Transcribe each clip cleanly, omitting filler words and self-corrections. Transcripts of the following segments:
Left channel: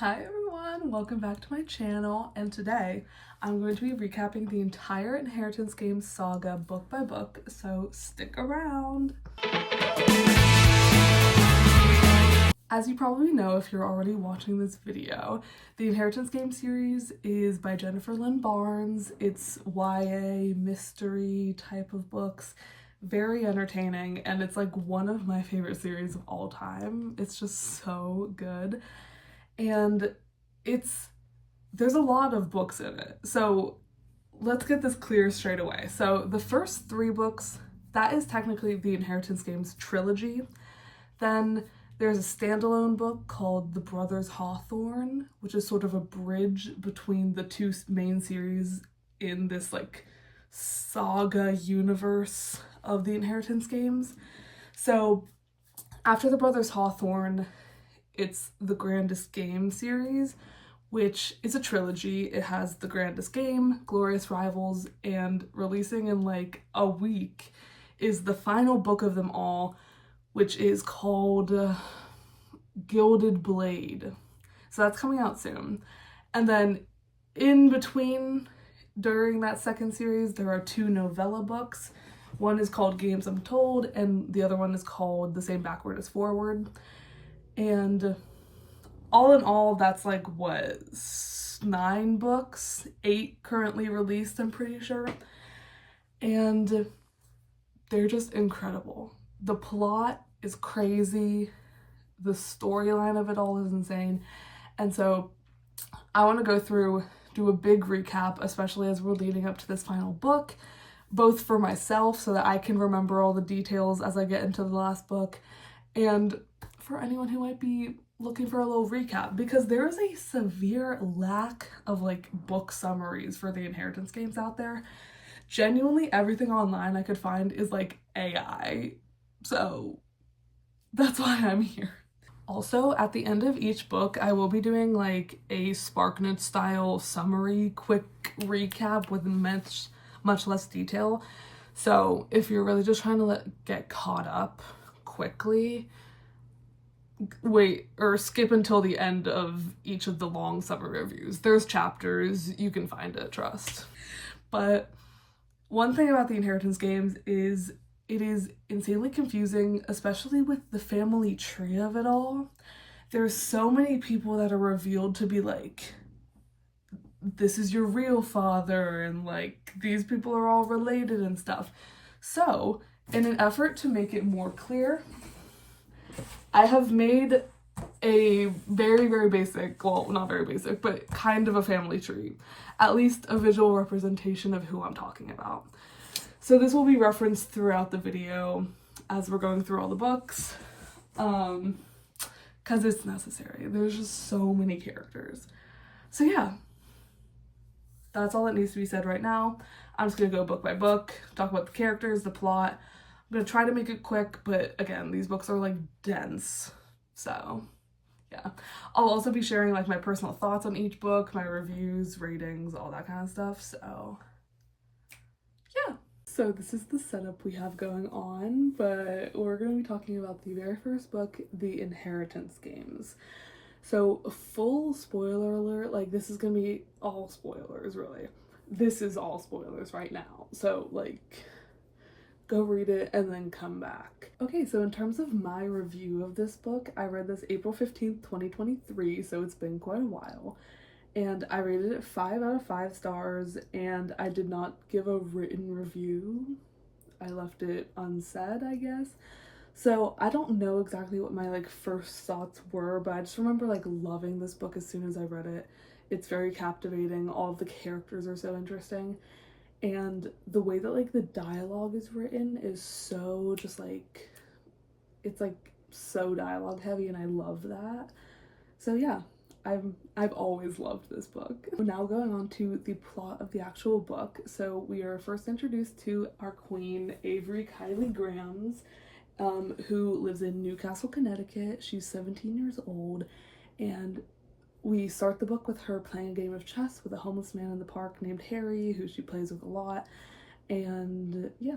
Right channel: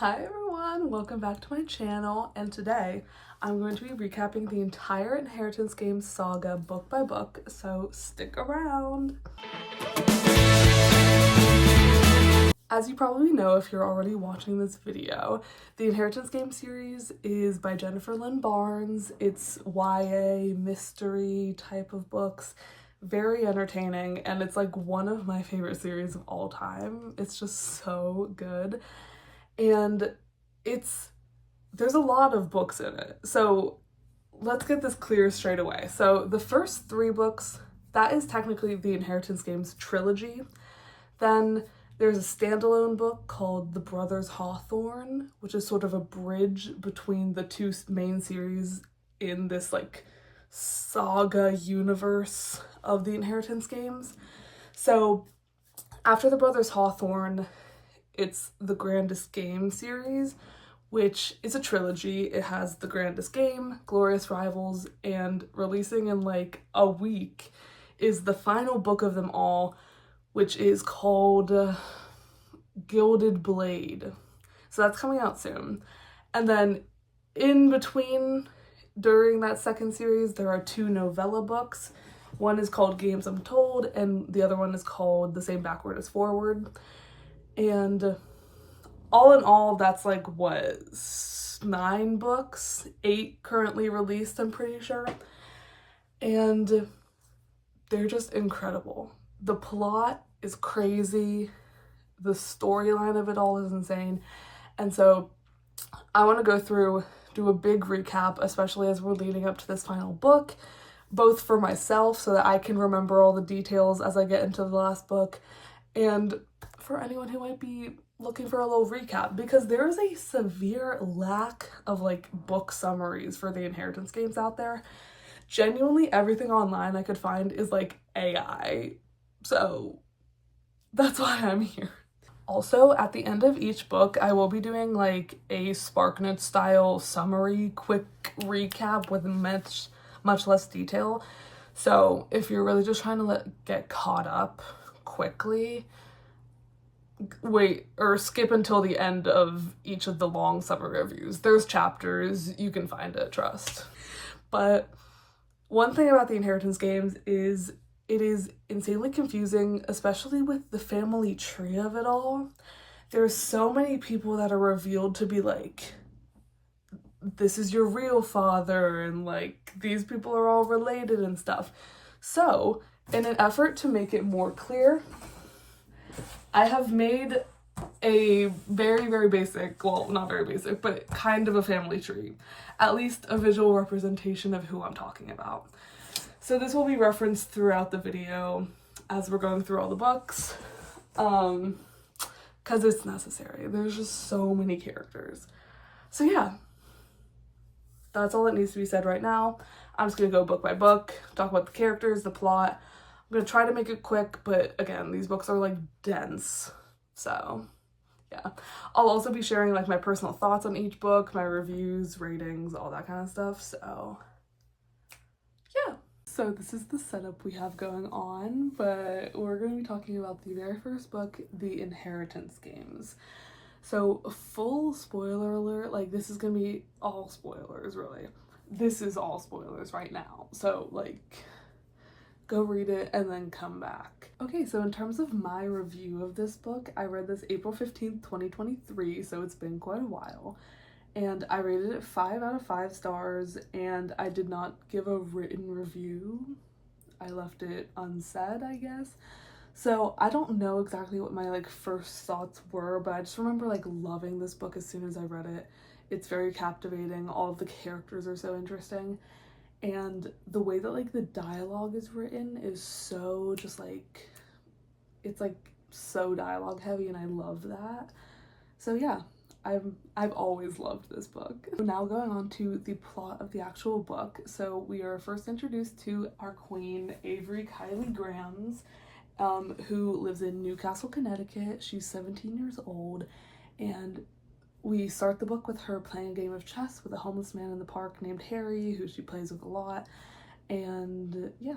Hi everyone, welcome back to my channel, and today I'm going to be recapping the entire Inheritance Games saga book by book, so stick around. As you probably know if you're already watching this video, the Inheritance Games series is by Jennifer Lynn Barnes. It's YA mystery type of books, very entertaining, and it's like one of my favorite series of all time. It's just so good. And there's a lot of books in it. So let's get this clear straight away. So the first three books, that is technically the Inheritance Games trilogy. Then there's a standalone book called The Brothers Hawthorne, which is sort of a bridge between the two main series in this like saga universe of the Inheritance Games. So after The Brothers Hawthorne, it's the Grandest Game series, which is a trilogy. It has the Grandest Game, Glorious Rivals, and releasing in like a week is the final book of them all, which is called Gilded Blade. So that's coming out soon. And then in between, during that second series, there are two novella books. One is called Games Untold, and the other one is called The Same Backward as Forward. And all in all, that's like, what, 9 books? 8 currently released, I'm pretty sure. And they're just incredible. The plot is crazy. The storyline of it all is insane. And so I want to go through, do a big recap, especially as we're leading up to this final book, both for myself so that I can remember all the details as I get into the last book, and for anyone who might be looking for a little recap, because there is a severe lack of like book summaries for the Inheritance Games out there. Genuinely everything online I could find is like AI, so that's why I'm here. Also, at the end of each book, I will be doing like a sparknotes style summary, quick recap with much less detail. So if you're really just trying to get caught up quickly, wait or skip until the end of each of the long summary reviews. There's chapters, you can find it, trust. But one thing about the Inheritance Games is it is insanely confusing, especially with the family tree of it all. There's so many people that are revealed to be like, this is your real father, and like these people are all related and stuff. So in an effort to make it more clear, I have made a very, very basic, well, not very basic, but kind of a family tree. At least a visual representation of who I'm talking about. So this will be referenced throughout the video as we're going through all the books, because it's necessary. There's just so many characters. So yeah, that's all that needs to be said right now. I'm just gonna go book by book, talk about the characters, the plot. I'm gonna try to make it quick, but again, these books are like dense, so yeah. I'll also be sharing like my personal thoughts on each book, my reviews, ratings, all that kind of stuff, so yeah. So this is the setup we have going on, but we're going to be talking about the very first book, The Inheritance Games. So full spoiler alert, like this is going to be all spoilers, really. This is all spoilers right now, so like go read it and then come back. Okay, so in terms of my review of this book, I read this April 15th, 2023, so it's been quite a while. And I rated it 5 out of 5 stars, and I did not give a written review. I left it unsaid, I guess. So I don't know exactly what my like first thoughts were, but I just remember like loving this book as soon as I read it. It's very captivating. All of the characters are so interesting. And the way that like the dialogue is written is so just like, it's like so dialogue heavy, and I love that. So yeah, I've always loved this book. Now going on to the plot of the actual book. So we are first introduced to our queen, Avery Kylie Grams, who lives in Newcastle, Connecticut. She's 17 years old, and we start the book with her playing a game of chess with a homeless man in the park named Harry, who she plays with a lot. And yeah,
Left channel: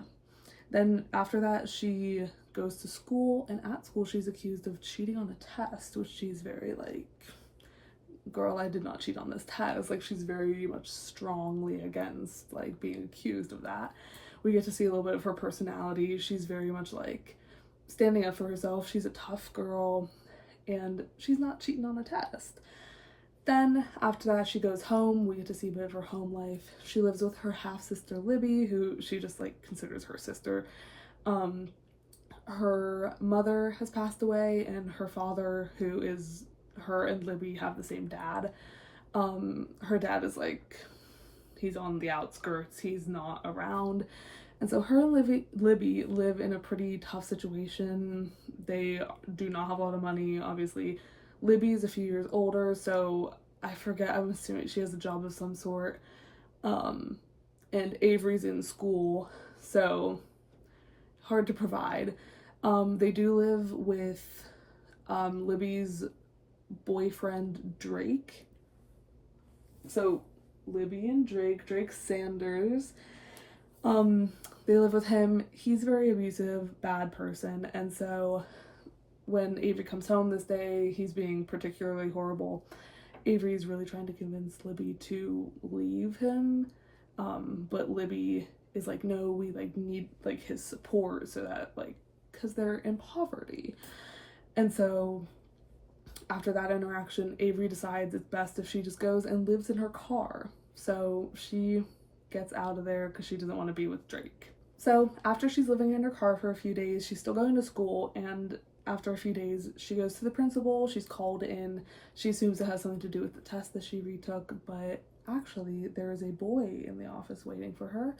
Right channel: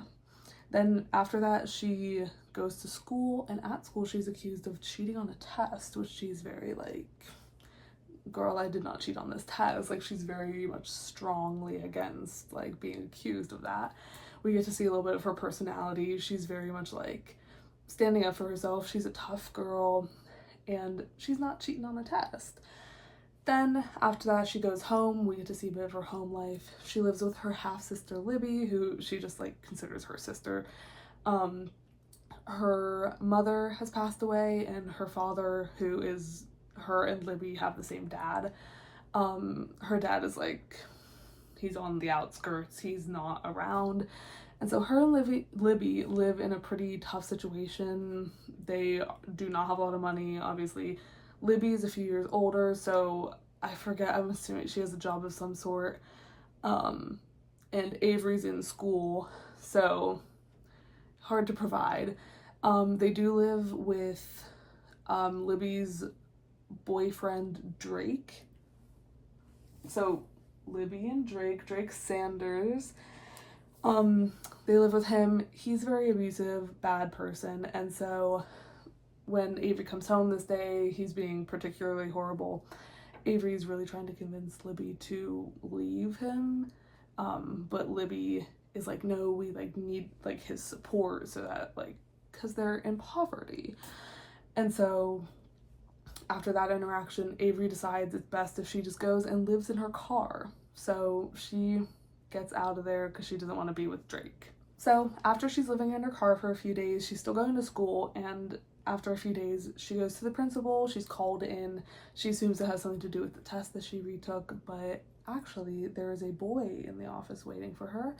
then after that she goes to school, and at school she's accused of cheating on a test, which she's very like girl, I did not cheat on this test. Like, she's very much strongly against, like, being accused of that. We get to see a little bit of her personality. She's very much, like, standing up for herself. She's a tough girl, and she's not cheating on the test. Then, after that, she goes home. We get to see a bit of her home life. She lives with her half-sister, Libby, who she just, like, considers her sister. Her mother has passed away, and her father, who is, her and Libby have the same dad. Her dad is, like, he's on the outskirts. He's not around. And so her and Libby live in a pretty tough situation. They do not have a lot of money, obviously. Libby is a few years older, so I forget, I'm assuming she has a job of some sort. And Avery's in school, so hard to provide. They do live with Libby's boyfriend, Drake. So Libby and Drake Sanders, they live with him. He's a very abusive, bad person, and so when Avery comes home this day, he's being particularly horrible. Avery's really trying to convince Libby to leave him, but Libby is like, no, we, like, need, like, his support, so that, like, because they're in poverty. And so after that interaction, Avery decides it's best if she just goes and lives in her car. So she gets out of there because she doesn't want to be with Drake. So after she's living in her car for a few days, she's still going to school, and after a few days, she goes to the principal. She's called in. She assumes it has something to do with the test that she retook, but actually there is a boy in the office waiting for her,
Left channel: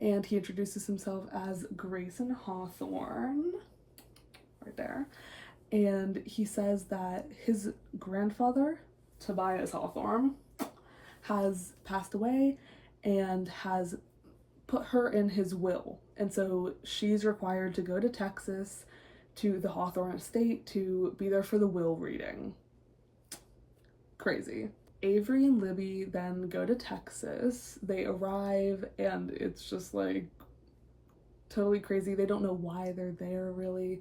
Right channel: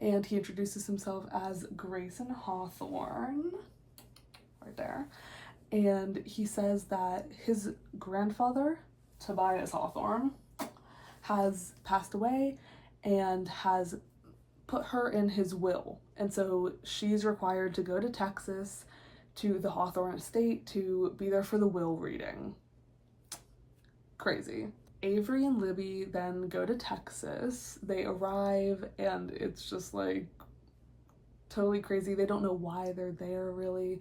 and he introduces himself as Grayson Hawthorne, right there, and he says that his grandfather, Tobias Hawthorne, has passed away and has put her in his will, and so she's required to go to Texas to the Hawthorne estate to be there for the will reading. Crazy. Avery and Libby then go to Texas. They arrive, and it's just, like, totally crazy. They don't know why they're there, really.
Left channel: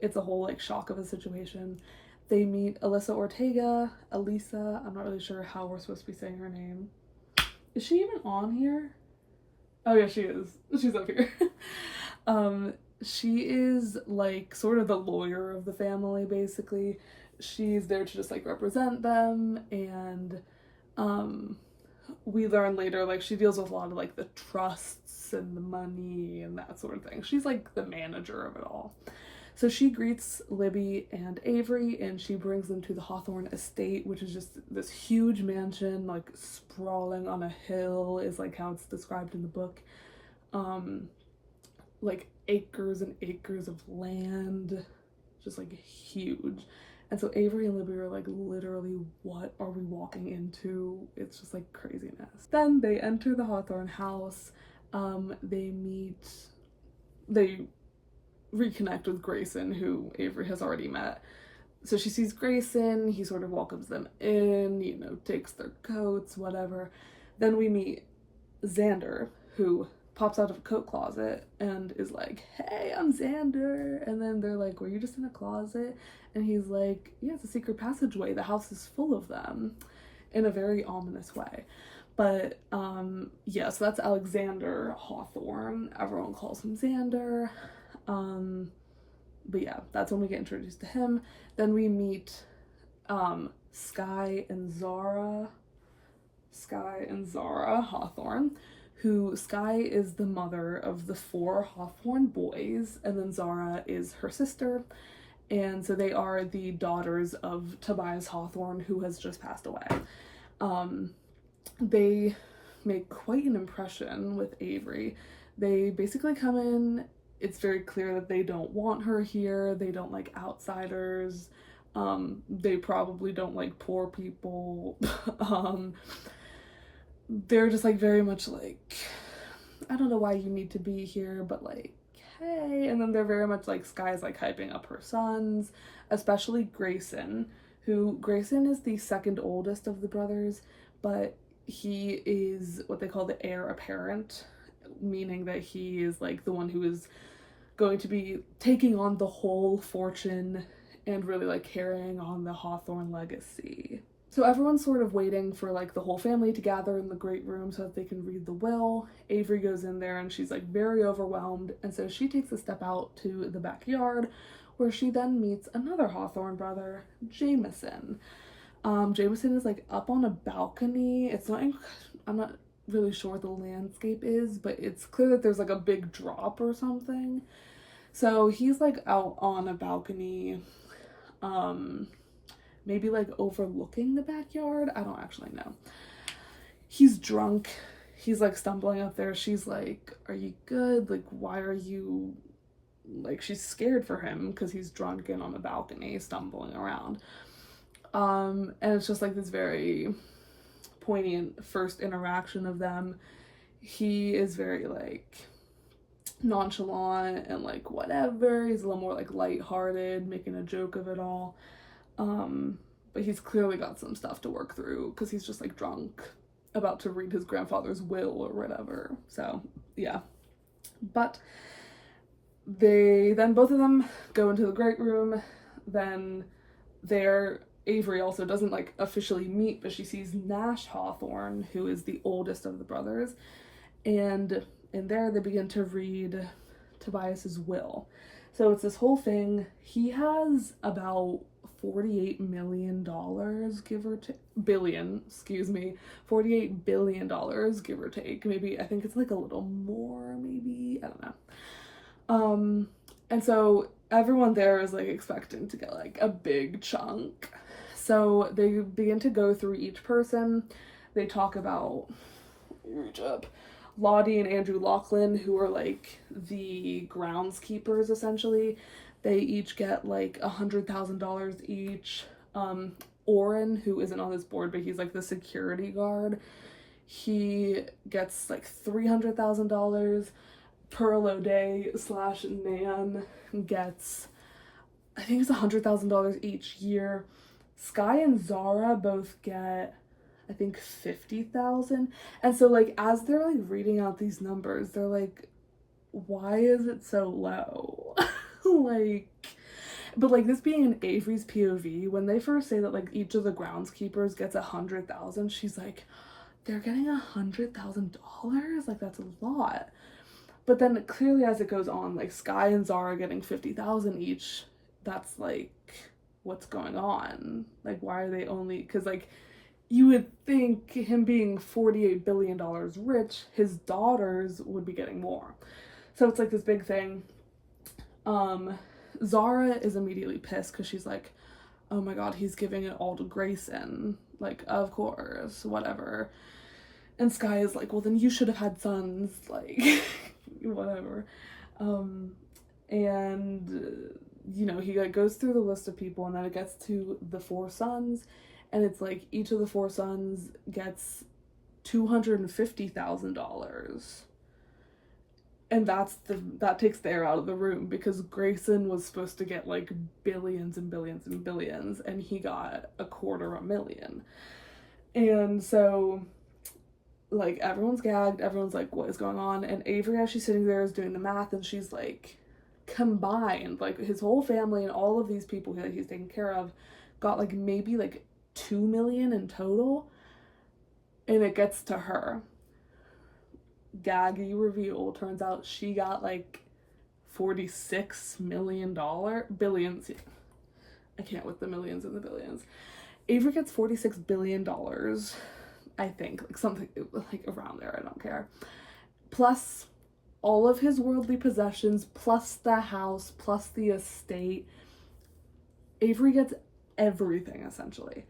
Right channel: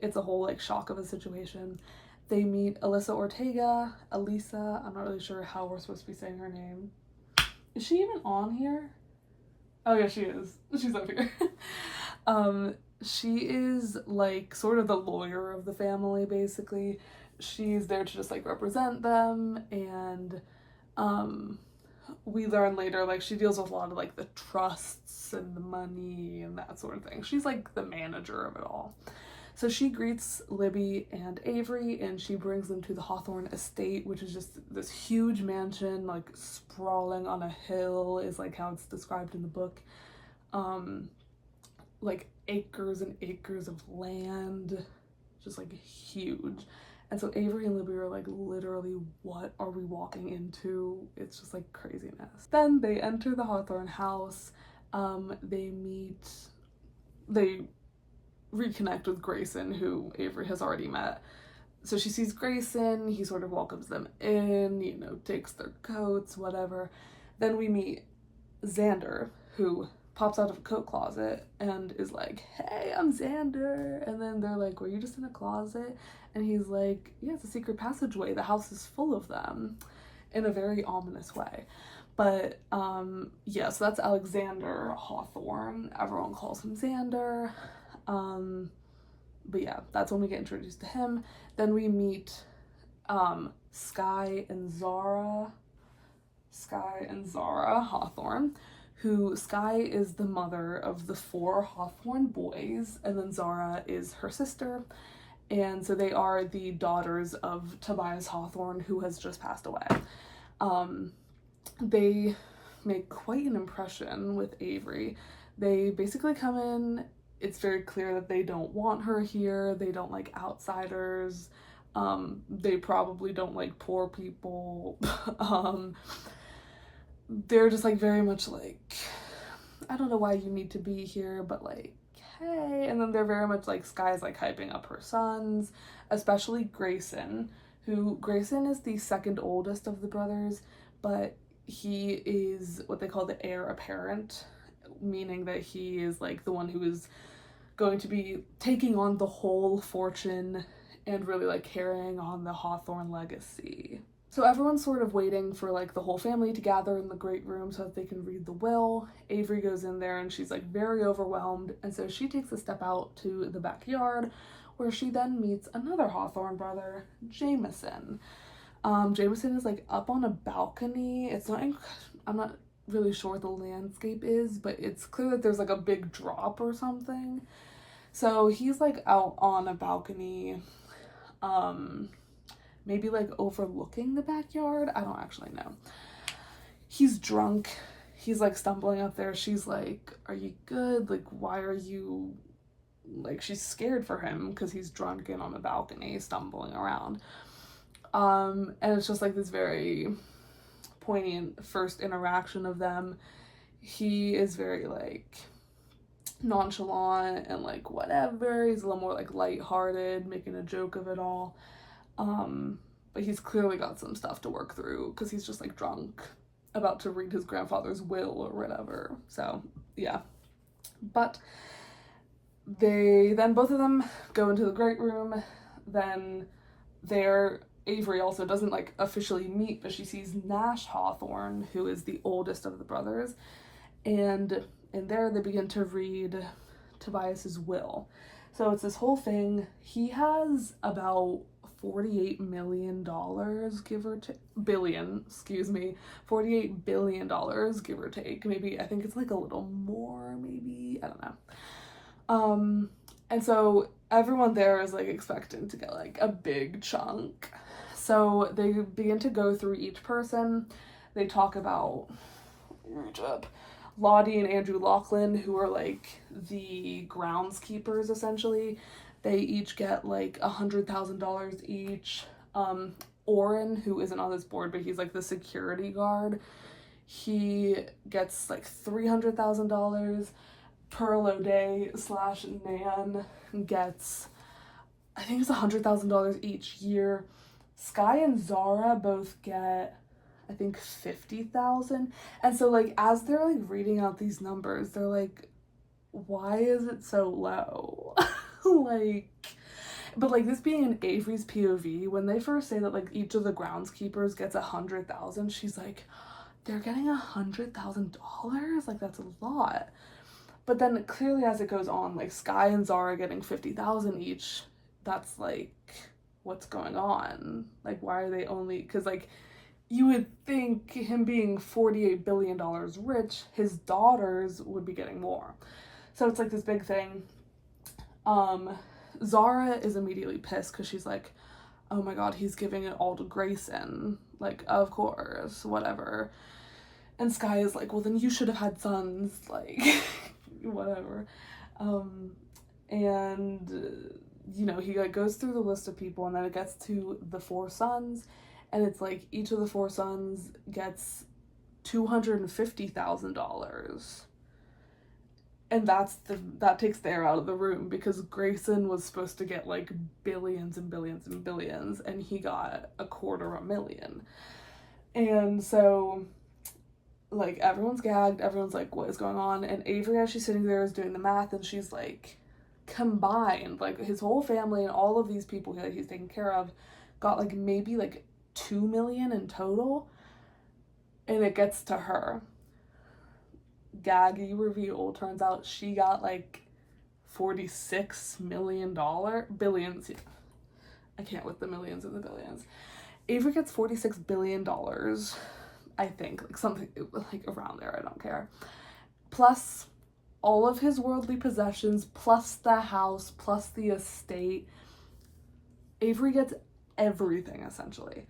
It's a whole, like, shock of a situation. They meet Elisa Ortega. Elisa, I'm not really sure how we're supposed to be saying her name. Is she even on here? Oh yeah, she is. She's up here. She is, like, sort of the lawyer of the family, basically. She's there to just, like, represent them, and we learn later, like, she deals with a lot of, like, the trusts and the money and that sort of thing. She's, like, the manager of it all. So she greets Libby and Avery, and she brings them to the Hawthorne estate, which is just this huge mansion, like, sprawling on a hill is, like, how it's described in the book. Like, acres and acres of land, just, like, huge. And so Avery and Libby are like, literally, what are we walking into? It's just, like, craziness. Then they enter the Hawthorne house. They reconnect with Grayson, who Avery has already met. So she sees Grayson, he sort of welcomes them in, you know, takes their coats, whatever. Then we meet Xander, who pops out of a coat closet and is like, hey, I'm Xander. And then they're like, were you just in a closet? And he's like, yeah, it's a secret passageway. The house is full of them, in a very ominous way. But yeah, so that's Alexander Hawthorne. Everyone calls him Xander. But yeah, that's when we get introduced to him. Then we meet Sky and Zara Hawthorne, who Sky is the mother of the 4 Hawthorne boys, and then Zara is her sister, and so they are the daughters of Tobias Hawthorne, who has just passed away. They make quite an impression with Avery. They basically come in, it's very clear that they don't want her here, they don't like outsiders, they probably don't like poor people. They're just, like, very much like, I don't know why you need to be here, but, like, hey. And then they're very much like, Sky's, like, hyping up her sons, especially Grayson, who Grayson is the second oldest of the brothers, but he is what they call the heir apparent, meaning that he is, like, the one who is going to be taking on the whole fortune and really, like, carrying on the Hawthorne legacy. So everyone's sort of waiting for like the whole family to gather in the great room so that they can read the will. Avery goes in there and she's like very overwhelmed, and so she takes a step out to the backyard where she then meets another Hawthorne brother, Jameson. Jameson is like up on a balcony. I'm not really sure what the landscape is, but it's clear that there's like a big drop or something. So he's like out on a balcony, maybe like overlooking the backyard. I don't actually know. He's drunk. He's like stumbling up there. She's like, "Are you good? Like, why are you," like, she's scared for him because he's drunk and on the balcony stumbling around. And it's just like this very poignant first interaction of them. He is very like nonchalant and like whatever. He's a little more like lighthearted, making a joke of it all. But he's clearly got some stuff to work through because he's just like drunk, about to read his grandfather's will or whatever. So yeah. But both of them go into the great room. Then Avery also doesn't like officially meet, but she sees Nash Hawthorne, who is the oldest of the brothers, and in there they begin to read Tobias's will. So it's this whole thing. He has about $48 million, give or take, $48 billion, give or take. Maybe, I think it's like a little more, maybe, I don't know. And so everyone there is like expecting to get like a big chunk. So they begin to go through each person. They talk about Lottie and Andrew Laughlin, who are like the groundskeepers essentially. They each get like $100,000 each. Orrin, who isn't on this board, but he's like the security guard, he gets like $300,000. Pearl O'Day / Nan gets, I think it's $100,000 each year. Sky and Zara both get, I think, $50,000. And so like as they're like reading out these numbers, they're like, why is it so low? Like, but like this being in Avery's POV, when they first say that like each of the groundskeepers gets $100,000, she's like, they're getting $100,000? Like, that's a lot. But then clearly as it goes on, like Sky and Zara getting $50,000 each, that's like, what's going on? Like, why are they only, because like you would think him being $48 billion rich, his daughters would be getting more. So it's like this big thing. Zara is immediately pissed because she's like, oh my god, he's giving it all to Grayson. Like, of course, whatever. And Sky is like, well, then you should have had sons, like, whatever. You know, he goes through the list of people, and then it gets to the 4 sons, and it's like each of the 4 sons gets $250,000. And that takes the air out of the room, because Grayson was supposed to get like billions and billions and billions, and he got $250,000. And so like everyone's gagged, everyone's like, what is going on? And Avery, as she's sitting there, is doing the math, and she's like, combined, like his whole family and all of these people that he's taking care of got like maybe like $2 million in total. And it gets to her. Gaggy reveal, turns out she got like $46 million, billions. I can't with the millions and the billions. Avery gets $46 billion, I think, like something like around there, I don't care. Plus all of his worldly possessions, plus the house, plus the estate. Avery gets everything essentially.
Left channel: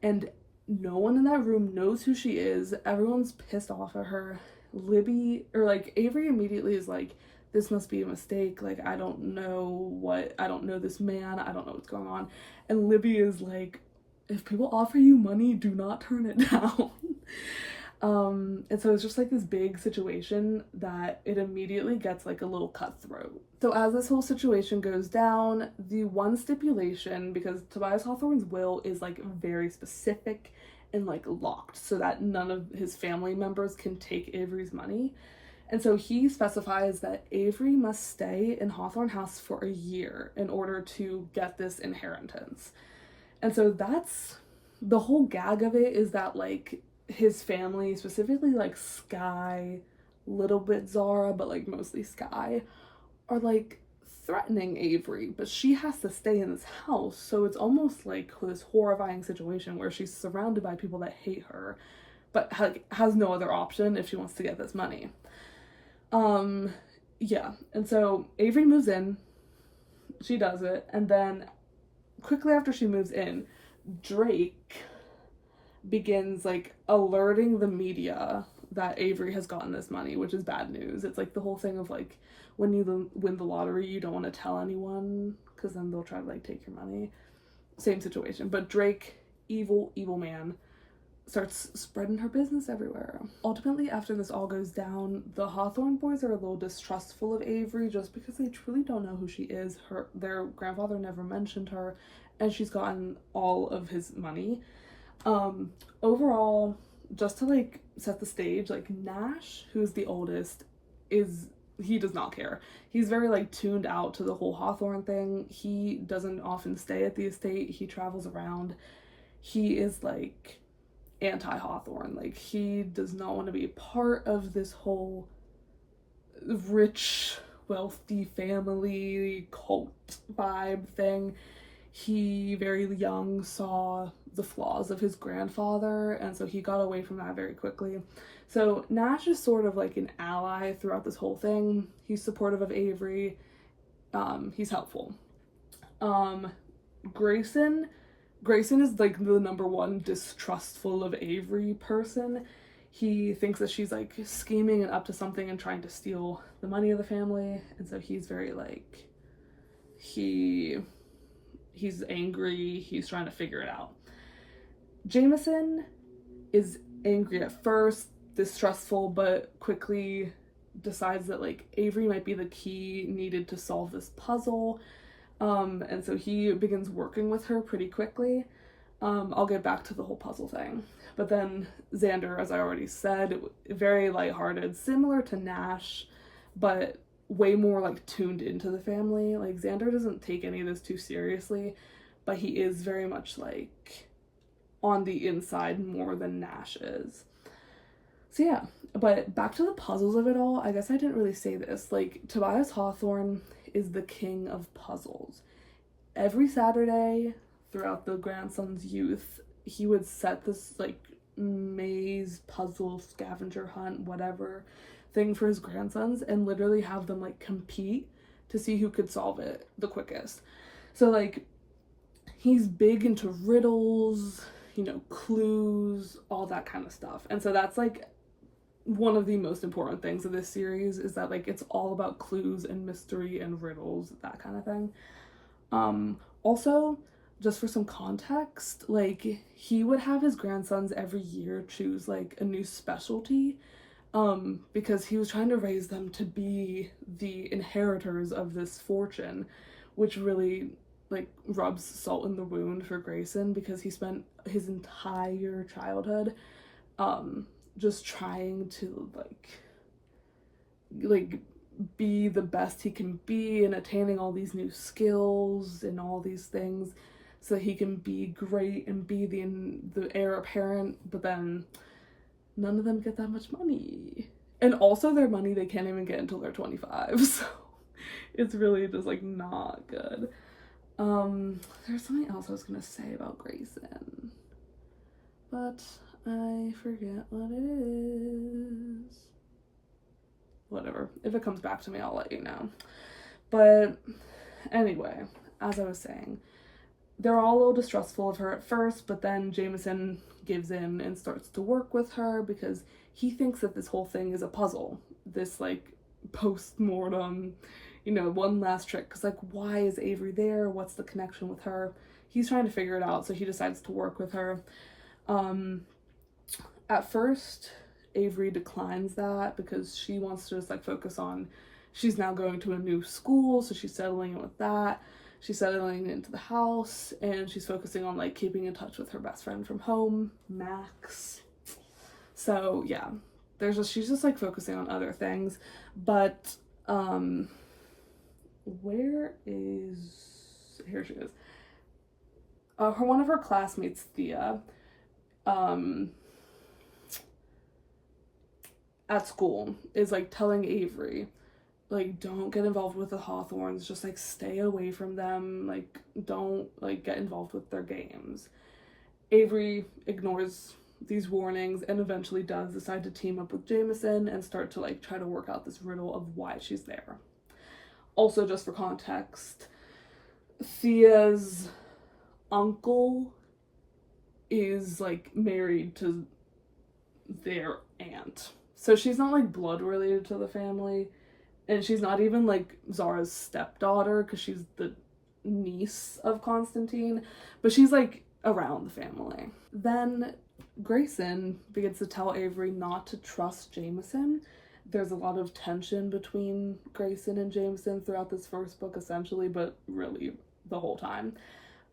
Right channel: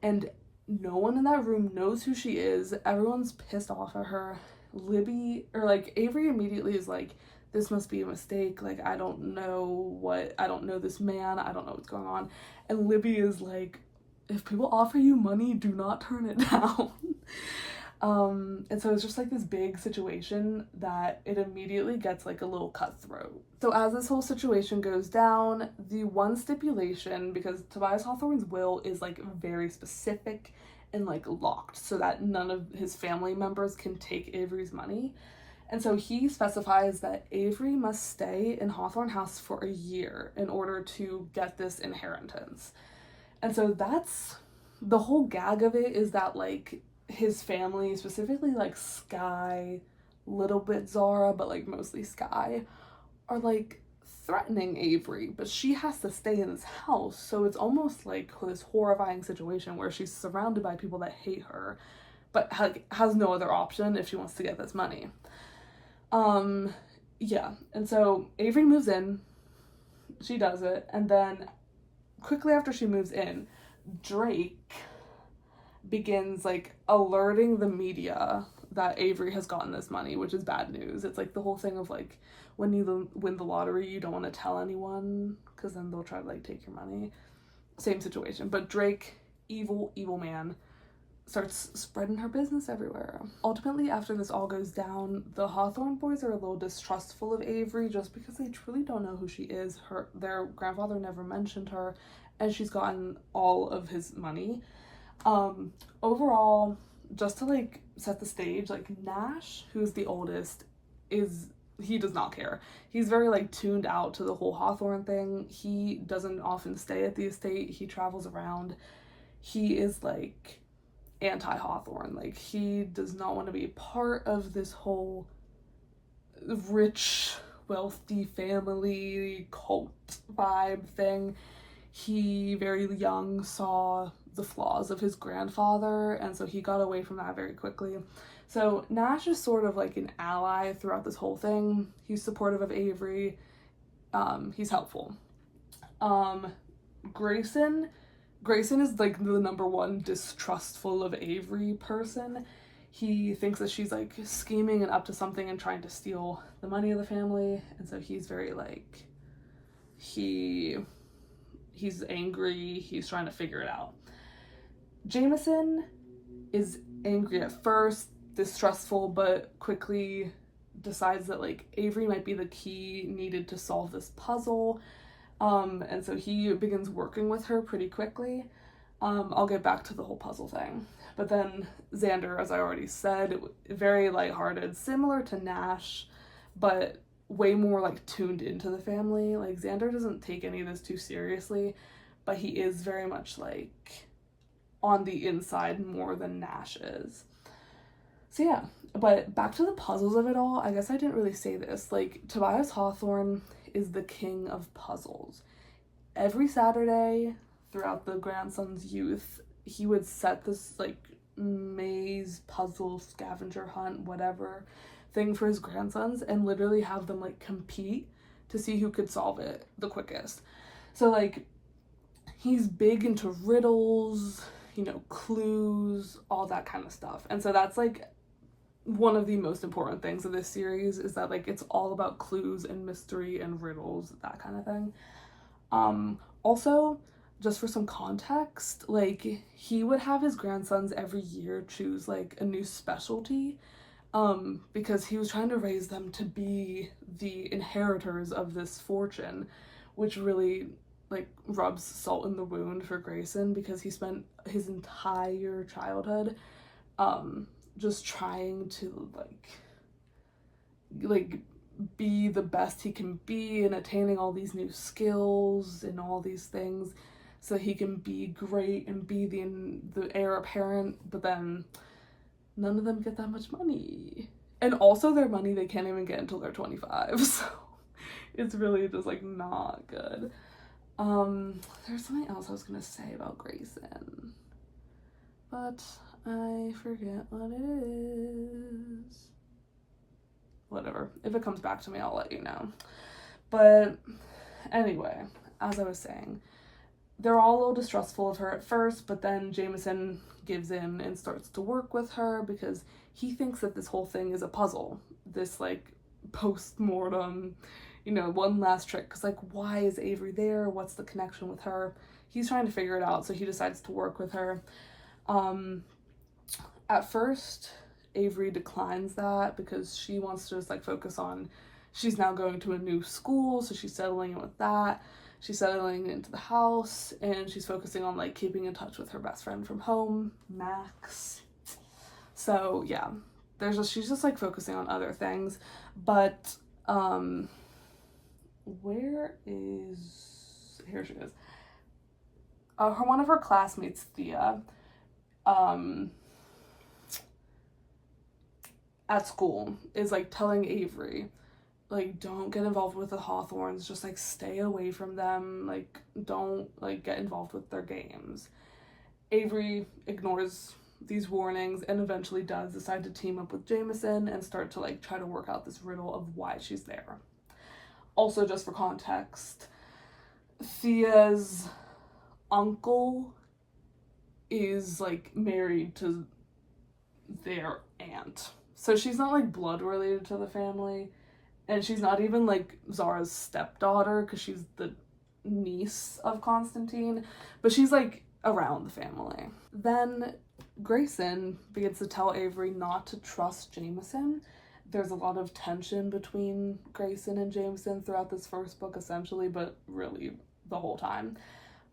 And no one in that room knows who she is. Everyone's pissed off at her. Avery immediately is like, this must be a mistake. Like, I don't know this man. I don't know what's going on. And Libby is like, if people offer you money, do not turn it down. And so it's just like this big situation that it immediately gets like a little cutthroat. So as this whole situation goes down, the one stipulation, because Tobias Hawthorne's will is like very specific and like locked so that none of his family members can take Avery's money. And so he specifies that Avery must stay in Hawthorne House for a year in order to get this inheritance. And so that's the whole gag of it is that, like, his family, specifically, like, Sky, little bit Zara, but, like, mostly Sky, are, like, threatening Avery, but she has to stay in this house, so it's almost like this horrifying situation where she's surrounded by people that hate her, but, like, has no other option if she wants to get this money. Yeah, and so Avery moves in, she does it, and then quickly after she moves in, Drake begins, like, alerting the media that Avery has gotten this money, which is bad news. It's like the whole thing of, like, when you win the lottery, you don't want to tell anyone because then they'll try to, like, take your money. Same situation. But Drake, evil man, starts spreading her business everywhere. Ultimately, after this all goes down, the Hawthorne boys are a little distrustful of Avery just because they truly don't know who she is. Their grandfather never mentioned her, and she's gotten all of his money. Overall, just to, like, set the stage, like, Nash, who's the oldest, he does not care. He's very, like, tuned out to the whole Hawthorne thing. He doesn't often stay at the estate. He travels around. He is, like, anti-Hawthorne. Like, he does not want to be a part of this whole rich, wealthy family cult vibe thing. He, very young, saw the flaws of his grandfather, and so he got away from that very quickly. So Nash is sort of like an ally throughout this whole thing. He's supportive of Avery. He's helpful. Grayson is, like, the number one distrustful of Avery person. He thinks that she's, like, scheming and up to something and trying to steal the money of the family, and so he's very, like, he's angry. He's trying to figure it out. Jameson is angry at first, distrustful, but quickly decides that, like, Avery might be the key needed to solve this puzzle. And so he begins working with her pretty quickly. I'll get back to the whole puzzle thing. But then Xander, as I already said, very lighthearted, similar to Nash, but way more, like, tuned into the family. Like, Xander doesn't take any of this too seriously, but he is very much, like, on the inside more than Nash is. So yeah, but back to the puzzles of it all, I guess I didn't really say this. Like, Tobias Hawthorne is the king of puzzles. Every Saturday throughout the grandson's youth, he would set this, like, maze, puzzle, scavenger hunt, whatever thing for his grandsons and literally have them, like, compete to see who could solve it the quickest. So, like, he's big into riddles, you know, clues, all that kind of stuff. And so that's, like, one of the most important things of this series is that, like, it's all about clues and mystery and riddles, that kind of thing. Also, just for some context, like, he would have his grandsons every year choose, like, a new specialty, because he was trying to raise them to be the inheritors of this fortune, which really, like, rubs salt in the wound for Grayson, because he spent his entire childhood just trying to like be the best he can be and attaining all these new skills and all these things so he can be great and be the heir apparent, but then none of them get that much money, and also their money they can't even get until they're 25, so it's really just, like, not good. There's something else I was gonna say about Grayson, but I forget what it is. Whatever. If it comes back to me, I'll let you know. But anyway, as I was saying, they're all a little distrustful of her at first, but then Jameson gives in and starts to work with her because he thinks that this whole thing is a puzzle. This, like, post-mortem, you know, one last trick. Because, like, why is Avery there? What's the connection with her? He's trying to figure it out, so he decides to work with her. At first, Avery declines that because she wants to just, like, focus on, she's now going to a new school, so she's settling in with that. She's settling into the house, and she's focusing on, like, keeping in touch with her best friend from home, Max. So, yeah, she's just, like, focusing on other things. But, here she is. one of her classmates, Thea, at school is like telling Avery, like, don't get involved with the Hawthorns, just like stay away from them, like don't like get involved with their games. Avery ignores these warnings and eventually does decide to team up with Jameson and start to like try to work out this riddle of why she's there. Also, just for context, Thea's uncle is like married to their aunt, so she's not like blood related to the family, and she's not even like Zara's stepdaughter because she's the niece of Constantine, but she's like around the family. Then Grayson begins to tell Avery not to trust Jameson. There's a lot of tension between Grayson and Jameson throughout this first book, essentially, but really the whole time.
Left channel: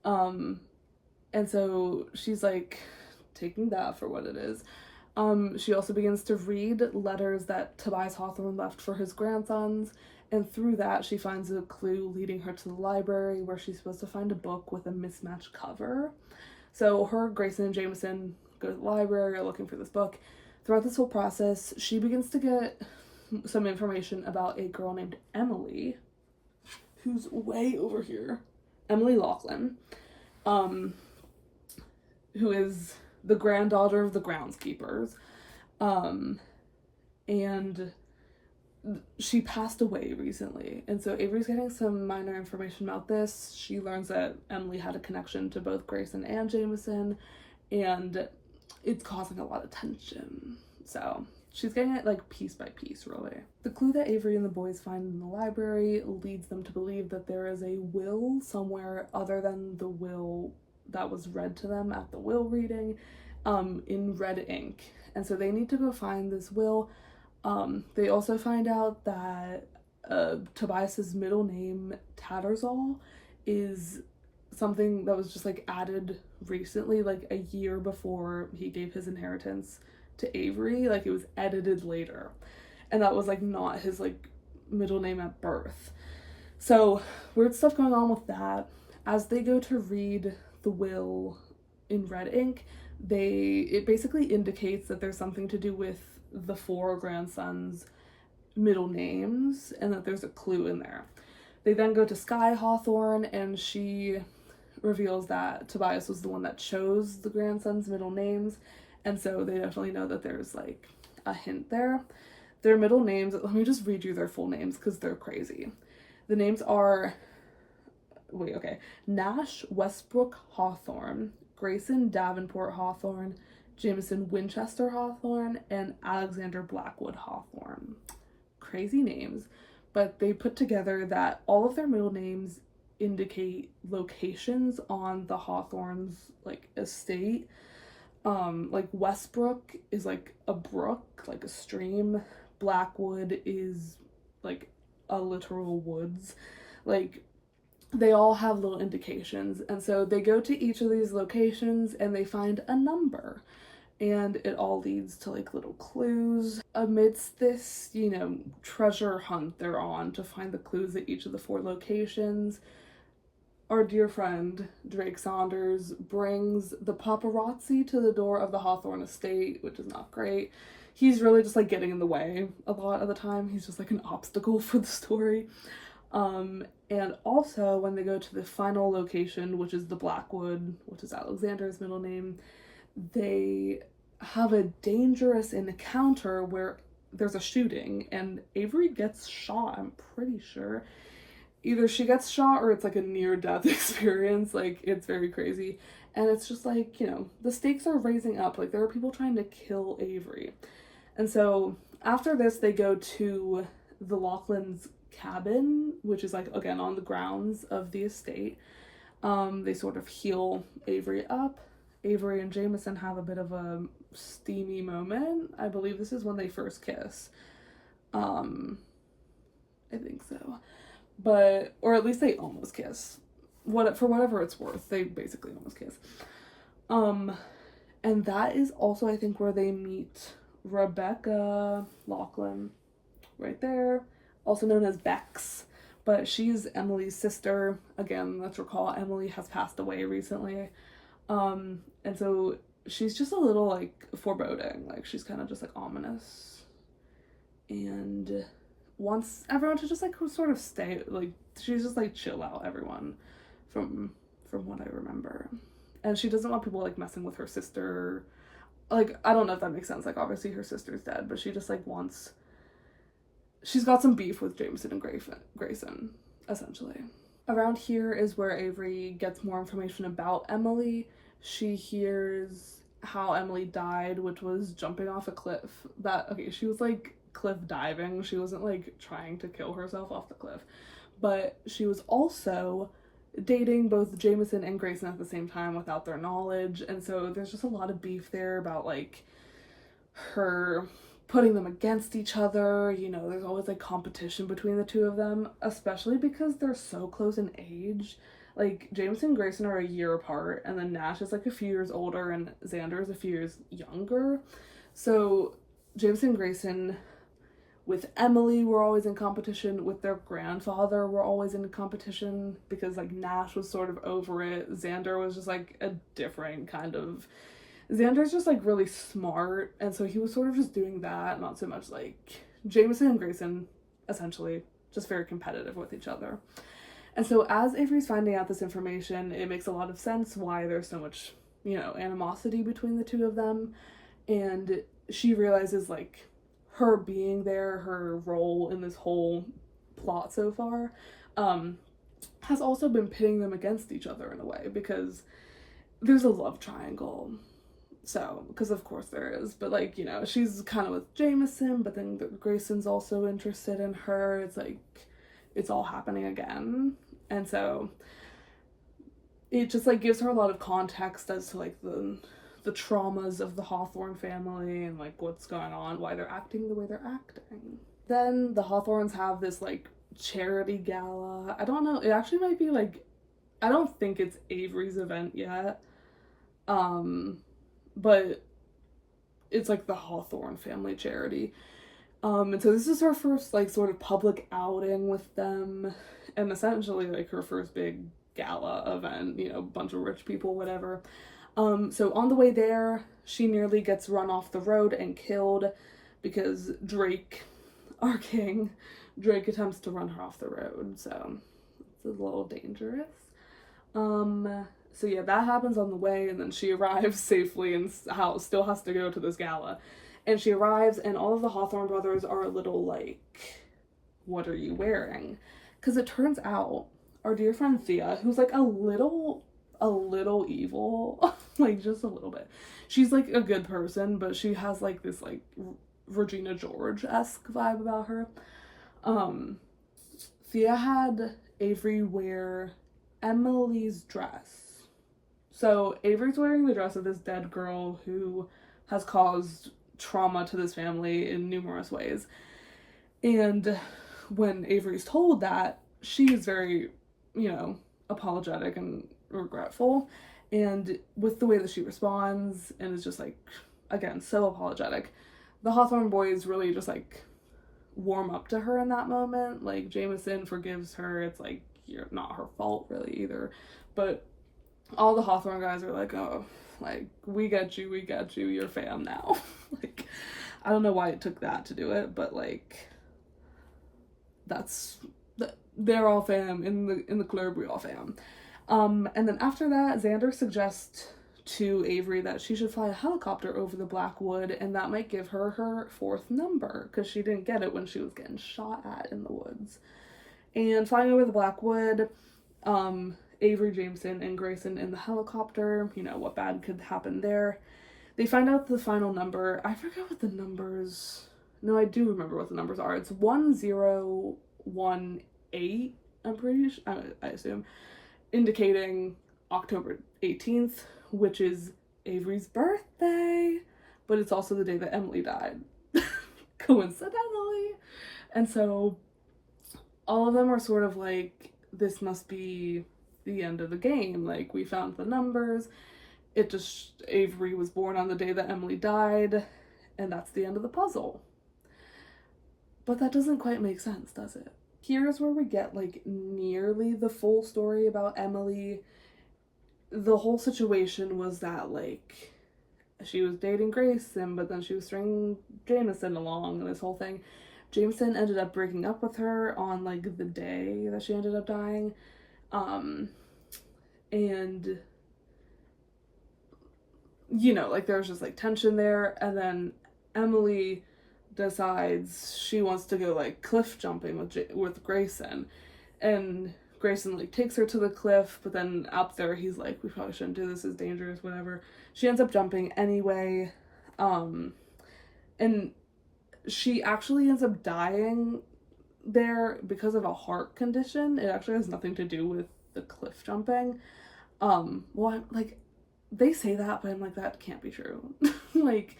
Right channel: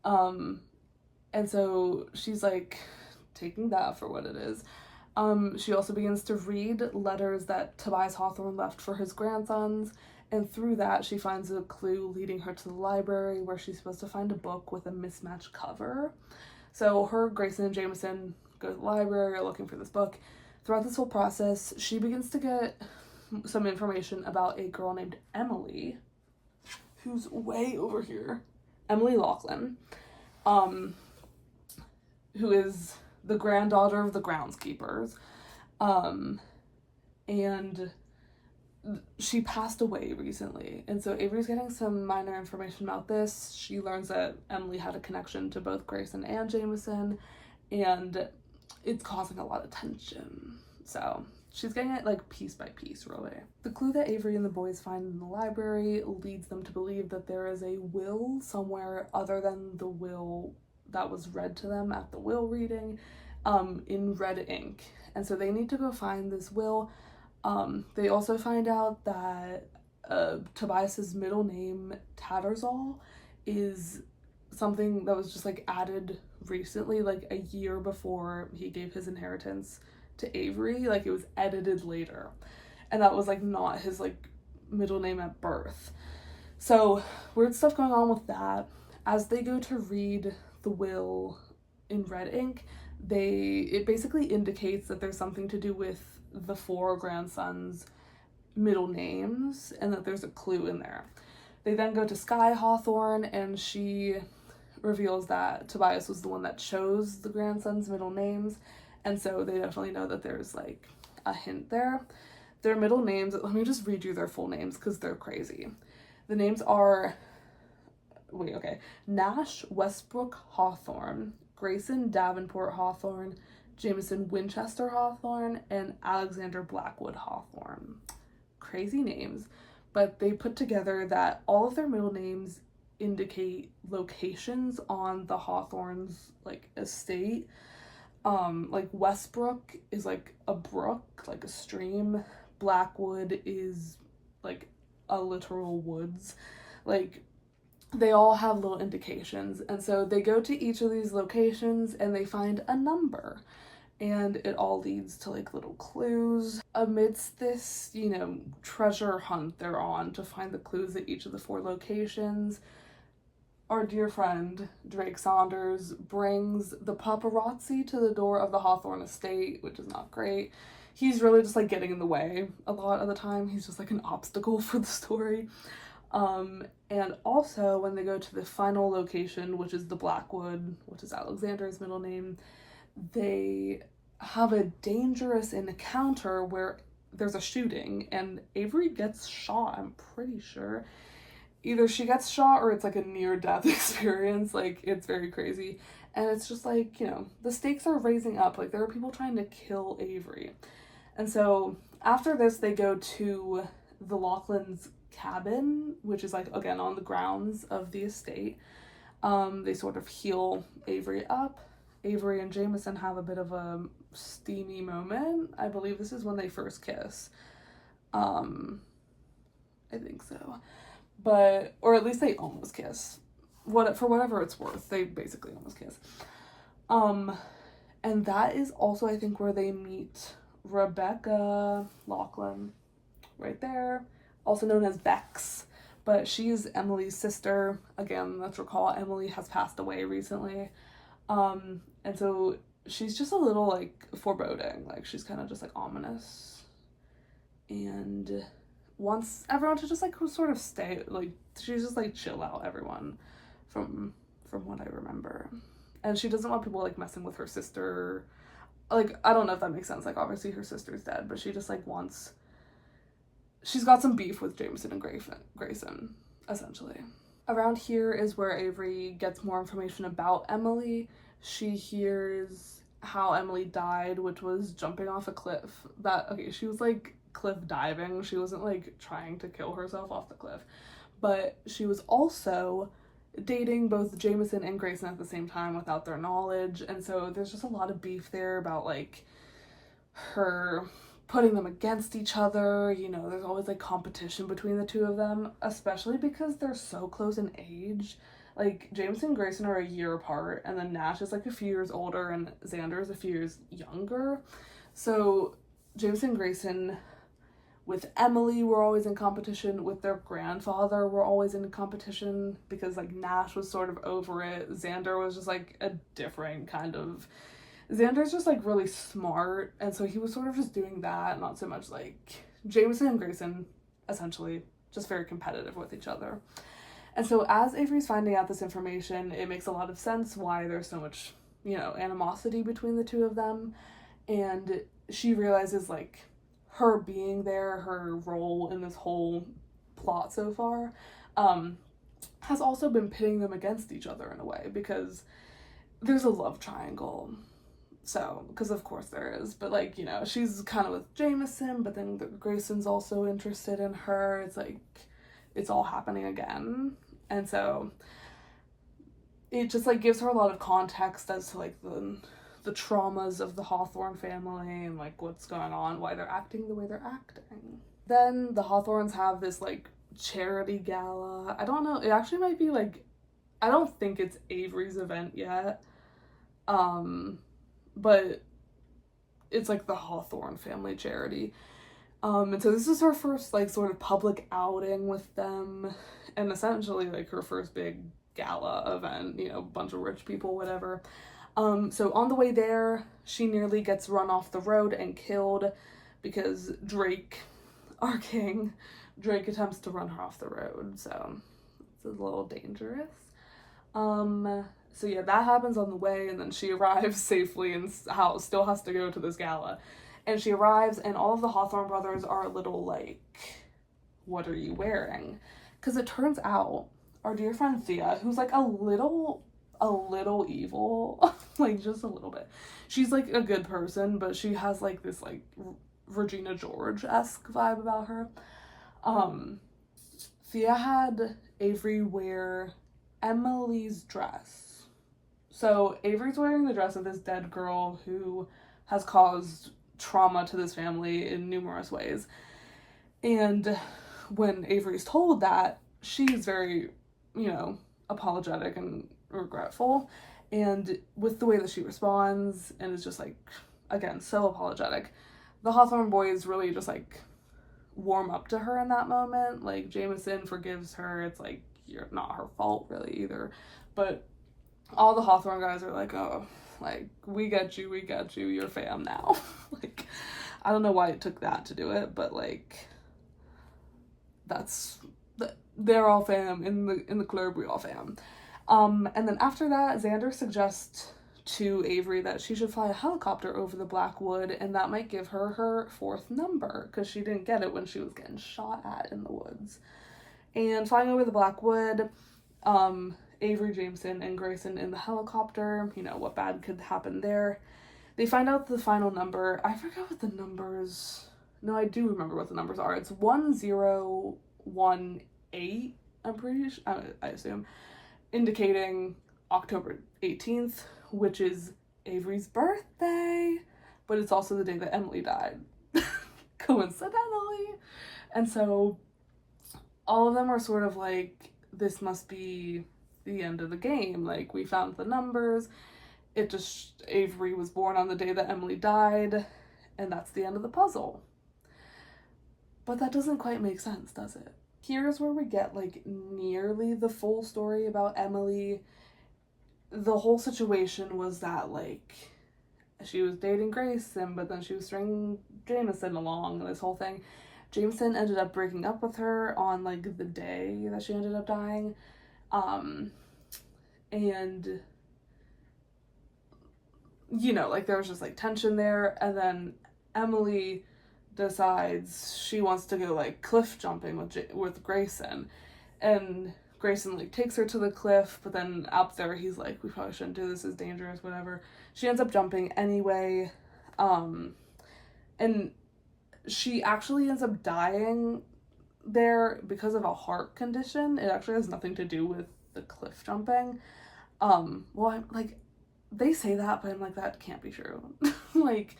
And so she's like taking that for what it is. She also begins to read letters that Tobias Hawthorne left for his grandsons, and through that she finds a clue leading her to the library where she's supposed to find a book with a mismatched cover. So her, Grayson, and Jameson go to the library, are looking for this book. Throughout this whole process, she begins to get some information about a girl named Emily, who's way over here. Emily Laughlin, who is the granddaughter of the groundskeepers, and she passed away recently, and so Avery's getting some minor information about this. She learns that Emily had a connection to both Grayson and Jameson, and it's causing a lot of tension. So she's getting it like piece by piece, really. The clue that Avery and the boys find in the library leads them to believe that there is a will somewhere other than the will that was read to them at the will reading, in red ink. And so they need to go find this will. They also find out that Tobias's middle name, Tattersall, is something that was just like added recently, like a year before he gave his inheritance to Avery. Like it was edited later, and that was like not his like middle name at birth. So weird stuff going on with that. As they go to read the will in red ink, it basically indicates that there's something to do with the 4 grandsons' middle names and that there's a clue in there. They then go to Sky Hawthorne, and she reveals that Tobias was the one that chose the grandsons' middle names, and so they definitely know that there's like a hint there. Their middle names, let me just read you their full names because they're crazy. The names are, Nash Westbrook Hawthorne, Grayson Davenport Hawthorne, Jameson Winchester Hawthorne, and Alexander Blackwood Hawthorne. Crazy names, but they put together that all of their middle names indicate locations on the Hawthorne's like estate. Like Westbrook is like a brook, like a stream. Blackwood is like a literal woods. Like they all have little indications, and so they go to each of these locations and they find a number, and it all leads to like little clues. Amidst this, treasure hunt they're on to find the clues at each of the 4 locations, our dear friend Drake Saunders brings the paparazzi to the door of the Hawthorne estate, which is not great. He's really just like getting in the way a lot of the time. He's just like an obstacle for the story. And also when they go to the final location, which is the Blackwood, which is Alexander's middle name, they have a dangerous encounter where there's a shooting and Avery gets shot, I'm pretty sure. Either she gets shot or it's like a near-death experience. Like, it's very crazy. And it's just like, the stakes are raising up. Like, there are people trying to kill Avery. And so after this, they go to the Laughlin's cabin, which is like, again, on the grounds of the estate. They sort of heal Avery up. Avery and Jameson have a bit of a steamy moment. I believe this is when they first kiss. I think so. But, or at least they almost kiss. For whatever it's worth, they basically almost kiss. And that is also, I think, where they meet Rebecca Laughlin, right there, also known as Bex, but she's Emily's sister. Again, let's recall Emily has passed away recently. And so she's just a little like foreboding, like she's kind of just like ominous, and wants everyone to just like sort of stay, like she's just like chill out everyone from what I remember. And she doesn't want people like messing with her sister. Like, I don't know if that makes sense, like obviously her sister's dead, but she just like wants, she's got some beef with Jameson and Grayson essentially. Around here is where Avery gets more information about Emily. She hears how Emily died, which was jumping off a cliff. Okay, she was like cliff diving. She wasn't like trying to kill herself off the cliff. But she was also dating both Jameson and Grayson at the same time without their knowledge. And so there's just a lot of beef there about like her putting them against each other. You know, there's always like competition between the two of them, especially because they're so close in age. Like, Jameson and Grayson are a year apart, and then Nash is like a few years older, and Xander is a few years younger. So Jameson and Grayson with Emily were always in competition. With their grandfather were always in competition, because like Nash was sort of over it. Xander was just like a different kind of, Xander's just like really smart, and so he was sort of just doing that, not so much like Jameson and Grayson, essentially just very competitive with each other. And so as Avery's finding out this information, it makes a lot of sense why there's so much, you know, animosity between the two of them. And she realizes like her being there, her role in this whole plot so far, has also been pitting them against each other in a way, because there's a love triangle. So, because of course there is, but like, you know, she's kind of with Jameson, but then Grayson's also interested in her. It's like, it's all happening again. And so it just like gives her a lot of context as to like the traumas of the Hawthorne family and like what's going on, why they're acting the way they're acting. Then the Hawthornes have this like charity gala. I don't know, it actually might be like, I don't think it's Avery's event yet, but it's like the Hawthorne family charity. And so this is her first like sort of public outing with them, and essentially like her first big gala event, you know, bunch of rich people, whatever. So on the way there, she nearly gets run off the road and killed because Drake, our king, Drake attempts to run her off the road, so it's a little dangerous. So yeah, that happens on the way, and then she arrives safely and still has to go to this gala. And she arrives, and all of the Hawthorne brothers are a little like, what are you wearing? Because it turns out our dear friend Thea, who's like a little evil, like just a little bit. She's like a good person, but she has like this like Regina George-esque vibe about her. Thea had Avery wear Emily's dress. So Avery's wearing the dress of this dead girl who has caused trauma to this family in numerous ways. And when Avery's told that, she's very, you know, apologetic and regretful. And with the way that she responds and is just like, again, so apologetic, the Hawthorne boys really just like warm up to her in that moment. Like, Jameson forgives her. It's like, you're not her fault really either. But all the Hawthorne guys are like, oh, like, we get you, you're fam now. Like, I don't know why it took that to do it, but like, they're all fam in the club, we all fam. And then after that, Xander suggests to Avery that she should fly a helicopter over the Black Wood, and that might give her her 4th number, because she didn't get it when she was getting shot at in the woods. And flying over the Black Wood, Avery, Jameson, and Grayson in the helicopter, you know, what bad could happen there. They find out the final number. I forgot what the numbers, no, I do remember what the numbers are. It's 1018, I'm pretty sure, I assume, indicating October 18th, which is Avery's birthday, but it's also the day that Emily died, coincidentally. And so all of them are sort of like, this must be the end of the game. Like, we found the numbers. It just, Avery was born on the day that Emily died, and that's the end of the puzzle. But that doesn't quite make sense, does it? Here's where we get like nearly the full story about Emily. The whole situation was that like she was dating Grayson, but then she was stringing Jameson along, and this whole thing. Jameson ended up breaking up with her on like the day that she ended up dying. And you know, like there was just like tension there, and then Emily decides she wants to go like cliff jumping with Grayson, and Grayson like takes her to the cliff, but then out there he's like, we probably shouldn't do this, it's dangerous, whatever. She ends up jumping anyway, and she actually ends up dying there because of a heart condition. It actually has nothing to do with the cliff jumping. Well, I'm like, they say that, but I'm like, that can't be true. Like,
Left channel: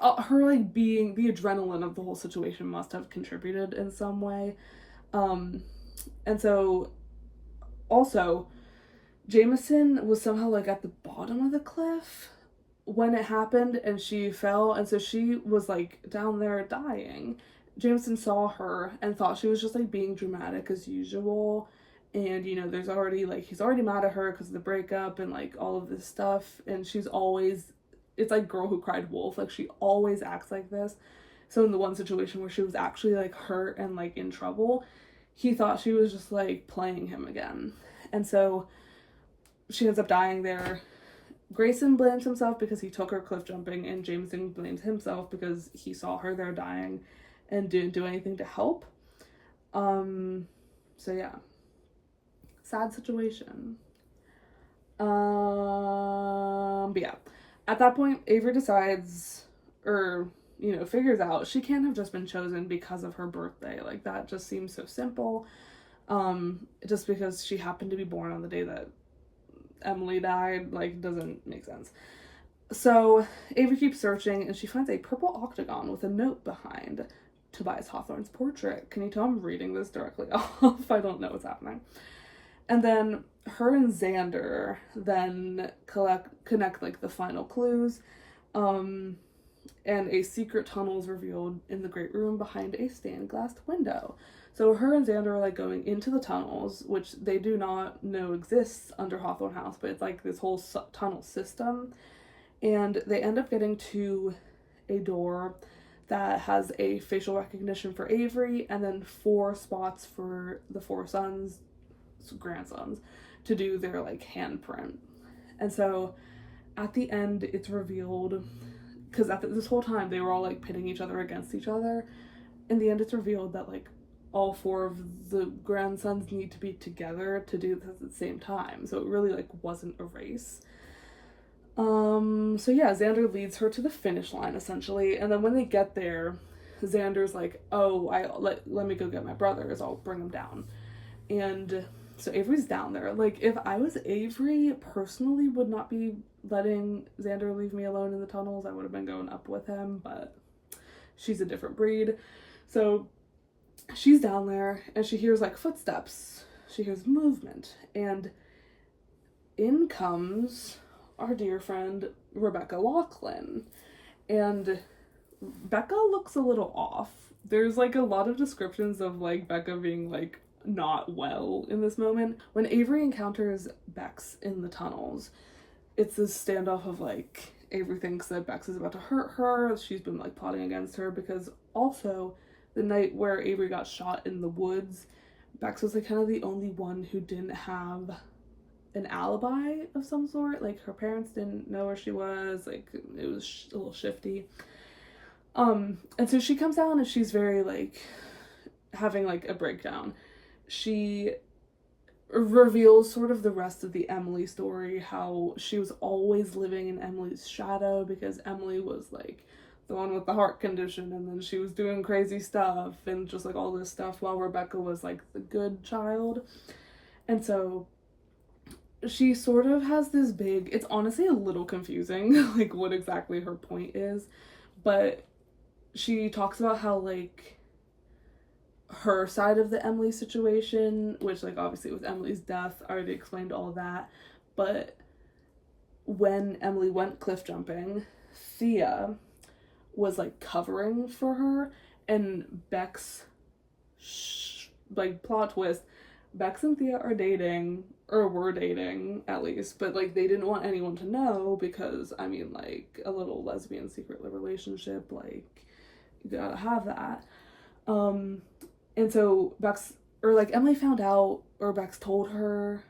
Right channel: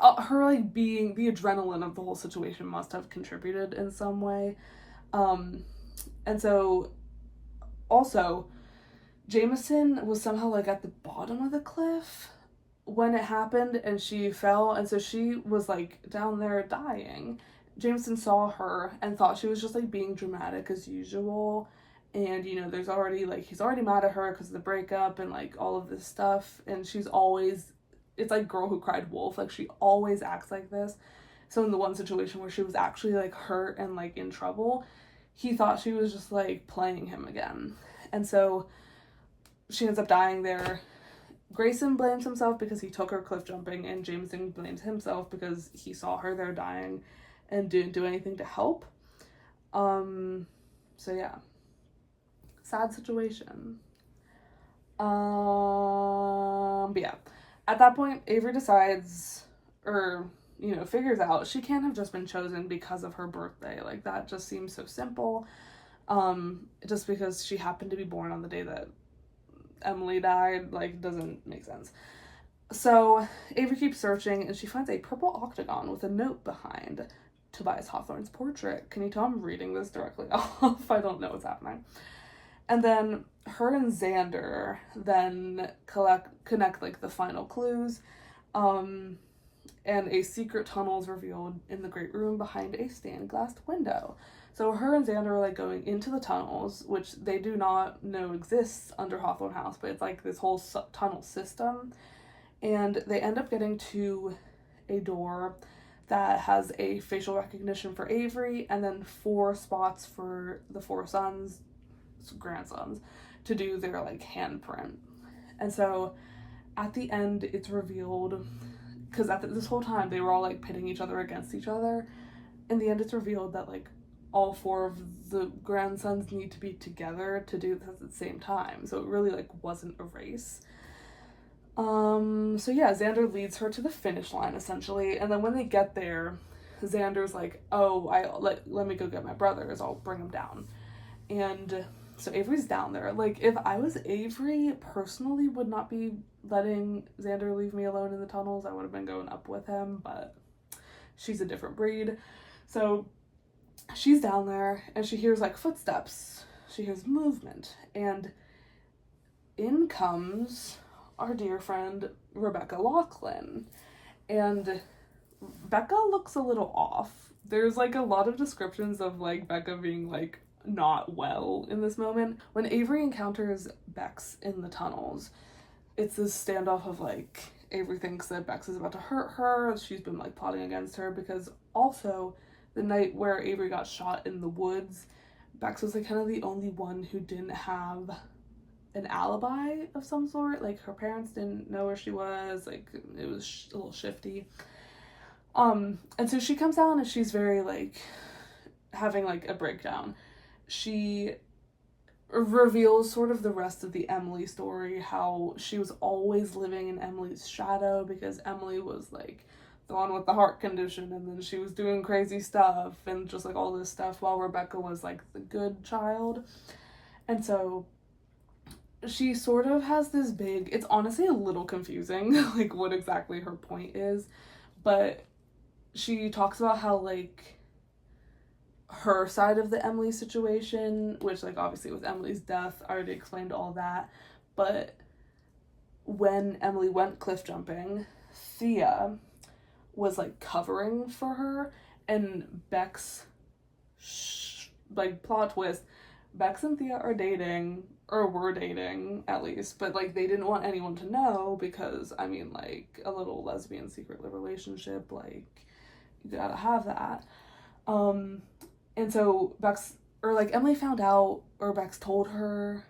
her like being the adrenaline of the whole situation must have contributed in some way. And so also Jameson was somehow like at the bottom of the cliff when it happened, and she fell, and so she was like down there dying. Jameson saw her and thought she was just like being dramatic as usual, and you know, there's already like, he's already mad at her because of the breakup and like all of this stuff, and she's always, it's like Girl Who Cried Wolf, like she always acts like this. So in the one situation where she was actually like hurt and like in trouble, he thought she was just like playing him again, and so she ends up dying there. Grayson blames himself because he took her cliff jumping, and Jameson blames himself because he saw her there dying and didn't do anything to help. So yeah, sad situation. But yeah, at that point Avery decides, or you know, figures out she can't have just been chosen because of her birthday. Like that just seems so simple. Just because she happened to be born on the day that Emily died, like, doesn't make sense. So Avery keeps searching, and she finds a purple octagon with a note behind Tobias Hawthorne's portrait. Can you tell I'm reading this directly off? I don't know what's happening. And then her and Xander then connect like the final clues, and a secret tunnel is revealed in the great room behind a stained glass window. So her and Xander are like going into the tunnels, which they do not know exists under Hawthorne House, but it's like this whole tunnel system. And they end up getting to a door that has a facial recognition for Avery, and then 4 spots for the 4 grandsons, to do their like handprint. And so at the end, it's revealed, because this whole time they were all like pitting each other against each other. In the end, it's revealed that like all 4 of the grandsons need to be together to do this at the same time. So it really like wasn't a race. So yeah, Xander leads her to the finish line essentially, and then when they get there, Xander's like, oh, let me go get my brothers, I'll bring them down. And so Avery's down there. Like, if I was Avery, personally would not be letting Xander leave me alone in the tunnels. I would have been going up with him, but she's a different breed. So she's down there, and she hears like footsteps. She hears movement, and in comes our dear friend Rebecca Laughlin. And Becca looks a little off. There's like a lot of descriptions of like Becca being like not well in this moment. When Avery encounters Bex in the tunnels, it's this standoff of like, Avery thinks that Bex is about to hurt her. She's been like plotting against her, because also the night where Avery got shot in the woods, Bex was like kind of the only one who didn't have an alibi of some sort. Like her parents didn't know where she was, like it was a little shifty. And so she comes down and she's very like having like a breakdown. She reveals sort of the rest of the Emily story, how she was always living in Emily's shadow because Emily was like the one with the heart condition, and then she was doing crazy stuff and just like all this stuff, while Rebecca was like the good child. And so she sort of has this big, it's honestly a little confusing like what exactly her point is, but she talks about how like her side of the Emily situation, which like obviously with Emily's death, I already explained all that, but when Emily went cliff jumping, Thea was like covering for her, and Bex like, plot twist, Bex and Thea are dating, or were dating at least, but like they didn't want anyone to know because, I mean, like, a little lesbian secret relationship, like, you gotta have that. And so Bex, or like Emily found out, or Bex told her.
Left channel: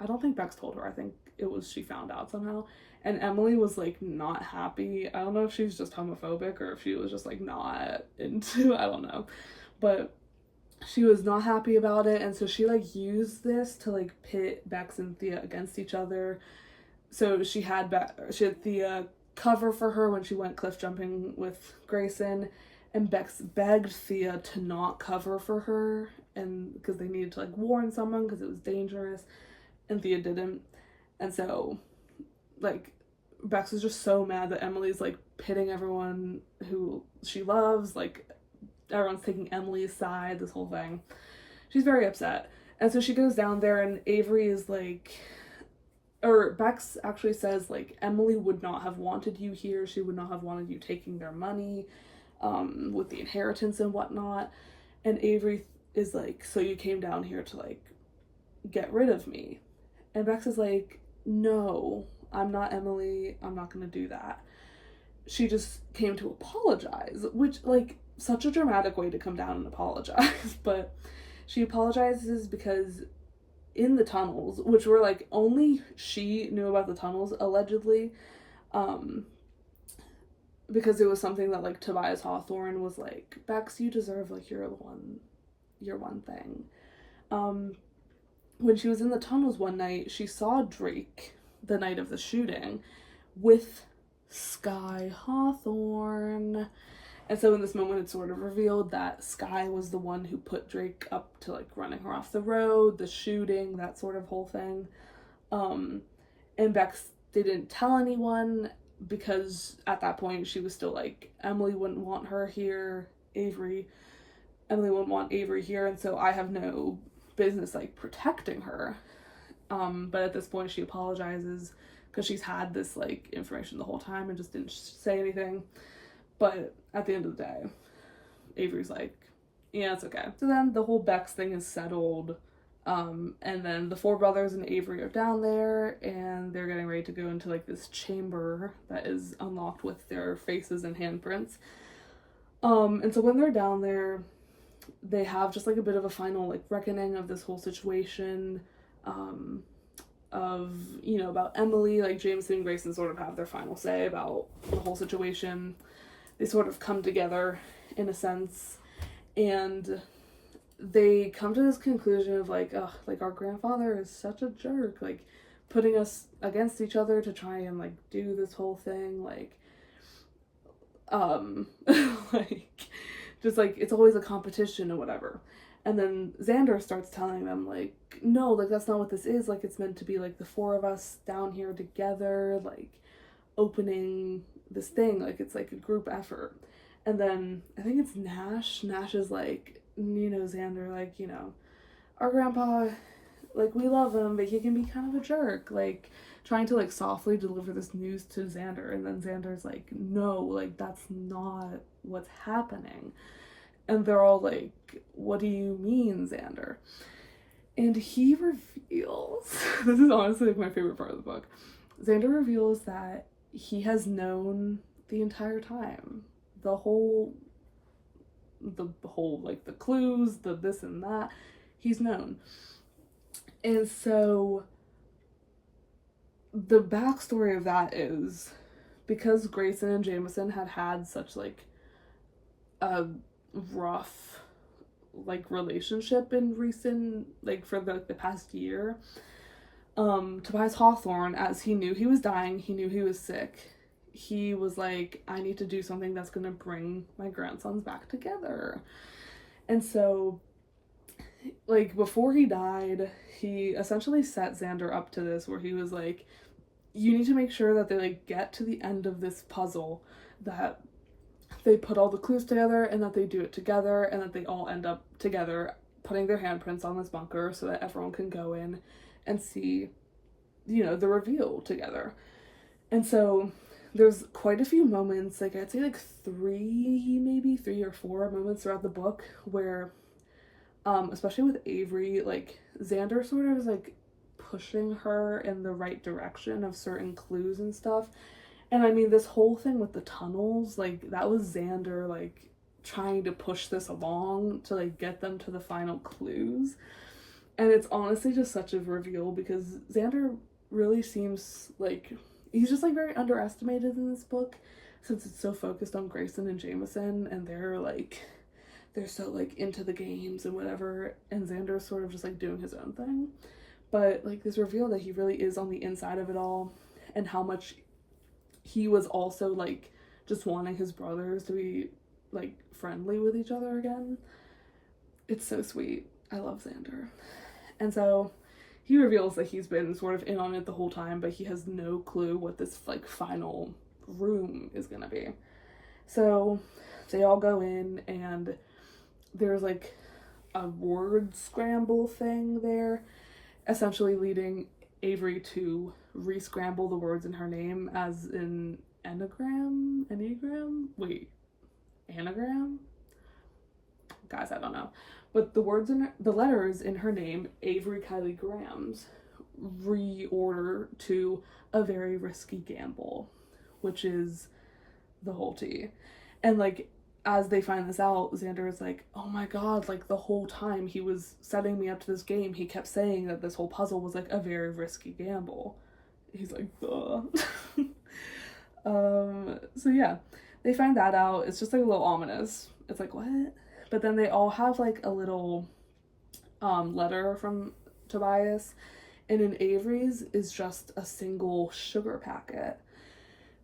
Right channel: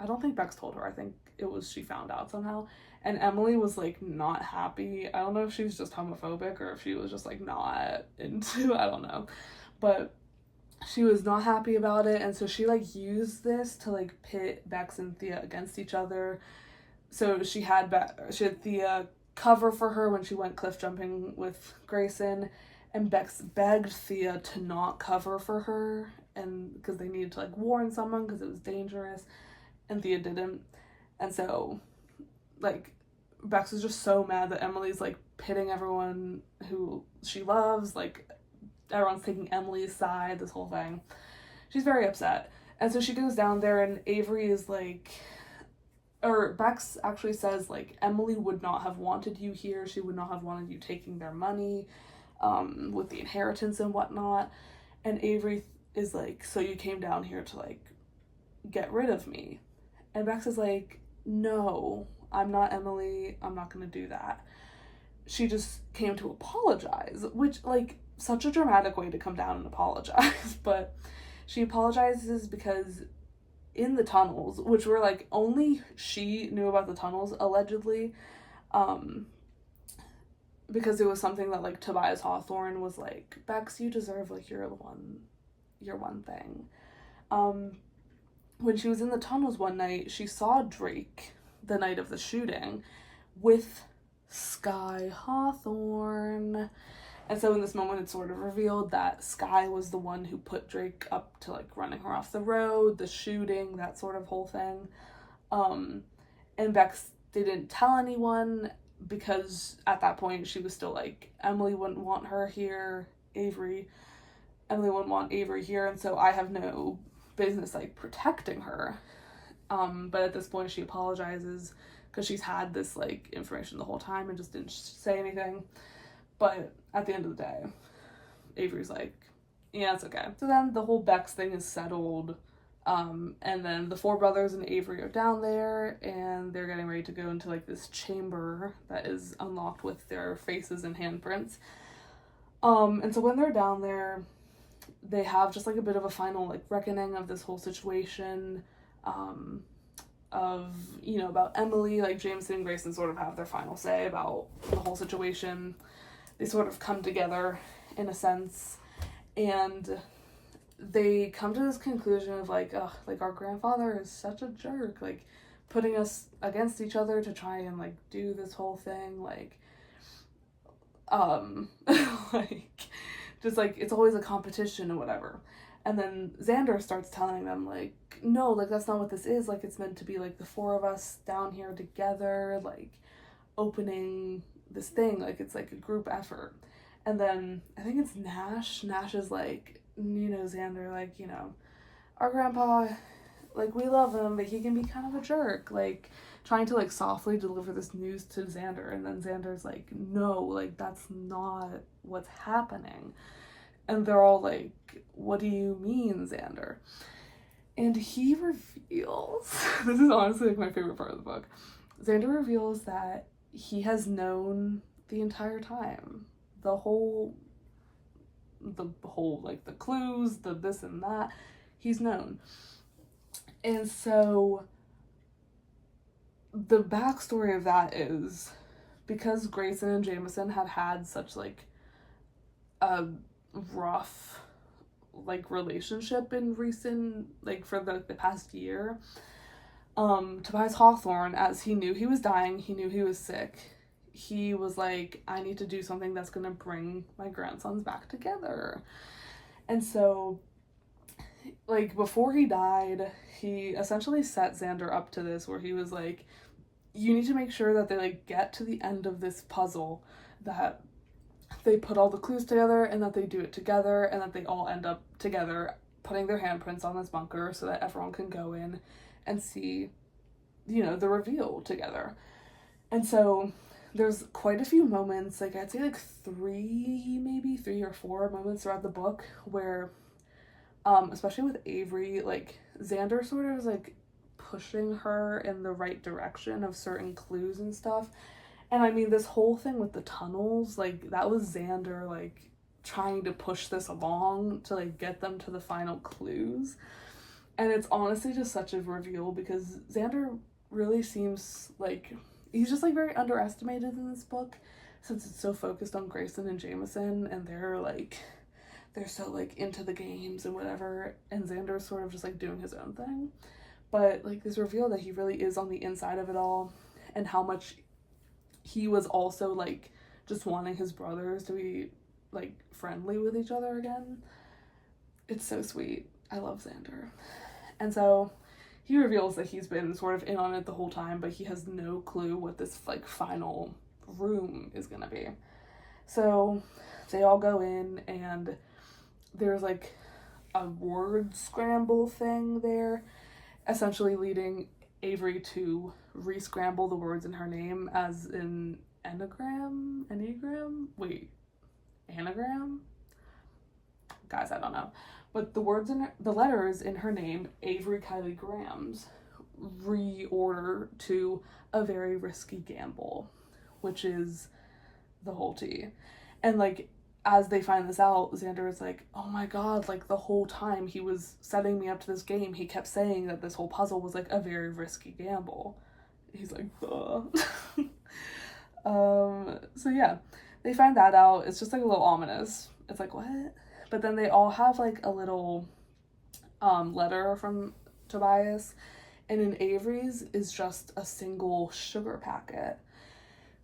I don't think Bex told her, I think it was she found out somehow. And Emily was like not happy. I don't know if she was just homophobic or if she was just like not into, I don't know. But she was not happy about it, and so she like used this to like pit Bex and Thea against each other. So she had Thea cover for her when she went cliff jumping with Grayson, and Bex begged Thea to not cover for her, and because they needed to like warn someone because it was dangerous, and Thea didn't. And so like Bex was just so mad that Emily's like pitting everyone who she loves, like everyone's taking Emily's side, this whole thing. She's very upset. And so she goes down there, and Avery is like, or Bex actually says, like, Emily would not have wanted you here. She would not have wanted you taking their money, with the inheritance and whatnot. And Avery is like, so you came down here to, like, get rid of me. And Bex is like, no, I'm not Emily. I'm not gonna do that. She just came to apologize, which, like, such a dramatic way to come down and apologize. But she apologizes because in the tunnels, which were like only she knew about the tunnels allegedly, because it was something that like Tobias Hawthorne was like, Bex, you deserve like your one thing. When she was in the tunnels one night, she saw Drake the night of the shooting with Sky Hawthorne. And so in this moment, it's sort of revealed that Sky was the one who put Drake up to like running her off the road, the shooting, that sort of whole thing. And Bex didn't tell anyone because at that point she was still like, Emily wouldn't want her here, Emily wouldn't want Avery here, and so I have no business like protecting her. But at this point she apologizes because she's had this like information the whole time and just didn't say anything. But at the end of the day, Avery's like, yeah, it's okay. So then the whole Bex thing is settled. And then the four brothers and Avery are down there, and they're getting ready to go into like this chamber that is unlocked with their faces and handprints. And so when they're down there, they have just like a bit of a final like reckoning of this whole situation, of, you know, about Emily. Like Jameson and Grayson sort of have their final say about the whole situation. They sort of come together in a sense, and they come to this conclusion of like, ugh, like our grandfather is such a jerk, like putting us against each other to try and like do this whole thing, like, like, just like, it's always a competition or whatever. And then Xander starts telling them like, no, like that's not what this is, like it's meant to be like the four of us down here together, like opening this thing, like it's like a group effort. And then I think it's Nash is like, you know, Xander, like, you know, our grandpa, like we love him, but he can be kind of a jerk, like trying to like softly deliver this news to Xander. And then Xander's like, no, like that's not what's happening. And they're all like, what do you mean, Xander? And he reveals, this is honestly like my favorite part of the book, Xander reveals that he has known the entire time. The whole, like the clues, the this and that, he's known. And so the backstory of that is because Grayson and Jameson had such like a rough like relationship in recent, like for the past year, Tobias Hawthorne, as he knew he was dying, he knew he was sick, he was like, I need to do something that's gonna bring my grandsons back together. And so like before he died, he essentially set Xander up to this, where he was like, you need to make sure that they like get to the end of this puzzle, that they put all the clues together and that they do it together, and that they all end up together putting their handprints on this bunker so that everyone can go in and see, you know, the reveal together. And so there's quite a few moments, like I'd say like three or four moments throughout the book, where especially with Avery, like Xander sort of is like pushing her in the right direction of certain clues and stuff. And I mean, this whole thing with the tunnels, like that was Xander like trying to push this along to like get them to the final clues. And it's honestly just such a reveal because Xander really seems like he's just like very underestimated in this book, since it's so focused on Grayson and Jameson, and they're so like into the games and whatever, and Xander's sort of just like doing his own thing. But like this reveal that he really is on the inside of it all, and how much he was also like just wanting his brothers to be like friendly with each other again. It's so sweet. I love Xander. And so he reveals that he's been sort of in on it the whole time, but he has no clue what this like final room is gonna be. So they all go in, and there's like a word scramble thing there, essentially leading Avery to re-scramble the words in her name as in anagram? Guys, I don't know. But the letters in her name, Avery Kylie Grams, reorder to a very risky gamble, which is the whole tea. And like, as they find this out, Xander is like, oh my god, like the whole time he was setting me up to this game, he kept saying that this whole puzzle was like a very risky gamble. He's like, duh. So yeah, they find that out. It's just like a little ominous. It's like, what? But then they all have like a little letter from Tobias, and in Avery's is just a single sugar packet.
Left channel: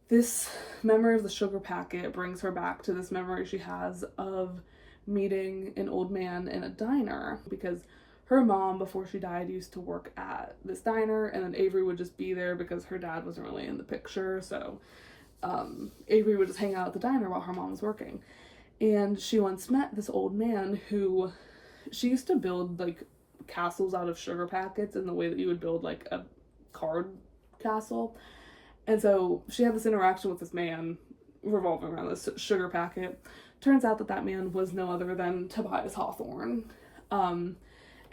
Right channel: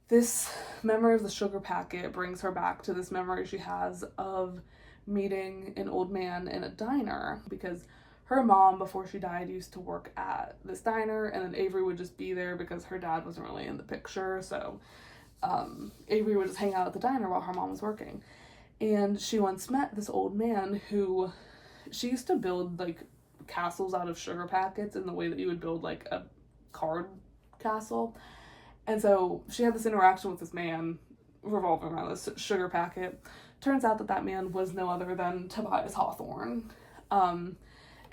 This memory of the sugar packet brings her back to this memory she has of meeting an old man in a diner, because her mom, before she died, used to work at this diner, and then Avery would just be there because her dad wasn't really in the picture, so Avery would just hang out at the diner while her mom was working. And she once met this old man who, she used to build like castles out of sugar packets in the way that you would build like a card castle. And so she had this interaction with this man revolving around this sugar packet. Turns out that that man was no other than Tobias Hawthorne. And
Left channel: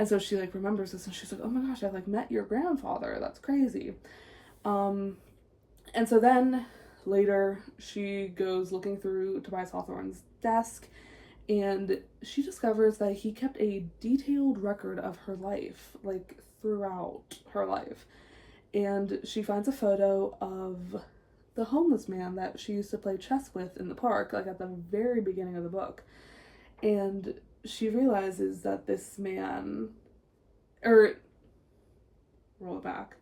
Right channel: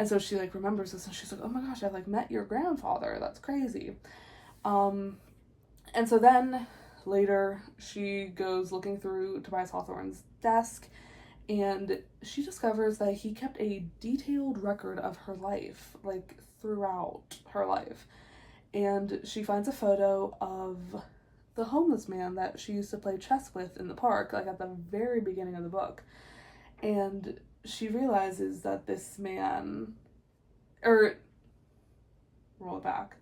so she like remembers this, and she's like, oh my gosh, I've like met your grandfather. That's crazy. And so then later she goes looking through Tobias Hawthorne's desk, and she discovers that he kept a detailed record of her life, like throughout her life. And she finds a photo of the homeless man that she used to play chess with in the park, like at the very beginning of the book. And she realizes that this man, or roll it back,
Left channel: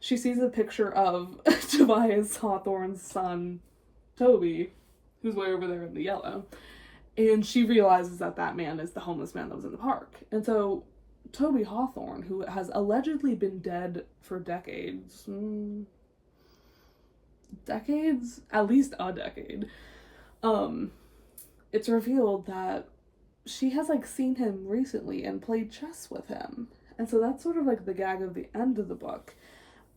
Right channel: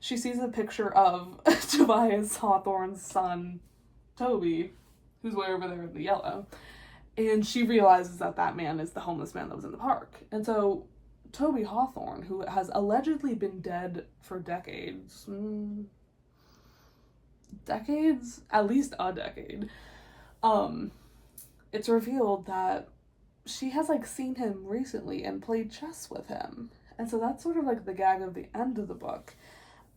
she sees a picture of Tobias Hawthorne's son, Toby, who's way over there in the yellow. And she realizes that that man is the homeless man that was in the park. And so Toby Hawthorne, who has allegedly been dead for decades, at least a decade, it's revealed that she has like seen him recently and played chess with him. And so that's sort of like the gag of the end of the book.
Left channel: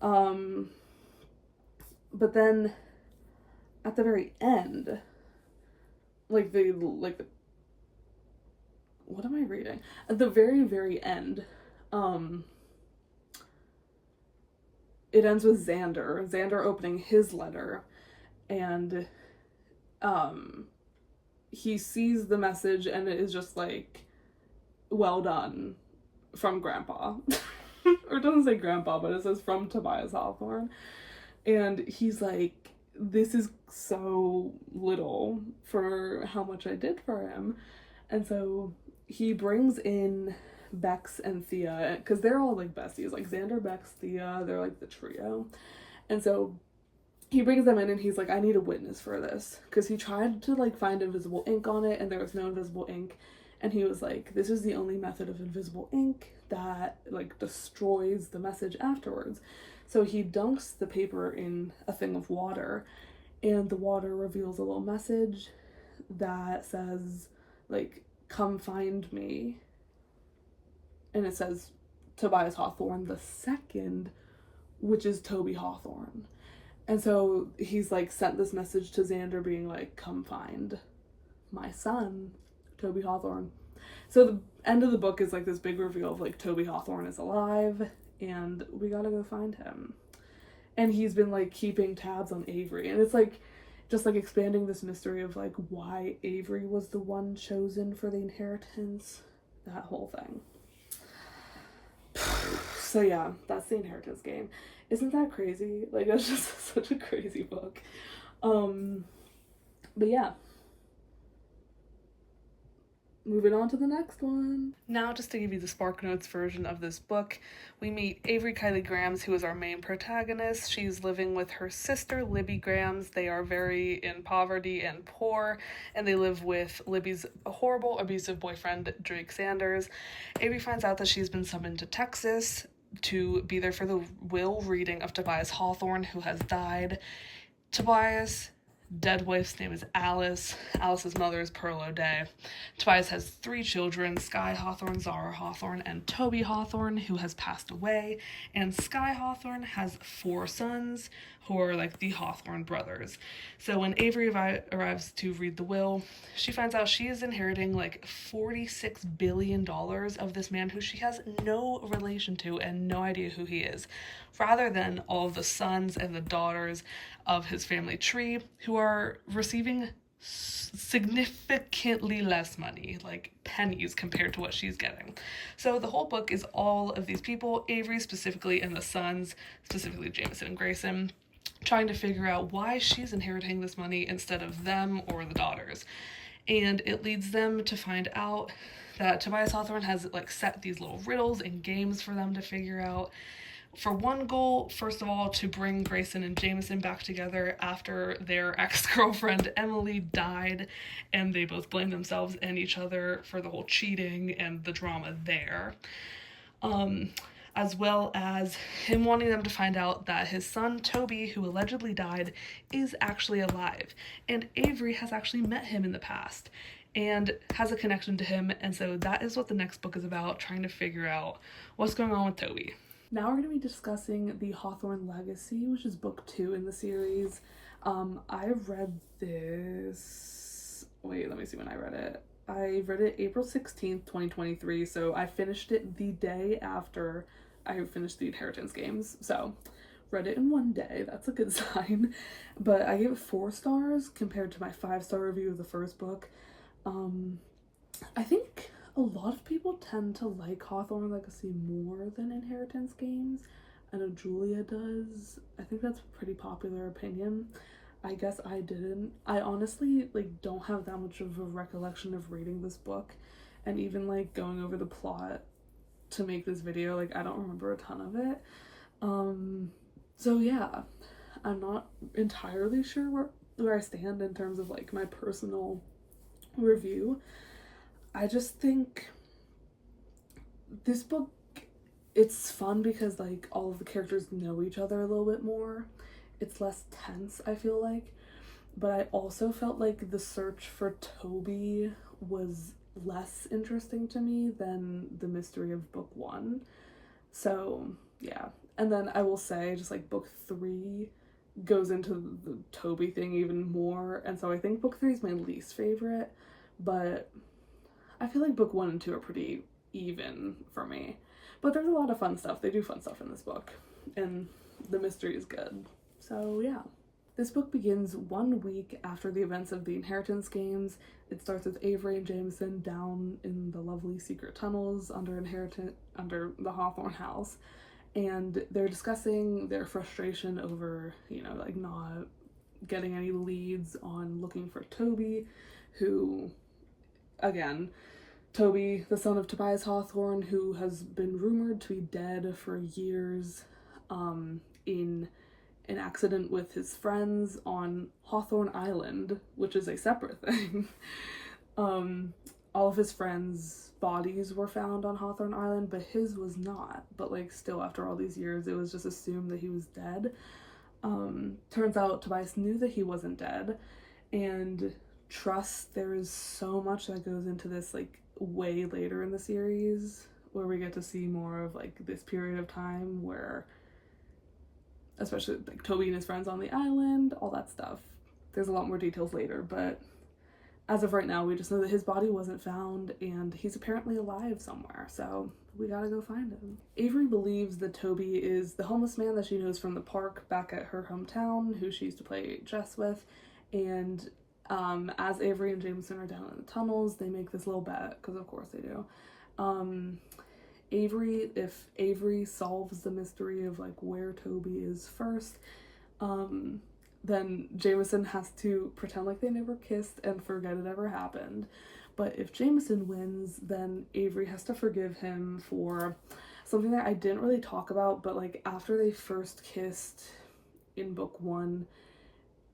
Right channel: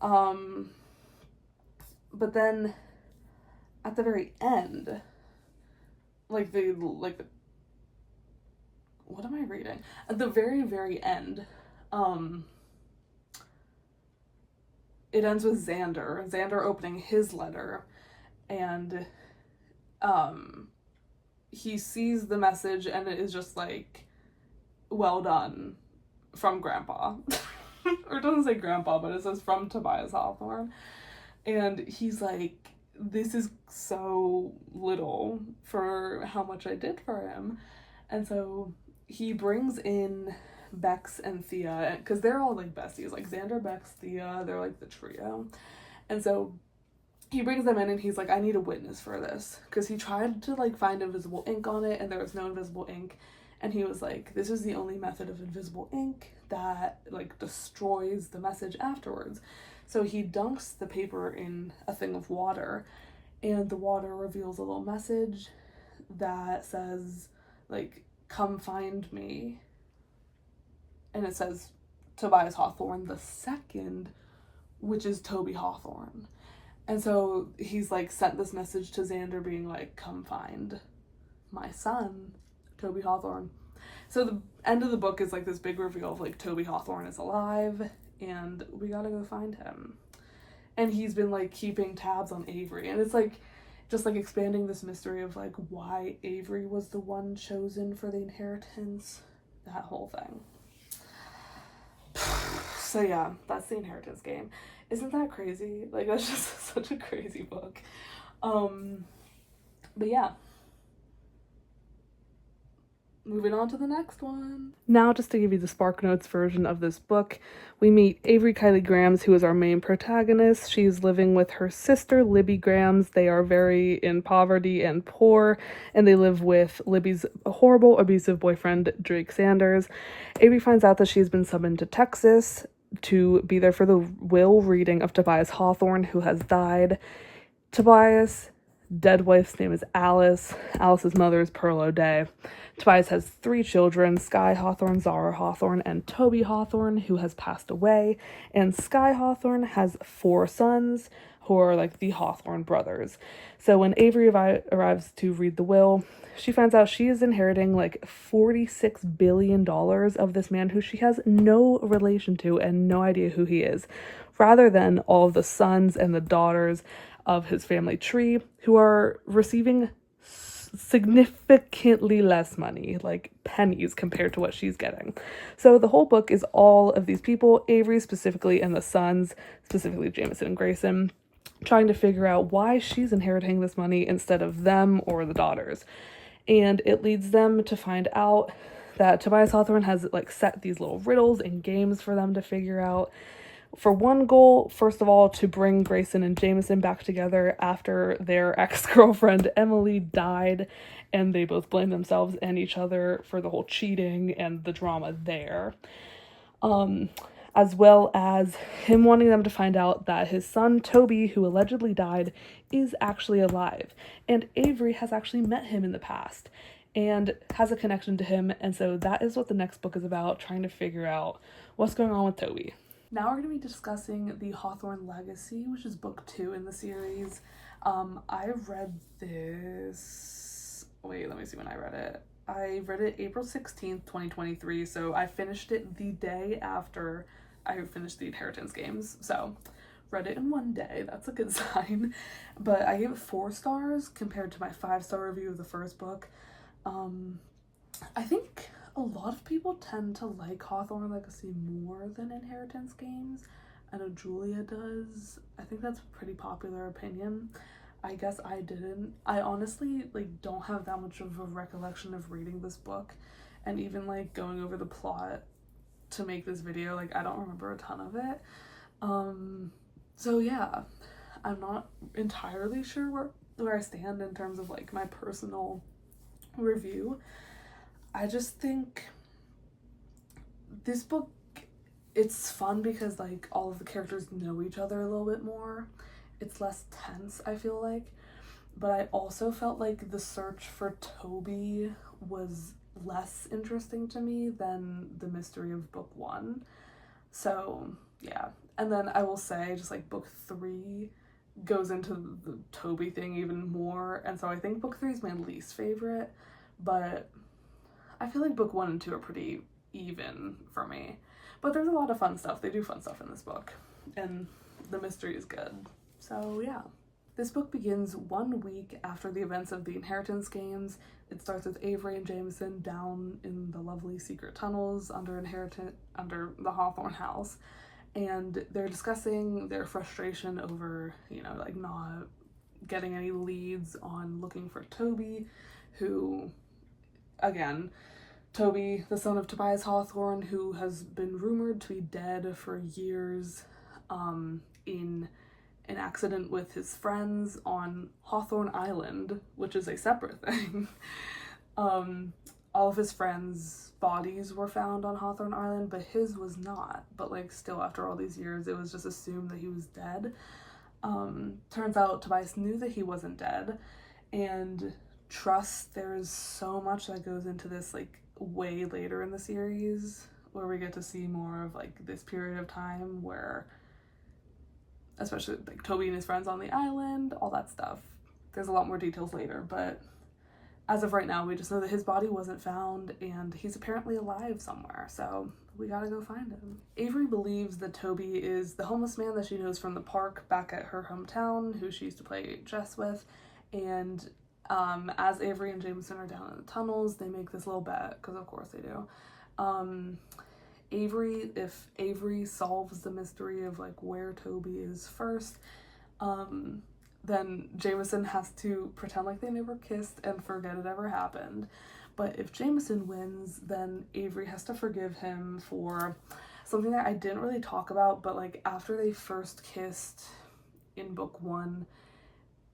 But then at the very end, what am I reading? At the very, very end, it ends with Xander opening his letter, and he sees the message, and it is just like, well done, from Grandpa. Or it doesn't say Grandpa, but it says from Tobias Hawthorne. And he's like, this is so little for how much I did for him. And so he brings in Bex and Thea, because they're all like besties, like Xander, Bex, Thea, they're like the trio. And so he brings them in, and he's like, I need a witness for this, because he tried to like find invisible ink on it, and there was no invisible ink. And he was like, this is the only method of invisible ink that like destroys the message afterwards. So he dunks the paper in a thing of water, and the water reveals a little message that says like, come find me. And it says Tobias Hawthorne the second, which is Toby Hawthorne. And so he's like sent this message to Xander being like, come find my son, Toby Hawthorne. So the end of the book is like this big reveal of like Toby Hawthorne is alive and we gotta go find him. And he's been like keeping tabs on Avery, and it's like just like expanding this mystery of like why Avery was the one chosen for the inheritance, that whole thing. So yeah, that's the Inheritance Game. Isn't that crazy? Like, that's just such a crazy book. But yeah, moving on to the next one. Now, just to give you the SparkNotes version of this book, we meet Avery Kylie Grams, who is our main protagonist. She's living with her sister, Libby Grams. They are very in poverty and poor, and they live with Libby's horrible, abusive boyfriend, Drake Sanders. Avery finds out that she's been summoned to Texas to be there for the will reading of Tobias Hawthorne, who has died. Tobias' dead wife's name is Alice. Alice's mother is Pearl O'Day. Tobias has 3 children, Sky Hawthorne, Zara Hawthorne, and Toby Hawthorne, who has passed away. And Sky Hawthorne has 4 sons, who are like the Hawthorne brothers. So when Avery arrives to read the will, she finds out she is inheriting like $46 billion of this man who she has no relation to and no idea who he is, rather than all of the sons and the daughters of his family tree who are receiving significantly less money, like pennies compared to what she's getting. So the whole book is all of these people, Avery specifically and the sons, specifically Jameson and Grayson, trying to figure out why she's inheriting this money instead of them or the daughters. And it leads them to find out that Tobias Hawthorne has like set these little riddles and games for them to figure out. For one goal, first of all, to bring Grayson and Jameson back together after their ex-girlfriend Emily died, and they both blame themselves and each other for the whole cheating and the drama there. As well as him wanting them to find out that his son Toby, who allegedly died, is actually alive, and Avery has actually met him in the past and has a connection to him, and so that is what the next book is about, trying to figure out what's going on with Toby. Now we're going to be discussing the Hawthorne Legacy, which is book 2 in the series. I read this... Wait, let me see when I read it. I read it April 16th, 2023, so I finished it the day after I finished the Inheritance Games. So, read it in one day. That's a good sign. But I gave it 4 stars compared to my 5-star review of the first book. I think a lot of people tend to like Hawthorne Legacy more than Inheritance Games. I know Julia does. I think that's a pretty popular opinion. I guess I didn't. I honestly like don't have that much of a recollection of reading this book, and even like going over the plot to make this video, like I don't remember a ton of it. So yeah, I'm not entirely sure where I stand in terms of like my personal review. I just think this book, it's fun because like all of the characters know each other a little bit more. It's less tense, I feel like. But I also felt like the search for Toby was less interesting to me than the mystery of book 1. So yeah. And then I will say just like book 3 goes into the Toby thing even more. And so I think book 3 is my least favorite. But I feel like book 1 and 2 are pretty even for me. But there's a lot of fun stuff. They do fun stuff in this book. And the mystery is good. So yeah. This book begins 1 week after the events of the Inheritance Games. It starts with Avery and Jameson down in the lovely secret tunnels under the Hawthorne house. And they're discussing their frustration over, you know, like not getting any leads on looking for Toby, who, again, Toby, the son of Tobias Hawthorne, who has been rumored to be dead for years, in an accident with his friends on Hawthorne Island, which is a separate thing. All of his friends' bodies were found on Hawthorne Island, but his was not. But like still after all these years, it was just assumed that he was dead. Turns out Tobias knew that he wasn't dead, and there is so much that goes into this like way later in the series, where we get to see more of like this period of time where, especially like Toby and his friends on the island, all that stuff. There's a lot more details later, but as of right now, we just know that his body wasn't found and he's apparently alive somewhere, so we gotta go find him. Avery believes that Toby is the homeless man that she knows from the park back at her hometown, who she used to play chess with, and as Avery and Jameson are down in the tunnels, they make this little bet, because of course they do. If Avery solves the mystery of like where Toby is first, then Jameson has to pretend like they never kissed and forget it ever happened. But if Jameson wins, then Avery has to forgive him for something that I didn't really talk about, but like after they first kissed in book 1,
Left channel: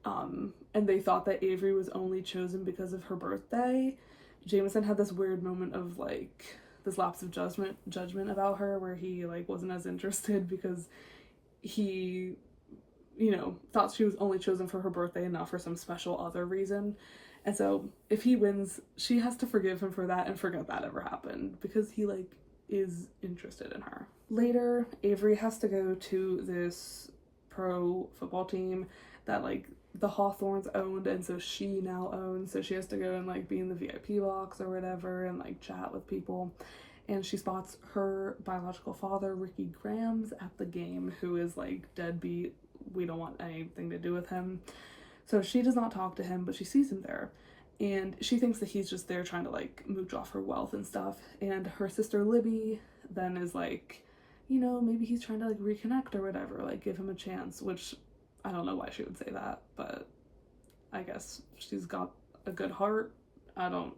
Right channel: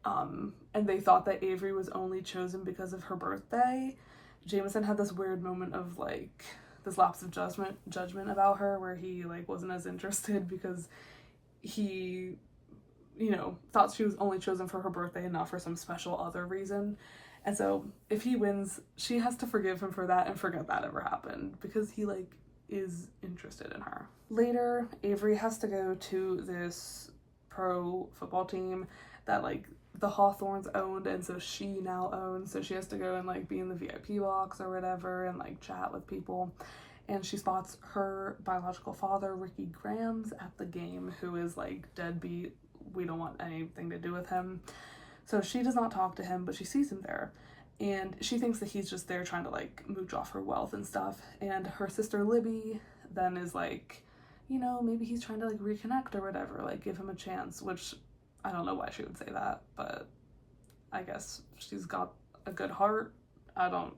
and they thought that Avery was only chosen because of her birthday, Jameson had this weird moment of like this lapse of judgment about her, where he like wasn't as interested because he, you know, thought she was only chosen for her birthday and not for some special other reason. And so if he wins, she has to forgive him for that and forget that ever happened, because he like is interested in her. Later, Avery has to go to this pro football team that like the Hawthorns owned, and so she now owns, so she has to go and like be in the VIP box or whatever and like chat with people. And she spots her biological father, Ricky Grams, at the game, who is like deadbeat. We don't want anything to do with him. So she does not talk to him, but she sees him there. And she thinks that he's just there trying to like mooch off her wealth and stuff. And her sister Libby then is like, you know, maybe he's trying to like reconnect or whatever, like give him a chance, which I don't know why she would say that, but I guess she's got a good heart. I don't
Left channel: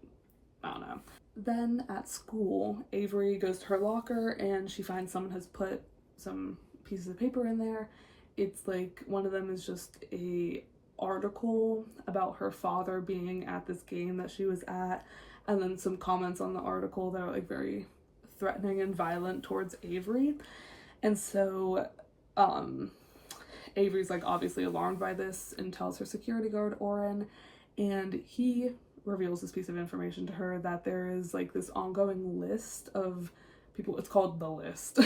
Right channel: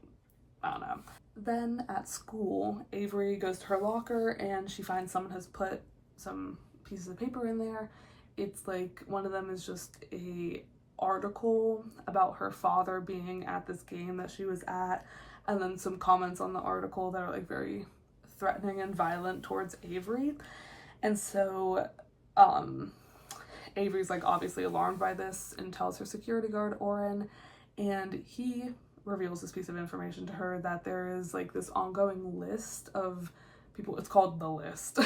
know. Then at school, Avery goes to her locker and she finds someone has put some pieces of paper in there. It's like one of them is just a article about her father being at this game that she was at, and then some comments on the article that are like very threatening and violent towards Avery. And so Avery's like obviously alarmed by this and tells her security guard Oren, and he reveals this piece of information to her that there is like this ongoing list of people, it's called the list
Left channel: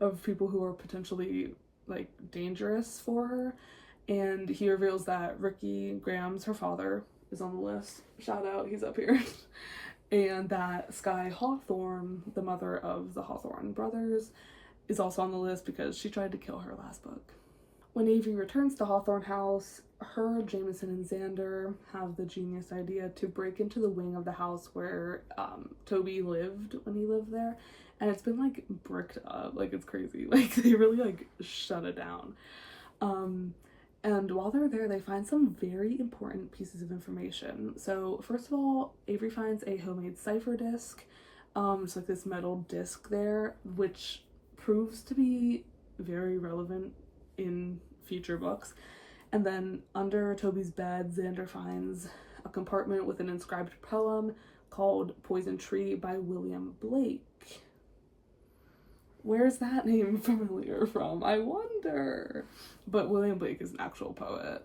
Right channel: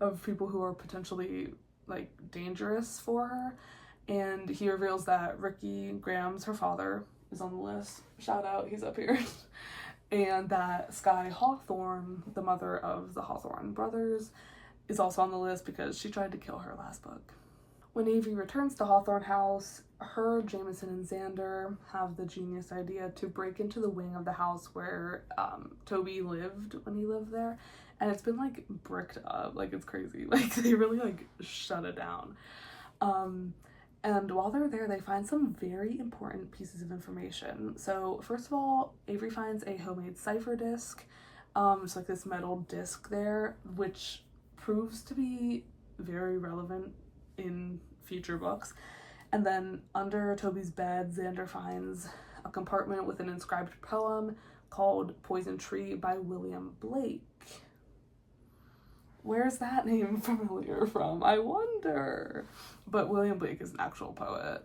of people who are potentially like dangerous for her. And he reveals that Ricky Grams, her father, is on the list. Shout out, he's up here. And that Sky Hawthorne, the mother of the Hawthorne brothers, is also on the list because she tried to kill her last book. When Avery returns to Hawthorne House, her, Jameson, and Xander have the genius idea to break into the wing of the house where Toby lived when he lived there. And it's been like bricked up, like it's crazy. Like they really like shut it down. And while they're there, they find some very important pieces of information. So first of all, Avery finds a homemade cipher disc. It's like this metal disc there, which proves to be very relevant in future books. And then under Toby's bed, Xander finds a compartment with an inscribed poem called Poison Tree by William Blake. Where's that name familiar from? I wonder. But William Blake is an actual poet.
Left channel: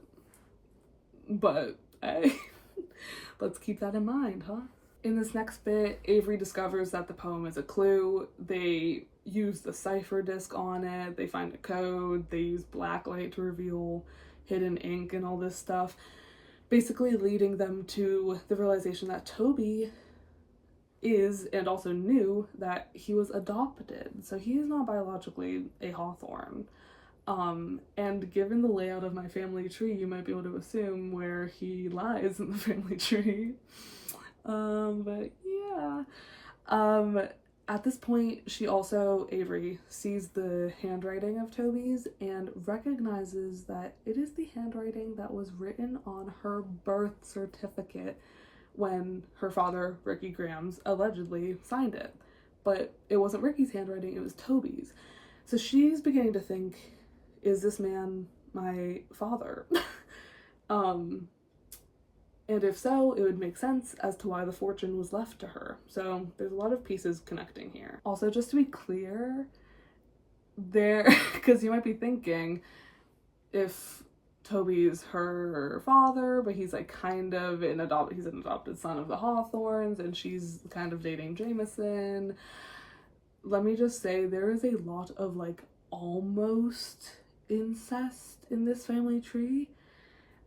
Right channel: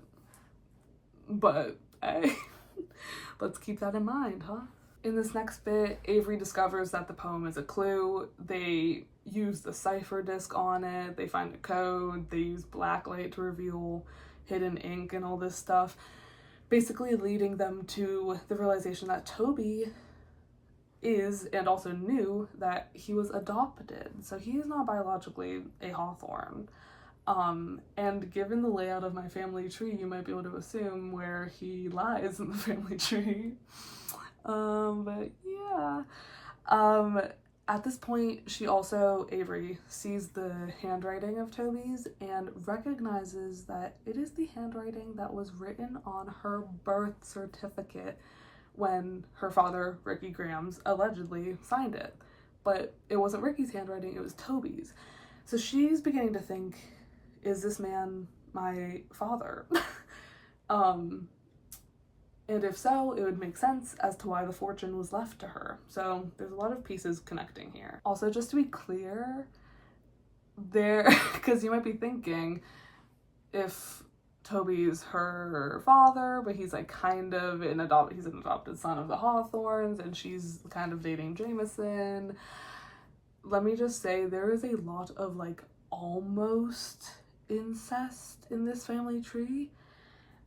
But hey, let's keep that in mind, huh? In this next bit, Avery discovers that the poem is a clue. They use the cipher disc on it. They find a code. They use blacklight to reveal hidden ink and all this stuff. Basically leading them to the realization that Toby is, and also knew, that he was adopted. So he is not biologically a Hawthorne. And given the layout of my family tree, you might be able to assume where he lies in the family tree. But yeah. At this point, she also, Avery, sees the handwriting of Toby's and recognizes that it is the handwriting that was written on her birth certificate when her father, Ricky Grams, allegedly signed it. But it wasn't Ricky's handwriting, it was Toby's. So she's beginning to think, is this man my father? And if so, it would make sense as to why the fortune was left to her. So there's a lot of pieces connecting here. Also, just to be clear, because you might be thinking, if Toby's her father, but he's like kind of he's an adopted son of the Hawthorns, and she's kind of dating Jameson. Let me just say, there is a lot of like almost incest in this family tree,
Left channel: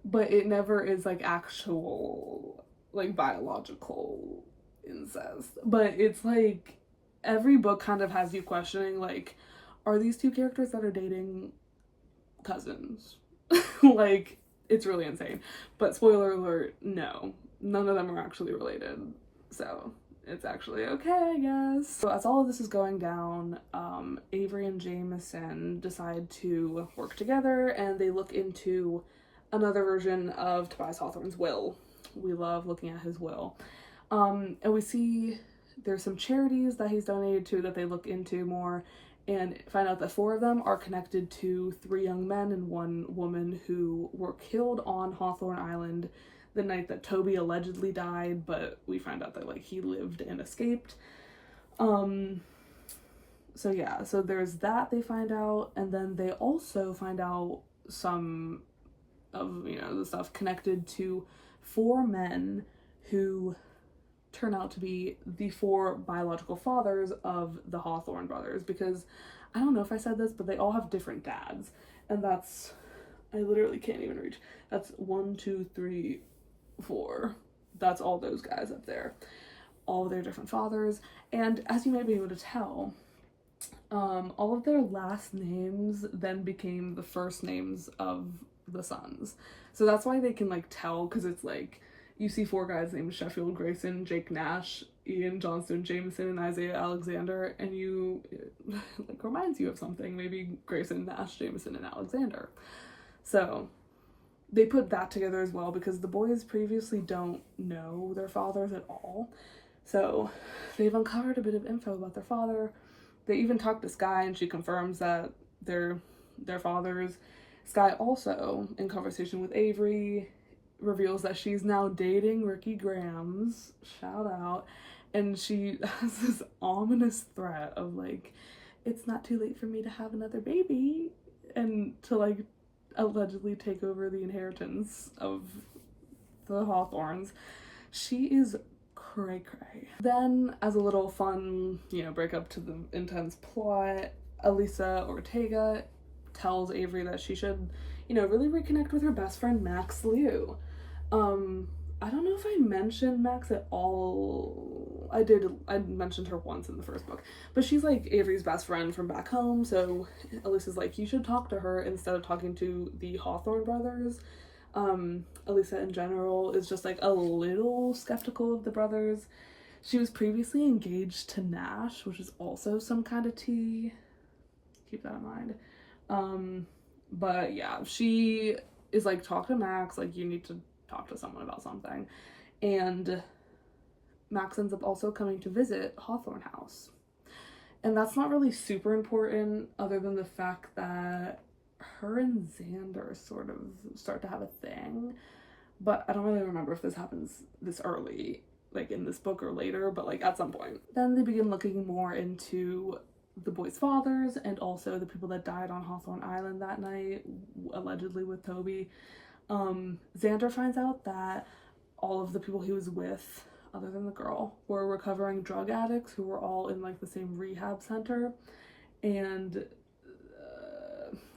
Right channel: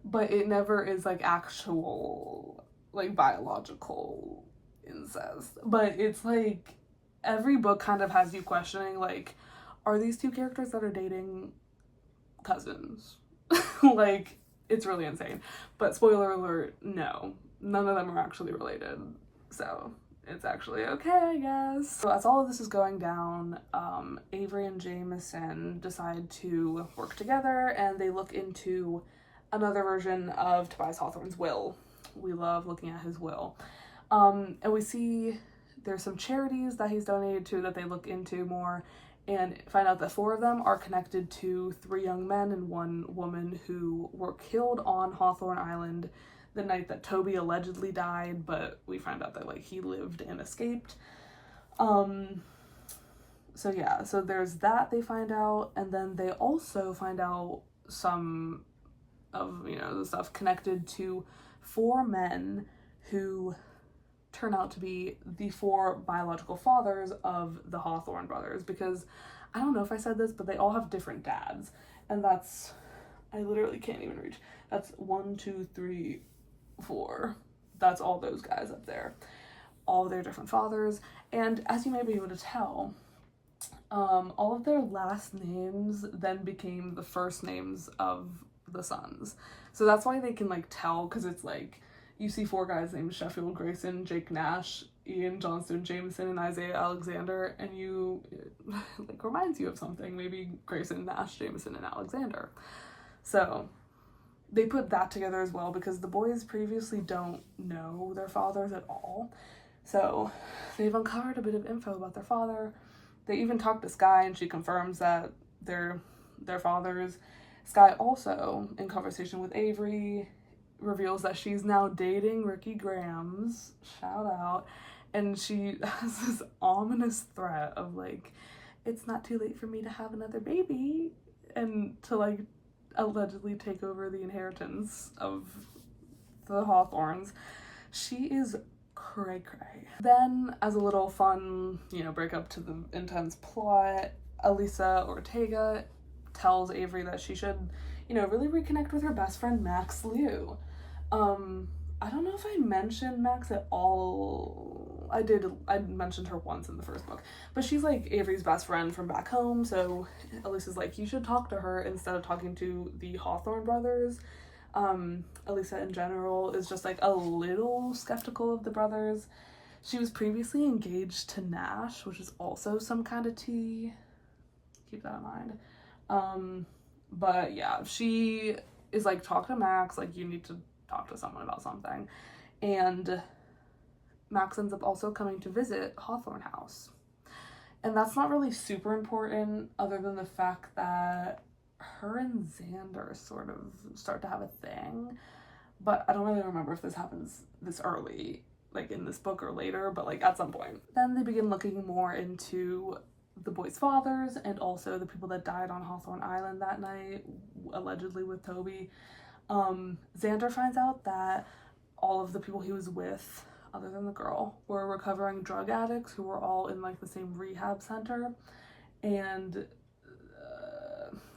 but it never is like actual like biological incest, but it's like every book kind of has you questioning, like, are these two characters that are dating cousins? Like, it's really insane. But spoiler alert, no, none of them are actually related, so it's actually okay, I guess. So as all of this is going down, Avery and Jameson decide to work together, and they look into another version of Tobias Hawthorne's will. We love looking at his will. And we see there's some charities that he's donated to that they look into more, and find out that 4 of them are connected to 3 young men and 1 woman who were killed on Hawthorne Island the night that Toby allegedly died, but we find out that like he lived and escaped. So yeah, so there's that they find out, and then they also find out some of, you know, the stuff connected to 4 men who turn out to be the 4 biological fathers of the Hawthorne brothers, because I don't know if I said this, but they all have different dads, and that's, I literally can't even reach, that's 1, 2, 3, 4, that's all those guys up there, all of their different fathers. And as you may be able to tell, all of their last names then became the first names of the sons, so that's why they can like tell, because it's like you see 4 guys named Sheffield, Grayson, Jake Nash, Ian Johnston, Jameson, and Isaiah Alexander, and you, like, reminds you of something, maybe Grayson, Nash, Jameson, and Alexander. So they put that together as well, because the boys previously don't know their fathers at all. So they've uncovered a bit of info about their father. They even talk to Skye, and she confirms that they're their fathers. Skye also, in conversation with Avery, reveals that she's now dating Ricky Grams, shout out, and she has this ominous threat of like, it's not too late for me to have another baby, and to like allegedly take over the inheritance of the Hawthorns. She is cray cray. Then, as a little fun, you know, break up to the intense plot, Elisa Ortega tells Avery that she should, you know, really reconnect with her best friend Max Liu. I don't know if I mentioned Max at all. I mentioned her once in the first book, but she's like Avery's best friend from back home, so Elisa's like, you should talk to her instead of talking to the Hawthorne brothers. Elisa in general is just like a little skeptical of the brothers. She was previously engaged to Nash, which is also some kind of tea. Keep that in mind. But yeah, she is like, talk to Max, like, you need to talk to someone about something. And Max ends up also coming to visit Hawthorne House. And that's not really super important, other than the fact that her and Xander sort of start to have a thing. But I don't really remember if this happens this early, like in this book or later, but like at some point. Then they begin looking more into the boys' fathers, and also the people that died on Hawthorne Island that night, allegedly with Toby. Xander finds out that all of the people he was with, other than the girl, were recovering drug addicts who were all in like the same rehab center, and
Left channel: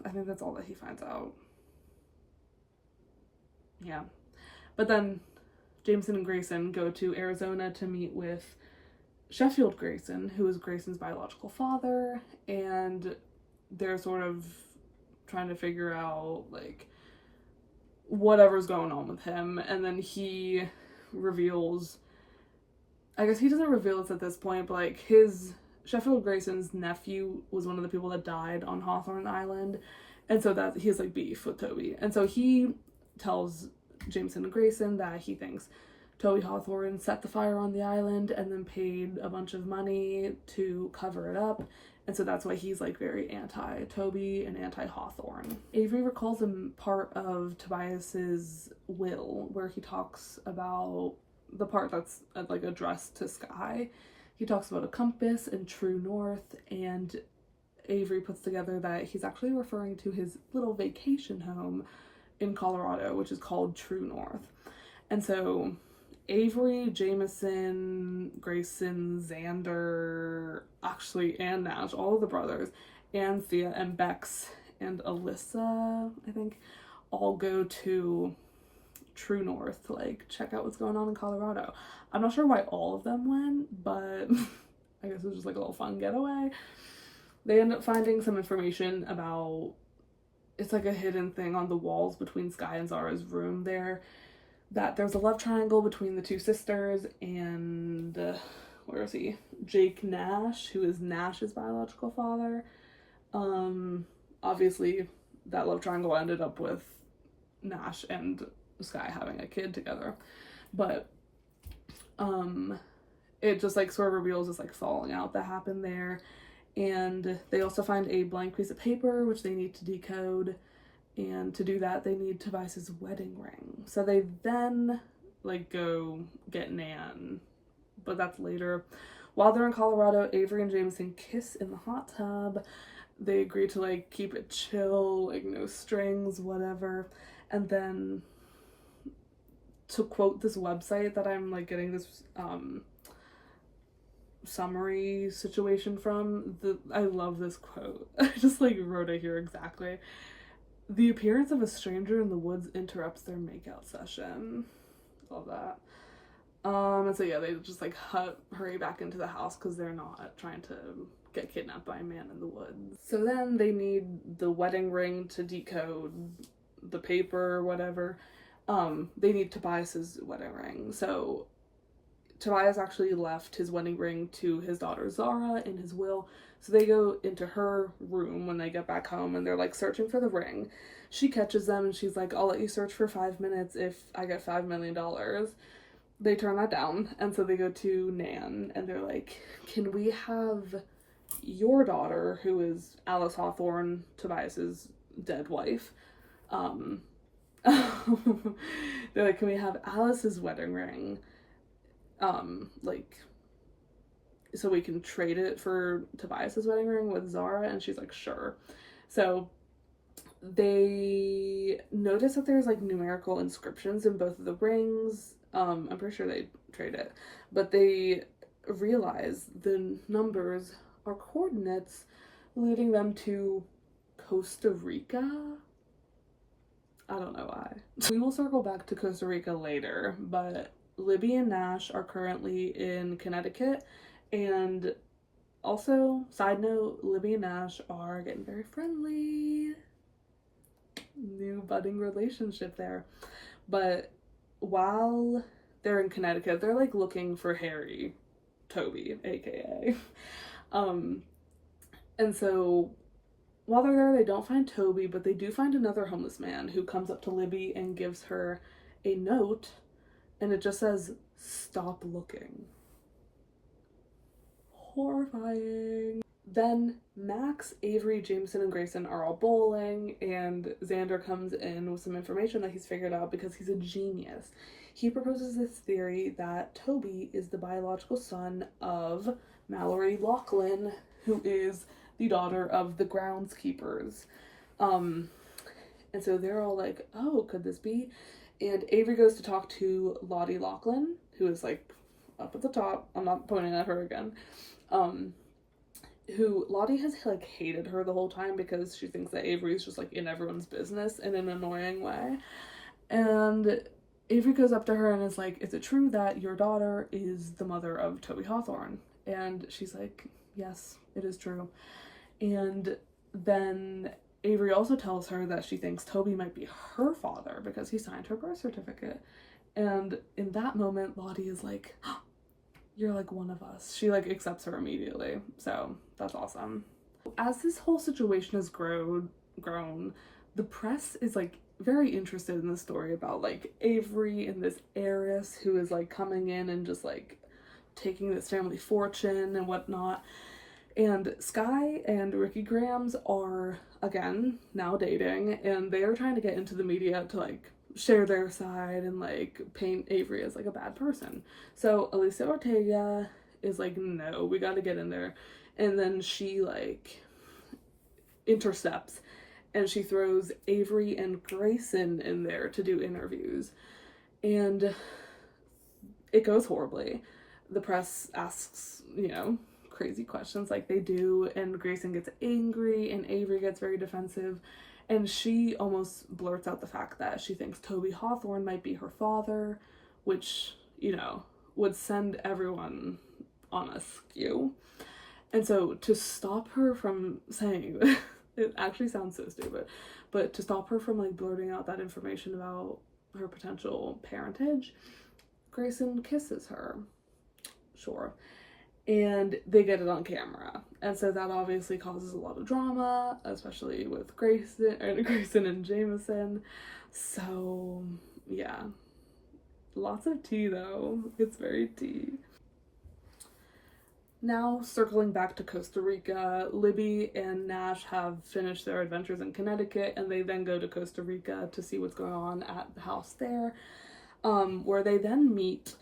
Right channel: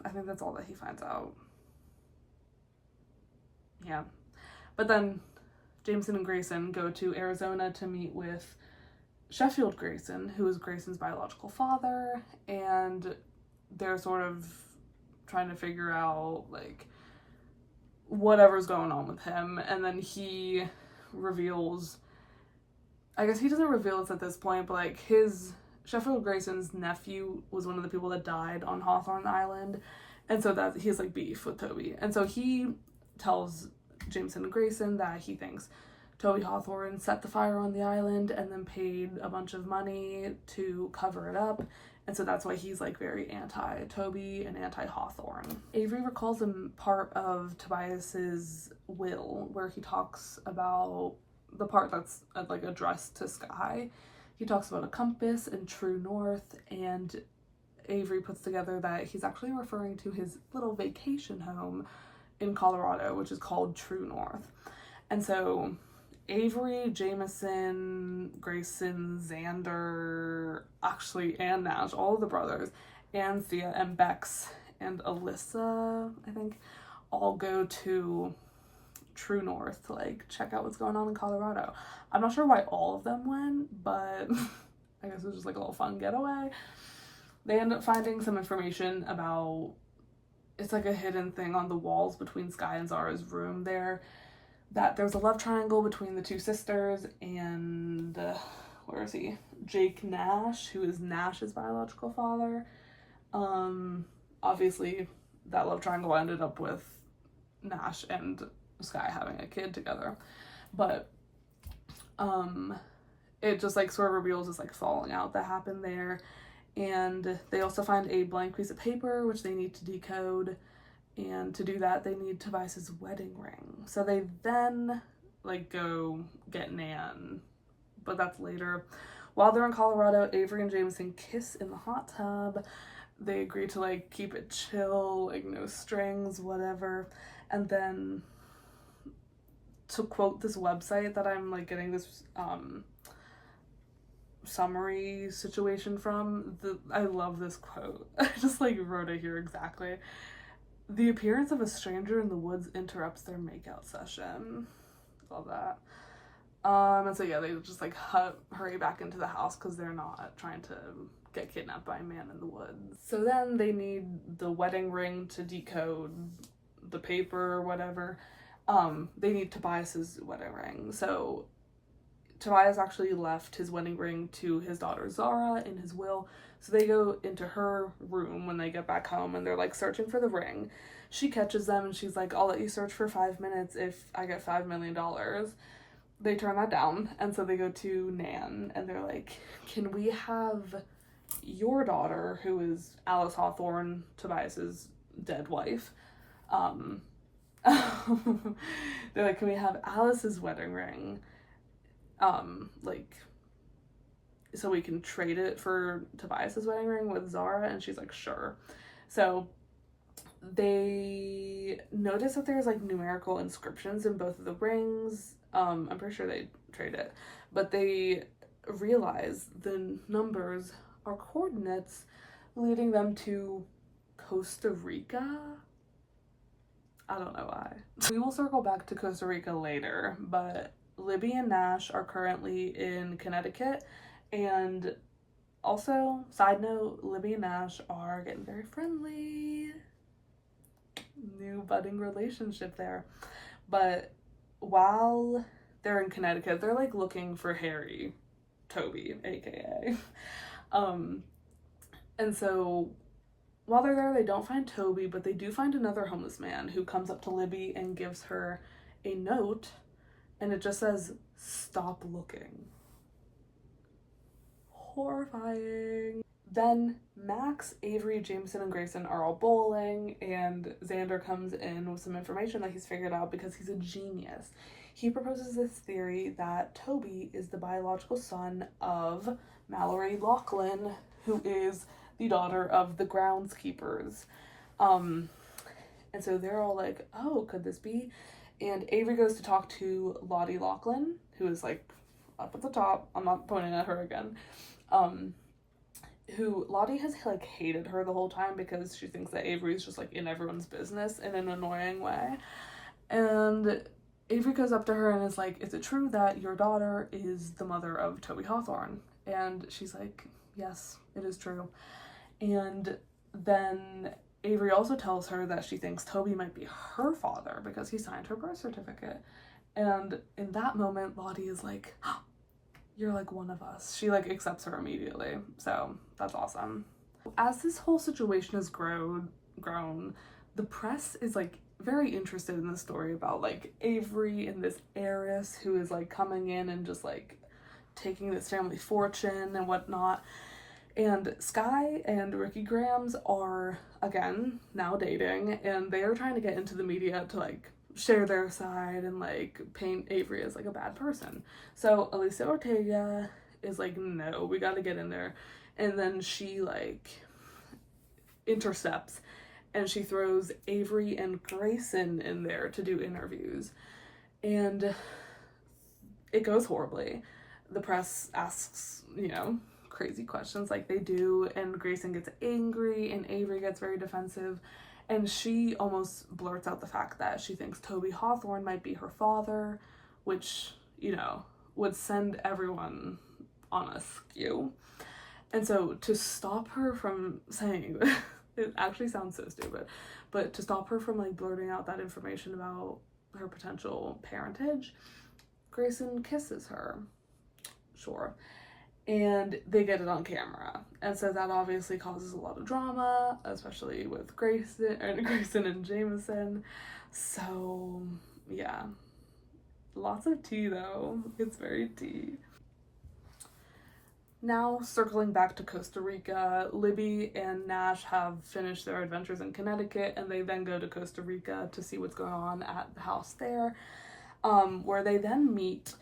I think that's all that he finds out. Yeah. But then Jameson and Grayson go to Arizona to meet with Sheffield Grayson, who is Grayson's biological father, and they're sort of trying to figure out like whatever's going on with him. And then he reveals, I guess he doesn't reveal this at this point, but like his Sheffield Grayson's nephew was one of the people that died on Hawthorne Island, and so that he has like beef with Toby, and so he tells Jameson and Grayson that he thinks Toby Hawthorne set the fire on the island and then paid a bunch of money to cover it up. And so that's why he's like very anti-Toby and anti-Hawthorne. Avery recalls a part of Tobias's will where he talks about the part that's like addressed to Skye. He talks about a compass and true north, and Avery puts together that he's actually referring to his little vacation home in Colorado, which is called True North. And so Avery, Jameson, Grayson, Xander, actually, and Nash, all of the brothers, and Thea and Bex and Alyssa, I think, all go to true north to like check out what's going on in Colorado. I'm not sure why all of them went, but I guess it was just like a little fun getaway. They end up finding some information about, it's like a hidden thing on the walls between Sky and Zara's room there, that there's a love triangle between the two sisters and where is he? Jake Nash, who is Nash's biological father. Obviously that love triangle ended up with Nash and Sky having a kid together, but it just like sort of reveals this like falling out that happened there. And they also find a blank piece of paper which they need to decode, and to do that they need Tobias's wedding ring. So they then like go get Nan, but that's later. While they're in Colorado, Avery and Jameson kiss in the hot tub. They agree to like keep it chill, like no strings, whatever. And then, to quote this website that I'm like getting this summary situation from, I love this quote. I just like wrote it here exactly. The appearance of a stranger in the woods interrupts their makeout session. Love that. And so yeah, they just like hurry back into the house because they're not trying to get kidnapped by a man in the woods. So then they need the wedding ring to decode the paper or whatever. They need Tobias's wedding ring. So Tobias actually left his wedding ring to his daughter Zara in his will. So they go into her room when they get back home and they're like searching for the ring. She catches them and she's like, I'll let you search for 5 minutes if I get $5 million. They turn that down, and so they go to Nan and they're like, can we have your daughter, who is Alice Hawthorne, Tobias's dead wife, they're like, can we have Alice's wedding ring, like, so we can trade it for Tobias's wedding ring with Zara? And she's like, sure. So they notice that there's like numerical inscriptions in both of the rings. I'm pretty sure they trade it, but they realize the numbers are coordinates leading them to Costa Rica. I don't know why. We will circle back to Costa Rica later, but Libby and Nash are currently in Connecticut. And also, side note, Libby and Nash are getting very friendly. New budding relationship there. But while they're in Connecticut, they're like looking for Harry Toby, aka. And so while they're there, they don't find Toby, but they do find another homeless man who comes up to Libby and gives her a note, and it just says, "Stop looking." Horrifying. Then Max, Avery, Jameson, and Grayson are all bowling, and Xander comes in with some information that he's figured out because he's a genius. He proposes this theory that Toby is the biological son of Mallory Lachlan, who is the daughter of the groundskeepers. And so they're all like, oh, could this be? And Avery goes to talk to Lottie Lachlan, who is like up at the top. I'm not pointing at her again. Who Lottie has like hated her the whole time because she thinks that Avery's just like in everyone's business in an annoying way. And Avery goes up to her and is like, is it true that your daughter is the mother of Toby Hawthorne? And she's like, yes, it is true. And then Avery also tells her that she thinks Toby might be her father because he signed her birth certificate. And in that moment, Lottie is like, oh, you're like one of us. She like accepts her immediately. So that's awesome. As this whole situation has grown, the press is like very interested in the story about like Avery and this heiress who is like coming in and just like taking this family fortune and whatnot. And Sky and Ricky Grams are again now dating, and they are trying to get into the media to like share their side and like paint Avery as like a bad person. So Alicia Ortega is like, no, we gotta get in there. And then she like intercepts and she throws Avery and Grayson in there to do interviews, and it goes horribly. The press asks, you know, crazy questions like they do, and Grayson gets angry and Avery gets very defensive, And she almost blurts out the fact that she thinks Toby Hawthorne might be her father, which, you know, would send everyone on a skew. And so to stop her from saying it actually sounds so stupid, but to stop her from like blurting out that information about her potential parentage, Grayson kisses her. Sure. And they get it on camera. And so that obviously causes a lot of drama, especially with Grayson and Jameson. So yeah. Lots of tea though. It's very tea. Now, circling back to Costa Rica, Libby and Nash have finished their adventures in Connecticut, and they then go to Costa Rica to see what's going on at the house there, where they then meet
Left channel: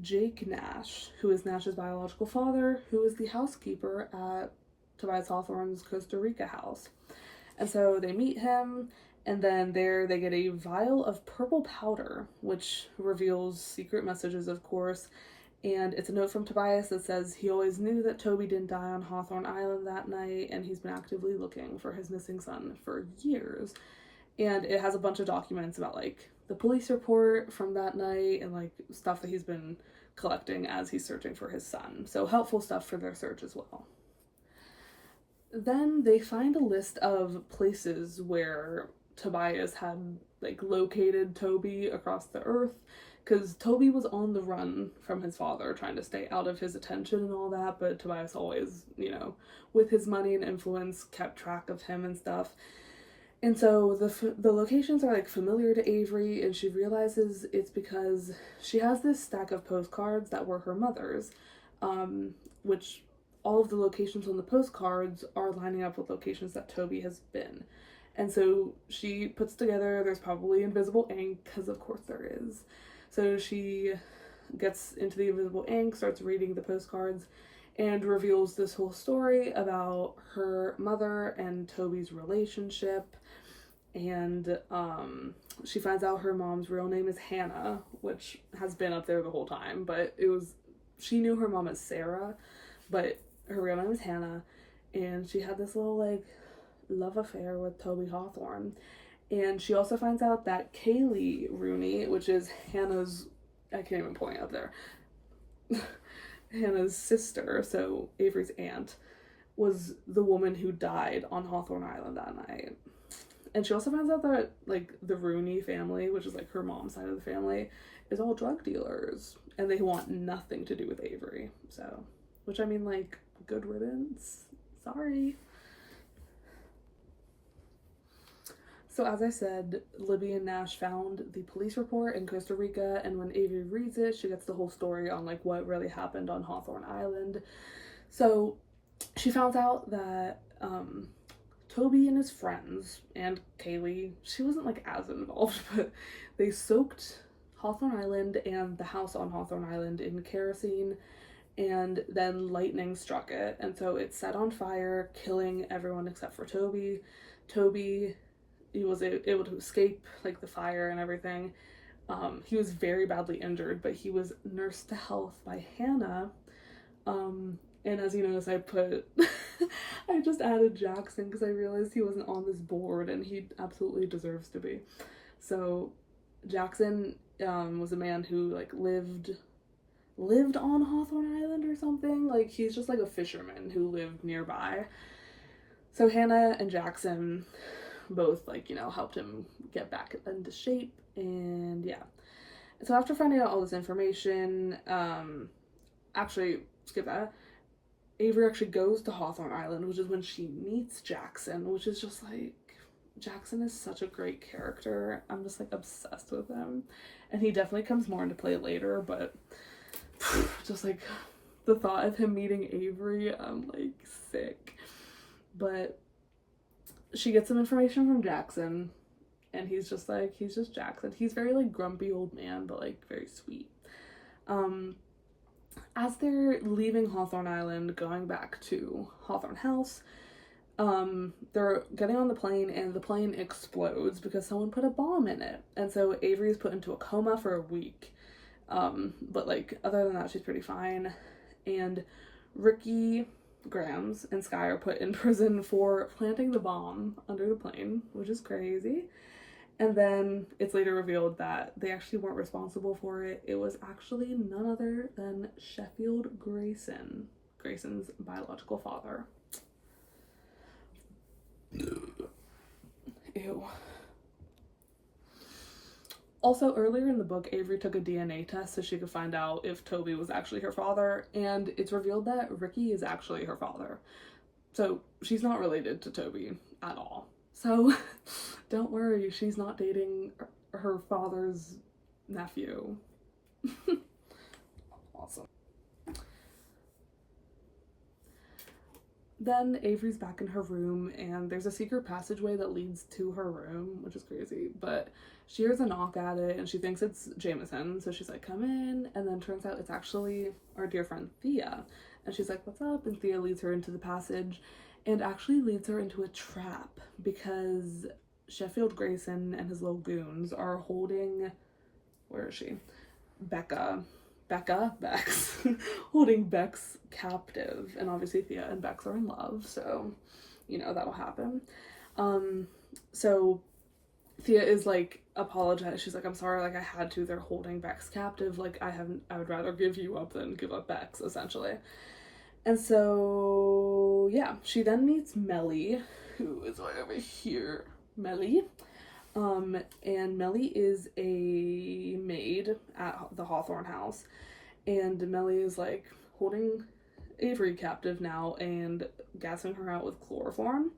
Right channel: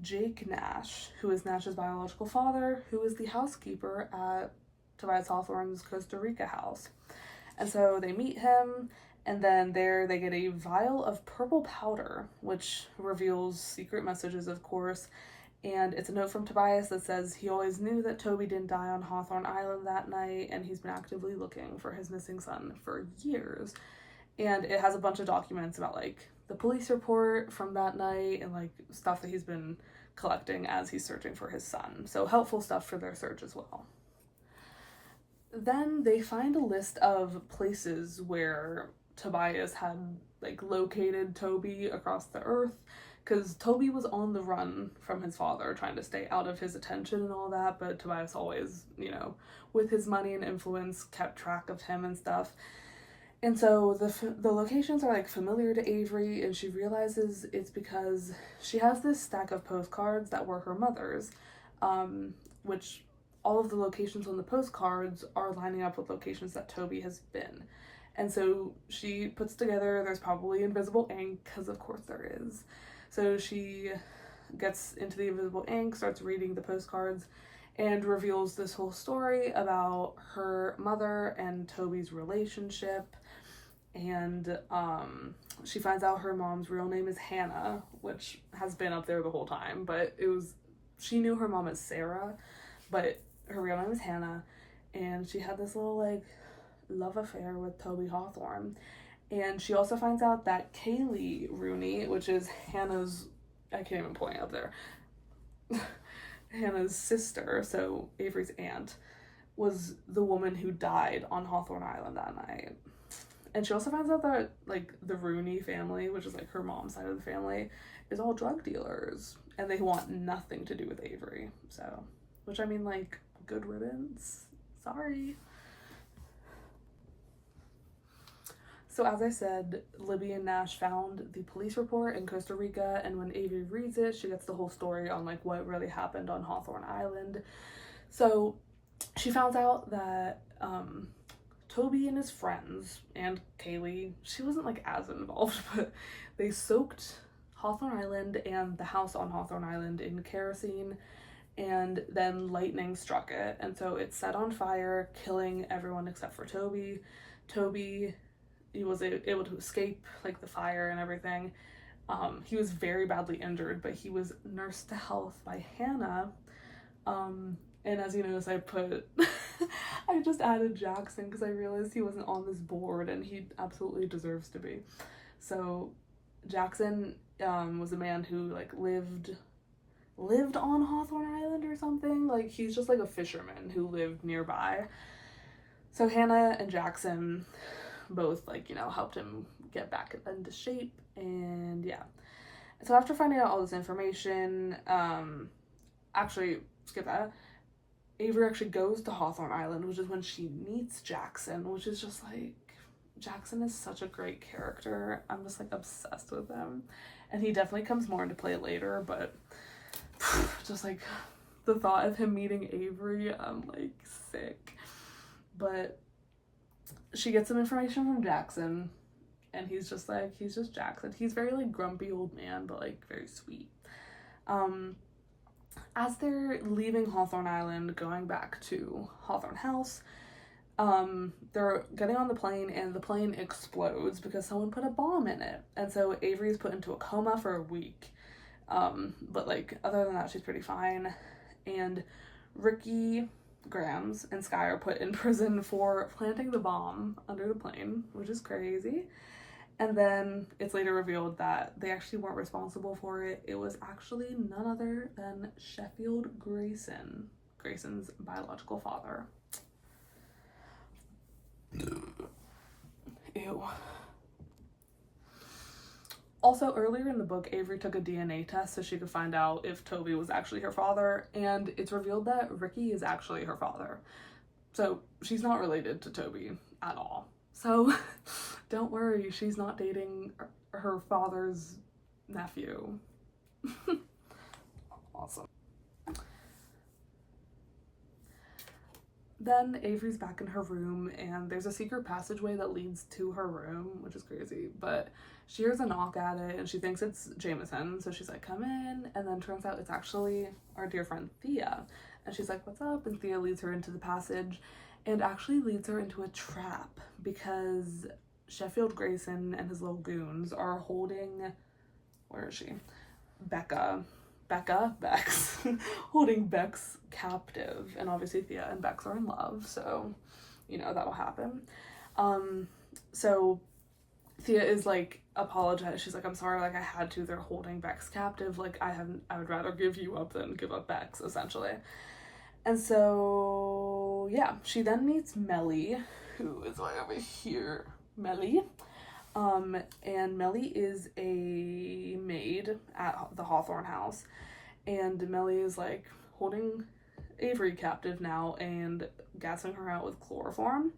Jake Nash, who is Nash's biological father, who is the housekeeper at Tobias Hawthorne's Costa Rica house. And so they meet him, and then there they get a vial of purple powder, which reveals secret messages, of course. And it's a note from Tobias that says he always knew that Toby didn't die on Hawthorne Island that night, and he's been actively looking for his missing son for years. And it has a bunch of documents about like the police report from that night and like stuff that he's been collecting as he's searching for his son. So helpful stuff for their search as well. Then they find a list of places where Tobias had like located Toby across the earth, because Toby was on the run from his father, trying to stay out of his attention and all that, but Tobias always, you know, with his money and influence, kept track of him and stuff. And so the locations are like familiar to Avery, and she realizes it's because she has this stack of postcards that were her mother's, which all of the locations on the postcards are lining up with locations that Toby has been. And so she puts together there's probably invisible ink, because of course there is. So she gets into the invisible ink, starts reading the postcards, and reveals this whole story about her mother and Toby's relationship. And she finds out her mom's real name is Hannah, which has been up there the whole time, but she knew her mom as Sarah, but her real name is Hannah. And she had this little like love affair with Toby Hawthorne. And she also finds out that Kaylee Rooney, which is Hannah's, I can't even point up there, Hannah's sister, so Avery's aunt, was the woman who died on Hawthorne Island that night. And she also finds out that, like, the Rooney family, which is, like, her mom's side of the family, is all drug dealers. And they want nothing to do with Avery. So, which, I mean, like, good riddance. Sorry. So as I said, Libby and Nash found the police report in Costa Rica, and when Avery reads it, she gets the whole story on like what really happened on Hawthorne Island. So she found out that Toby and his friends and Kaylee, she wasn't like as involved, but they soaked Hawthorne Island and the house on Hawthorne Island in kerosene, and then lightning struck it, and so it set on fire, killing everyone except for Toby. He was able to escape like the fire and everything. He was very badly injured, but he was nursed to health by Hannah. And as you notice, I put I just added Jackson because I realized he wasn't on this board, and he absolutely deserves to be. So Jackson was a man who like lived on Hawthorne Island or something. Like he's just like a fisherman who lived nearby. So Hannah and Jackson both like, you know, helped him get back into shape. And yeah, so after finding out all this information, actually skip that, Avery actually goes to Hawthorne Island, which is when she meets Jackson, which is just like, Jackson is such a great character. I'm just like obsessed with him, and he definitely comes more into play later, but just like the thought of him meeting Avery, I'm like sick. But she gets some information from Jackson, and he's just Jackson. He's very like grumpy old man, but like very sweet. As they're leaving Hawthorne Island, going back to Hawthorne House, they're getting on the plane, and the plane explodes because someone put a bomb in it. And so Avery is put into a coma for a week. But like other than that, she's pretty fine. And Ricky, Grams and Sky are put in prison for planting the bomb under the plane, which is crazy. And then it's later revealed that they actually weren't responsible for it. It was actually none other than Sheffield Grayson, Grayson's biological father. Ew. Also, earlier in the book, Avery took a DNA test so she could find out if Toby was actually her father, and it's revealed that Ricky is actually her father. So she's not related to Toby at all. So don't worry, she's not dating her father's nephew. Awesome. Then Avery's back in her room, and there's a secret passageway that leads to her room, which is crazy, but she hears a knock at it and she thinks it's Jameson, so she's like, come in, and then turns out it's actually our dear friend Thea, and she's like, what's up? And Thea leads her into the passage and actually leads her into a trap because Sheffield Grayson and his little goons are holding, where is she? Bex, holding Bex captive, and obviously Thea and Bex are in love, so you know that'll happen. So Thea is like, apologize. She's like, I'm sorry, like I had to. They're holding Bex captive. Like I would rather give you up than give up Bex, essentially. And so yeah, she then meets Melly, who is right over here. Melly. And Melly is a maid at the Hawthorne house, and Melly is like holding Avery captive now and gassing her out with chloroform.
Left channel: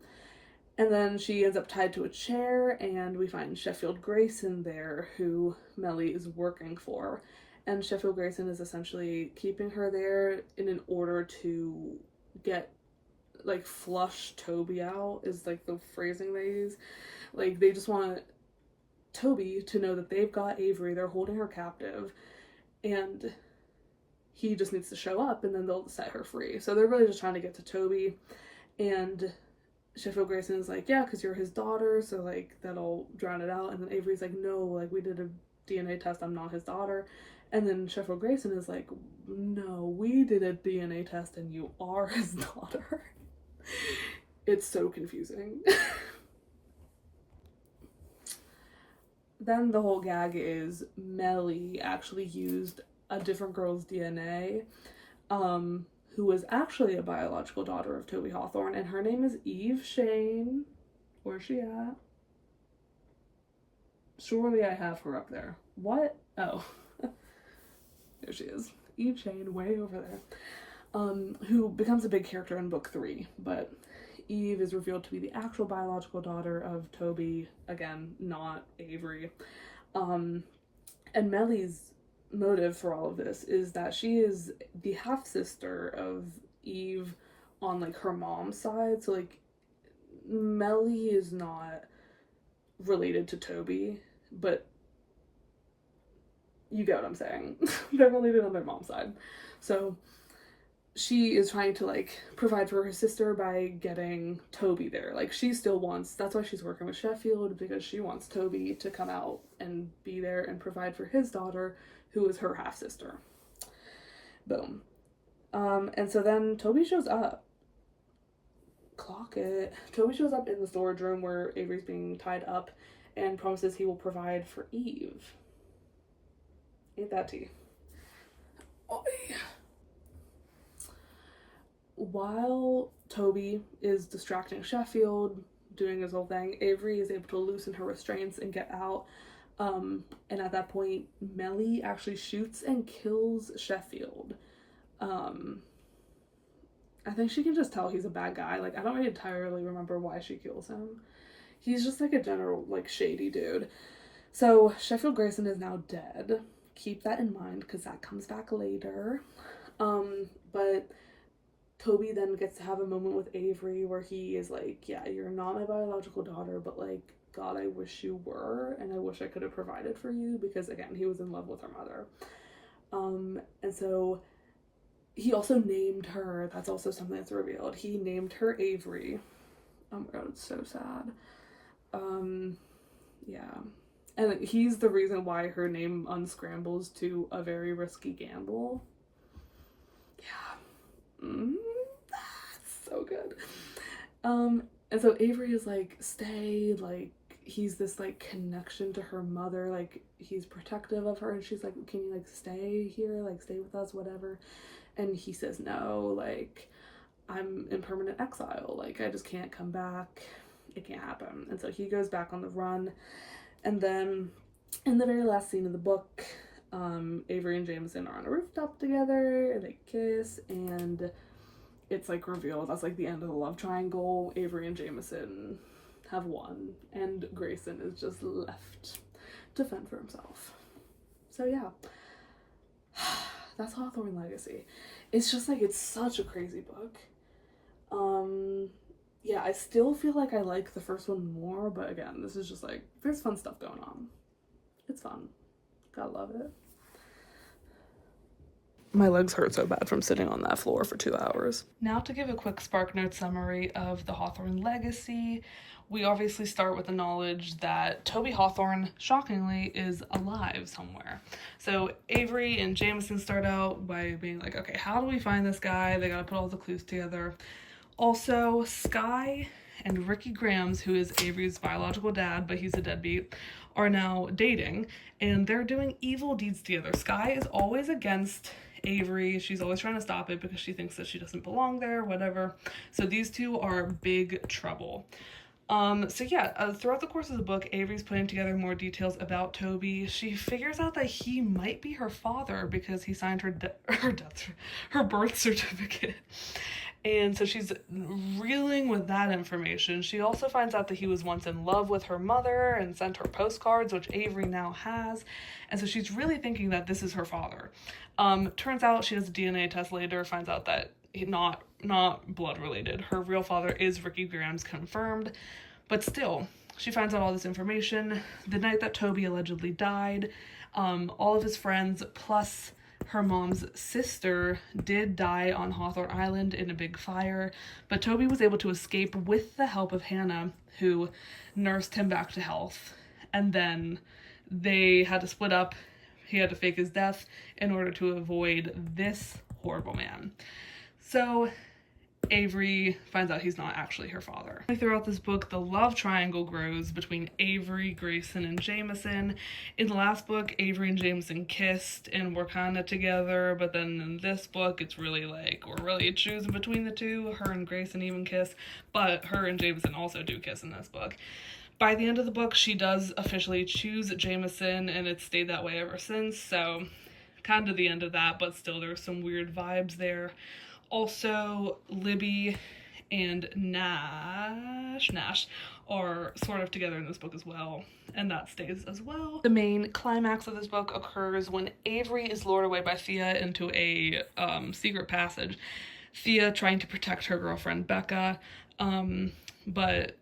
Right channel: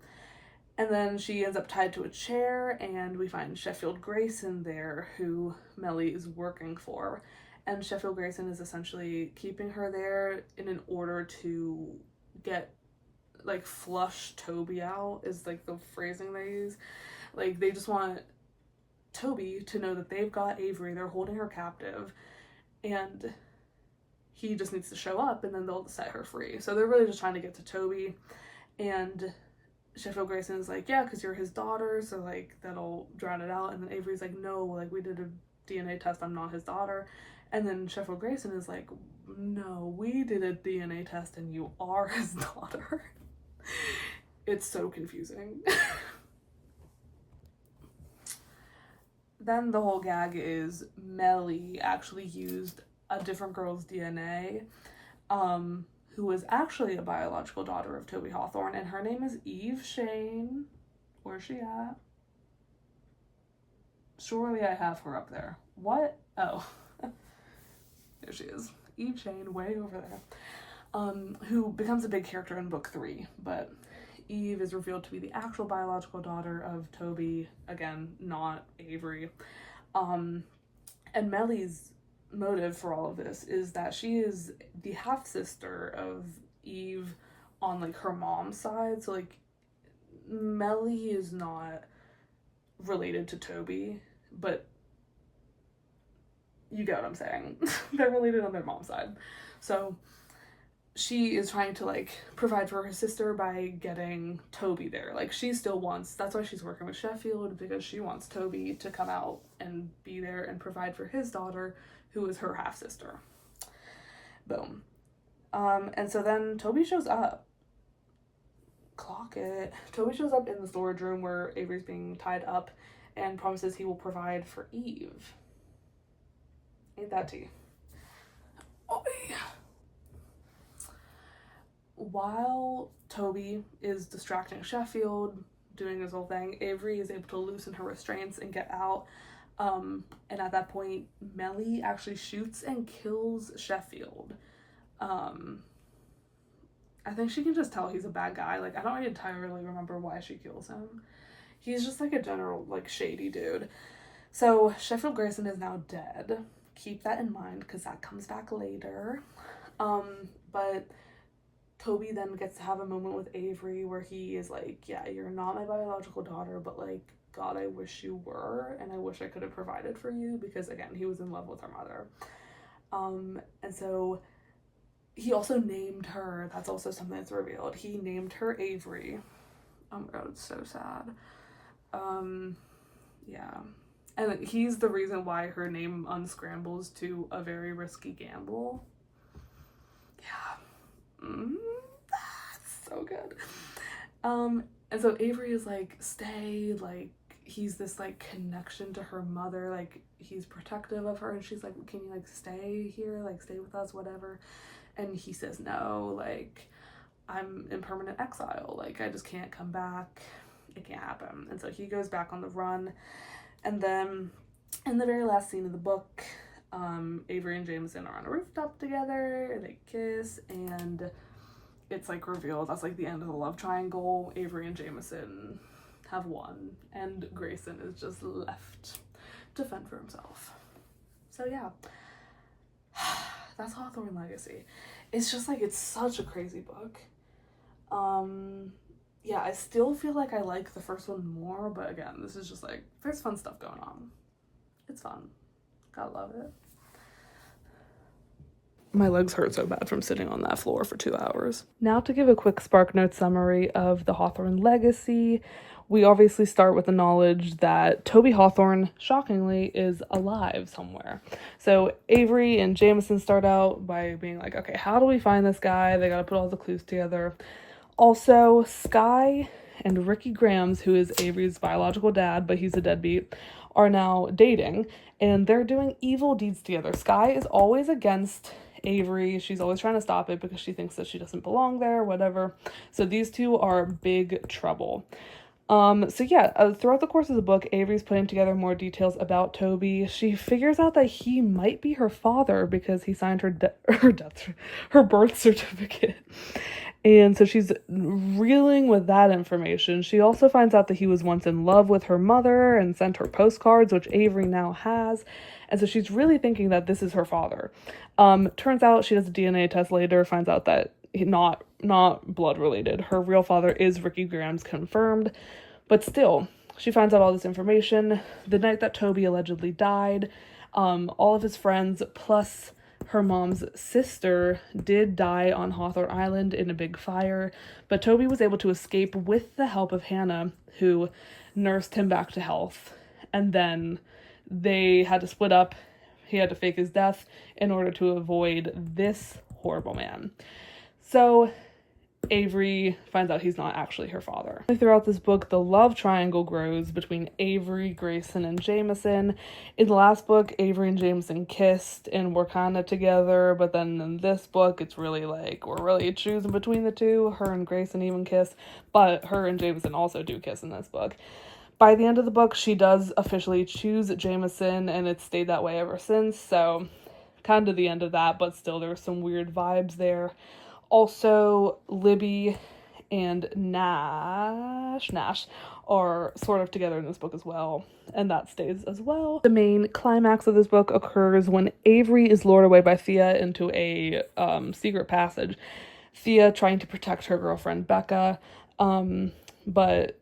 And then she ends up tied to a chair, and we find Sheffield Grayson there, who Melly is working for. And Sheffield Grayson is essentially keeping her there in order to get, like, flush Toby out, is like the phrasing they use. Like, they just want Toby to know that they've got Avery, they're holding her captive, and he just needs to show up, and then they'll set her free. So they're really just trying to get to Toby, and Sheffield Grayson is like, yeah, because you're his daughter, so like that'll drown it out. And then Avery's like, no, like we did a DNA test, I'm not his daughter. And then Sheffield Grayson is like, no, we did a DNA test and you are his daughter. It's so confusing. Then the whole gag is Melly actually used a different girl's DNA, who was actually a biological daughter of Toby Hawthorne, and her name is Eve Shane. Where's she at? Surely I have her up there. What? Oh. There she is. Eve Shane, way over there. Who becomes a big character in book 3, but Eve is revealed to be the actual biological daughter of Toby, again, not Avery. And Melly's motive for all of this is that she is the half-sister of Eve on like her mom's side, so like Melly is not related to Toby, but you get what I'm saying. They're related on their mom's side. So she is trying to like provide for her sister by getting Toby there. Like she still wants, that's why she's working with Sheffield, because she wants Toby to come out and be there and provide for his daughter, who is her half-sister. Boom. And so then Toby shows up. Clock it. Toby shows up in the storage room where Avery's being tied up and promises he will provide for Eve. Ain't that tea? Oh, yeah. While Toby is distracting Sheffield, doing his whole thing, Avery is able to loosen her restraints and get out. And at that point, Melly actually shoots and kills Sheffield. I think she can just tell he's a bad guy. Like, I don't really entirely remember why she kills him. He's just like a general, like, shady dude. So Sheffield Grayson is now dead. Keep that in mind, because that comes back later. But Toby then gets to have a moment with Avery where he is like, yeah, you're not my biological daughter, but like, God, I wish you were, and I wish I could have provided for you, because again, he was in love with her mother. And so he also named her, that's also something that's revealed, he named her Avery. Oh my God, it's so sad. Yeah. And he's the reason why her name unscrambles to a very risky gamble. Yeah. so good. And so Avery is like, stay, like, he's this like connection to her mother, like he's protective of her, and she's like, can you like stay here, like stay with us, whatever. And he says no, like, I'm in permanent exile, like I just can't come back, it can't happen. And so he goes back on the run. And then in the very last scene of the book, Avery and Jameson are on a rooftop together and they kiss, and it's like revealed that's like the end of the love triangle. Avery and Jameson have won, and Grayson is just left to fend for himself. So yeah, that's Hawthorne Legacy. It's just like, it's such a crazy book. Yeah, I still feel like I like the first one more, but again, this is just like, there's fun stuff going on. It's fun. Gotta love it. My legs hurt so bad from sitting on that floor for 2 hours. Now to give a quick SparkNotes summary of the Hawthorne Legacy, we obviously start with the knowledge that Toby Hawthorne, shockingly, is alive somewhere. So Avery and Jameson start out by being like, okay, how do we find this guy? They gotta put all the clues together. Also, Skye and Ricky Grams, who is Avery's biological dad, but he's a deadbeat, are now dating, and they're doing evil deeds together. Skye is always against Avery. She's always trying to stop it because she thinks that she doesn't belong there, whatever. So these two are big trouble. So yeah, throughout the course of the book, Avery's putting together more details about Toby. She figures out that he might be her father because he signed her birth certificate. And so she's reeling with that information. She also finds out that he was once in love with her mother and sent her postcards, which Avery now has. And so she's really thinking that this is her father. Turns out she does a DNA test later, finds out that not blood related. Her real father is Ricky Grams, confirmed. But still, she finds out all this information. The night that Toby allegedly died, all of his friends, plus her mom's sister, did die on Hawthorne Island in a big fire, but Toby was able to escape with the help of Hannah, who nursed him back to health. And then they had to split up. He had to fake his death in order to avoid this horrible man. So Avery finds out he's not actually her father. Throughout this book, the love triangle grows between Avery, Grayson, and Jameson. In the last book, Avery and Jameson kissed and were kind of together, but then in this book, it's really like, we're really choosing between the two. Her and Grayson even kiss, but her and Jameson also do kiss in this book. By the end of the book, she does officially choose Jameson, and it's stayed that way ever since, so kind of the end of that, but still there's some weird vibes there. Also, Libby and Nash are sort of together in this book as well, and that stays as well. The main climax of this book occurs when Avery is lured away by Thea into a secret passage. Thea trying to protect her girlfriend Becca, but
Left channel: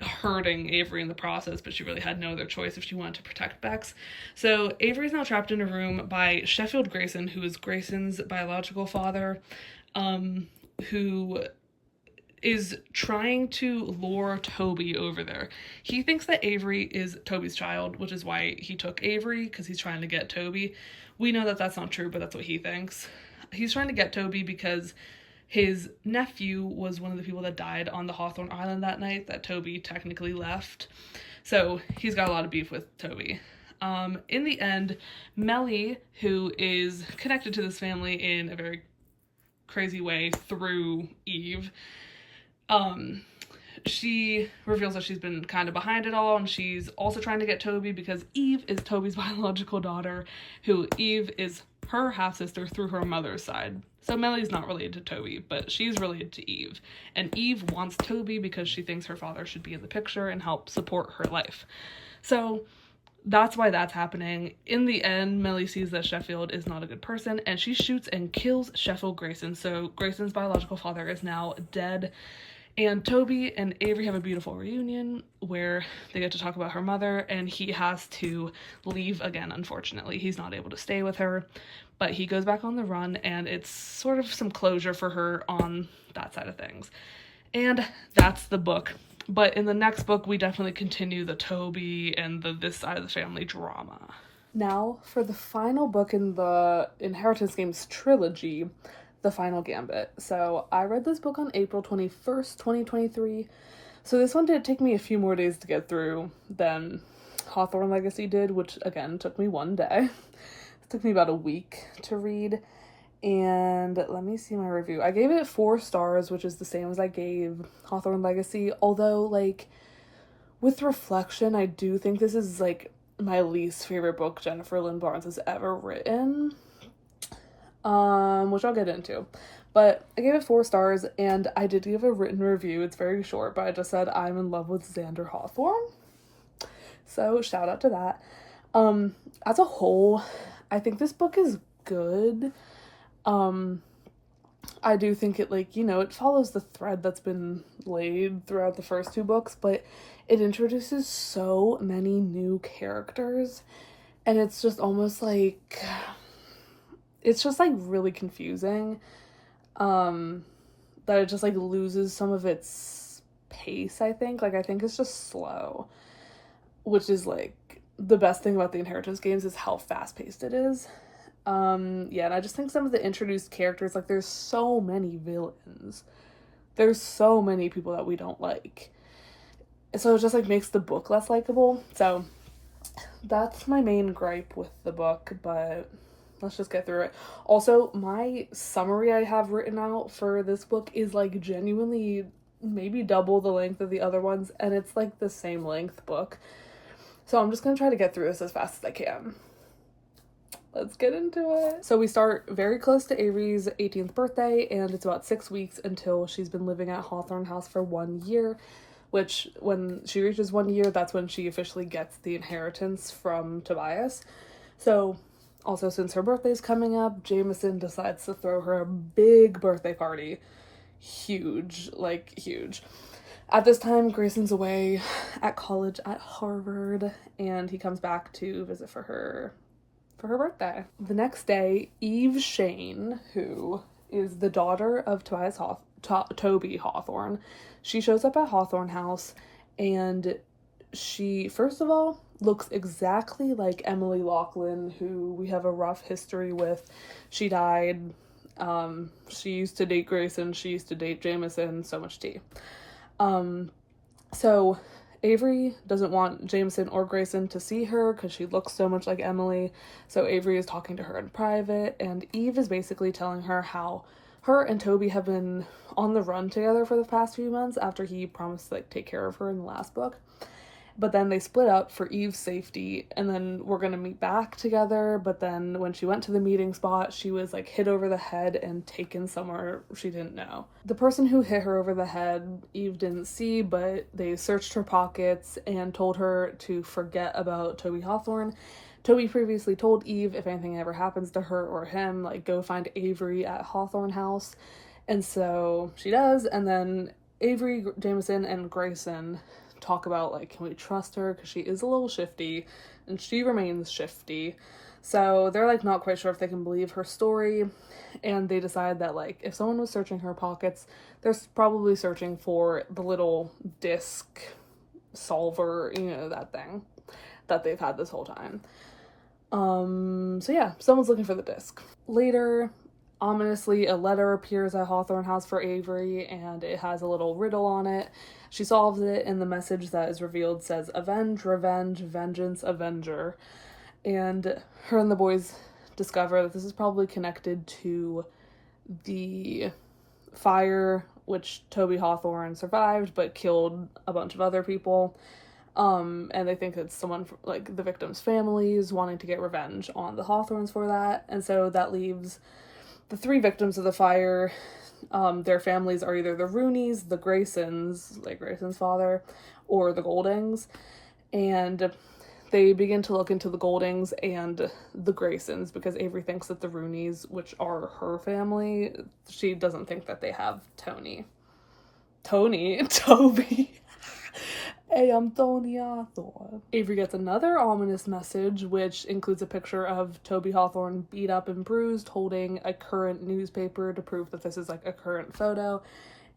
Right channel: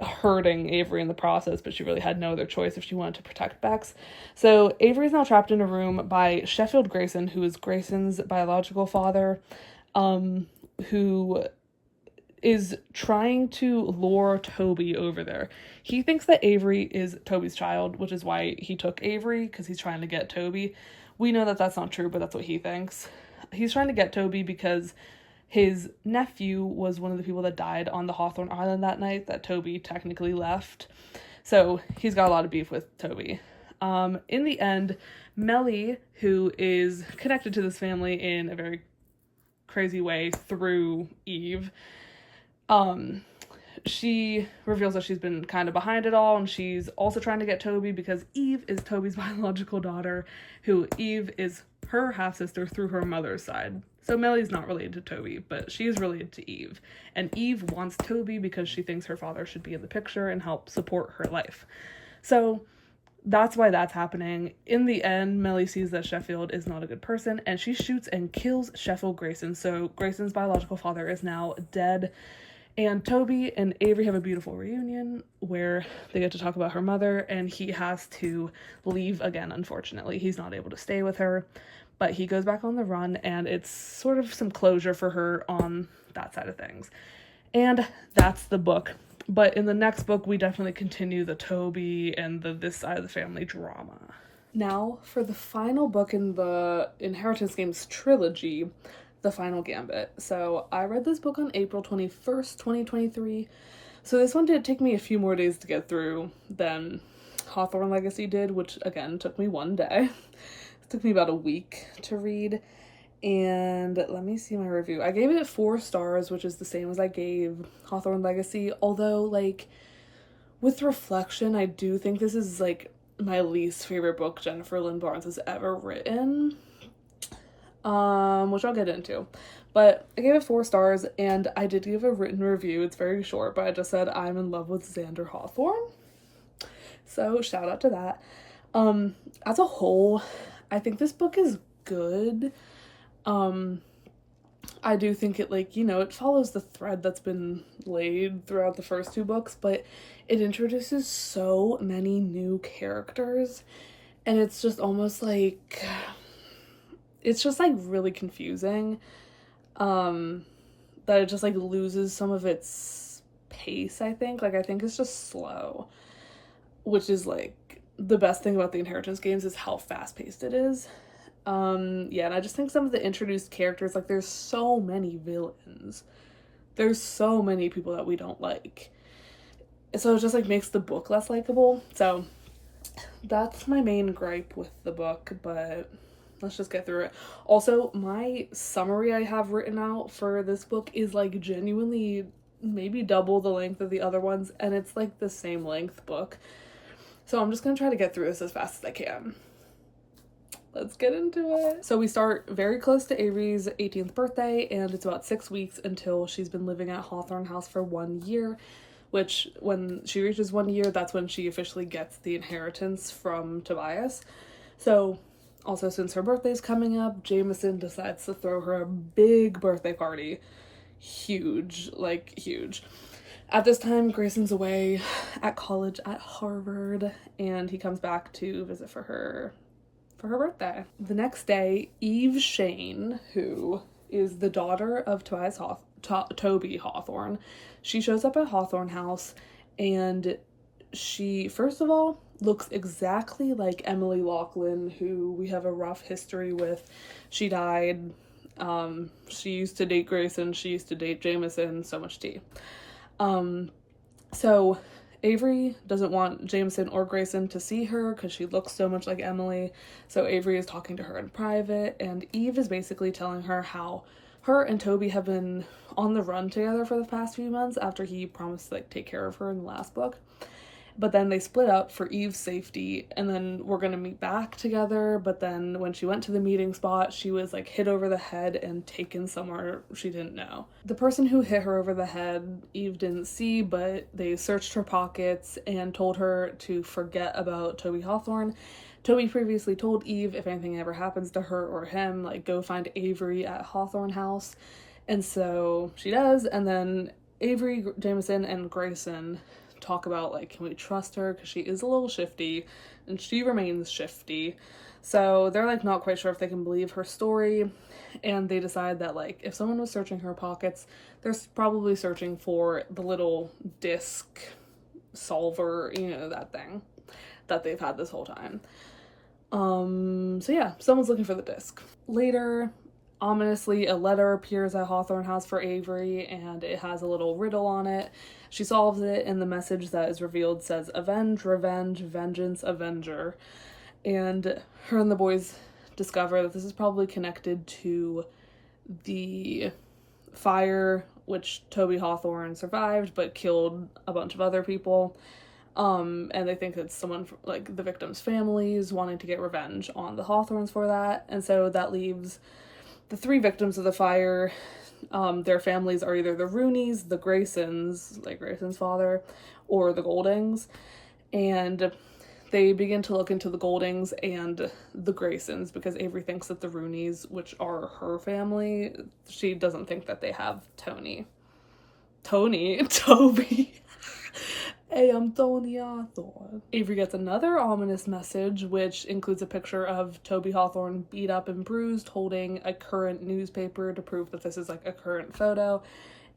hurting Avery in the process, but she really had no other choice if she wanted to protect Bex. So Avery's now trapped in a room by Sheffield Grayson, who is Grayson's biological father, who is trying to lure Toby over there. He thinks that Avery is Toby's child, which is why he took Avery, because he's trying to get Toby. We know that that's not true, but that's what he thinks. He's trying to get Toby because his nephew was one of the people that died on the Hawthorne Island that night that Toby technically left. So he's got a lot of beef with Toby. In the end, Melly, who is connected to this family in a very crazy way through Eve, she reveals that she's been kind of behind it all, and she's also trying to get Toby because Eve is Toby's biological daughter, who Eve is her half-sister through her mother's side. So Melly's not related to Toby, but she's related to Eve. And Eve wants Toby because she thinks her father should be in the picture and help support her life. So that's why that's happening. In the end, Melly sees that Sheffield is not a good person, and she shoots and kills Sheffield Grayson. So Grayson's biological father is now dead. And Toby and Avery have a beautiful reunion where they get to talk about her mother, and he has to leave again, unfortunately. He's not able to stay with her, but he goes back on the run, and it's sort of some closure for her on that side of things. And that's the book. But in the next book, we definitely continue the Toby and this side of the family drama. Now, for the final book in the Inheritance Games trilogy, The Final Gambit. So I read this book on April 21st, 2023. So this one did take me a few more days to get through than Hawthorne Legacy did, which again took me one day. It took me about a week to read. And let me see my review. I gave it 4 stars, which is the same as I gave Hawthorne Legacy. Although, like, with reflection, I do think this is, like, my least favorite book Jennifer Lynn Barnes has ever written. Which I'll get into. But I gave it 4 stars, and I did give a written review. It's very short, but I just said I'm in love with Xander Hawthorne. So, shout out to that. As a whole, I think this book is good. I do think it, like, you know, it follows the thread that's been laid throughout the first 2 books, but it introduces so many new characters, and it's just almost like, it's just, like, really confusing, that it just, like, loses some of its pace, I think. Like, I think it's just slow, which is, like, the best thing about the Inheritance games is how fast-paced it is. Yeah, and I just think some of the introduced characters, like, there's so many villains. There's so many people that we don't like. So it just, like, makes the book less likable. So that's my main gripe with the book, but let's just get through it. Also, my summary I have written out for this book is, like, genuinely maybe double the length of the other ones, and it's, like, the same length book. So I'm just gonna try to get through this as fast as I can. Let's get into it. So we start very close to Avery's 18th birthday, and it's about 6 weeks until she's been living at Hawthorne House for 1 year, which when she reaches 1 year, that's when she officially gets the inheritance from Tobias. So also, since her birthday's coming up, Jameson decides to throw her a big birthday party. Huge, like huge. At this time, Grayson's away at college at Harvard, and he comes back to visit for her birthday. The next day, Eve Shane, who is the daughter of Toby Hawthorne, she shows up at Hawthorne House, and she, first of all, looks exactly like Emily Laughlin, who we have a rough history with. She died. She used to date Grayson. She used to date Jameson. So much tea. So Avery doesn't want Jameson or Grayson to see her because she looks so much like Emily. So Avery is talking to her in private, and Eve is basically telling her how her and Toby have been on the run together for the past few months after he promised to, like, take care of her in the last book. But then they split up for Eve's safety, and then we're gonna meet back together. But then when she went to the meeting spot, she was, like, hit over the head and taken somewhere she didn't know. The person who hit her over the head, Eve didn't see, but they searched her pockets and told her to forget about Toby Hawthorne. Toby previously told Eve if anything ever happens to her or him, like, go find Avery at Hawthorne House. And so she does, and then Avery, Jameson, and Grayson talk about, like, can we trust her, because she is a little shifty, and she remains shifty. So they're, like, not quite sure if they can believe her story, and they decide that, like, if someone was searching her pockets, they're probably searching for the little disc solver, you know, that thing that they've had this whole time. So yeah, someone's looking for the disc. Later, ominously, a letter appears at Hawthorne House for Avery, and it has a little riddle on it. She solves it, and the message that is revealed says, "Avenge, revenge, vengeance, avenger." And her and the boys discover that this is probably connected to the fire, which Toby Hawthorne survived, but killed a bunch of other people. And they think it's someone, like, the victims' families wanting to get revenge on the Hawthornes for that. And so that leaves the 3 victims of the fire. Their families are either the Rooneys, the Graysons, like Grayson's father, or the Goldings. And they begin to look into the Goldings and the Graysons because Avery thinks that the Rooneys, which are her family, she doesn't think that they have Toby. Hey, I'm Tony Hawthorne. Avery gets another ominous message, which includes a picture of Toby Hawthorne beat up and bruised, holding a current newspaper to prove that this is, like, a current photo.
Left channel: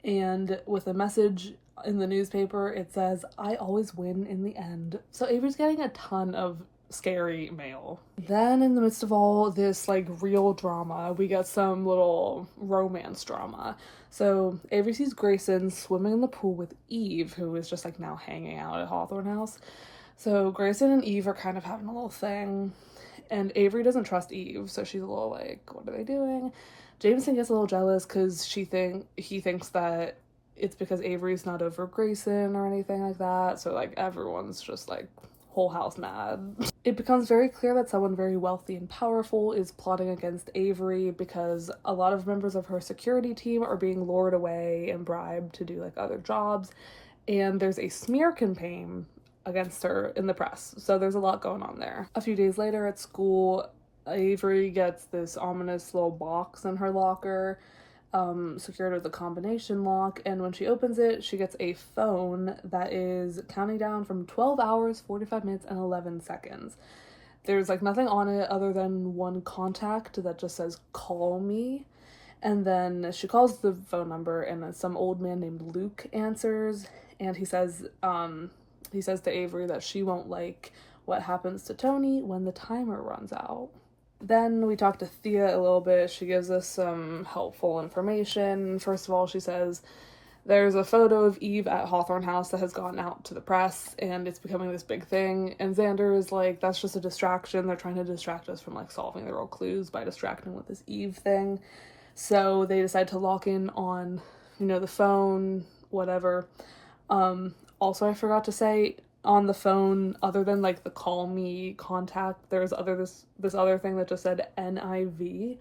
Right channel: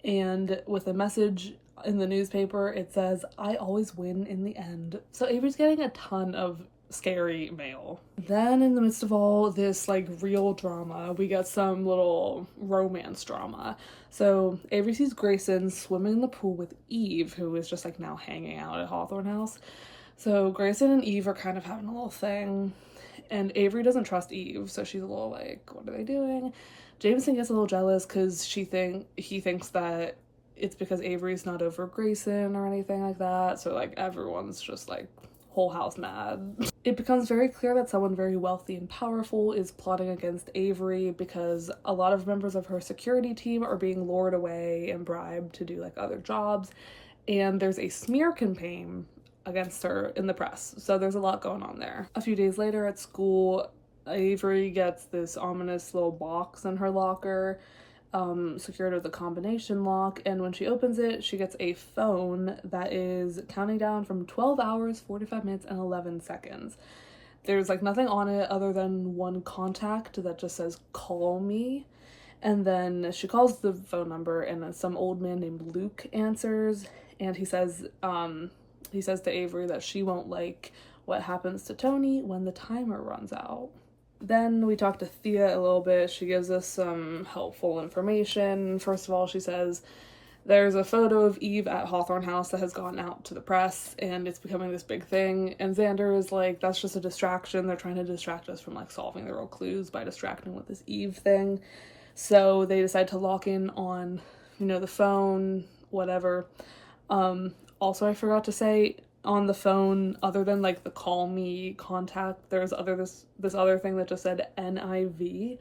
And with a message in the newspaper, it says, "I always win in the end." So Avery's getting a ton of scary male. Then in the midst of all this like real drama, we get some little romance drama. So Avery sees Grayson swimming in the pool with Eve, who is just like now hanging out at Hawthorne House. So Grayson and Eve are kind of having a little thing, and Avery doesn't trust Eve, so she's a little like, what are they doing? Jameson gets a little jealous because he thinks that it's because Avery's not over Grayson or anything like that. So like everyone's just like whole house mad. It becomes very clear that someone very wealthy and powerful is plotting against Avery because a lot of members of her security team are being lured away and bribed to do like other jobs, and there's a smear campaign against her in the press. So there's a lot going on there. A few days later at school, Avery gets this ominous little box in her locker, secured with a combination lock, and when she opens it, she gets a phone that is counting down from 12 hours, 45 minutes, and 11 seconds. There's like nothing on it other than one contact that just says, "Call me." And then she calls the phone number, and some old man named Luke answers, and he says to Avery that she won't like what happens to Tony when the timer runs out. Then we talk to Thea a little bit. She gives us some helpful information. First of all, she says there's a photo of Eve at Hawthorne House that has gone out to the press, and it's becoming this big thing. And Xander is like, that's just a distraction. They're trying to distract us from like solving the real clues by distracting with this Eve thing. So they decide to lock in on, the phone, whatever. Also, I forgot to say, on the phone, other than like the call me contact, there's this other thing that just said NIV,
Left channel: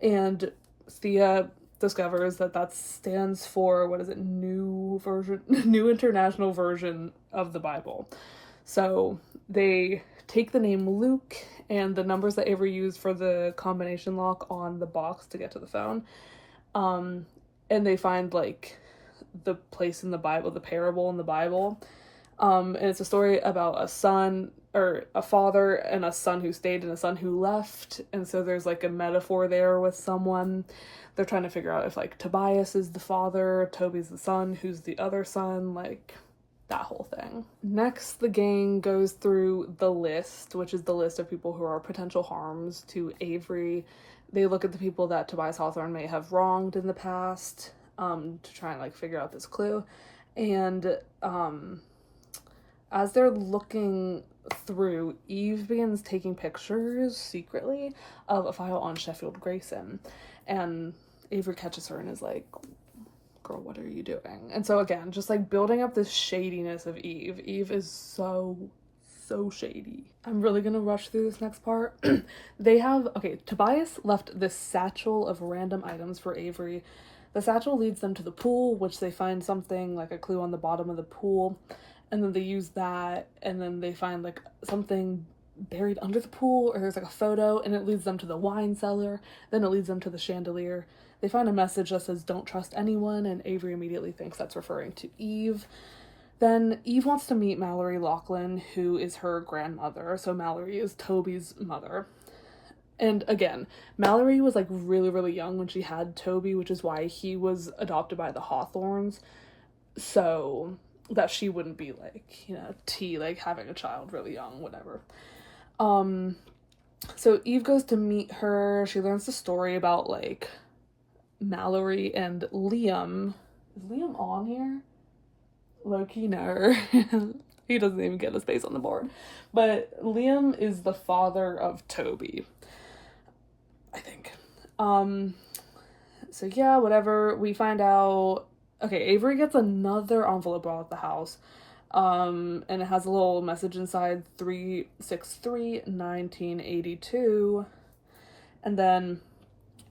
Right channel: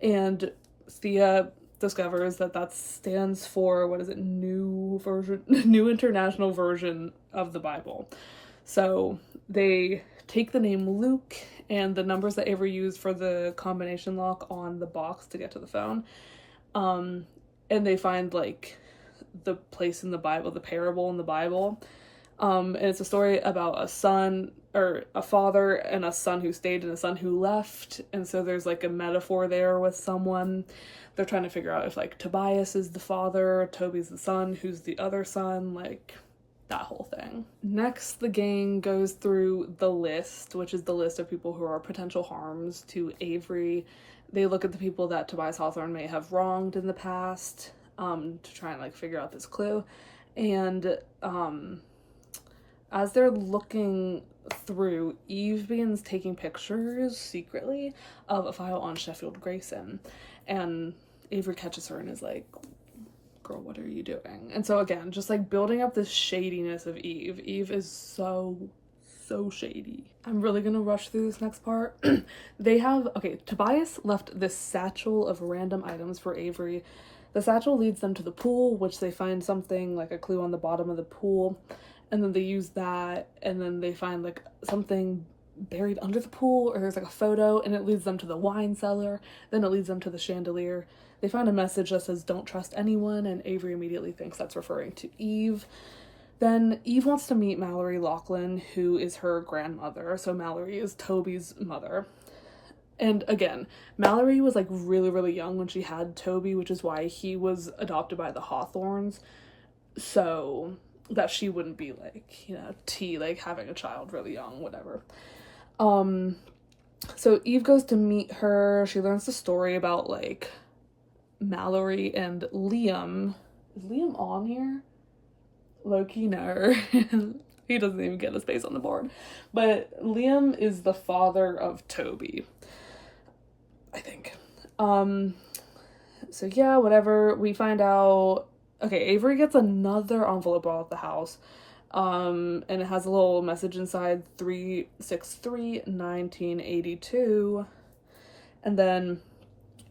and Thea discovers that stands for, what is it, new international version of the Bible. So they take the name Luke and the numbers that Avery used for the combination lock on the box to get to the phone, and they find like the place in the Bible, the parable in the Bible. And it's a story about a father and a son who stayed and a son who left. And so there's like a metaphor there with someone. They're trying to figure out if like Tobias is the father, Toby's the son, who's the other son, like that whole thing. Next, the gang goes through the list, which is the list of people who are potential harms to Avery. They look at the people that Tobias Hawthorne may have wronged in the past, to try and like figure out this clue. And as they're looking through, Eve begins taking pictures secretly of a file on Sheffield Grayson, and Avery catches her and is like, girl, what are you doing? And so again, just like building up this shadiness of Eve. Eve is so shady. I'm really gonna rush through this next part. Tobias left this satchel of random items for Avery. The satchel leads them to the pool, which they find something like a clue on the bottom of the pool. And then they use that, and then they find like something buried under the pool, or there's like a photo, and it leads them to the wine cellar. Then it leads them to the chandelier. They find a message that says, "Don't trust anyone," and Avery immediately thinks that's referring to Eve. Then Eve wants to meet Mallory Lachlan, who is her grandmother. So Mallory is Toby's mother. And again, Mallory was like really, really young when she had Toby, which is why he was adopted by the Hawthorns. So that she wouldn't be like, like having a child really young, whatever. So Eve goes to meet her. She learns the story about like Mallory and Liam. Is Liam on here? Low-key, no. He doesn't even get a space on the board. But Liam is the father of Toby, I think. So yeah, whatever. We find out. Okay, Avery gets another envelope out of the house, and it has a little message inside, 363-1982, and then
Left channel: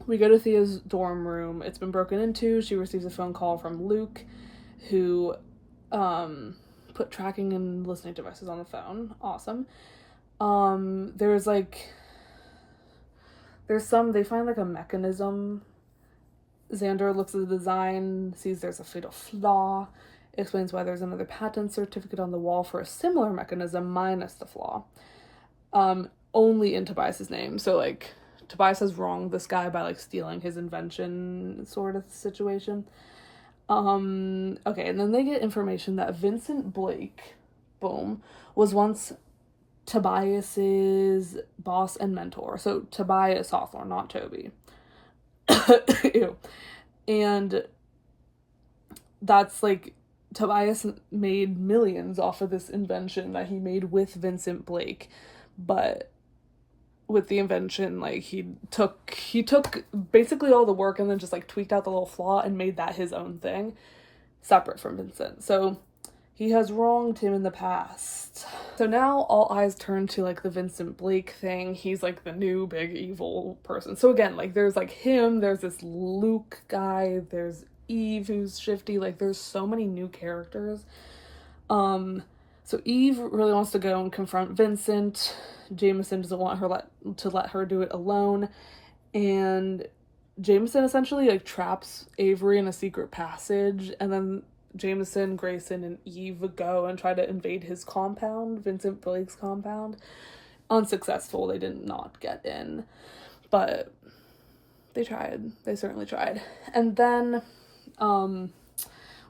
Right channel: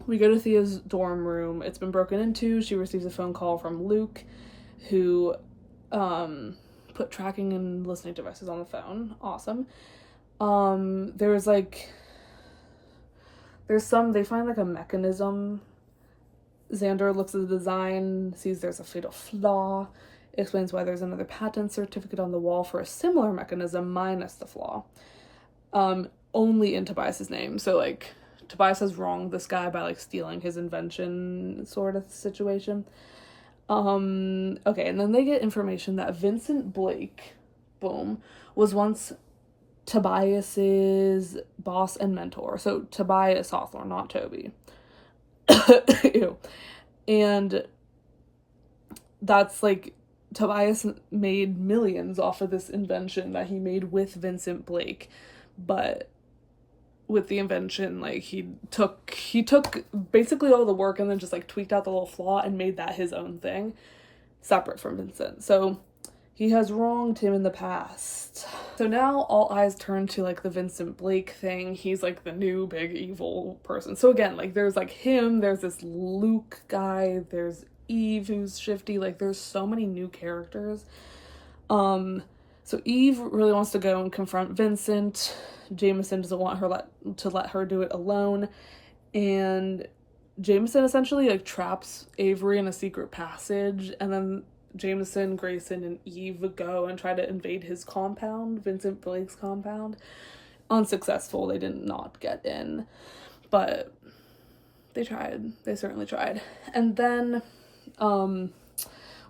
we go to Thea's dorm room. It's been broken into. She receives a phone call from Luke, who put tracking and listening devices on the phone. Awesome. They find like a mechanism. Xander looks at the design, sees there's a fatal flaw, explains why there's another patent certificate on the wall for a similar mechanism minus the flaw. Only in Tobias's name. So like Tobias has wronged this guy by like stealing his invention sort of situation. Okay, and then they get information that Vincent Blake, boom, was once Tobias's boss and mentor. So Tobias Hawthorne, not Toby. Ew. And that's like, Tobias made millions off of this invention that he made with Vincent Blake, but with the invention, like, he took basically all the work and then just like tweaked out the little flaw and made that his own thing, separate from Vincent. So he has wronged him in the past. So now all eyes turn to like the Vincent Blake thing. He's like the new big evil person. So again, like, there's like him, there's this Luke guy, there's Eve who's shifty, like there's so many new characters. So Eve really wants to go and confront Vincent. Jameson doesn't want her to let her do it alone, and Jameson essentially like traps Avery in a secret passage, and then Jameson, Grayson, and Eve go and try to invade his compound, Vincent Blake's compound. Unsuccessful. They did not get in, but they tried. They certainly tried. And then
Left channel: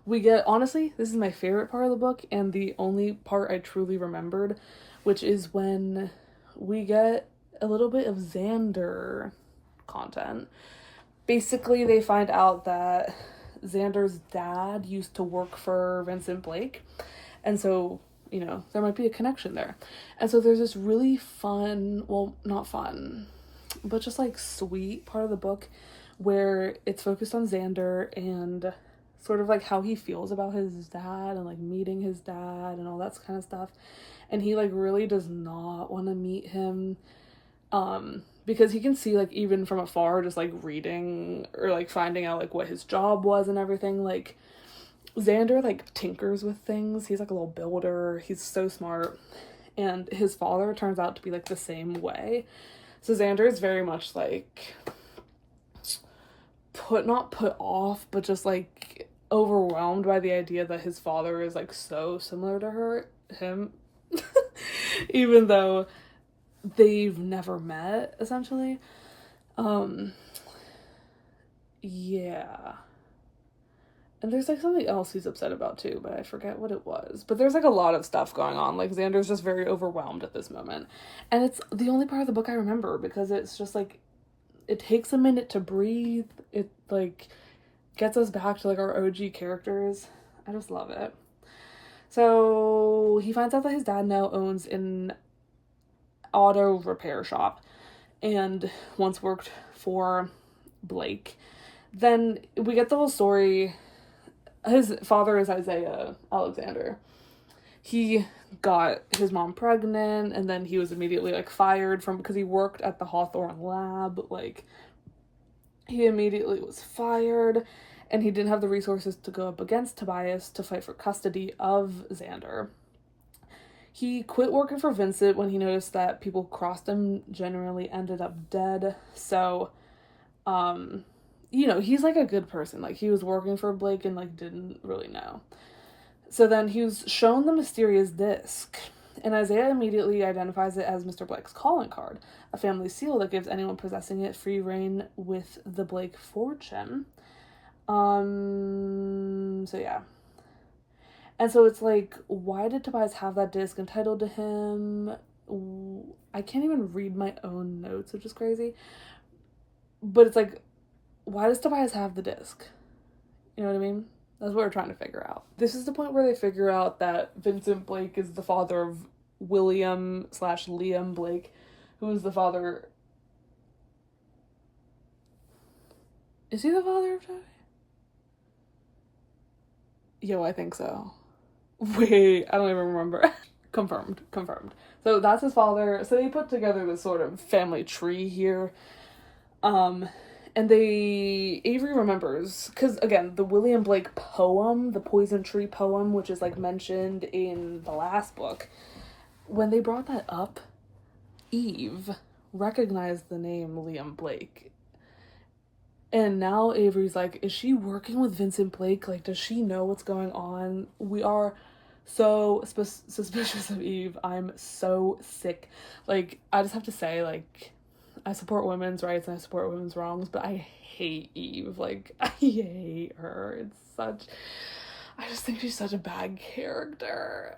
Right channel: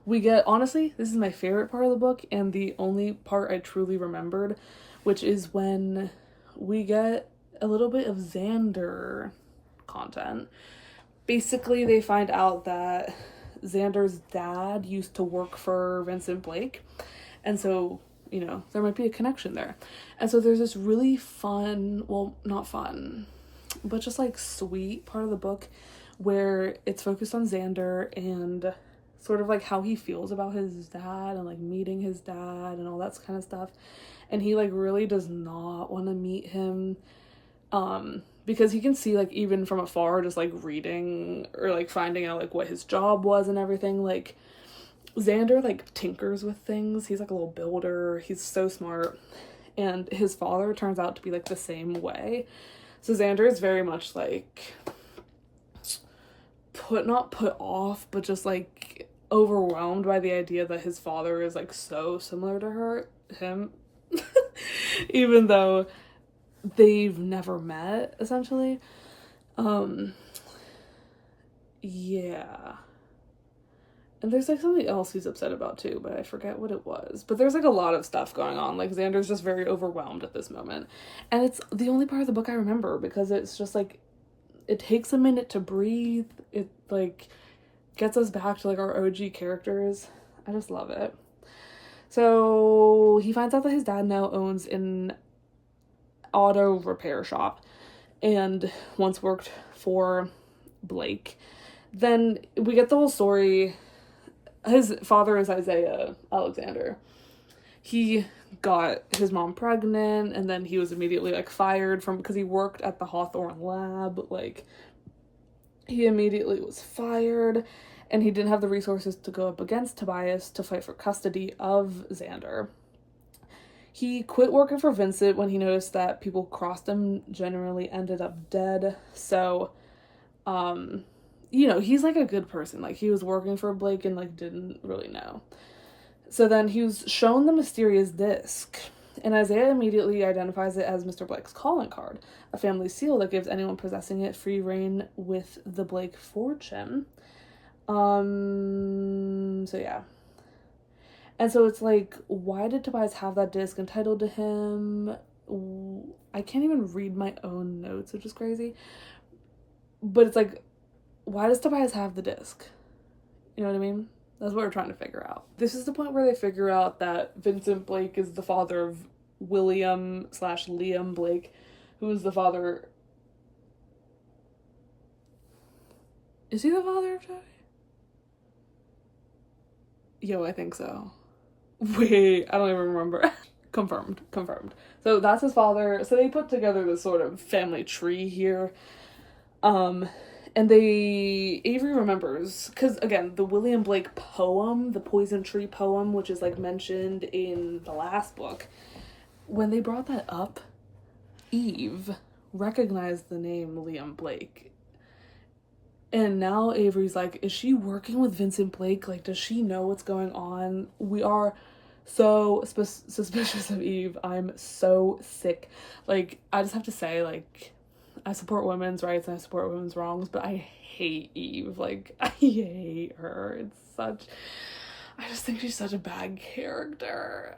we get, honestly, this is my favorite part of the book and the only part I truly remembered, which is when we get a little bit of Xander content. Basically, they find out that Xander's dad used to work for Vincent Blake, and so, you know, there might be a connection there. And so there's this really fun, well, not fun, but just like sweet part of the book where it's focused on Xander and sort of like how he feels about his dad and like meeting his dad and all that kind of stuff. And he like really does not want to meet him, because he can see, like, even from afar, just like reading or like finding out like what his job was and everything. Like, Xander like tinkers with things. He's like a little builder. He's so smart. And his father turns out to be like the same way. So Xander is very much like not put off, but just like overwhelmed by the idea that his father is like so similar to him, even though they've never met, essentially. Yeah. And there's like something else he's upset about too, but I forget what it was. But there's like a lot of stuff going on. Like, Xander's just very overwhelmed at this moment. And it's the only part of the book I remember, because it's just like, it takes a minute to breathe. It like gets us back to like our OG characters. I just love it. So he finds out that his dad now owns an auto repair shop and once worked for Blake. Then we get the whole story. His father is Isaiah Alexander. He got his mom pregnant, and then he was immediately like fired from, because he worked at the Hawthorne lab. Like, he immediately was fired, and he didn't have the resources to go up against Tobias to fight for custody of Xander. He quit working for Vincent when he noticed that people who crossed him generally ended up dead. So, you know, he's like a good person. Like, he was working for Blake and like didn't really know. So then he was shown the mysterious disc, and Isaiah immediately identifies it as Mr. Blake's calling card, a family seal that gives anyone possessing it free reign with the Blake fortune. So yeah. And so it's like, why did Tobias have that disc entitled to him? I can't even read my own notes, which is crazy. But it's like, why does Tobias have the disc? You know what I mean? That's what we're trying to figure out. This is the point where they figure out that Vincent Blake is the father of William/Liam Blake, who is the father... Is he the father of Joey? Yo, I think so. Wait, I don't even remember. Confirmed. So that's his father. So they put together this sort of family tree here. And Avery remembers, because again, the William Blake poem, the Poison Tree poem, which is like mentioned in the last book, when they brought that up, Eve recognized the name Liam Blake. And now Avery's like, is she working with Vincent Blake? Like, does she know what's going on? We are so suspicious of Eve. I'm so sick. Like, I just have to say, like, I support women's rights and I support women's wrongs, but I hate Eve. Like, I hate her. I just think she's such a bad character.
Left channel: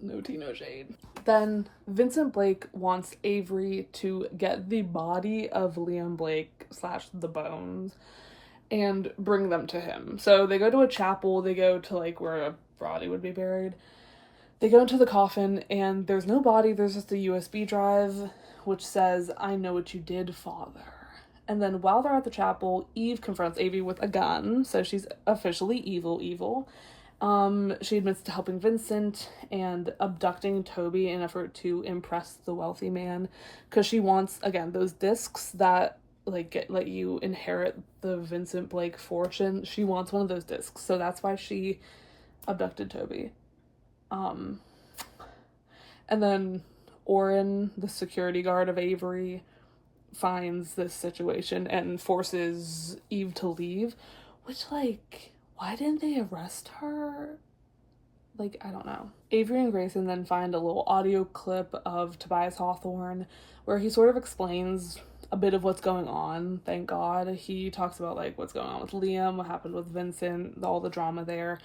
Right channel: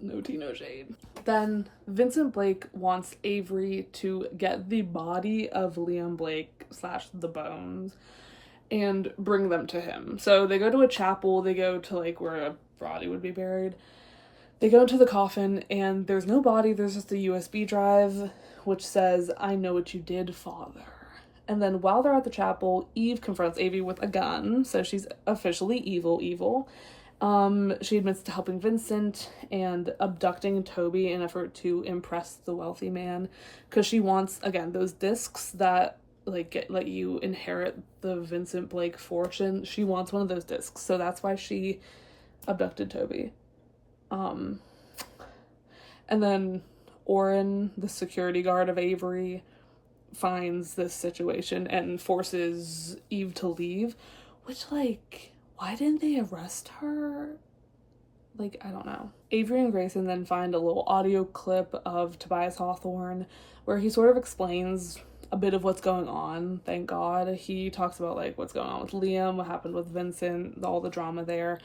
No tea, no shade. Then Vincent Blake wants Avery to get the body of Liam Blake / the bones and bring them to him. So they go to a chapel, they go to like where a body would be buried. They go into the coffin and there's no body, there's just a USB drive which says, "I know what you did, Father." And then while they're at the chapel, Eve confronts Avery with a gun, so she's officially evil. She admits to helping Vincent and abducting Toby in an effort to impress the wealthy man, because she wants, again, those discs that like let you inherit the Vincent Blake fortune. She wants one of those discs, so that's why she abducted Toby. And then Oren, the security guard of Avery, finds this situation and forces Eve to leave, which, like, why didn't they arrest her? Like, I don't know. Avery and Grayson then find a little audio clip of Tobias Hawthorne where he sort of explains a bit of what's going on, thank God. He talks about, like, what's going on with Liam, what happened with Vincent, all the drama there.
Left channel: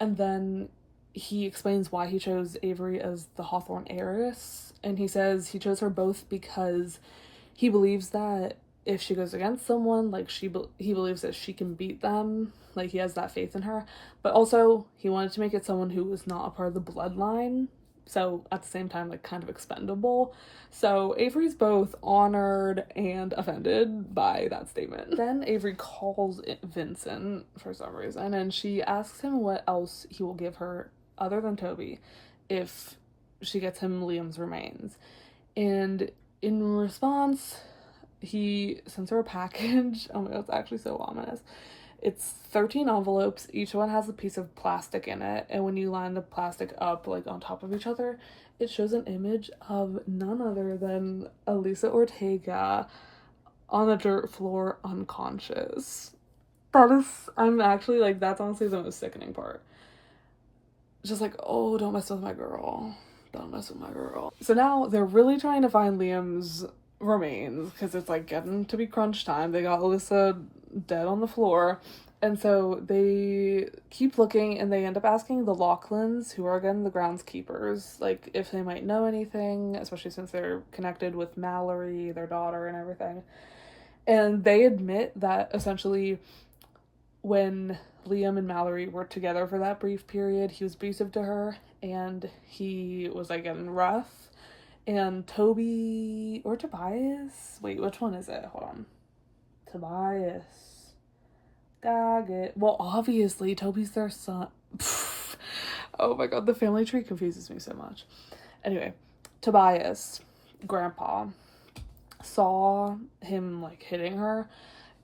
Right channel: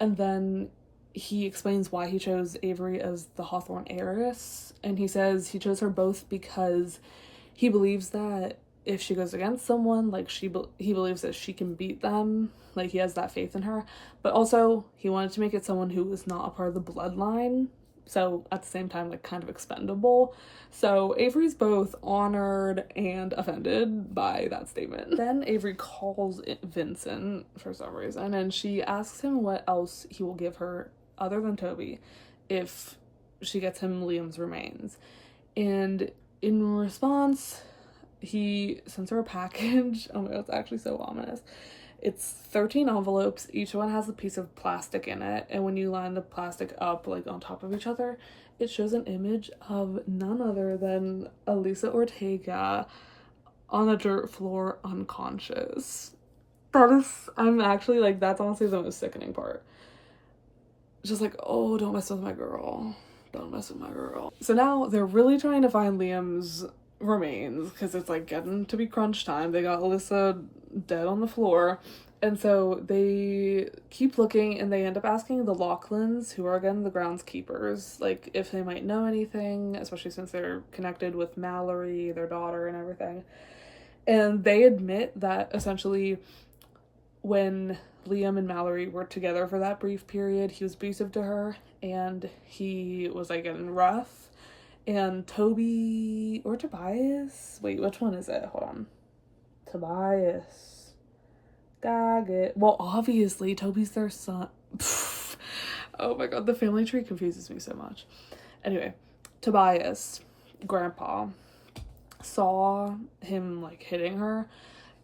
And then he explains why he chose Avery as the Hawthorne heiress. And he says he chose her both because he believes that if she goes against someone, like, he believes that she can beat them. Like, he has that faith in her. But also, he wanted to make it someone who was not a part of the bloodline. So, at the same time, like, kind of expendable. So, Avery's both honored and offended by that statement. Then Avery calls Vincent for some reason, and she asks him what else he will give her other than Toby if she gets him Liam's remains. And in response, he sends her a package. Oh my god, it's actually so ominous. It's 13 envelopes. Each one has a piece of plastic in it. And when you line the plastic up, like, on top of each other, it shows an image of none other than Elisa Ortega on the dirt floor, unconscious. I'm actually, like, that's honestly the most sickening part. Just like, oh, don't mess with my girl. Don't mess with my girl. So now they're really trying to find Liam's remains because it's like getting to be crunch time. They got Alyssa dead on the floor, and so they keep looking, and they end up asking the Lachlan's, who are again the groundskeepers, like, if they might know anything, especially since they're connected with Mallory, their daughter, and everything. And they admit that essentially when Liam and Mallory were together for that brief period, he was abusive to her and he was, like, getting rough. And Toby or Tobias, wait, which one is it? Hold on. Tobias. Gambit. Well, obviously, Toby's their son. Oh my god, the family tree confuses me so much. Anyway, Tobias, grandpa, saw him, like, hitting her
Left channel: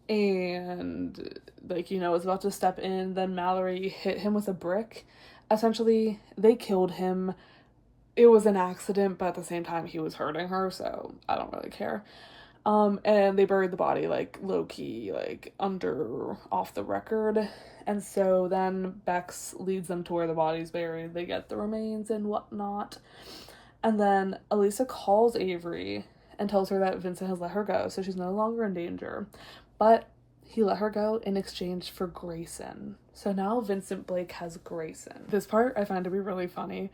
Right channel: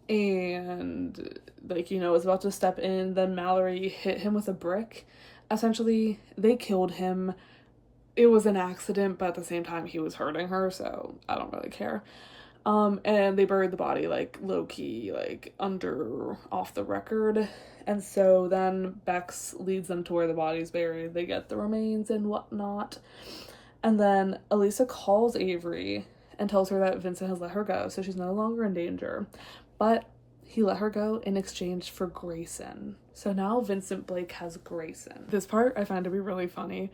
and, like, you know, was about to step in. Then Mallory hit him with a brick. Essentially, they killed him. It was an accident, but at the same time, he was hurting her, so I don't really care. And they buried the body, like, low-key, like, off the record. And so then Bex leads them to where the body's buried. They get the remains and whatnot. And then Elisa calls Avery and tells her that Vincent has let her go, so she's no longer in danger. But he let her go in exchange for Grayson. So now Vincent Blake has Grayson. This part I find to be really funny.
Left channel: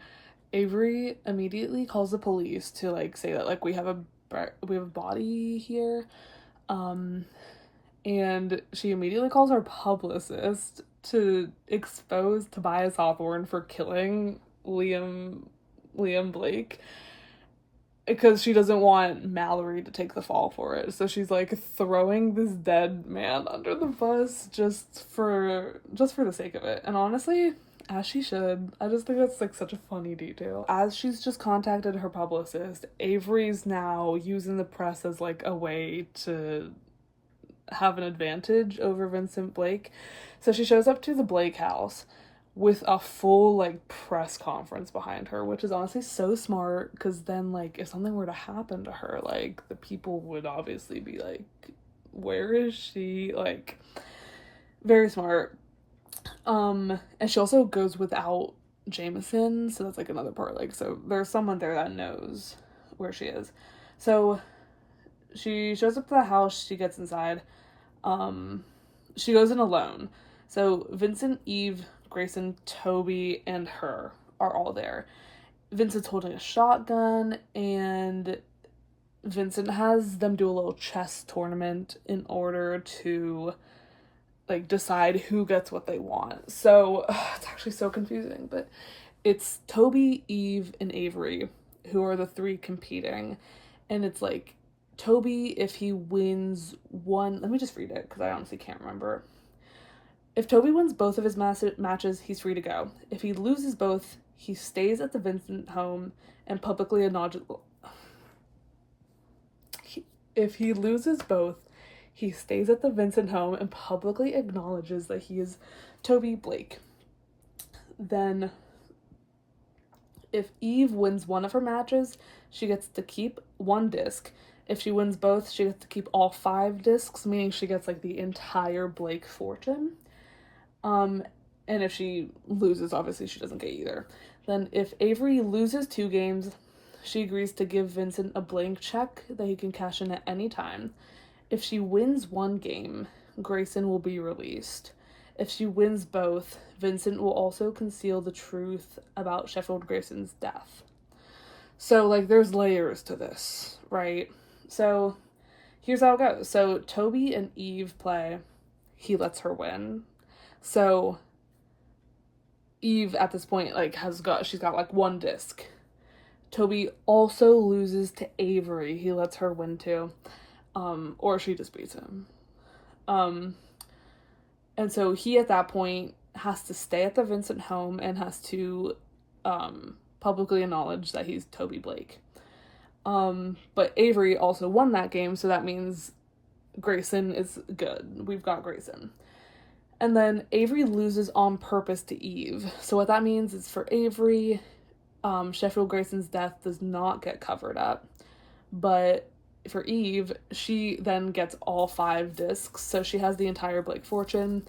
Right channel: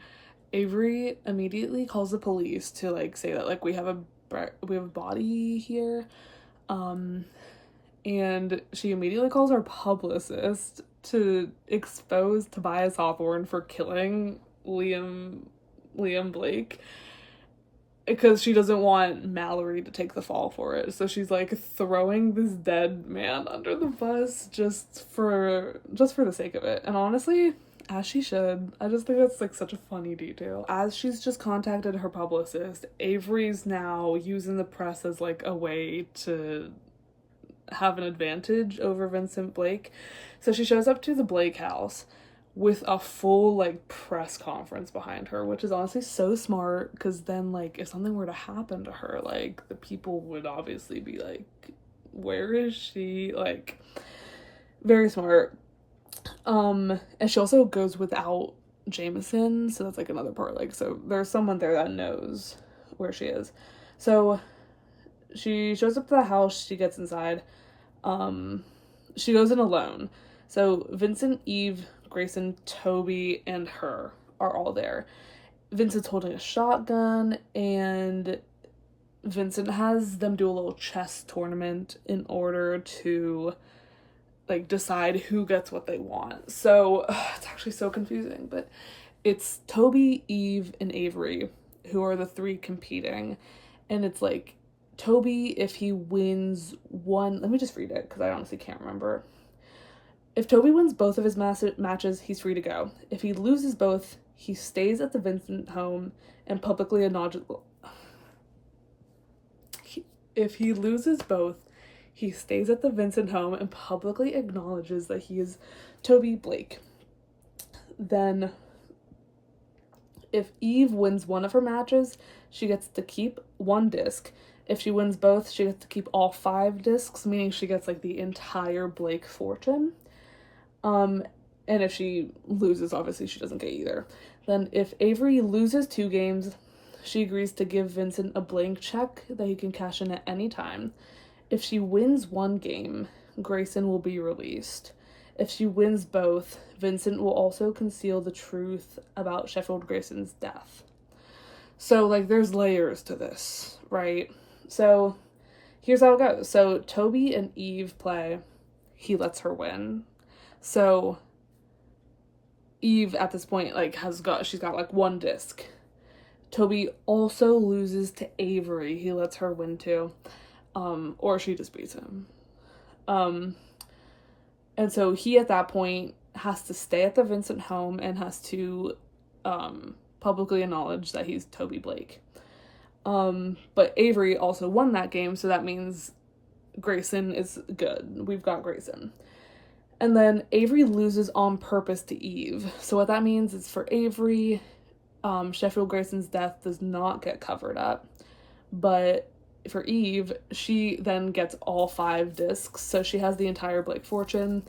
Avery immediately calls the police to, like, say that, like, we have a body here, and she immediately calls our publicist to expose Tobias Hawthorne for killing Liam Blake, because she doesn't want Mallory to take the fall for it. So she's, like, throwing this dead man under the bus just for the sake of it. And honestly, as she should. I just think that's, like, such a funny detail. As she's just contacted her publicist, Avery's now using the press as, like, a way to have an advantage over Vincent Blake. So she shows up to the Blake house with a full, like, press conference behind her, which is honestly so smart, because then, like, if something were to happen to her, like, the people would obviously be like, where is she? Like, very smart. And she also goes without Jameson, so that's, like, another part. Like, so there's someone there that knows where she is. So she shows up to the house, she gets inside. She goes in alone. So Vincent, Eve, Grayson, Toby, and her are all there. Vincent's holding a shotgun, and Vincent has them do a little chess tournament in order to, like, decide who gets what they want. So, it's actually so confusing, but it's Toby, Eve, and Avery who are the three competing. And it's like, Toby, if he wins one... Let me just read it, because I honestly can't remember. If Toby wins both of his matches, he's free to go. If he loses both, he stays at the Vincent home and publicly acknowledges... If he loses both, he stays at the Vincent home and publicly acknowledges that he is Toby Blake. Then, if Eve wins one of her matches, she gets to keep one disc. If she wins both, she gets to keep all 5 discs, meaning she gets, like, the entire Blake fortune. And if she loses, obviously she doesn't get either. Then if Avery loses 2 games, she agrees to give Vincent a blank check that he can cash in at any time. If she wins 1 game, Grayson will be released. If she wins both, Vincent will also conceal the truth about Sheffield Grayson's death. So, like, there's layers to this, right? So, here's how it goes. So, Toby and Eve play. He lets her win. So, Eve, at this point, like, she's got, like, 1 disc. Toby also loses to Avery. He lets her win, too. Or she just beats him. And so he, at that point, has to stay at the Vincent home and has to publicly acknowledge that he's Toby Blake. But Avery also won that game, so that means Grayson is good. We've got Grayson. And then Avery loses on purpose to Eve. So what that means is for Avery, Sheffield Grayson's death does not get covered up. But for Eve, she then gets all 5 discs, so she has the entire Blake fortune.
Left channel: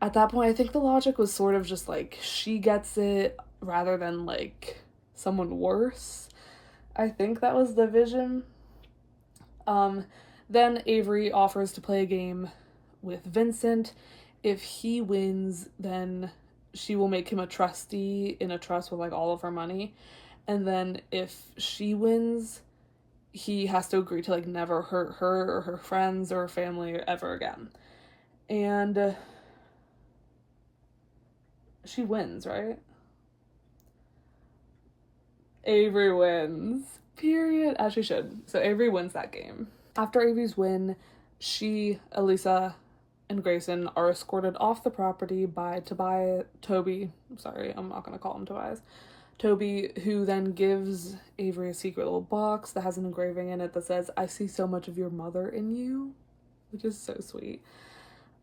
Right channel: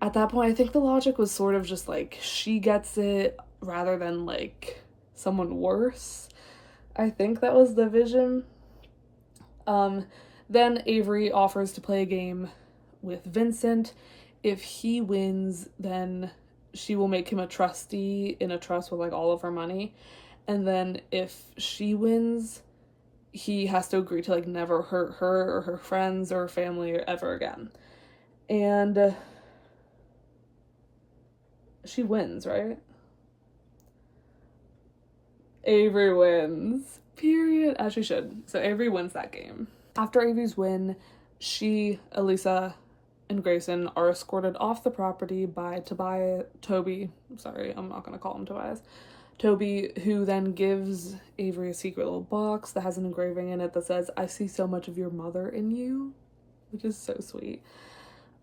At that point, I think the logic was sort of just like, she gets it rather than, like, someone worse. I think that was the vision. Then Avery offers to play a game with Vincent. If he wins, then she will make him a trustee in a trust with, like, all of her money. And then if she wins, he has to agree to, like, never hurt her or her friends or her family ever again. And she wins, right? Avery wins. Period. As she should. So Avery wins that game. After Avery's win, she, Elisa, and Grayson are escorted off the property by Toby. Sorry, I'm not going to call him Tobias. Toby, who then gives Avery a secret little box that has an engraving in it that says, "I see so much of your mother in you," which is so sweet.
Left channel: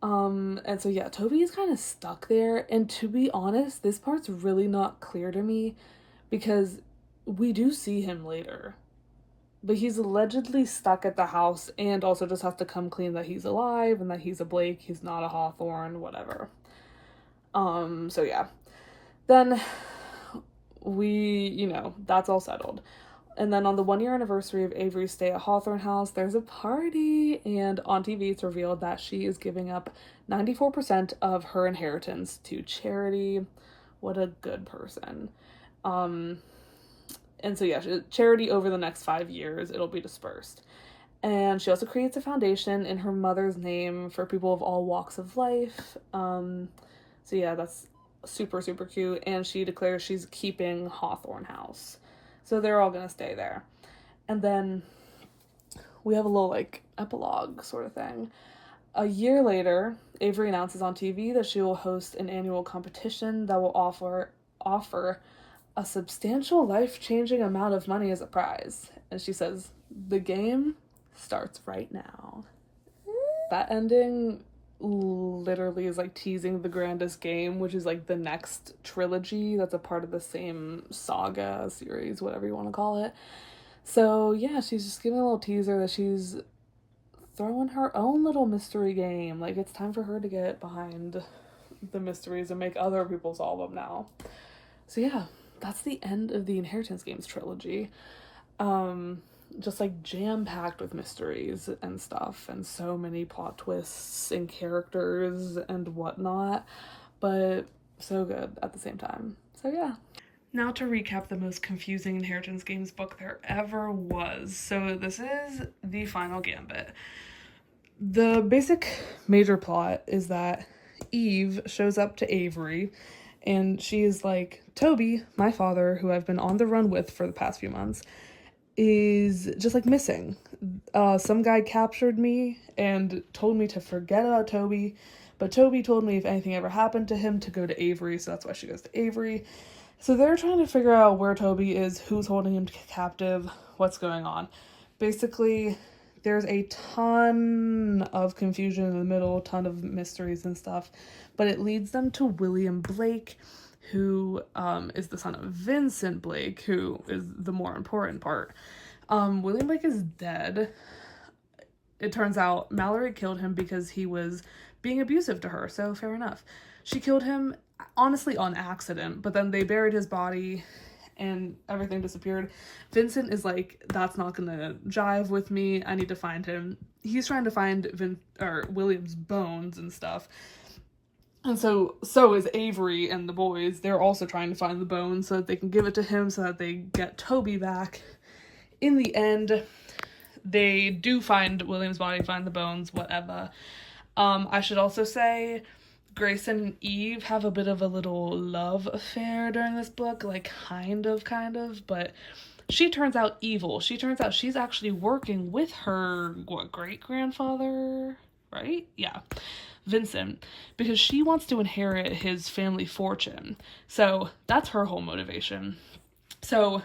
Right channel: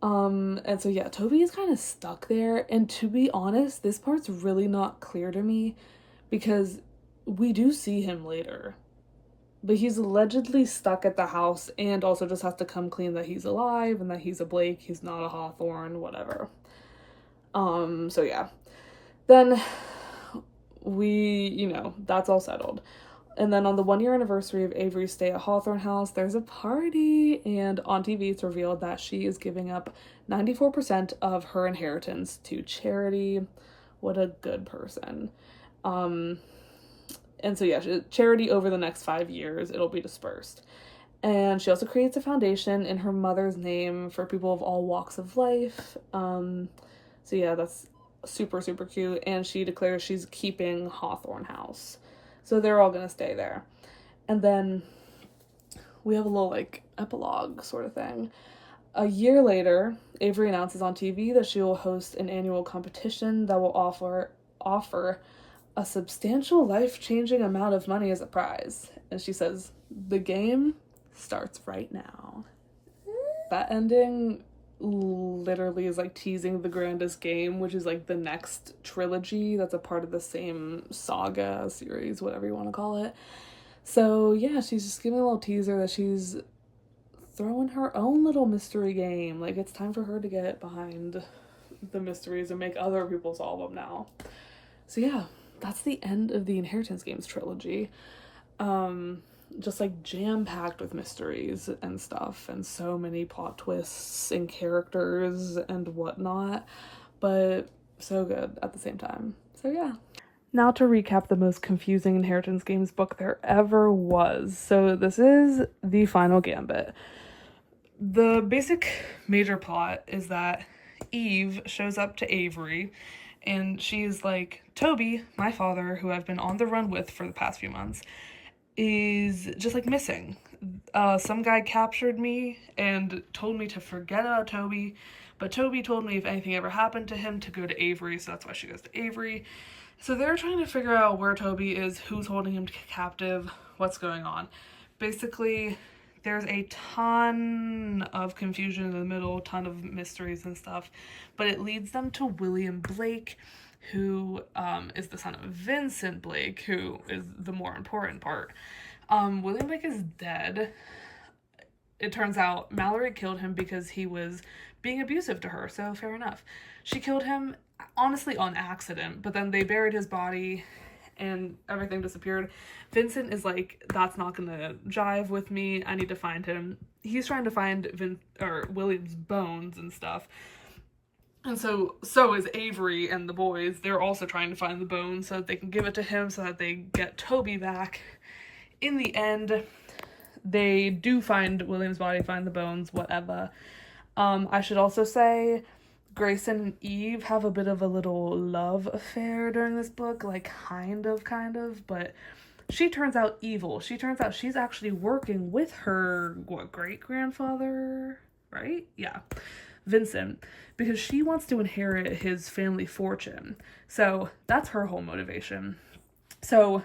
And so yeah, Toby is kind of stuck there, and to be honest, this part's really not clear to me because we do see him later. But he's allegedly stuck at the house and also just has to come clean that he's alive and that he's a Blake, he's not a Hawthorne, whatever. So yeah. Then that's all settled. And then on the 1-year anniversary of Avery's stay at Hawthorne House, there's a party, and on TV it's revealed that she is giving up 94% of her inheritance to charity. What a good person. And so yeah, charity over the next 5 years, it'll be dispersed. And she also creates a foundation in her mother's name for people of all walks of life. So yeah, that's super, super cute. And she declares she's keeping Hawthorne House. So they're all gonna stay there. And then we have a little, like, epilogue sort of thing. A year later, Avery announces on TV that she will host an annual competition that will offer a substantial life-changing amount of money as a prize. And she says, the game starts right now. That ending literally is, like, teasing the Grandest game, which is, like, the next trilogy that's a part of the same saga series, whatever you want to call it. So yeah, she's just giving a little teaser that she's throwing her own little mystery game. Like, it's time for her to get behind the mysteries and make other people solve them now. So yeah, that's the end of the Inheritance Games trilogy. Just, like, jam-packed with mysteries and stuff, and so many plot twists and characters and whatnot, but so good at the same time. So yeah. Now to recap the most confusing Inheritance Games book there ever was. So this is the final gambit. The basic major plot is that Eve shows up to Avery and she's like, Toby, my father, who I've been on the run with for the past few months, is just like missing. Some guy captured me and told me to forget about Toby, but Toby told me if anything ever happened to him to go to Avery, so that's why she goes to Avery. So they're trying to figure out where Toby is, who's holding him captive, what's going on. Basically, there's a ton of confusion in the middle, ton of mysteries and stuff, but it leads them to William Blake, who is the son of Vincent Blake, who is the more important part. William Blake is dead. It turns out Mallory killed him because he was being abusive to her, so fair enough. She killed him, honestly, on accident, but then they buried his body and everything disappeared. Vincent is like, that's not gonna jive with me, I need to find him. He's trying to find William's bones and stuff. And so is Avery and the boys. They're also trying to find the bones so that they can give it to him so that they get Toby back. In the end, they do find William's body, find the bones, whatever. I should also say Grayson and Eve have a bit of a little love affair during this book, like kind of, but she turns out evil. She turns out she's actually working with her, great-grandfather, right? Yeah, Vincent, because she wants to inherit his family fortune. So that's her whole motivation. So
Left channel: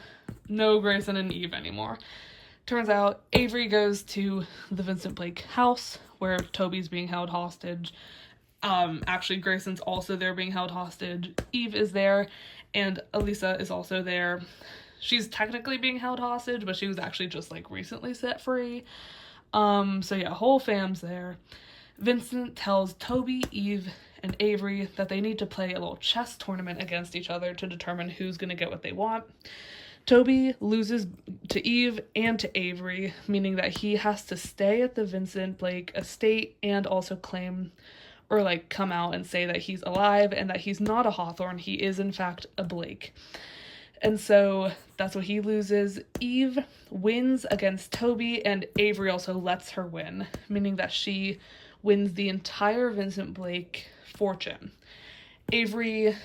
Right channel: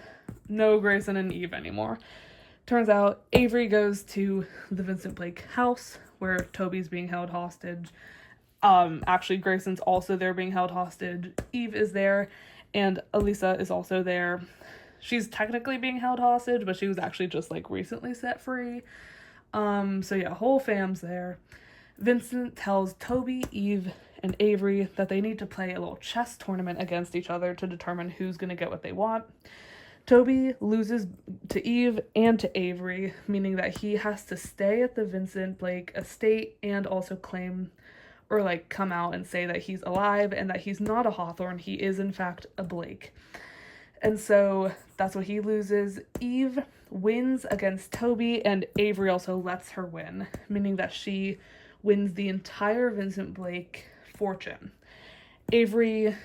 no Grayson and Eve anymore. Turns out Avery goes to the Vincent Blake house where Toby's being held hostage. Actually, Grayson's also there being held hostage. Eve is there, and Elisa is also there. She's technically being held hostage, but she was actually just like recently set free. So yeah, whole fam's there. Vincent tells Toby, Eve, and Avery that they need to play a little chess tournament against each other to determine who's going to get what they want. Toby loses to Eve and to Avery, meaning that he has to stay at the Vincent Blake estate and also claim or like come out and say that he's alive and that he's not a Hawthorne, he is in fact a Blake. And so that's what he loses. Eve wins against Toby, and Avery also lets her win, meaning that she wins the entire Vincent Blake fortune. Avery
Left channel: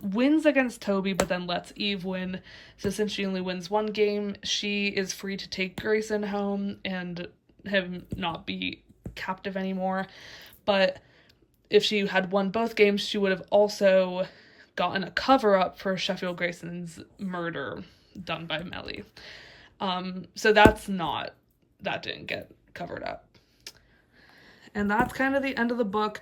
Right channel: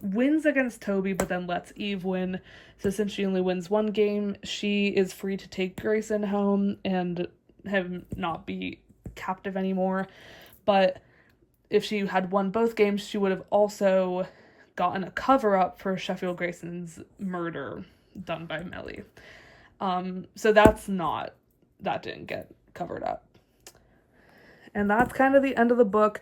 wins against Toby, but then lets Eve win. So since she only wins one game, she is free to take Grayson home and have him not be captive anymore. But if she had won both games, she would have also gotten a cover-up for Sheffield Grayson's murder done by Melly. So that didn't get covered up. And that's kind of the end of the book,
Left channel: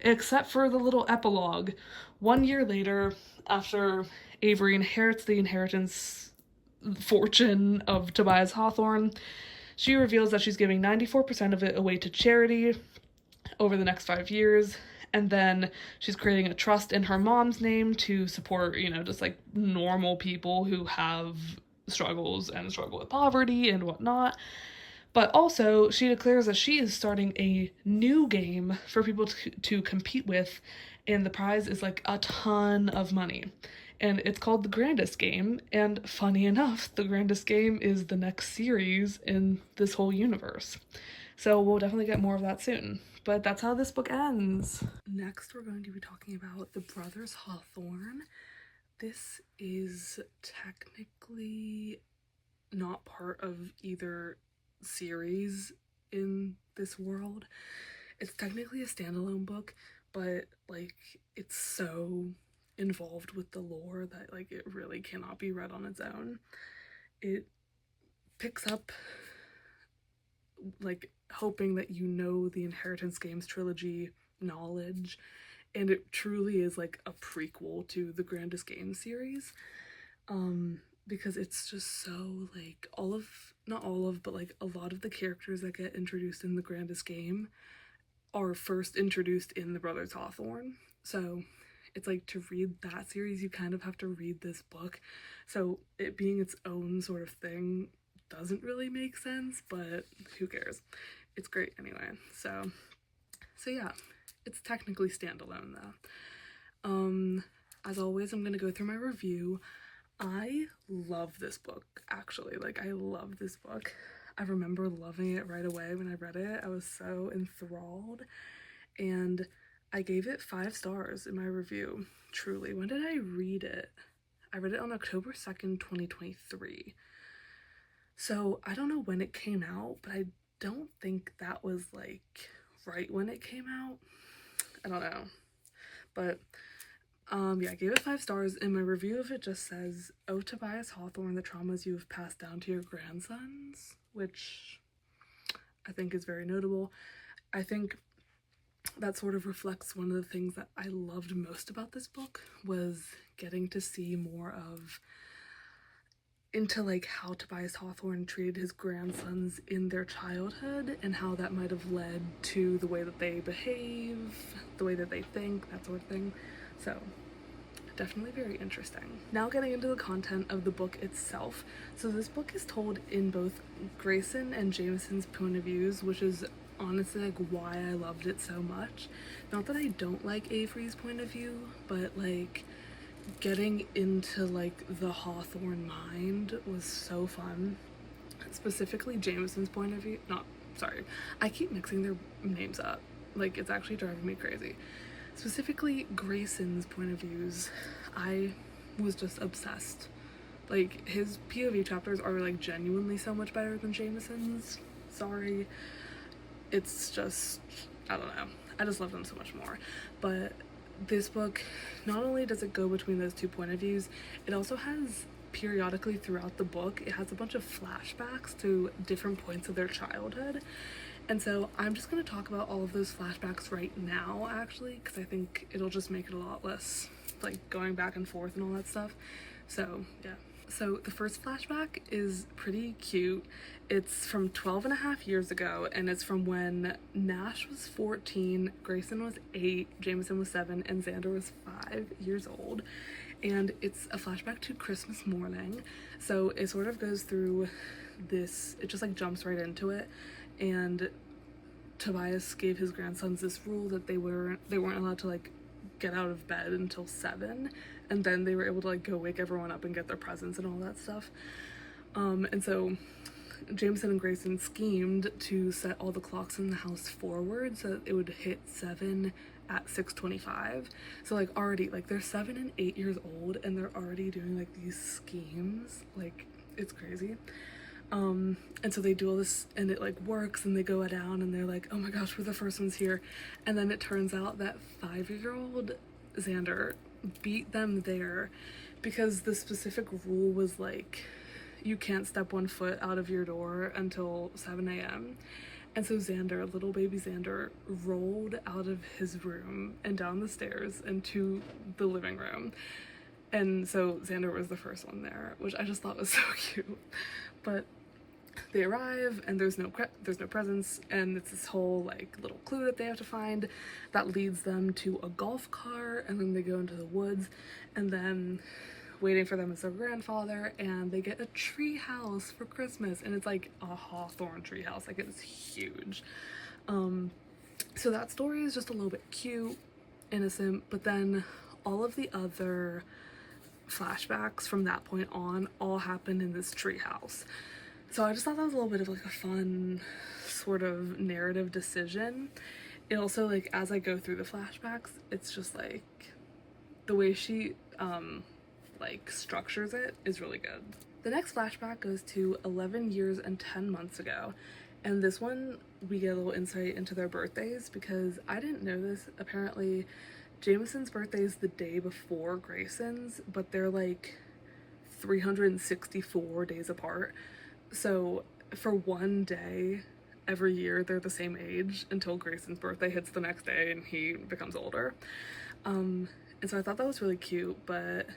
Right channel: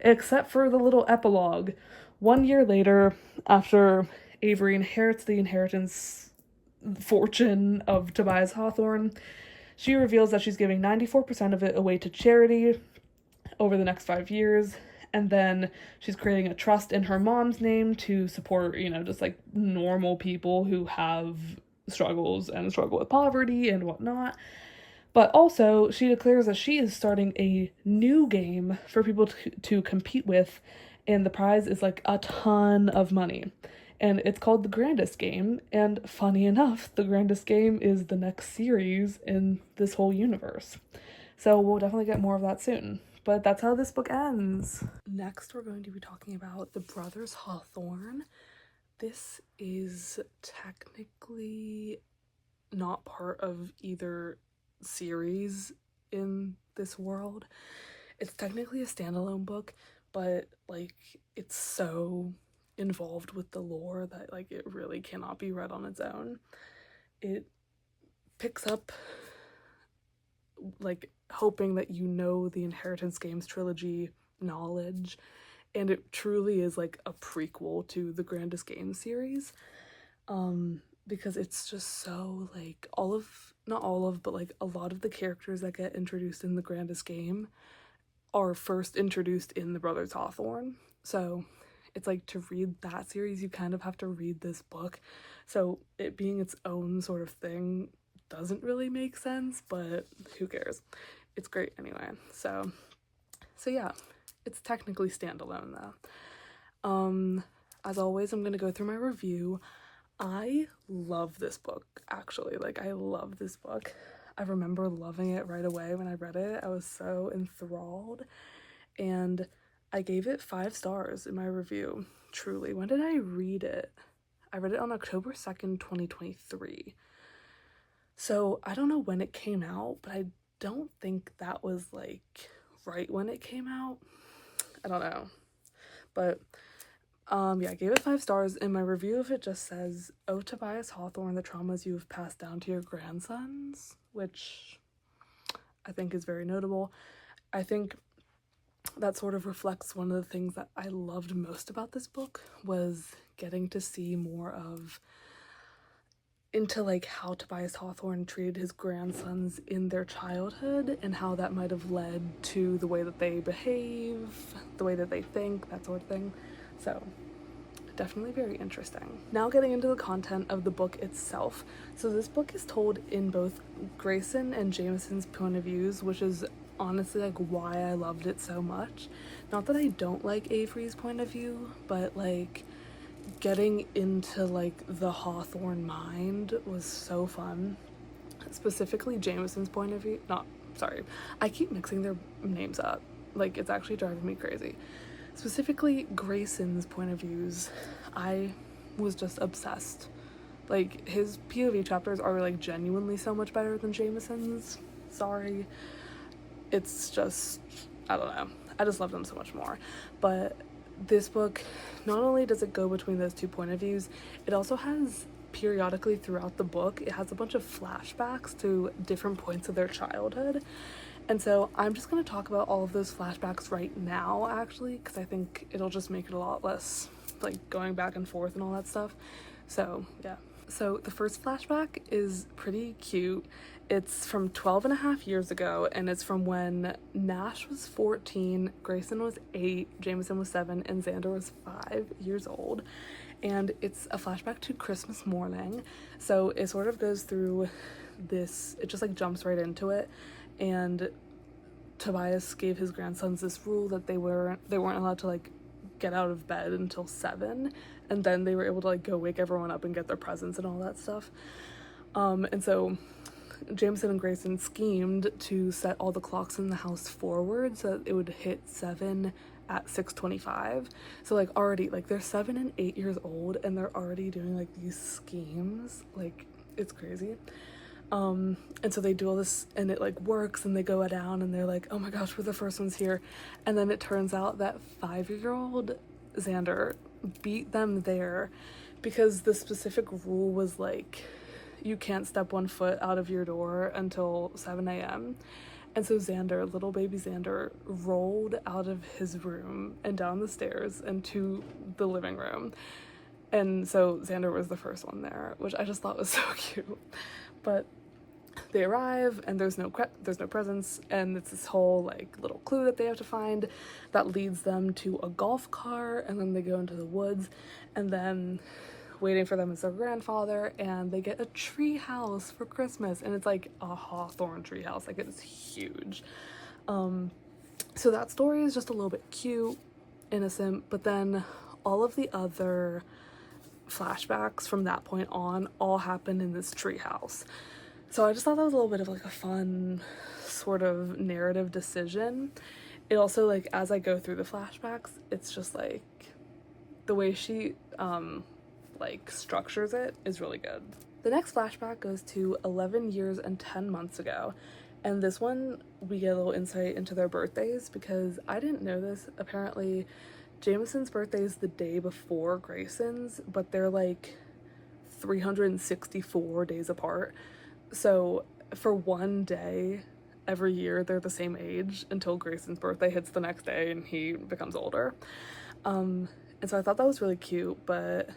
except for the little epilogue. 1 year later, after Avery inherits the inheritance fortune of Tobias Hawthorne, she reveals that she's giving 94% of it away to charity over the next 5 years, and then she's creating a trust in her mom's name to support, just like normal people who have struggles and struggle with poverty and whatnot. But also, she declares that she is starting a new game for people to compete with, and the prize is like a ton of money. And it's called the Grandest game, and funny enough, the Grandest game is the next series in this whole universe. So we'll definitely get more of that soon. But that's how this book ends. Next, we're going to be talking about the Brothers Hawthorne. This is technically not part of either series in this world. It's technically a standalone book, but like it's so involved with the lore that like it really cannot be read on its own. It picks up like hoping that the Inheritance Games trilogy knowledge, and it truly is like a prequel to the Grandest Game series, because it's just so like not all of, but like a lot of the characters that get introduced in the Grandest Game are first introduced in the Brothers Hawthorne. So it's like, to read that series, you kind of have to read this book. So it being its own sort of thing doesn't really make sense, but who cares? It's great anyway. So yeah, it's technically standalone though. as always, I'm gonna go through my review. I love this book, actually. Like, I love this book. I remember loving it right away when I read it. I was so enthralled, and I gave it 5 stars in my review. Truly. When did I read it? I read it on October 2nd, 2023. So I don't know when it came out, but I don't think that was like right when it came out. I don't know. But yeah, I gave it 5 stars. In my review of it just says, "Oh, Tobias Hawthorne, the traumas you have passed down to your grandsons," which I think is very notable. I think that sort of reflects one of the things that I loved most about this book, was getting to see more of into like how Tobias Hawthorne treated his grandsons in their childhood, and how that might have led to the way that they behave, the way that they think, that sort of thing. So definitely very interesting. Now getting into the content of the book itself. So this book is told in both Grayson and Jameson's point of views, which is honestly like why I loved it so much. Not that I don't like Avery's point of view, but like getting into like the Hawthorne mind was so fun. Specifically Jameson's point of view, I keep mixing their names up. Like, it's actually driving me crazy. Specifically Grayson's point of views, I was just obsessed. Like, his POV chapters are like genuinely so much better than Jameson's. Sorry. It's just, I don't know. I just love them so much more. But this book, not only does it go between those two point of views, it also has periodically throughout the book, it has a bunch of flashbacks to different points of their childhood. And so I'm just going to talk about all of those flashbacks right now, actually, because I think it'll just make it a lot less like going back and forth and all that stuff. So yeah. So the first flashback is pretty cute. It's from 12 and a half years ago, and it's from when Nash was 14, Grayson was 8, Jameson was 7, and Xander was 5 years old. And it's a flashback to Christmas morning. So it sort of goes through this, it just like jumps right into it. And Tobias gave his grandsons this rule that they weren't allowed to like get out of bed until 7, and then they were able to like go wake everyone up and get their presents and all that stuff. And so Jameson and Grayson schemed to set all the clocks in the house forward so that it would hit 7 at 6:25. So like already, like, they're 7 and 8 years old and they're already doing like these schemes. Like, it's crazy. And so they do all this and it like works, and they go down and they're like, oh my gosh, we're the first ones here. And then it turns out that 5-year-old Xander beat them there because the specific rule was like, you can't step 1 foot out of your door until 7 a.m. And so Xander, little baby Xander, rolled out of his room and down the stairs and to the living room. And so Xander was the first one there, which I just thought was so cute. But they arrive and there's no presents, and it's this whole like little clue that they have to find that leads them to a golf cart, and then they go into the woods, and then waiting for them is their grandfather, and they get a tree house for Christmas, and it's like a Hawthorne tree house. Like, it's huge. So that story is just a little bit cute, innocent, but then all of the other flashbacks from that point on all happen in this tree house. So I just thought that was a little bit of like a fun sort of narrative decision. It also, like, as I go through the flashbacks, it's just like the way she like structures it is really good. The next flashback goes to 11 years and 10 months ago, and this one we get a little insight into their birthdays, because I didn't know this. Apparently Jameson's birthday is the day before Grayson's, but they're like 364 days apart. So for one day every year they're the same age until Grayson's birthday hits the next day and he becomes older. And so I thought that was really cute, but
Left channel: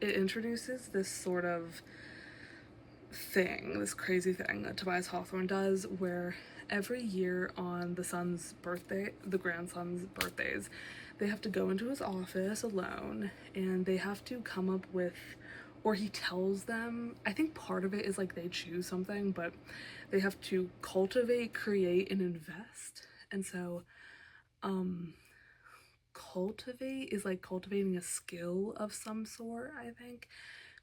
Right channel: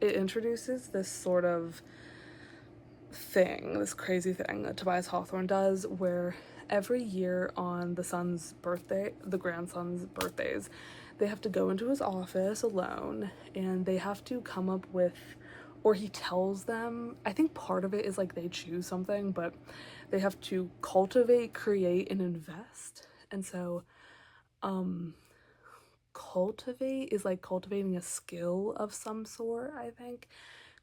it introduces this sort of thing, this crazy thing that Tobias Hawthorne does, where every year on the son's birthday, the grandson's birthdays, they have to go into his office alone and they have to come up with, or he tells them, I think part of it is like they choose something, but they have to cultivate, create, and invest. And so cultivate is like cultivating a skill of some sort, I think.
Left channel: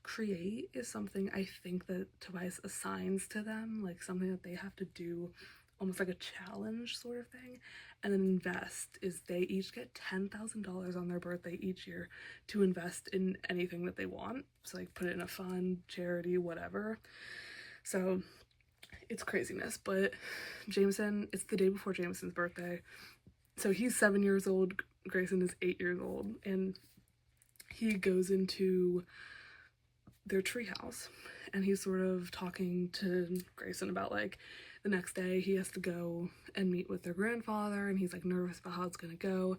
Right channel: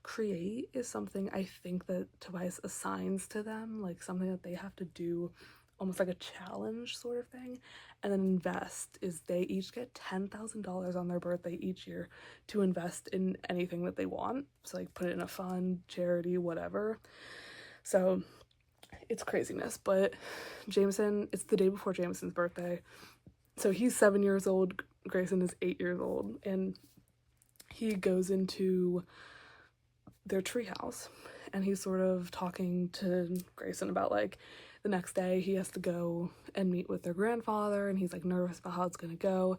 Create is something I think that Tobias assigns to them, like something that they have to do, almost like a challenge sort of thing. And then invest is they each get $10,000 on their birthday each year to invest in anything that they want. So like put it in a fund, charity, whatever. So it's craziness. But Jameson, it's the day before Jameson's birthday. So he's 7 years old, Grayson is 8 years old, and he goes into their treehouse and he's sort of talking to Grayson about like the next day he has to go and meet with their grandfather, and he's like nervous about how it's gonna go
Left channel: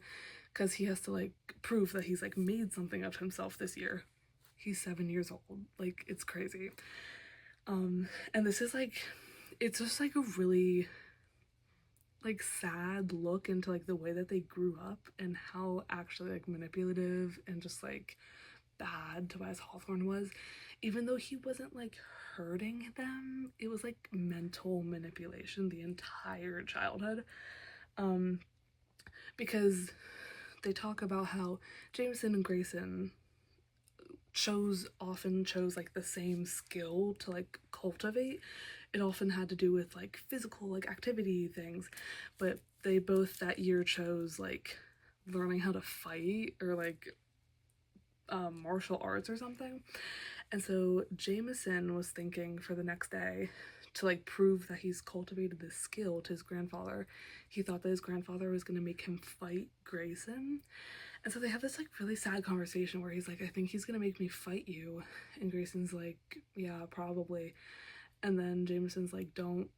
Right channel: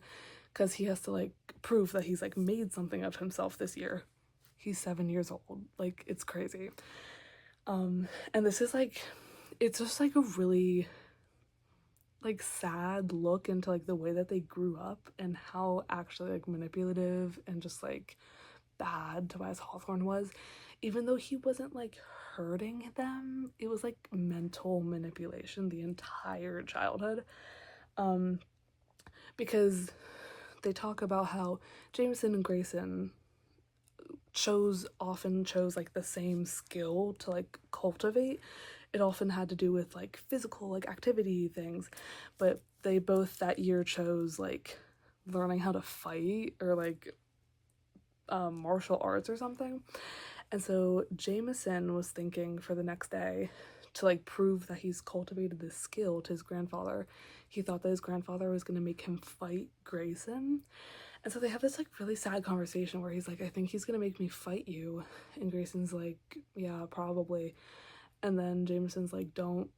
because he has to like prove that he's like made something of himself this year. He's 7 years old, like it's crazy. And this is like, it's just like a really like sad look into like the way that they grew up and how actually like manipulative and just like bad Tobias Hawthorne was. Even though he wasn't like hurting them, it was like mental manipulation the entire childhood. Because they talk about how Jameson and Grayson often chose like the same skill to like cultivate. It often had to do with like physical like activity things, but they both that year chose like learning how to fight or like martial arts or something. And so Jameson was thinking for the next day to like prove that he's cultivated this skill to his grandfather. He thought that his grandfather was going to make him fight Grayson. And so they have this like really sad conversation where he's like, I think he's going to make me fight you. And Grayson's like, yeah, probably. And then Jameson's like, don't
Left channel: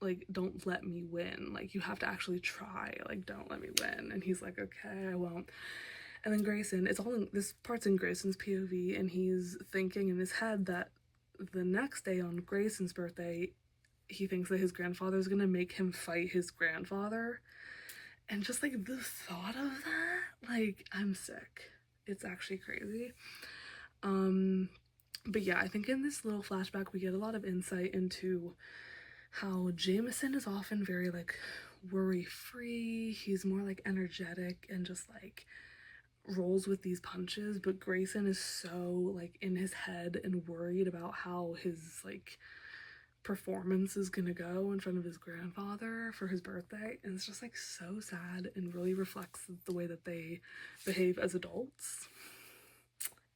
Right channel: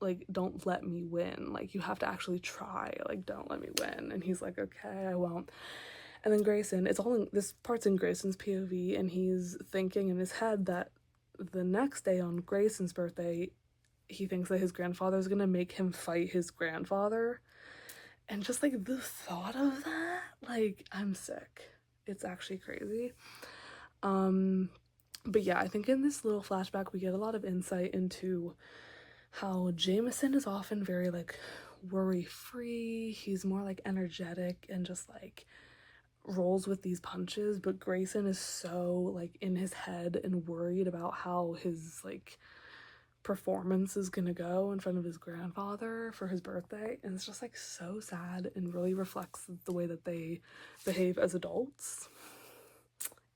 let me win. Like, you have to actually try. Like, don't let me win. And he's like, okay, I won't. And then Grayson, this part's in Grayson's POV, and he's thinking in his head that the next day on Grayson's birthday, he thinks that his grandfather's gonna make him fight his grandfather. And just like the thought of that, like, I'm sick. It's actually crazy. But yeah, I think in this little flashback we get a lot of insight into how Jameson is often very like worry-free. He's more like energetic and just like rolls with these punches, but Grayson is so like in his head and worried about how his like performance is gonna go in front of his grandfather for his birthday, and it's just like so sad and really reflects the way that they behave as adults.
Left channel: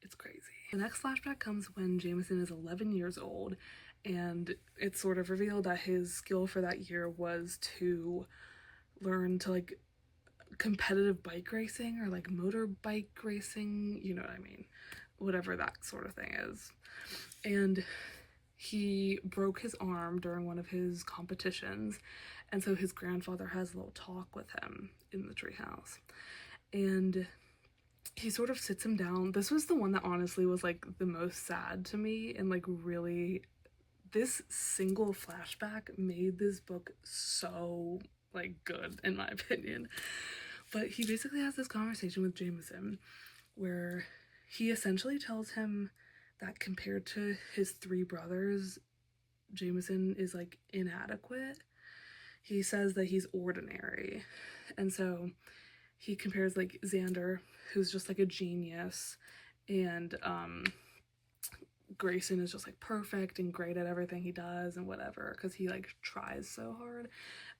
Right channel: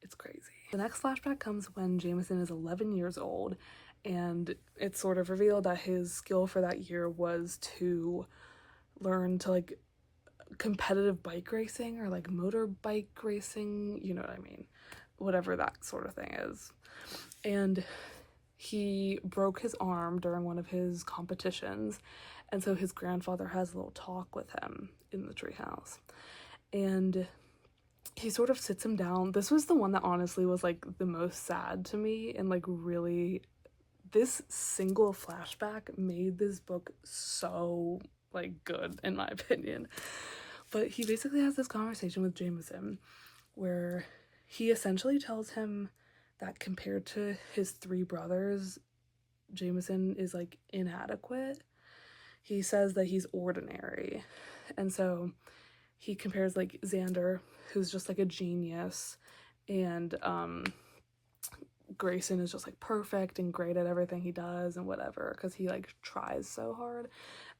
It's crazy. The next flashback comes when Jameson is 11 years old, and it's sort of revealed that his skill for that year was to learn to like competitive bike racing or like motorbike racing, you know what I mean, whatever that sort of thing is. And he broke his arm during one of his competitions, and so his grandfather has a little talk with him in the treehouse, and he sort of sits him down. This was the one that honestly was like the most sad to me, and like really this single flashback made this book so like good in my opinion. But he basically has this conversation with Jameson where he essentially tells him that compared to his 3 brothers, Jameson is like inadequate. He says that he's ordinary. And so he compares like Xander, who's just like a genius, and Grayson is just like perfect and great at everything he does and whatever because he like tries so hard.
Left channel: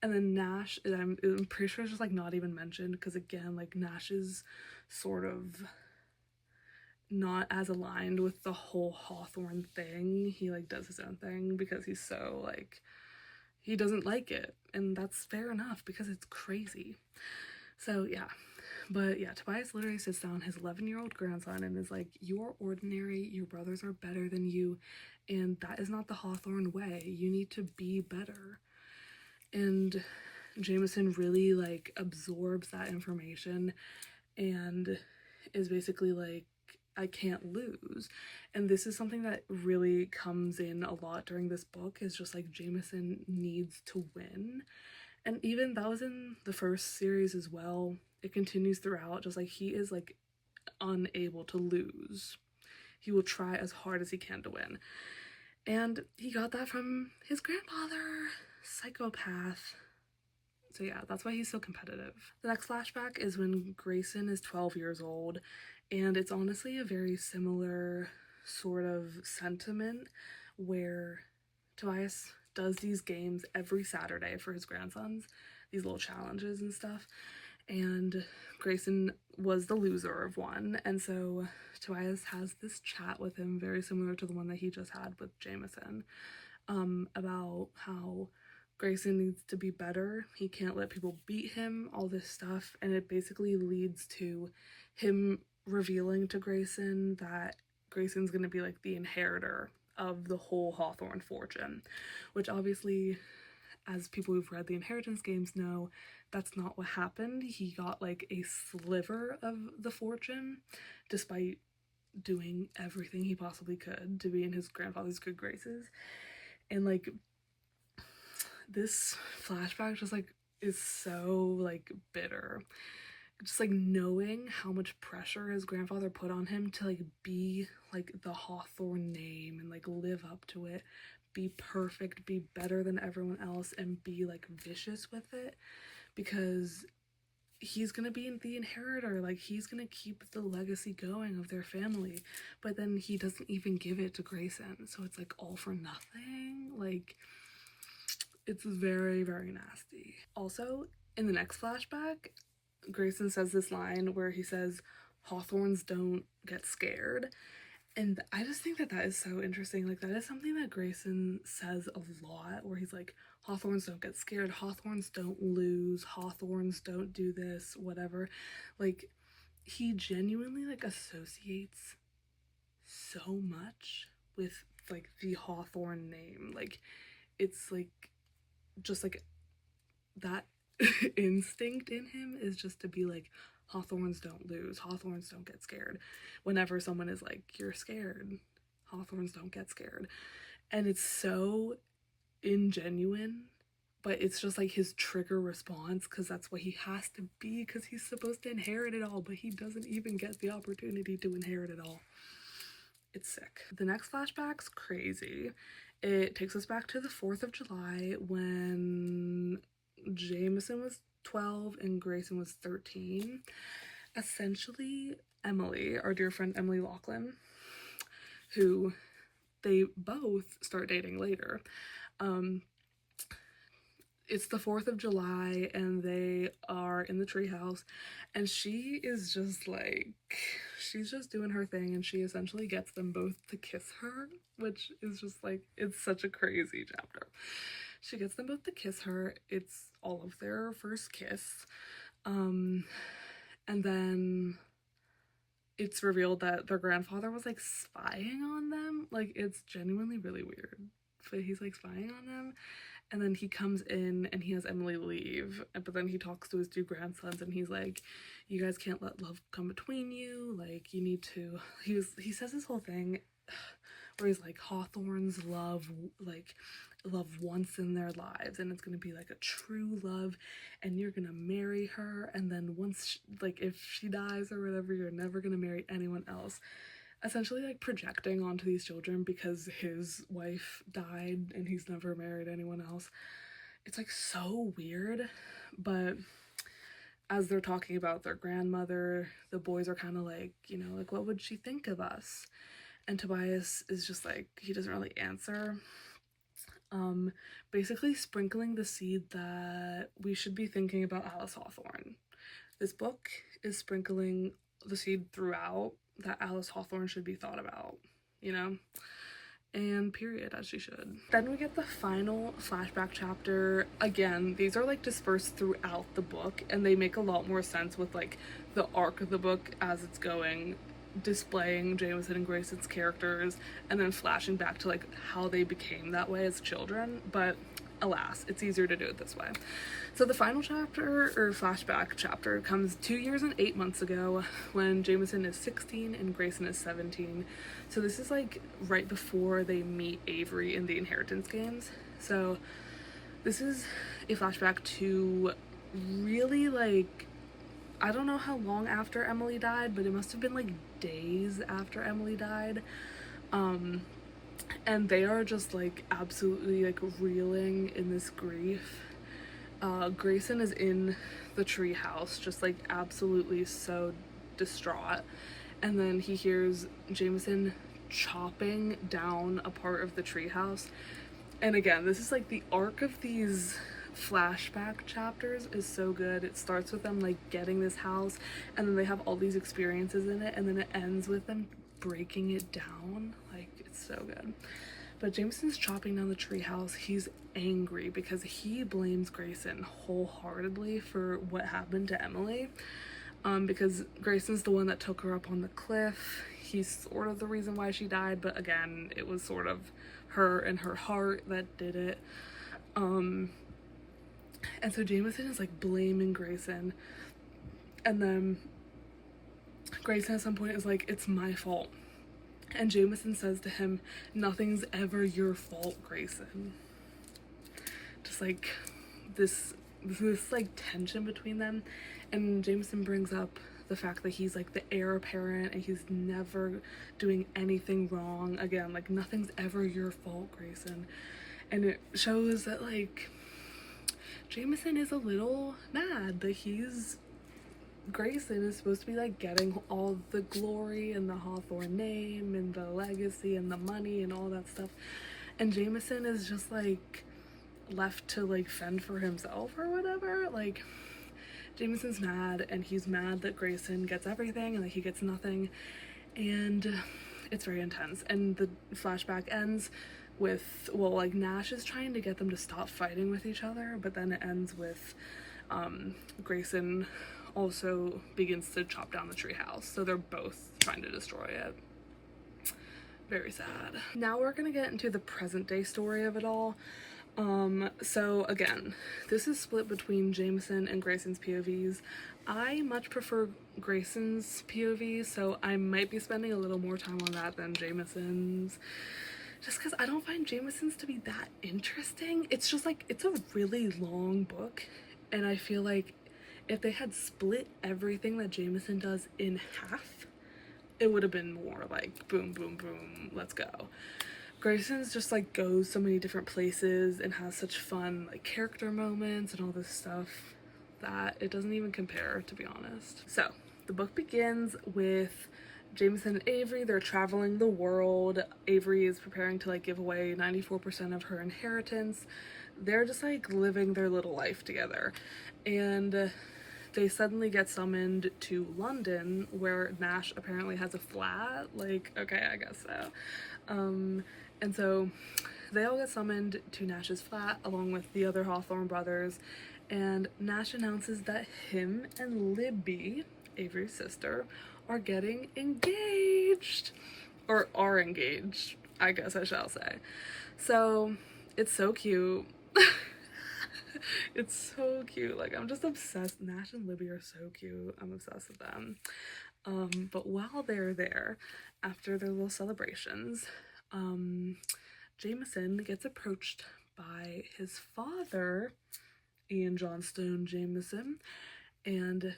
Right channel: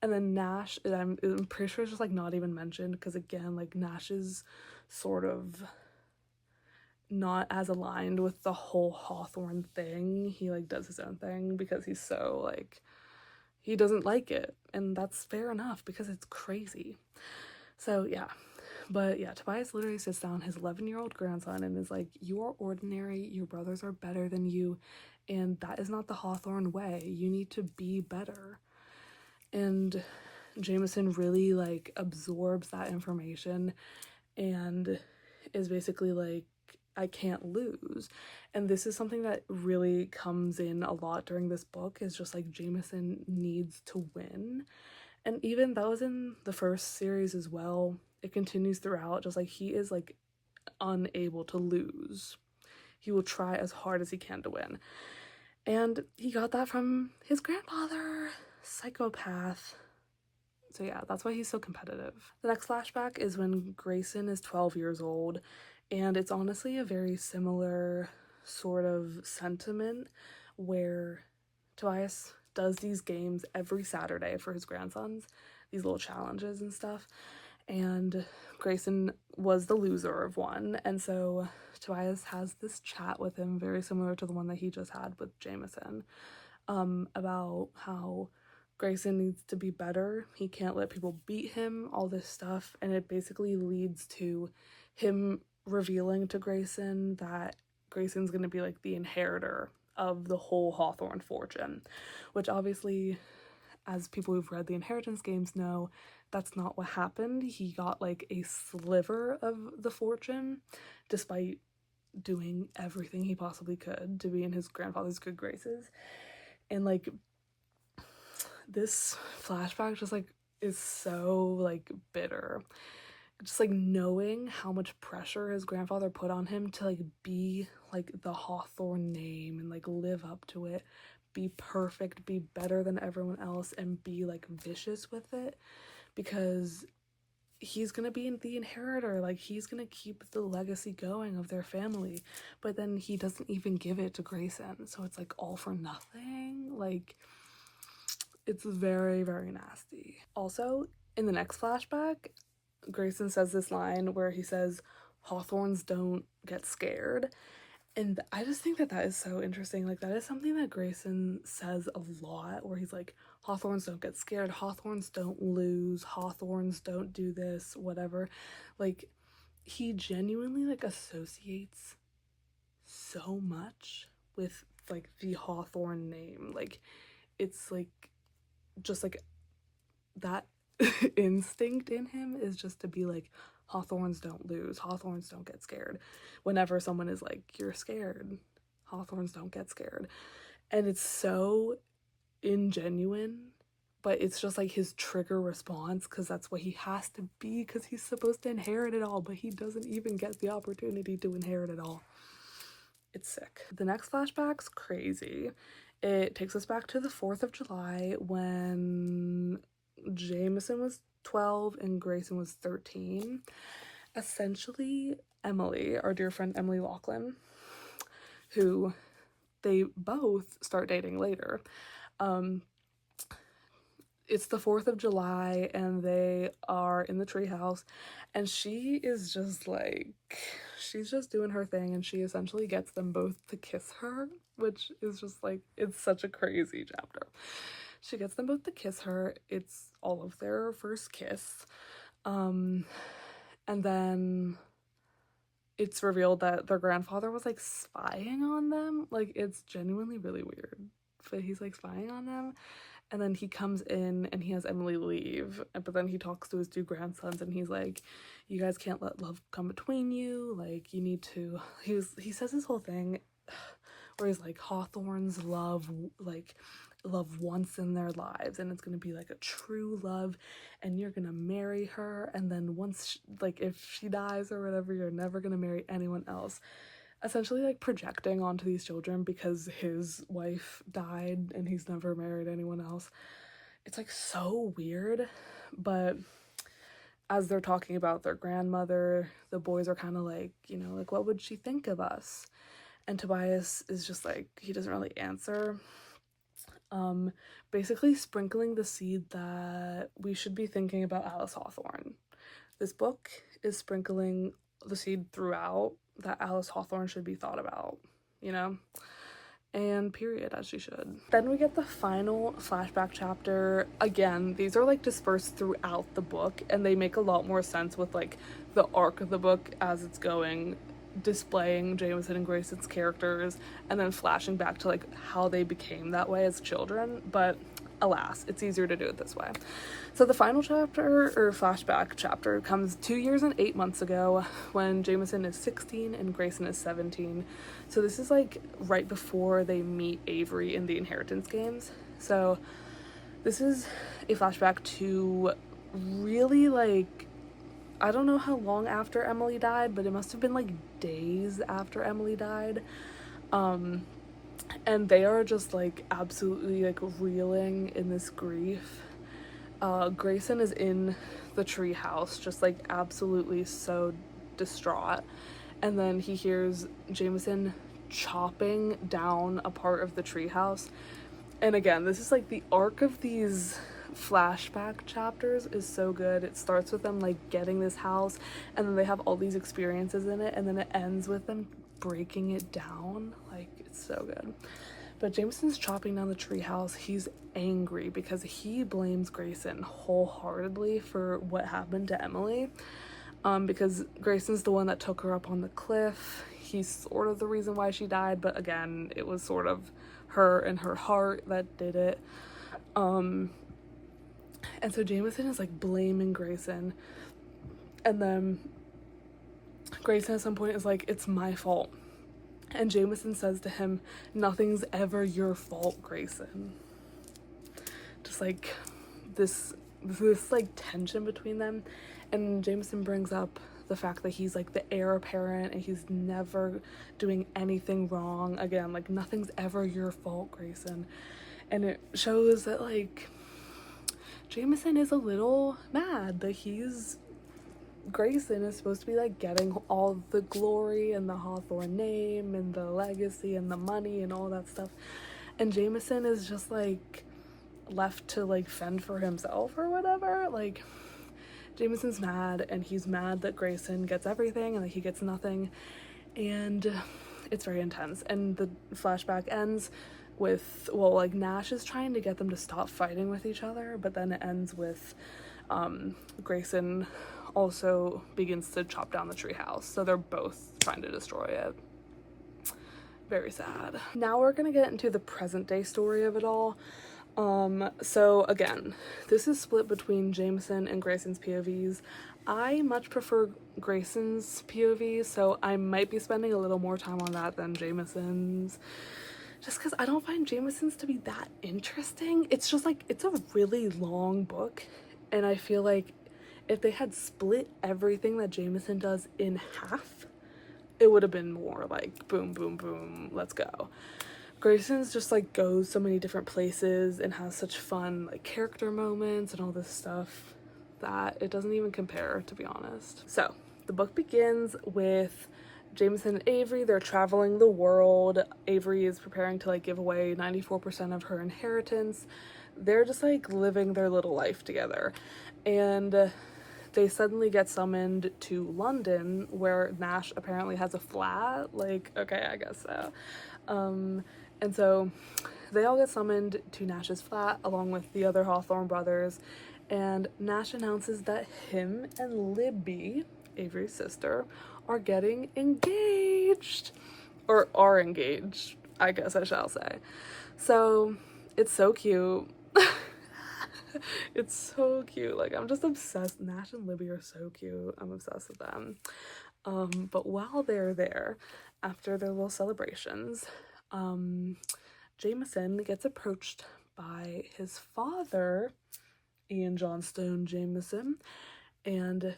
And then Nash, I'm pretty sure it's just like not even mentioned because again, like Nash is sort of not as aligned with the whole Hawthorne thing. He like does his own thing because he's so like, he doesn't like it, and that's fair enough because it's crazy. So yeah. But yeah, Tobias literally sits down his 11-year-old grandson and is like, you are ordinary, your brothers are better than you, and that is not the Hawthorne way. You need to be better. And Jameson really like absorbs that information and is basically like, I can't lose. And this is something that really comes in a lot during this book, is just like Jameson needs to win. And even that was in the first series as well. It continues throughout, just like he is like unable to lose. He will try as hard as he can to win. And he got that from his grandfather, psychopath. So yeah, that's why he's so competitive. The next flashback is when Grayson is 12 years old, and it's honestly a very similar sort of sentiment where Tobias does these games every Saturday for his grandsons, these little challenges and stuff, and Grayson was the loser of one, and so Tobias has this chat with him very similar to the one that he just had with Jameson, about how Grayson needs to be better, he can't let people beat him, all this stuff, and it basically leads to him revealing to Grayson that Grayson's gonna be like the inheritor of the whole Hawthorne fortune, which obviously, as people who've read the inheritance games know, that's not what happened. He got like a sliver of the fortune despite doing everything he possibly could to be in his grandfather's good graces. And like this flashback just like is so like bitter, just like knowing how much pressure his grandfather put on him to like be like the Hawthorne name and like live up to it, be perfect, be better than everyone else, and be like vicious with it, because he's gonna be the inheritor, like he's gonna keep the legacy going of their family, but then he doesn't even give it to Grayson, so it's like all for nothing. Like it's very, very nasty. Also, in the next flashback, Grayson says this line where he says, "Hawthorns don't get scared." And I just think that that is so interesting. Like, that is something that Grayson says a lot, where he's like, Hawthorns don't get scared, Hawthorns don't lose, Hawthorns don't do this, whatever. Like, he genuinely, like, associates so much with, like, the Hawthorne name. Like, it's, like, just, like, that instinct in him is just to be like, Hawthorns don't lose, Hawthorns don't get scared. Whenever someone is like, you're scared, Hawthorns don't get scared. And it's so ingenuine, but it's just like his trigger response, because that's what he has to be, because he's supposed to inherit it all, but he doesn't even get the opportunity to inherit it all. It's sick. The next flashback's crazy. It takes us back to the 4th of July when Jameson was 12 and Grayson was 13. Essentially, Emily, our dear friend Emily Lachlan, who they both start dating later. It's the 4th of July and they are in the treehouse, and she is just like, she's just doing her thing, and she essentially gets them both to kiss her, which is just like, it's such a crazy chapter. She gets them both to kiss her. It's all of their first kiss. And then it's revealed that their grandfather was like spying on them. Like, it's genuinely really weird, but he's like spying on them. And then he comes in and he has Emily leave, but then he talks to his 2 grandsons and he's like, you guys can't let love come between you, like you need to, he says this whole thing where he's like, Hawthorns love once in their lives, and it's gonna be like a true love, and you're gonna marry her, and then once like if she dies or whatever, you're never gonna marry anyone else. Essentially like projecting onto these children because his wife died and he's never married anyone else. It's like so weird. But as they're talking about their grandmother, the boys are kind of like, you know, like, what would she think of us? And Tobias is just like, he doesn't really answer. Basically sprinkling the seed that we should be thinking about Alice Hawthorne. This book is sprinkling the seed throughout that Alice Hawthorne should be thought about, you know? And period, as she should. Then we get the final flashback chapter. Again, these are like dispersed throughout the book, and they make a lot more sense with like the arc of the book as it's going, displaying Jameson and Grayson's characters, and then flashing back to like how they became that way as children. But alas, it's easier to do it this way. So the final chapter, or flashback chapter, comes 2 years and 8 months ago when Jameson is 16 and Grayson is 17. So this is like right before they meet Avery in the inheritance games. So this is a flashback to really like, I don't know how long after Emily died, but it must have been like days after Emily died. And they are just like absolutely like reeling in this grief. Grayson is in the tree house, just like absolutely so distraught, and then he hears Jameson chopping down a part of the tree house. And again, this is like the arc of these flashback chapters is so good. It starts with them like getting this house, and then they have all these experiences in it, and then it ends with them breaking it down. Like, it's so good. But Jameson's chopping down the treehouse. He's angry because he blames Grayson wholeheartedly for what happened to Emily. Because Grayson's the one that took her up on the cliff. He's sort of the reason why she died, but again, it was sort of her and her heart that did it. And so Jameson is like blaming Grayson, and then Grayson at some point is like, it's my fault. And Jameson says to him, nothing's ever your fault, Grayson. Just like this like tension between them. And Jameson brings up the fact that he's like the heir apparent and he's never doing anything wrong. Again, like, nothing's ever your fault, Grayson. And it shows that like Jameson is a little mad that Grayson is supposed to be like getting all the glory and the Hawthorne name and the legacy and the money and all that stuff, and Jameson is just like left to like fend for himself or whatever. Like, Jameson's mad, and he's mad that Grayson gets everything and that he gets nothing, and it's very intense. And the flashback ends with, well, like, Nash is trying to get them to stop fighting with each other, but then it ends with Grayson also begins to chop down the treehouse. So they're both trying to destroy it. Very sad. Now we're gonna get into the present day story of it all. So again, this is split between Jameson and Grayson's POVs. I much prefer Grayson's POV, so I might be spending a little more time on that than Jameson's, just because I don't find Jameson's to be that interesting. It's just like, it's a really long book, and I feel like if they had split everything that Jameson does in half, it would have been more like boom, boom, boom, let's go. Grayson's just like goes so many different places and has such fun like character moments and all this stuff that it doesn't even compare, to be honest. So the book begins with Jameson and Avery. They're traveling the world. Avery is preparing to like give away 94% of her inheritance. They're just like living their little life together, and they suddenly get summoned to London, where Nash apparently has a flat. Like, okay, I guess so. And so they all get summoned to Nash's flat along with the other Hawthorne brothers, and Nash announces that him and Libby, Avery's sister, are getting engaged. Or are engaged, I guess I shall say. So it's so cute. It's so cute. Like, I'm just obsessed. Nash and Libby are so cute. I'm obsessed with them. But while they're there, after their little celebrations, Jameson gets approached by his father, Ian Johnstone Jameson, and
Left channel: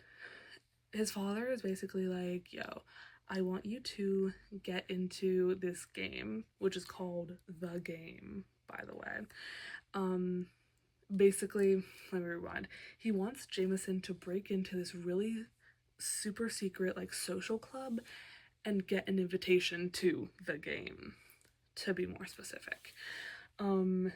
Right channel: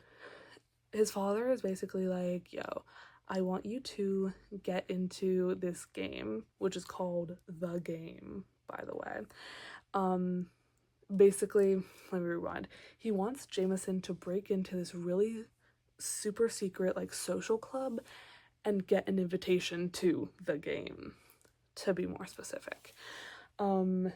his father is basically like, yo, I want you to get into this game, which is called The Game, by the way. Basically, let me rewind. He wants Jameson to break into this really super secret like social club and get an invitation to the game, to be more specific. And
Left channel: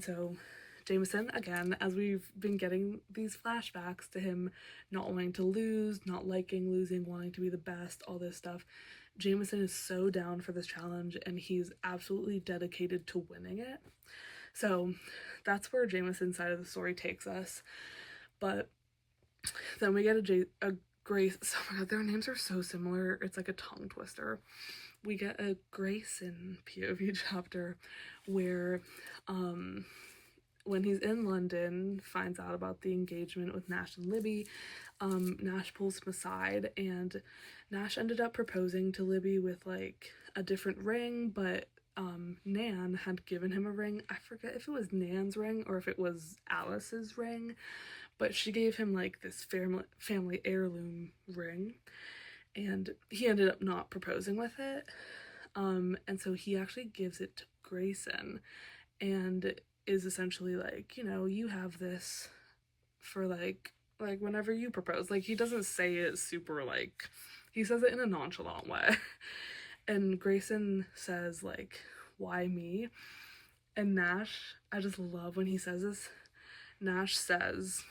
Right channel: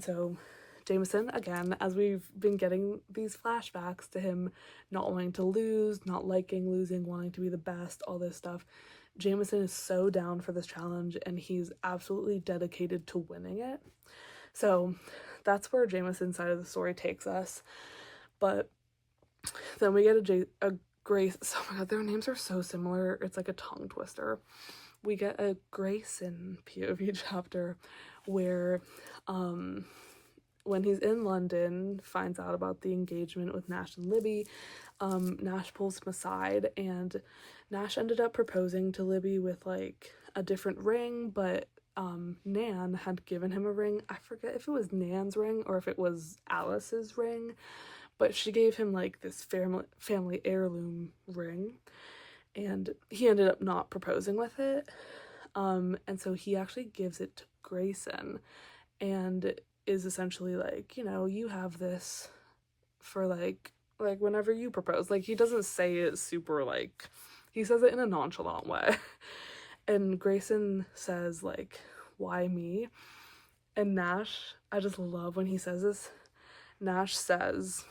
so Jameson, again, as we've been getting these flashbacks to him not wanting to lose, not liking losing, wanting to be the best, all this stuff, Jameson is so down for this challenge, and he's absolutely dedicated to winning it. So that's where Jameson's side of the story takes us. But then we get a Grace. Oh my god, their names are so similar. It's like a tongue twister. We get a Grayson POV chapter where when he's in London, finds out about the engagement with Nash and Libby. Nash pulls him aside, and Nash ended up proposing to Libby with like a different ring, but Nan had given him a ring. I forget if it was Nan's ring or if it was Alice's ring, but she gave him like this family heirloom ring, and he ended up not proposing with it. And so he actually gives it to Grayson and is essentially like, you know, you have this for like whenever you propose. Like, he doesn't say it super, like, he says it in a nonchalant way. And Grayson says, like, why me? And Nash, I just love when he says this. Nash says,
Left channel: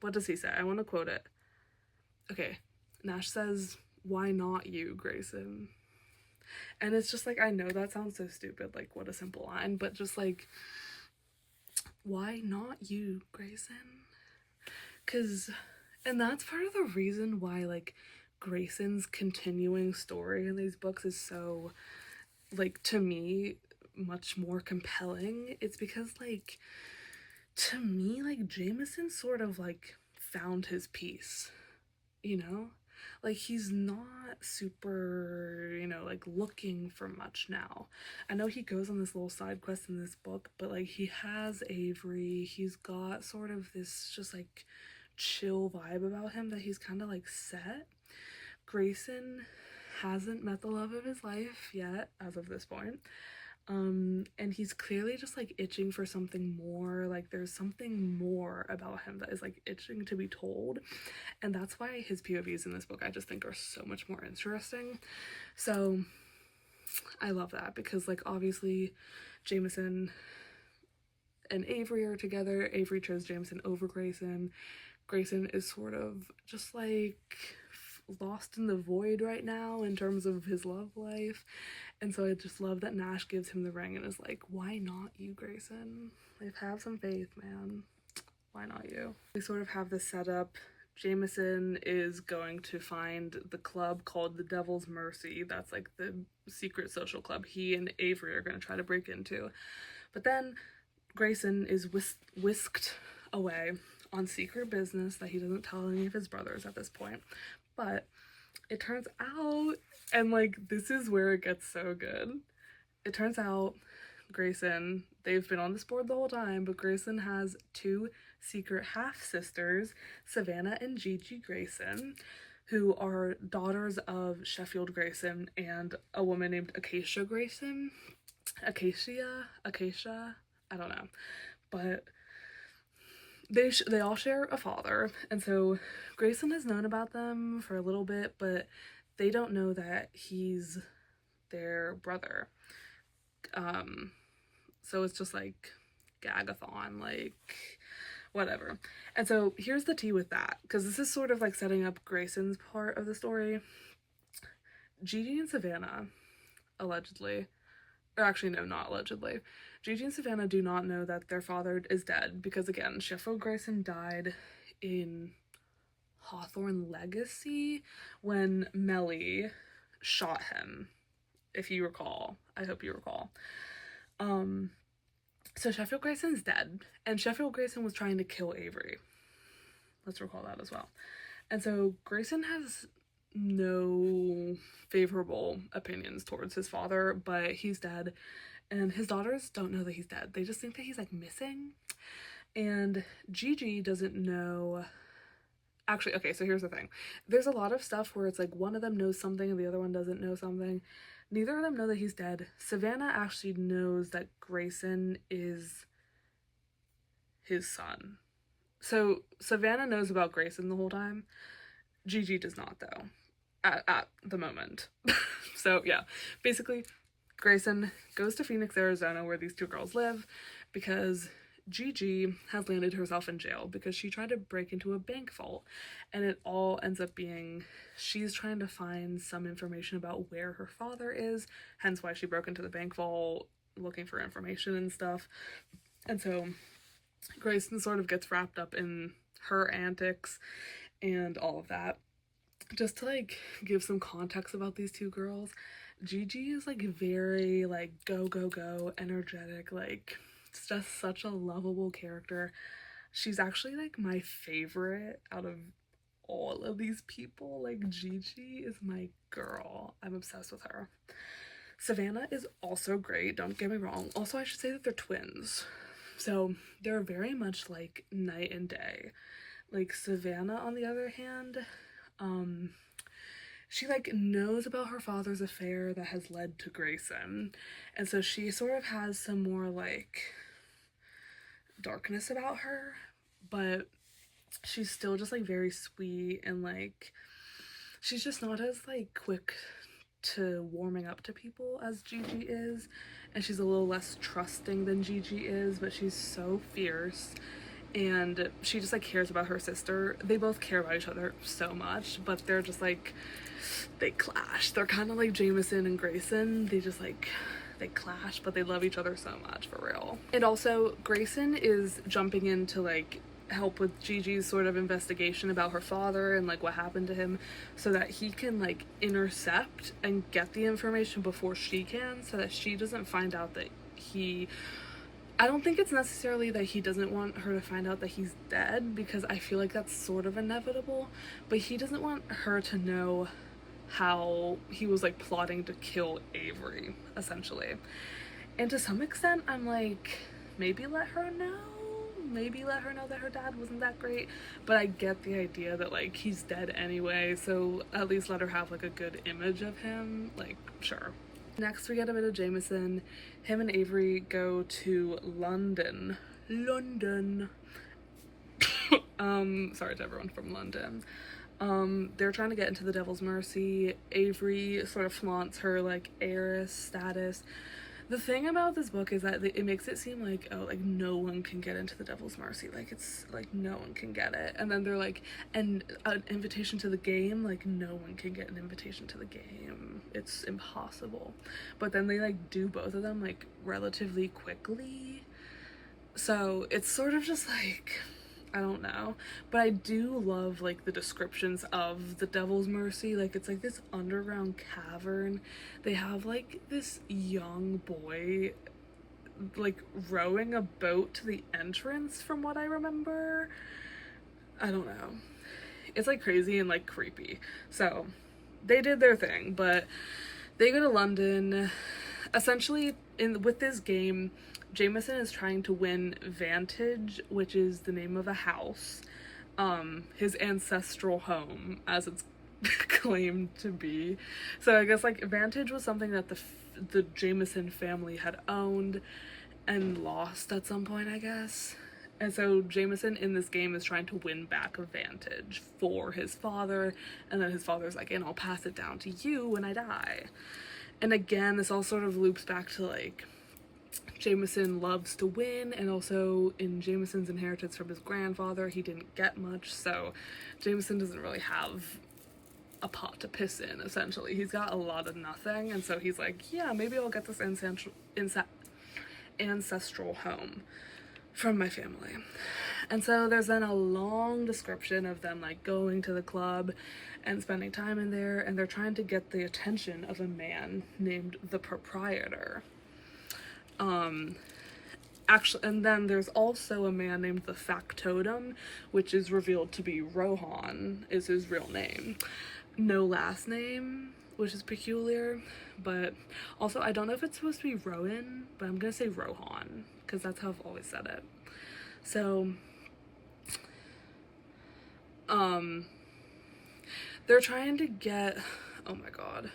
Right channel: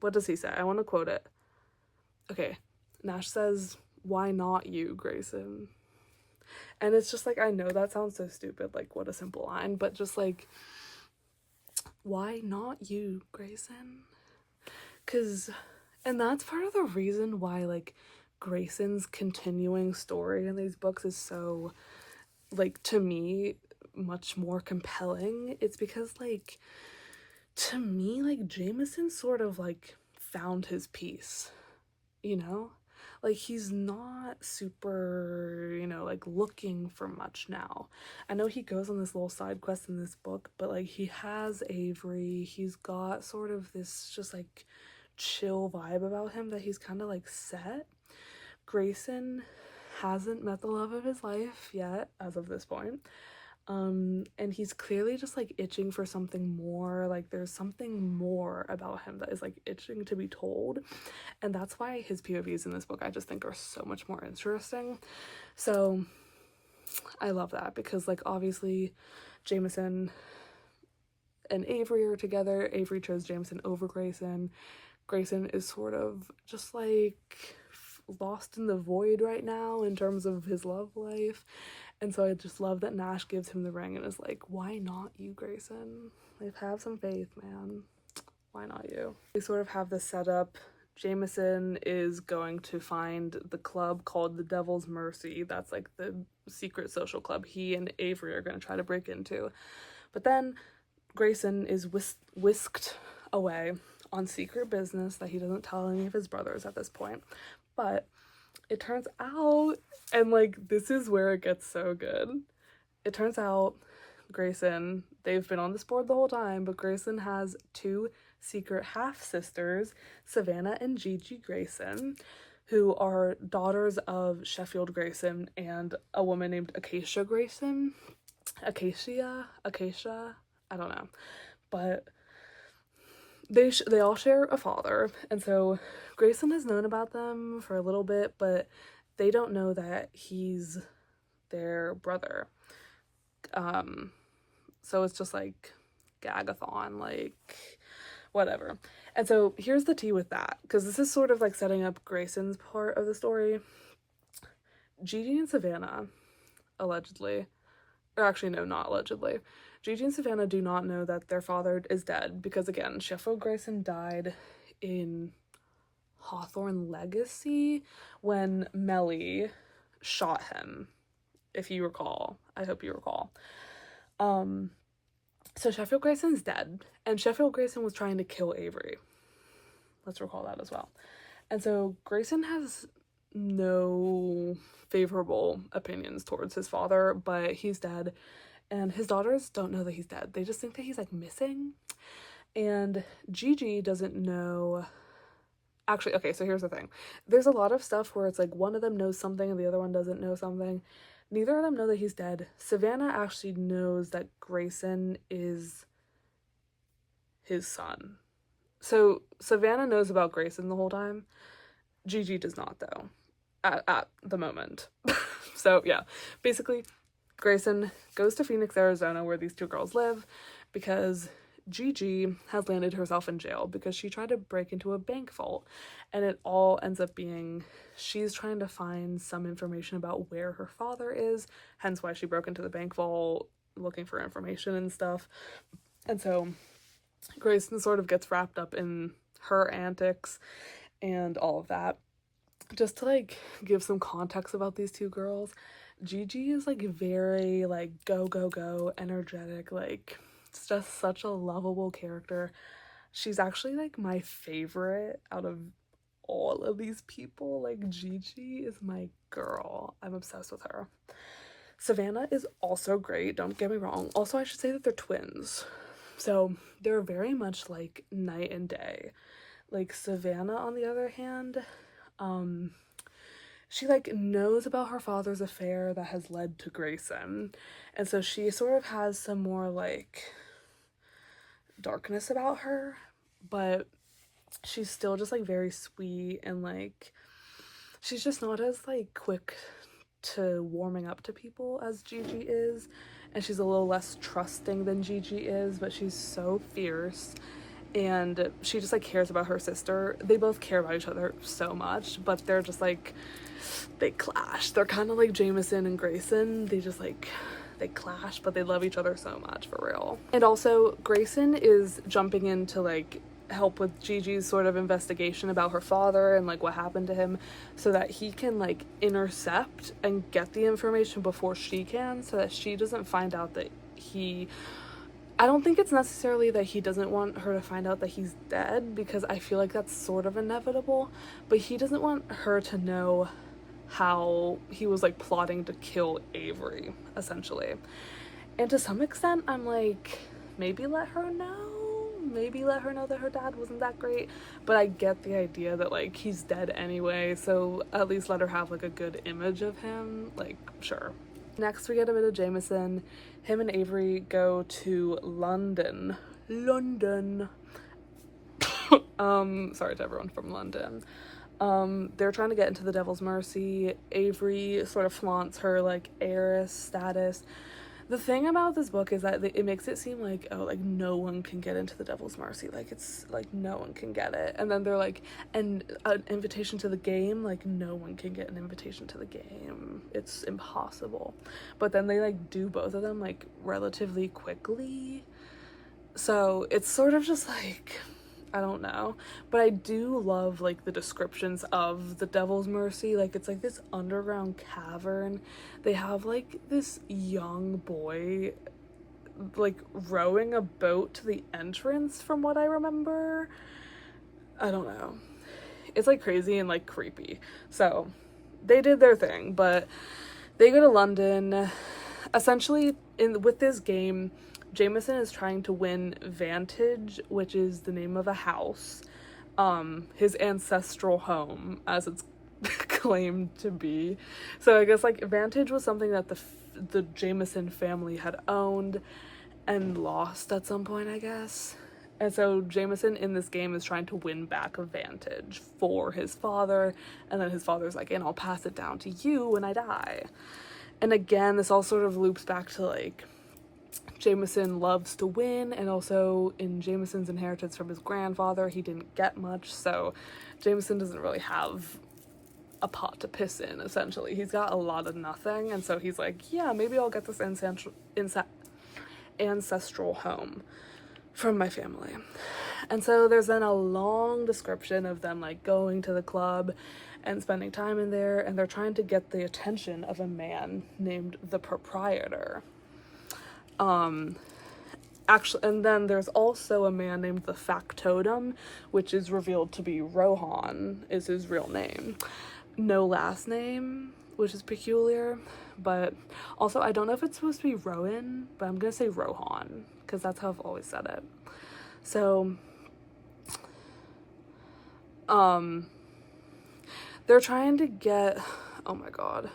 what does he say? I want to quote it. Okay, Nash says, why not you, Grayson? And it's just like, I know that sounds so stupid, like, what a simple line, but just like, why not you, Grayson? And that's part of the reason why, like, Grayson's continuing story in these books is so, like, to me, much more compelling. It's because, like, to me, like, Jameson sort of, like, found his peace, you know? Like, he's not super, you know, like, looking for much now. I know he goes on this little side quest in this book, but, like, he has Avery. He's got sort of this just, like, chill vibe about him that he's kind of, like, set. Grayson hasn't met the love of his life yet, as of this point. And he's clearly just, like, itching for something more. Like, there's something more about him that is, like, itching to be told. And that's why his POVs in this book I just think are so much more interesting. So I love that, because, like, obviously Jameson and Avery are together. Avery chose Jameson over Grayson. Grayson is sort of just, like, lost in the void right now in terms of his love life. And so I just love that Nash gives him the ring and is like, why not you, Grayson? Like, have some faith, man. Why not you? We sort of have this setup. Jameson is going to find the club called the Devil's Mercy. That's, like, the secret social club he and Avery are going to try to break into. But then Grayson is whisked away on secret business that he doesn't tell any of his brothers at this point. But it turns out, and, like, this is where it gets so good. It turns out Grayson, they've been on this board the whole time, but Grayson has two secret half-sisters, Savannah and Gigi Grayson, who are daughters of Sheffield Grayson and a woman named Acacia Grayson. Acacia, I don't know. But they all share a father, and so Grayson has known about them for a little bit, but they don't know that he's their brother. So it's just like gagathon, like, whatever. And so here's the tea with that, because this is sort of like setting up Grayson's part of the story. Gigi and Savannah, allegedly, or actually no, not allegedly, Gigi and Savannah do not know that their father is dead, because, again, Sheffield Grayson died in Hawthorne Legacy when Melly shot him, if you recall. I hope you recall. So Sheffield Grayson's dead, and Sheffield Grayson was trying to kill Avery. Let's recall that as well. And so Grayson has no favorable opinions towards his father, but he's dead, and his daughters don't know that he's dead. They just think that he's, like, missing. And Gigi doesn't know. Actually, okay, so here's the thing. There's a lot of stuff where it's like one of them knows something and the other one doesn't know something. Neither of them know that he's dead. Savannah actually knows that Grayson is his son. So Savannah knows about Grayson the whole time. Gigi does not, though, at the moment. So, yeah, basically, Grayson goes to Phoenix, Arizona, where these two girls live, because Gigi has landed herself in jail because she tried to break into a bank vault, and it all ends up being she's trying to find some information about where her father is, hence why she broke into the bank vault looking for information and stuff. And so Grayson sort of gets wrapped up in her antics and all of that. Just to, like, give some context about these two girls, Gigi is, like, very, like, go, go, go, energetic, like, it's just such a lovable character. She's actually, like, my favorite out of all of these people. Like, Gigi is my girl. I'm obsessed with her. Savannah is also great, don't get me wrong. Also, I should say that they're twins. So they're very much, like, night and day. Like, Savannah, on the other hand, she, like, knows about her father's affair that has led to Grayson. And so she sort of has some more, like, darkness about her. But she's still just like very sweet, and like she's just not as like quick to warming up to people as Gigi is, and she's a little less trusting than Gigi is, but she's so fierce, and she just like cares about her sister. They both care about each other so much, but they're just like, they clash. They're kind of like Jameson and Grayson. They just like, they clash, but they love each other so much, for real. And also Grayson is jumping in to like help with Gigi's sort of investigation about her father and like what happened to him, so that he can like intercept and get the information before she can, so that she doesn't find out that I don't think it's necessarily that he doesn't want her to find out that he's dead, because I feel like that's sort of inevitable, but he doesn't want her to know how he was like plotting to kill Avery, essentially. And to some extent, I'm like, maybe let her know that her dad wasn't that great, but I get the idea that like he's dead anyway, so at least let her have like a good image of him, like, sure. Next we get a bit of Jameson. Him and Avery go to London. Sorry to everyone from London. They're trying to get into the Devil's Mercy. Avery sort of flaunts her like heiress status. The thing about this book is that it makes it seem like, oh, like no one can get into the Devil's Mercy, like it's like no one can get it, and then they're like, and an invitation to the game, like no one can get an invitation to the game, it's impossible. But then they like do both of them like relatively quickly, so it's sort of just like, I don't know, but I do love like the descriptions of the Devil's Mercy. Like it's like this underground cavern. They have like this young boy like rowing a boat to the entrance, from what I remember. I don't know, it's like crazy and like creepy. So they did their thing, but they go to London. Essentially, with this game, Jameson is trying to win Vantage, which is the name of a house, his ancestral home, as it's claimed to be. So I guess like Vantage was something that the Jameson family had owned and lost at some point, I guess. And so Jameson in this game is trying to win back a Vantage for his father, and then his father's like, and I'll pass it down to you when I die. And again, this all sort of loops back to like, Jameson loves to win, and also in Jameson's inheritance from his grandfather, he didn't get much, so Jameson doesn't really have a pot to piss in, essentially. He's got a lot of nothing, and so he's like, yeah, maybe I'll get this ancestral home from my family. And so there's then a long description of them like going to the club and spending time in there, and they're trying to get the attention of a man named the proprietor. Actually, and then there's also a man named the factotum, which is revealed to be Rohan, is his real name. No last name, which is peculiar, but also I don't know if it's supposed to be Rowan, but I'm gonna say Rohan, because that's how I've always said it. So, they're trying to get, oh my god.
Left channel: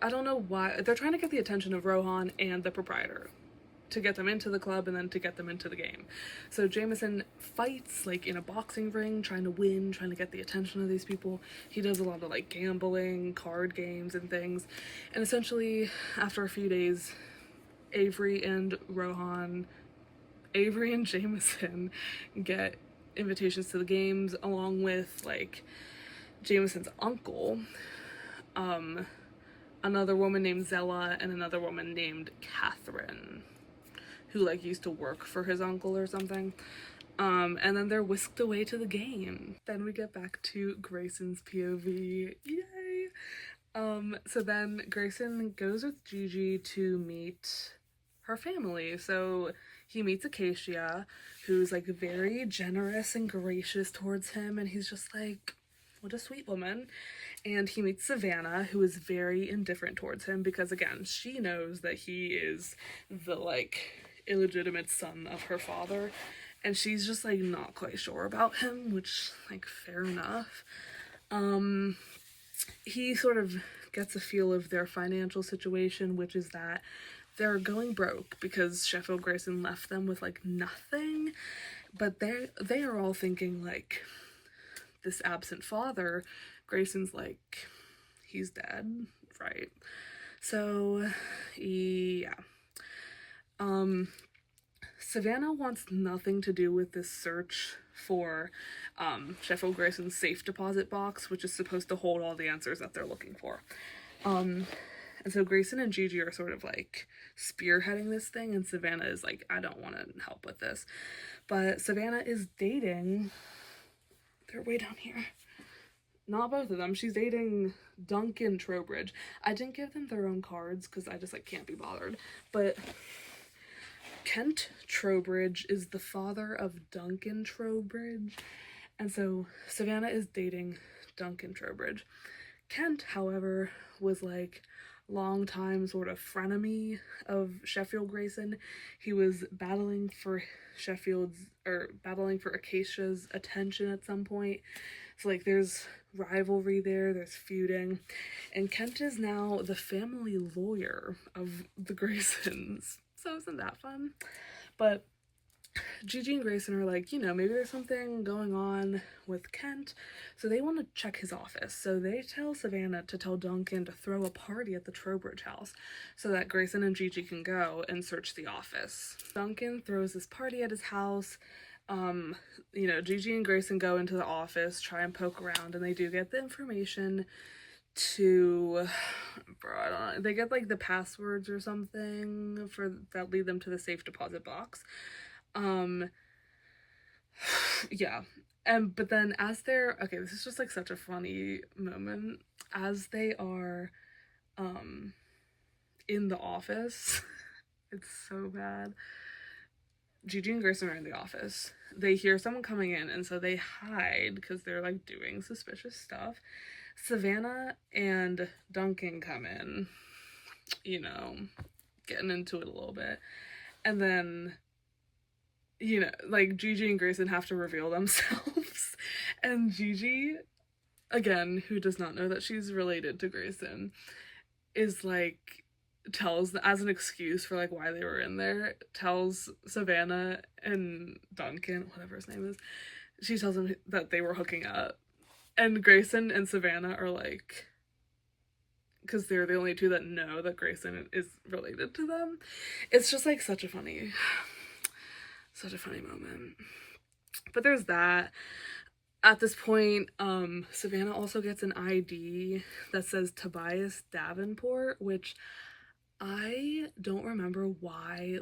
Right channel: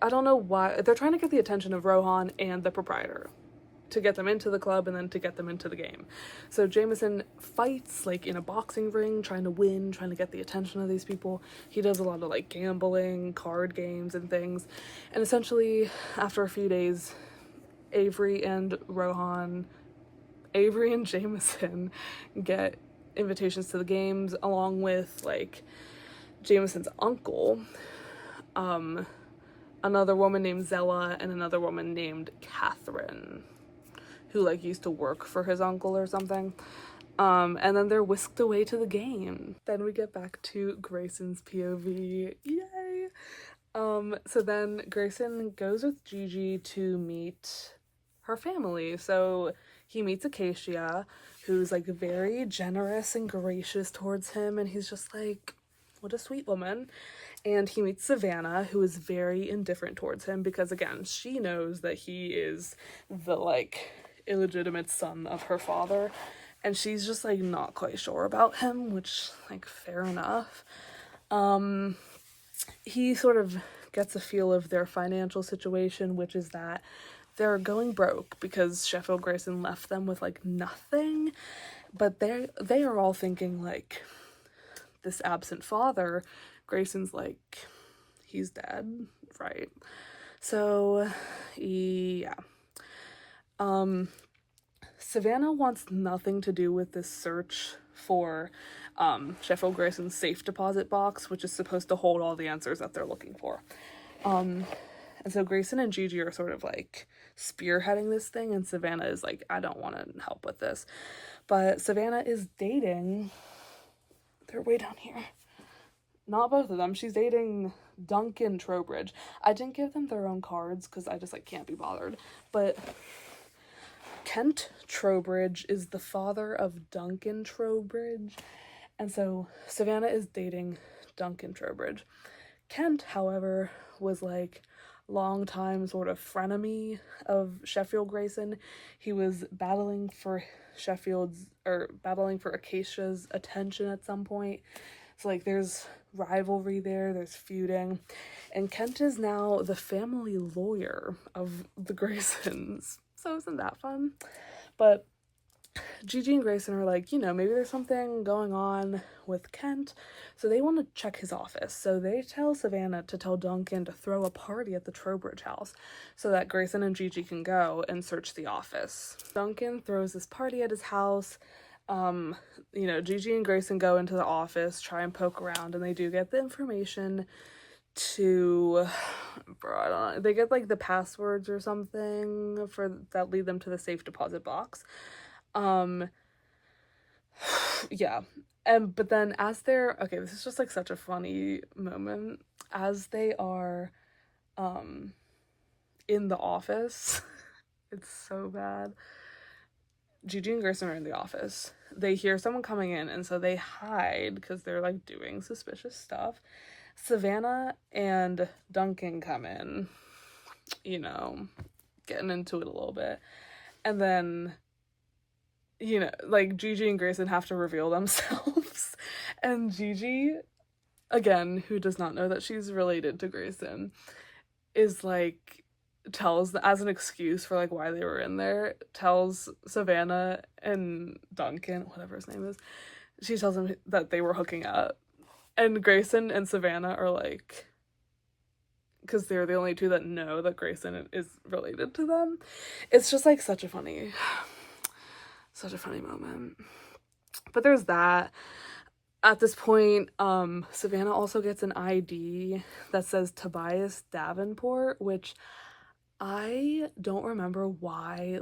I don't know why, they're trying to get the attention of Rohan and the proprietor to get them into the club and then to get them into the game. So Jameson fights like in a boxing ring, trying to win, trying to get the attention of these people. He does a lot of like gambling, card games and things. And essentially after a few days, Avery and Jameson get invitations to the games, along with like Jameson's uncle, another woman named Zella, and another woman named Catherine, who like used to work for his uncle or something. And then they're whisked away to the game. Then we get back to Grayson's POV. Yay! So then Grayson goes with Gigi to meet her family. So he meets Acacia, who's like very generous and gracious towards him, and he's just like, what a sweet woman. And he meets Savannah, who is very indifferent towards him because, again, she knows that he is the, like, illegitimate son of her father. And she's just, like, not quite sure about him, which, like, fair enough. He sort of gets a feel of their financial situation, which is that they're going broke because Sheffield Grayson left them with, like, nothing. But they are all thinking, like, this absent father, Grayson's like, he's dead, right? So, yeah. Savannah wants nothing to do with this search for Sheffield Grayson's safe deposit box, which is supposed to hold all the answers that they're looking for. And so Grayson and Gigi are sort of like spearheading this thing, and Savannah is like, I don't want to help with this. But Savannah is dating, they're way down here. Not both of them. She's dating Duncan Trowbridge. I didn't give them their own cards because I just like can't be bothered. But Kent Trowbridge is the father of Duncan Trowbridge. And so Savannah is dating Duncan Trowbridge. Kent, however, was like long-time sort of frenemy of Sheffield Grayson. He was battling for Acacia's attention at some point. So like there's rivalry there's feuding. And Kent is now the family lawyer of the Graysons. So isn't that fun? But Gigi and Grayson are like, maybe there's something going on with Kent. So they want to check his office. So they tell Savannah to tell Duncan to throw a party at the Trowbridge house so that Grayson and Gigi can go and search the office. Duncan throws this party at his house. Gigi and Grayson go into the office, try and poke around, and they do get the information to, I don't know, they get like the passwords or something that lead them to the safe deposit box. Yeah. But then this is just like such a funny moment as they are, in the office. It's so bad. Gigi and Grayson are in the office. They hear someone coming in, and so they hide because they're like doing suspicious stuff. Savannah and Duncan come in, getting into it a little bit. And then, like Gigi and Grayson have to reveal themselves. And Gigi, again, who does not know that she's related to Grayson, is like, tells, as an excuse for like why they were in there, tells Savannah and Duncan, whatever his name is, she tells them that they were hooking up. And Grayson and Savannah are like, because they're the only two that know that Grayson is related to them. It's just like such a funny moment. But there's that. At this point, Savannah also gets an ID that says Tobias Davenport, which I don't remember why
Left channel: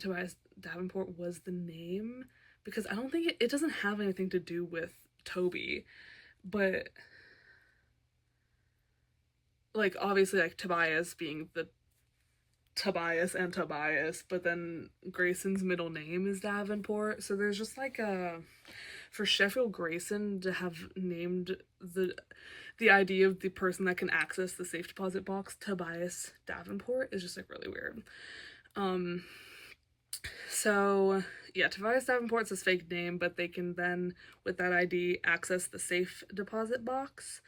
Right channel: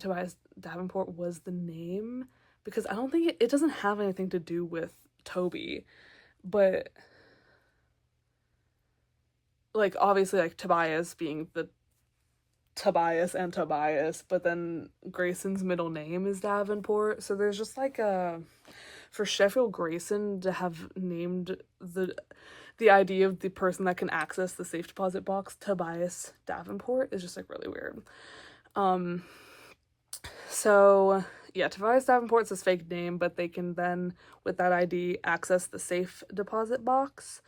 Tobias Davenport was the name, because I don't think it doesn't have anything to do with Toby, but like obviously like Tobias being the Tobias and Tobias, but then Grayson's middle name is Davenport, so there's just like for Sheffield Grayson to have named the idea of the person that can access the safe deposit box Tobias Davenport is just like really weird. So yeah, Tobias Davenport's his fake name, but they can then, with that ID, access the safe deposit box.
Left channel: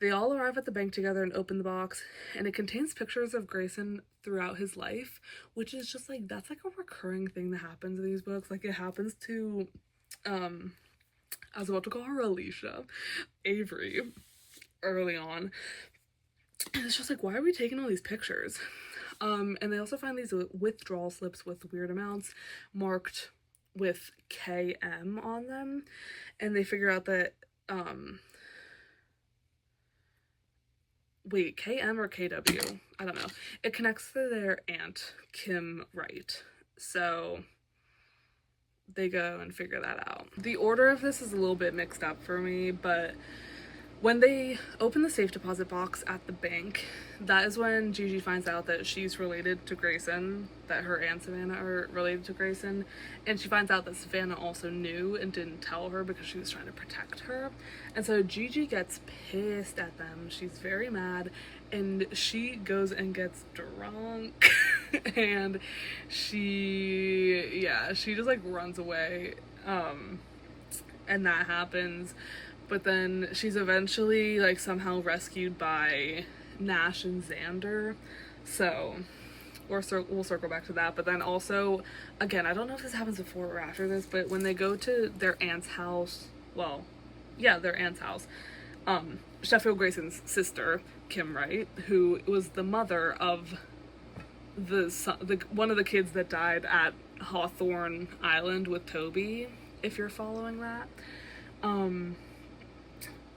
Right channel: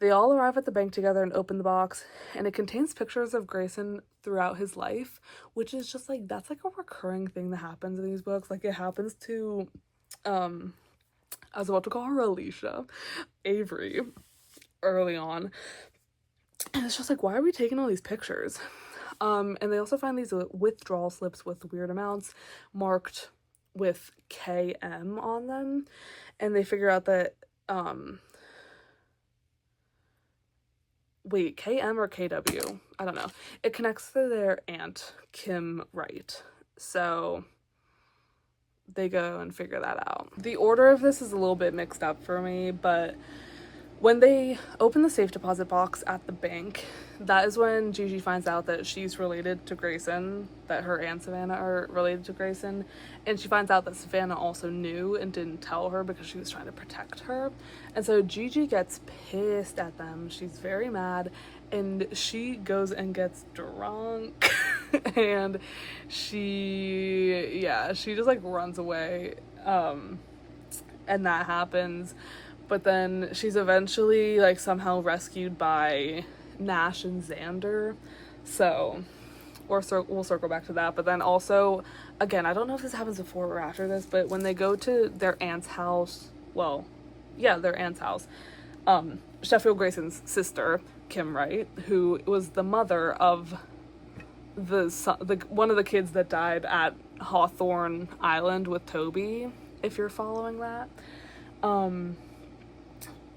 They all arrive at the bank together and open the box, and it contains pictures of Grayson throughout his life, which is just like, that's like a recurring thing that happens in these books. Like it happens to, I was about to call her Alicia, Avery, early on. And it's just like, why are we taking all these pictures? And they also find these withdrawal slips with weird amounts marked with KM on them, and they figure out that KM or KW? I don't know. It connects to their aunt, Kim Wright. So they go and figure that out. The order of this is a little bit mixed up for me, but when they open the safe deposit box at the bank, that is when Gigi finds out that she's related to Grayson, that her and Savannah are related to Grayson, and she finds out that Savannah also knew and didn't tell her because she was trying to protect her. And so Gigi gets pissed at them. She's very mad, and she goes and gets drunk and she just like runs away, and that happens. But then she's eventually like somehow rescued by Nash and Xander. So we'll circle back to that. But then also, again, I don't know if this happens before or after this, but when they go to their aunt's house, well, yeah, their aunt's house, Sheffield Grayson's sister, Kim Wright, who was the mother of the one of the kids that died at Hawthorne Island with Toby, if you're following that.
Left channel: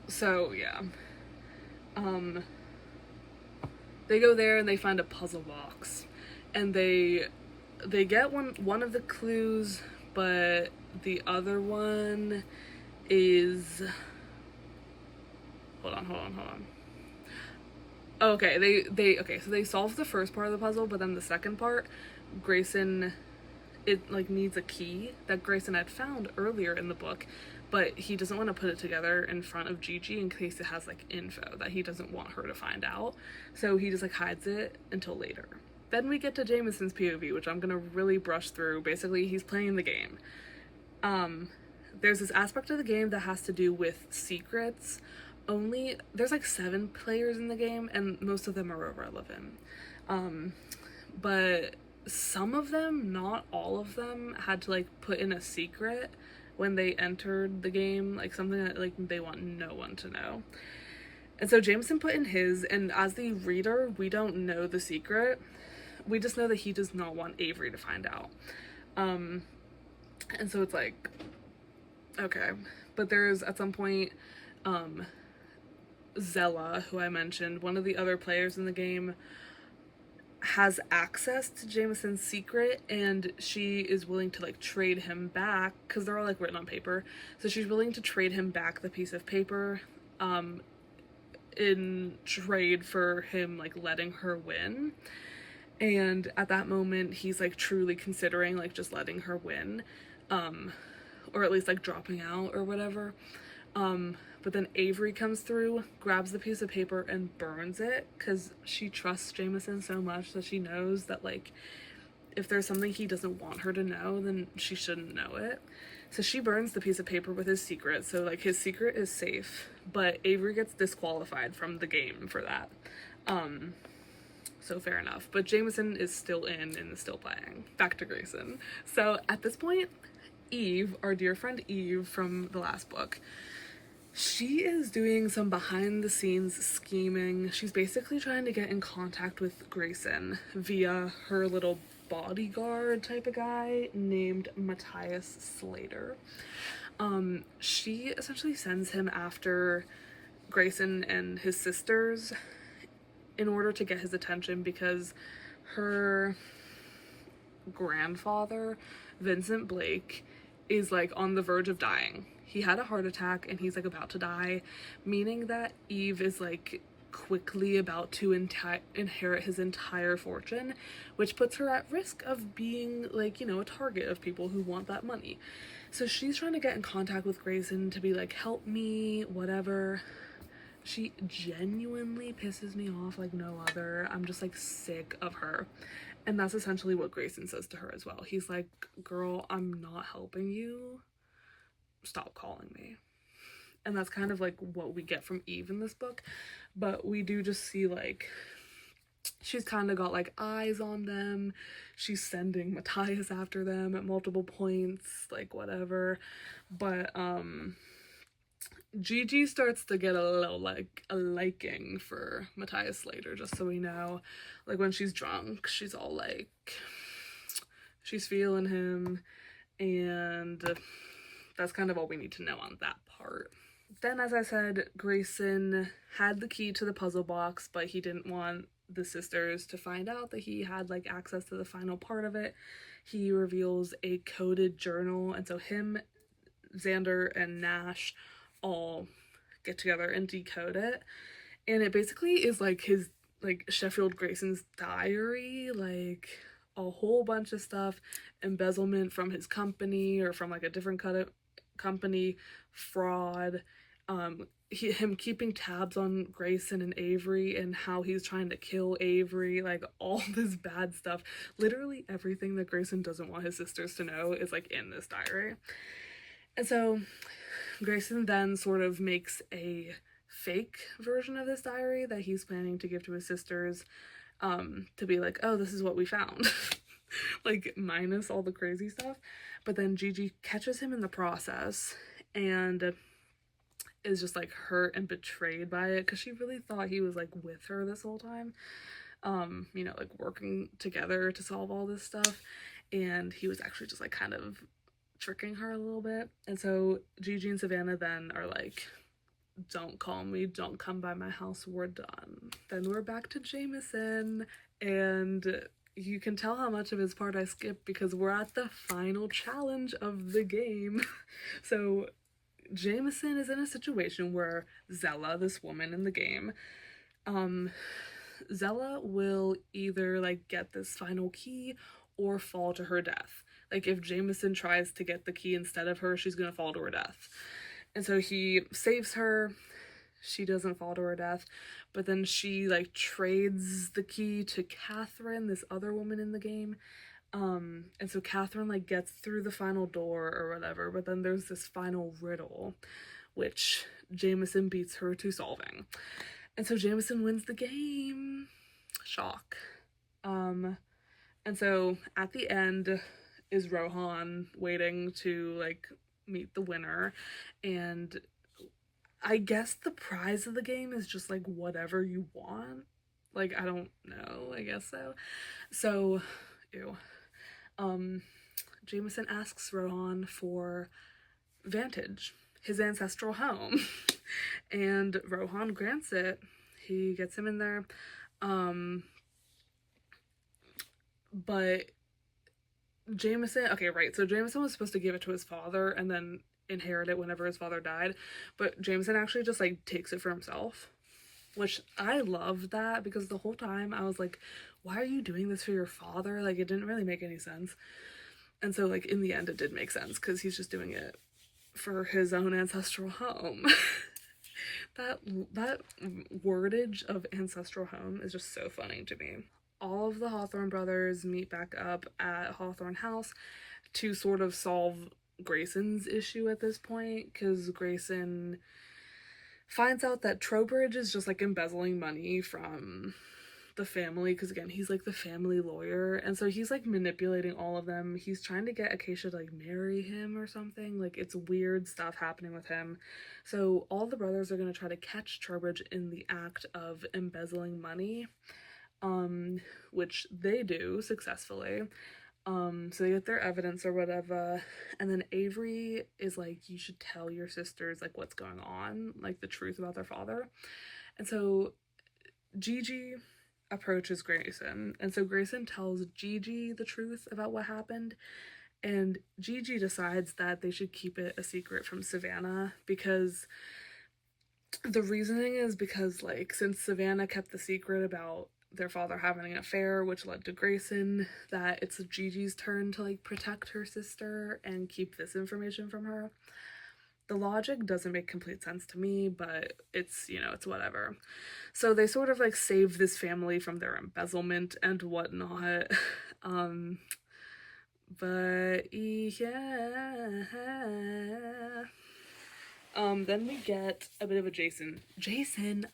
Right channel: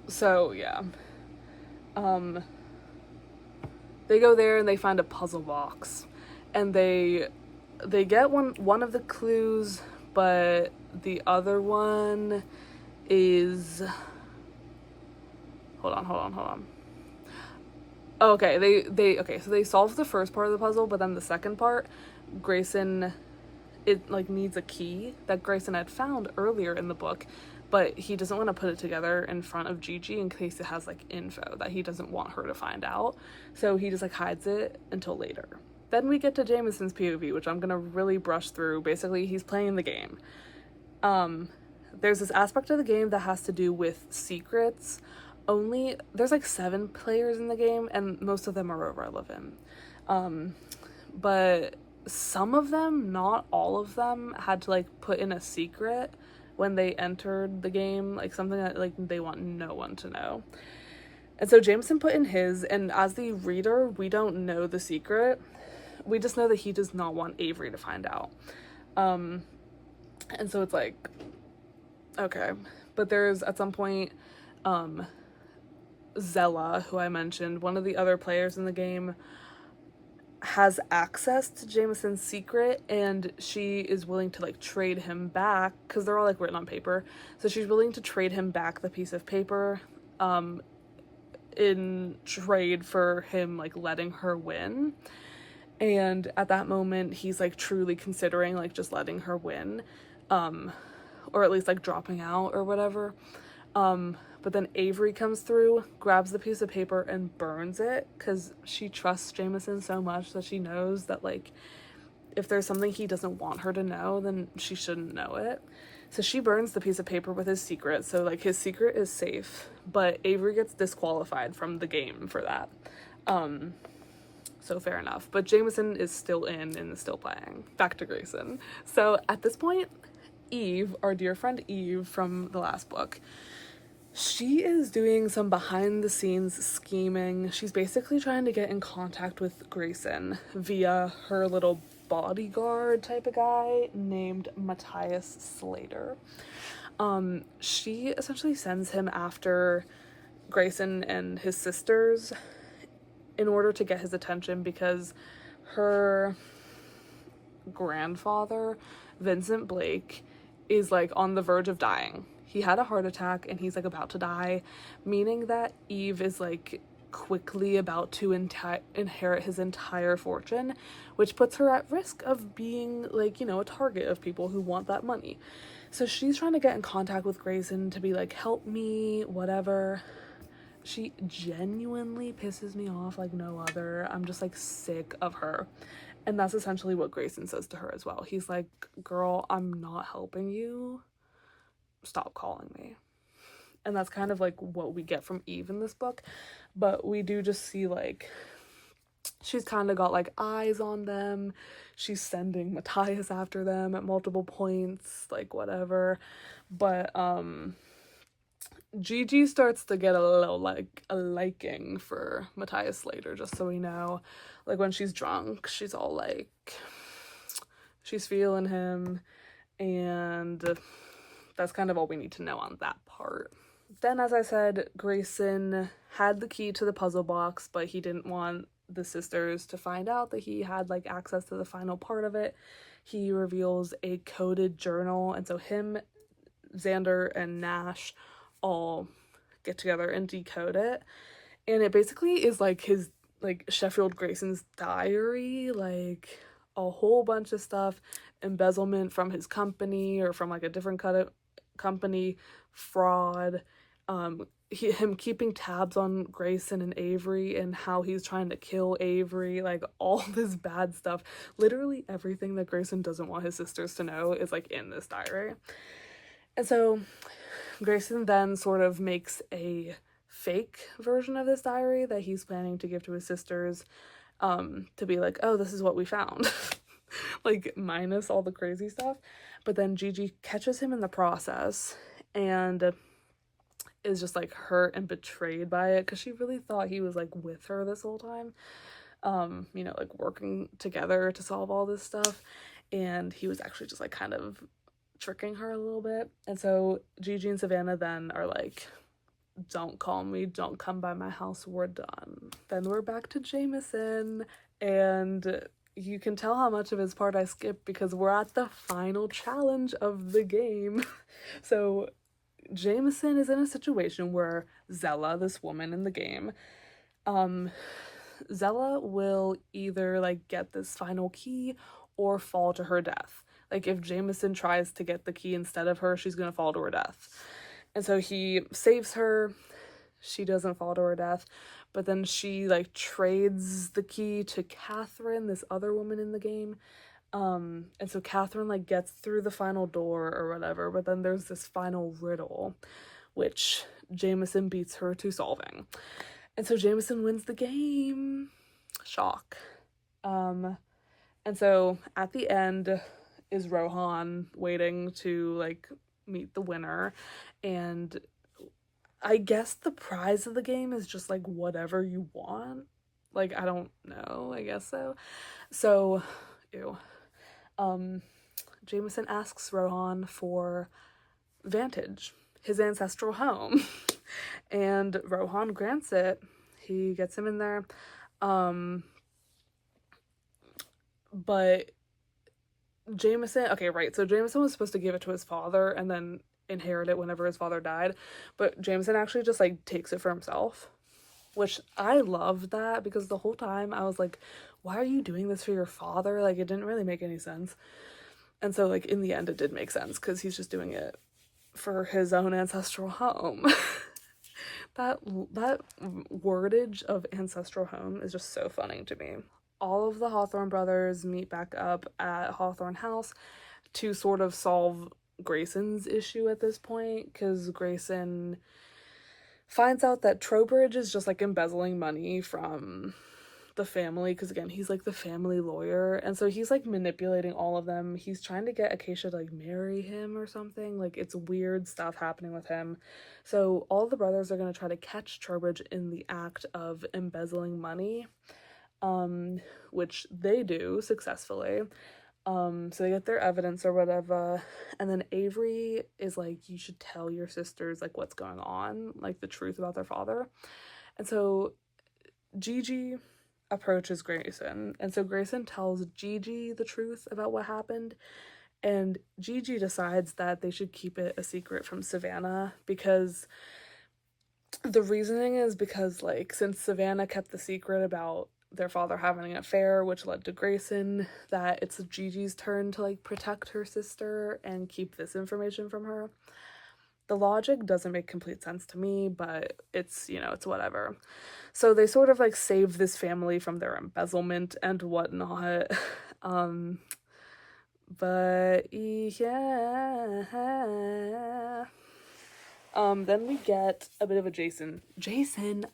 So yeah. They go there and they find a puzzle box, and they get one of the clues, but the other one is, hold on. Okay, so they solve the first part of the puzzle, but then the second part, Grayson, it like needs a key that Grayson had found earlier in the book, but he doesn't want to put it together in front of Gigi in case it has like info that he doesn't want her to find out. So he just like hides it until later. Then we get to Jameson's POV, which I'm gonna really brush through. Basically, he's playing the game. There's this aspect of the game that has to do with secrets. There's like 7 players in the game, and most of them are irrelevant. But some of them, not all of them, had to like put in a secret when they entered the game, like something that like they want no one to know. And so Jameson put in his, and as the reader, we don't know the secret. We just know that he does not want Avery to find out. And so it's like, okay. But there's, at some point, Zella, who I mentioned, one of the other players in the game, has access to Jameson's secret, and she is willing to like trade him back, because they're all like written on paper, so she's willing to trade him back the piece of paper in trade for him like letting her win. And at that moment he's like truly considering like just letting her win, or at least like dropping out or whatever. But then Avery comes through, grabs the piece of paper and burns it, because she trusts Jameson so much that she knows that like if there's something he doesn't want her to know, then she shouldn't know it. So she burns the piece of paper with his secret, so like his secret is safe, but Avery gets disqualified from the game for that. So fair enough. But Jameson is still in and is still playing. Back to Grayson. So at this point, Eve, our dear friend Eve from the last book, she is doing some behind the scenes scheming. She's basically trying to get in contact with Grayson via her little bodyguard type of guy named Matthias Slater. She essentially sends him after Grayson and his sisters in order to get his attention, because her grandfather, Vincent Blake, is like on the verge of dying. He had a heart attack and he's like about to die, meaning that Eve is like quickly about to inherit his entire fortune, which puts her at risk of being like, you know, a target of people who want that money. So she's trying to get in contact with Grayson to be like, help me, whatever. She genuinely pisses me off like no other. I'm just like sick of her. And that's essentially what Grayson says to her as well. He's like, girl, I'm not helping you. Stop calling me. And that's kind of like what we get from Eve in this book. But we do just see like she's kind of got like eyes on them. She's sending Matthias after them at multiple points, like whatever. But Gigi starts to get a little like a liking for Matthias Slater, just so we know. Like when she's drunk, she's all like, she's feeling him, and that's kind of all we need to know on that part. Then, as I said, Grayson had the key to the puzzle box, but he didn't want the sisters to find out that he had like access to the final part of it. He reveals a coded journal, and so him, Xander, and Nash all get together and decode it, and it basically is like his, like Sheffield Grayson's diary, like a whole bunch of stuff, embezzlement from his company or from like a different company, fraud, him keeping tabs on Grayson and Avery and how he's trying to kill Avery, like all this bad stuff. Literally everything that Grayson doesn't want his sisters to know is like in this diary. And so Grayson then sort of makes a fake version of this diary that he's planning to give to his sisters, to be like, oh, this is what we found. Like, minus all the crazy stuff. But then Gigi catches him in the process and is just like hurt and betrayed by it, because she really thought he was like with her this whole time, you know, like working together to solve all this stuff, and he was actually just like kind of tricking her a little bit. And so Gigi and Savannah then are like, don't call me, don't come by my house, we're done. Then we're back to Jameson, and you can tell how much of his part I skipped because we're at the final challenge of the game. So Jameson is in a situation where Zella, this woman in the game, Zella will either like get this final key or fall to her death. Like, if Jameson tries to get the key instead of her, she's gonna fall to her death. And so he saves her. She doesn't fall to her death, but then she like trades the key to Catherine, this other woman in the game. And so Catherine like gets through the final door or whatever, but then there's this final riddle, which Jameson beats her to solving. And so Jameson wins the game. Shock. And so at the end is Rohan waiting to like meet the winner, and I guess the prize of the game is just like whatever you want. Like, I don't know, I guess so. So, ew. Jameson asks Rohan for Vantage, his ancestral home, and Rohan grants it. He gets him in there. But Jameson, okay, right, so Jameson was supposed to give it to his father and then inherit it whenever his father died, but Jameson actually just like takes it for himself, which I loved that, because the whole time I was like, why are you doing this for your father? Like, it didn't really make any sense. And so like in the end it did make sense, because he's just doing it for his own ancestral home. that wordage of ancestral home is just so funny to me. All of the Hawthorne brothers meet back up at Hawthorne House to sort of solve Grayson's issue at this point, because Grayson finds out that Trowbridge is just like embezzling money from the family, because again, he's like the family lawyer, and so he's like manipulating all of them. He's trying to get Acacia to like marry him or something. Like, it's weird stuff happening with him. So all the brothers are going to try to catch Trowbridge in the act of embezzling money, which they do successfully. So they get their evidence or whatever, and then Avery is like, you should tell your sisters like what's going on, like the truth about their father. And so Gigi approaches Grayson, and so Grayson tells Gigi the truth about what happened, and Gigi decides that they should keep it a secret from Savannah, because the reasoning is because like, since Savannah kept the secret about their father having an affair, which led to Grayson, that it's Gigi's turn to like protect her sister and keep this information from her. The logic doesn't make complete sense to me, but it's, you know, it's whatever. So they sort of like save this family from their embezzlement and whatnot. But yeah. Then we get a bit of a Jason.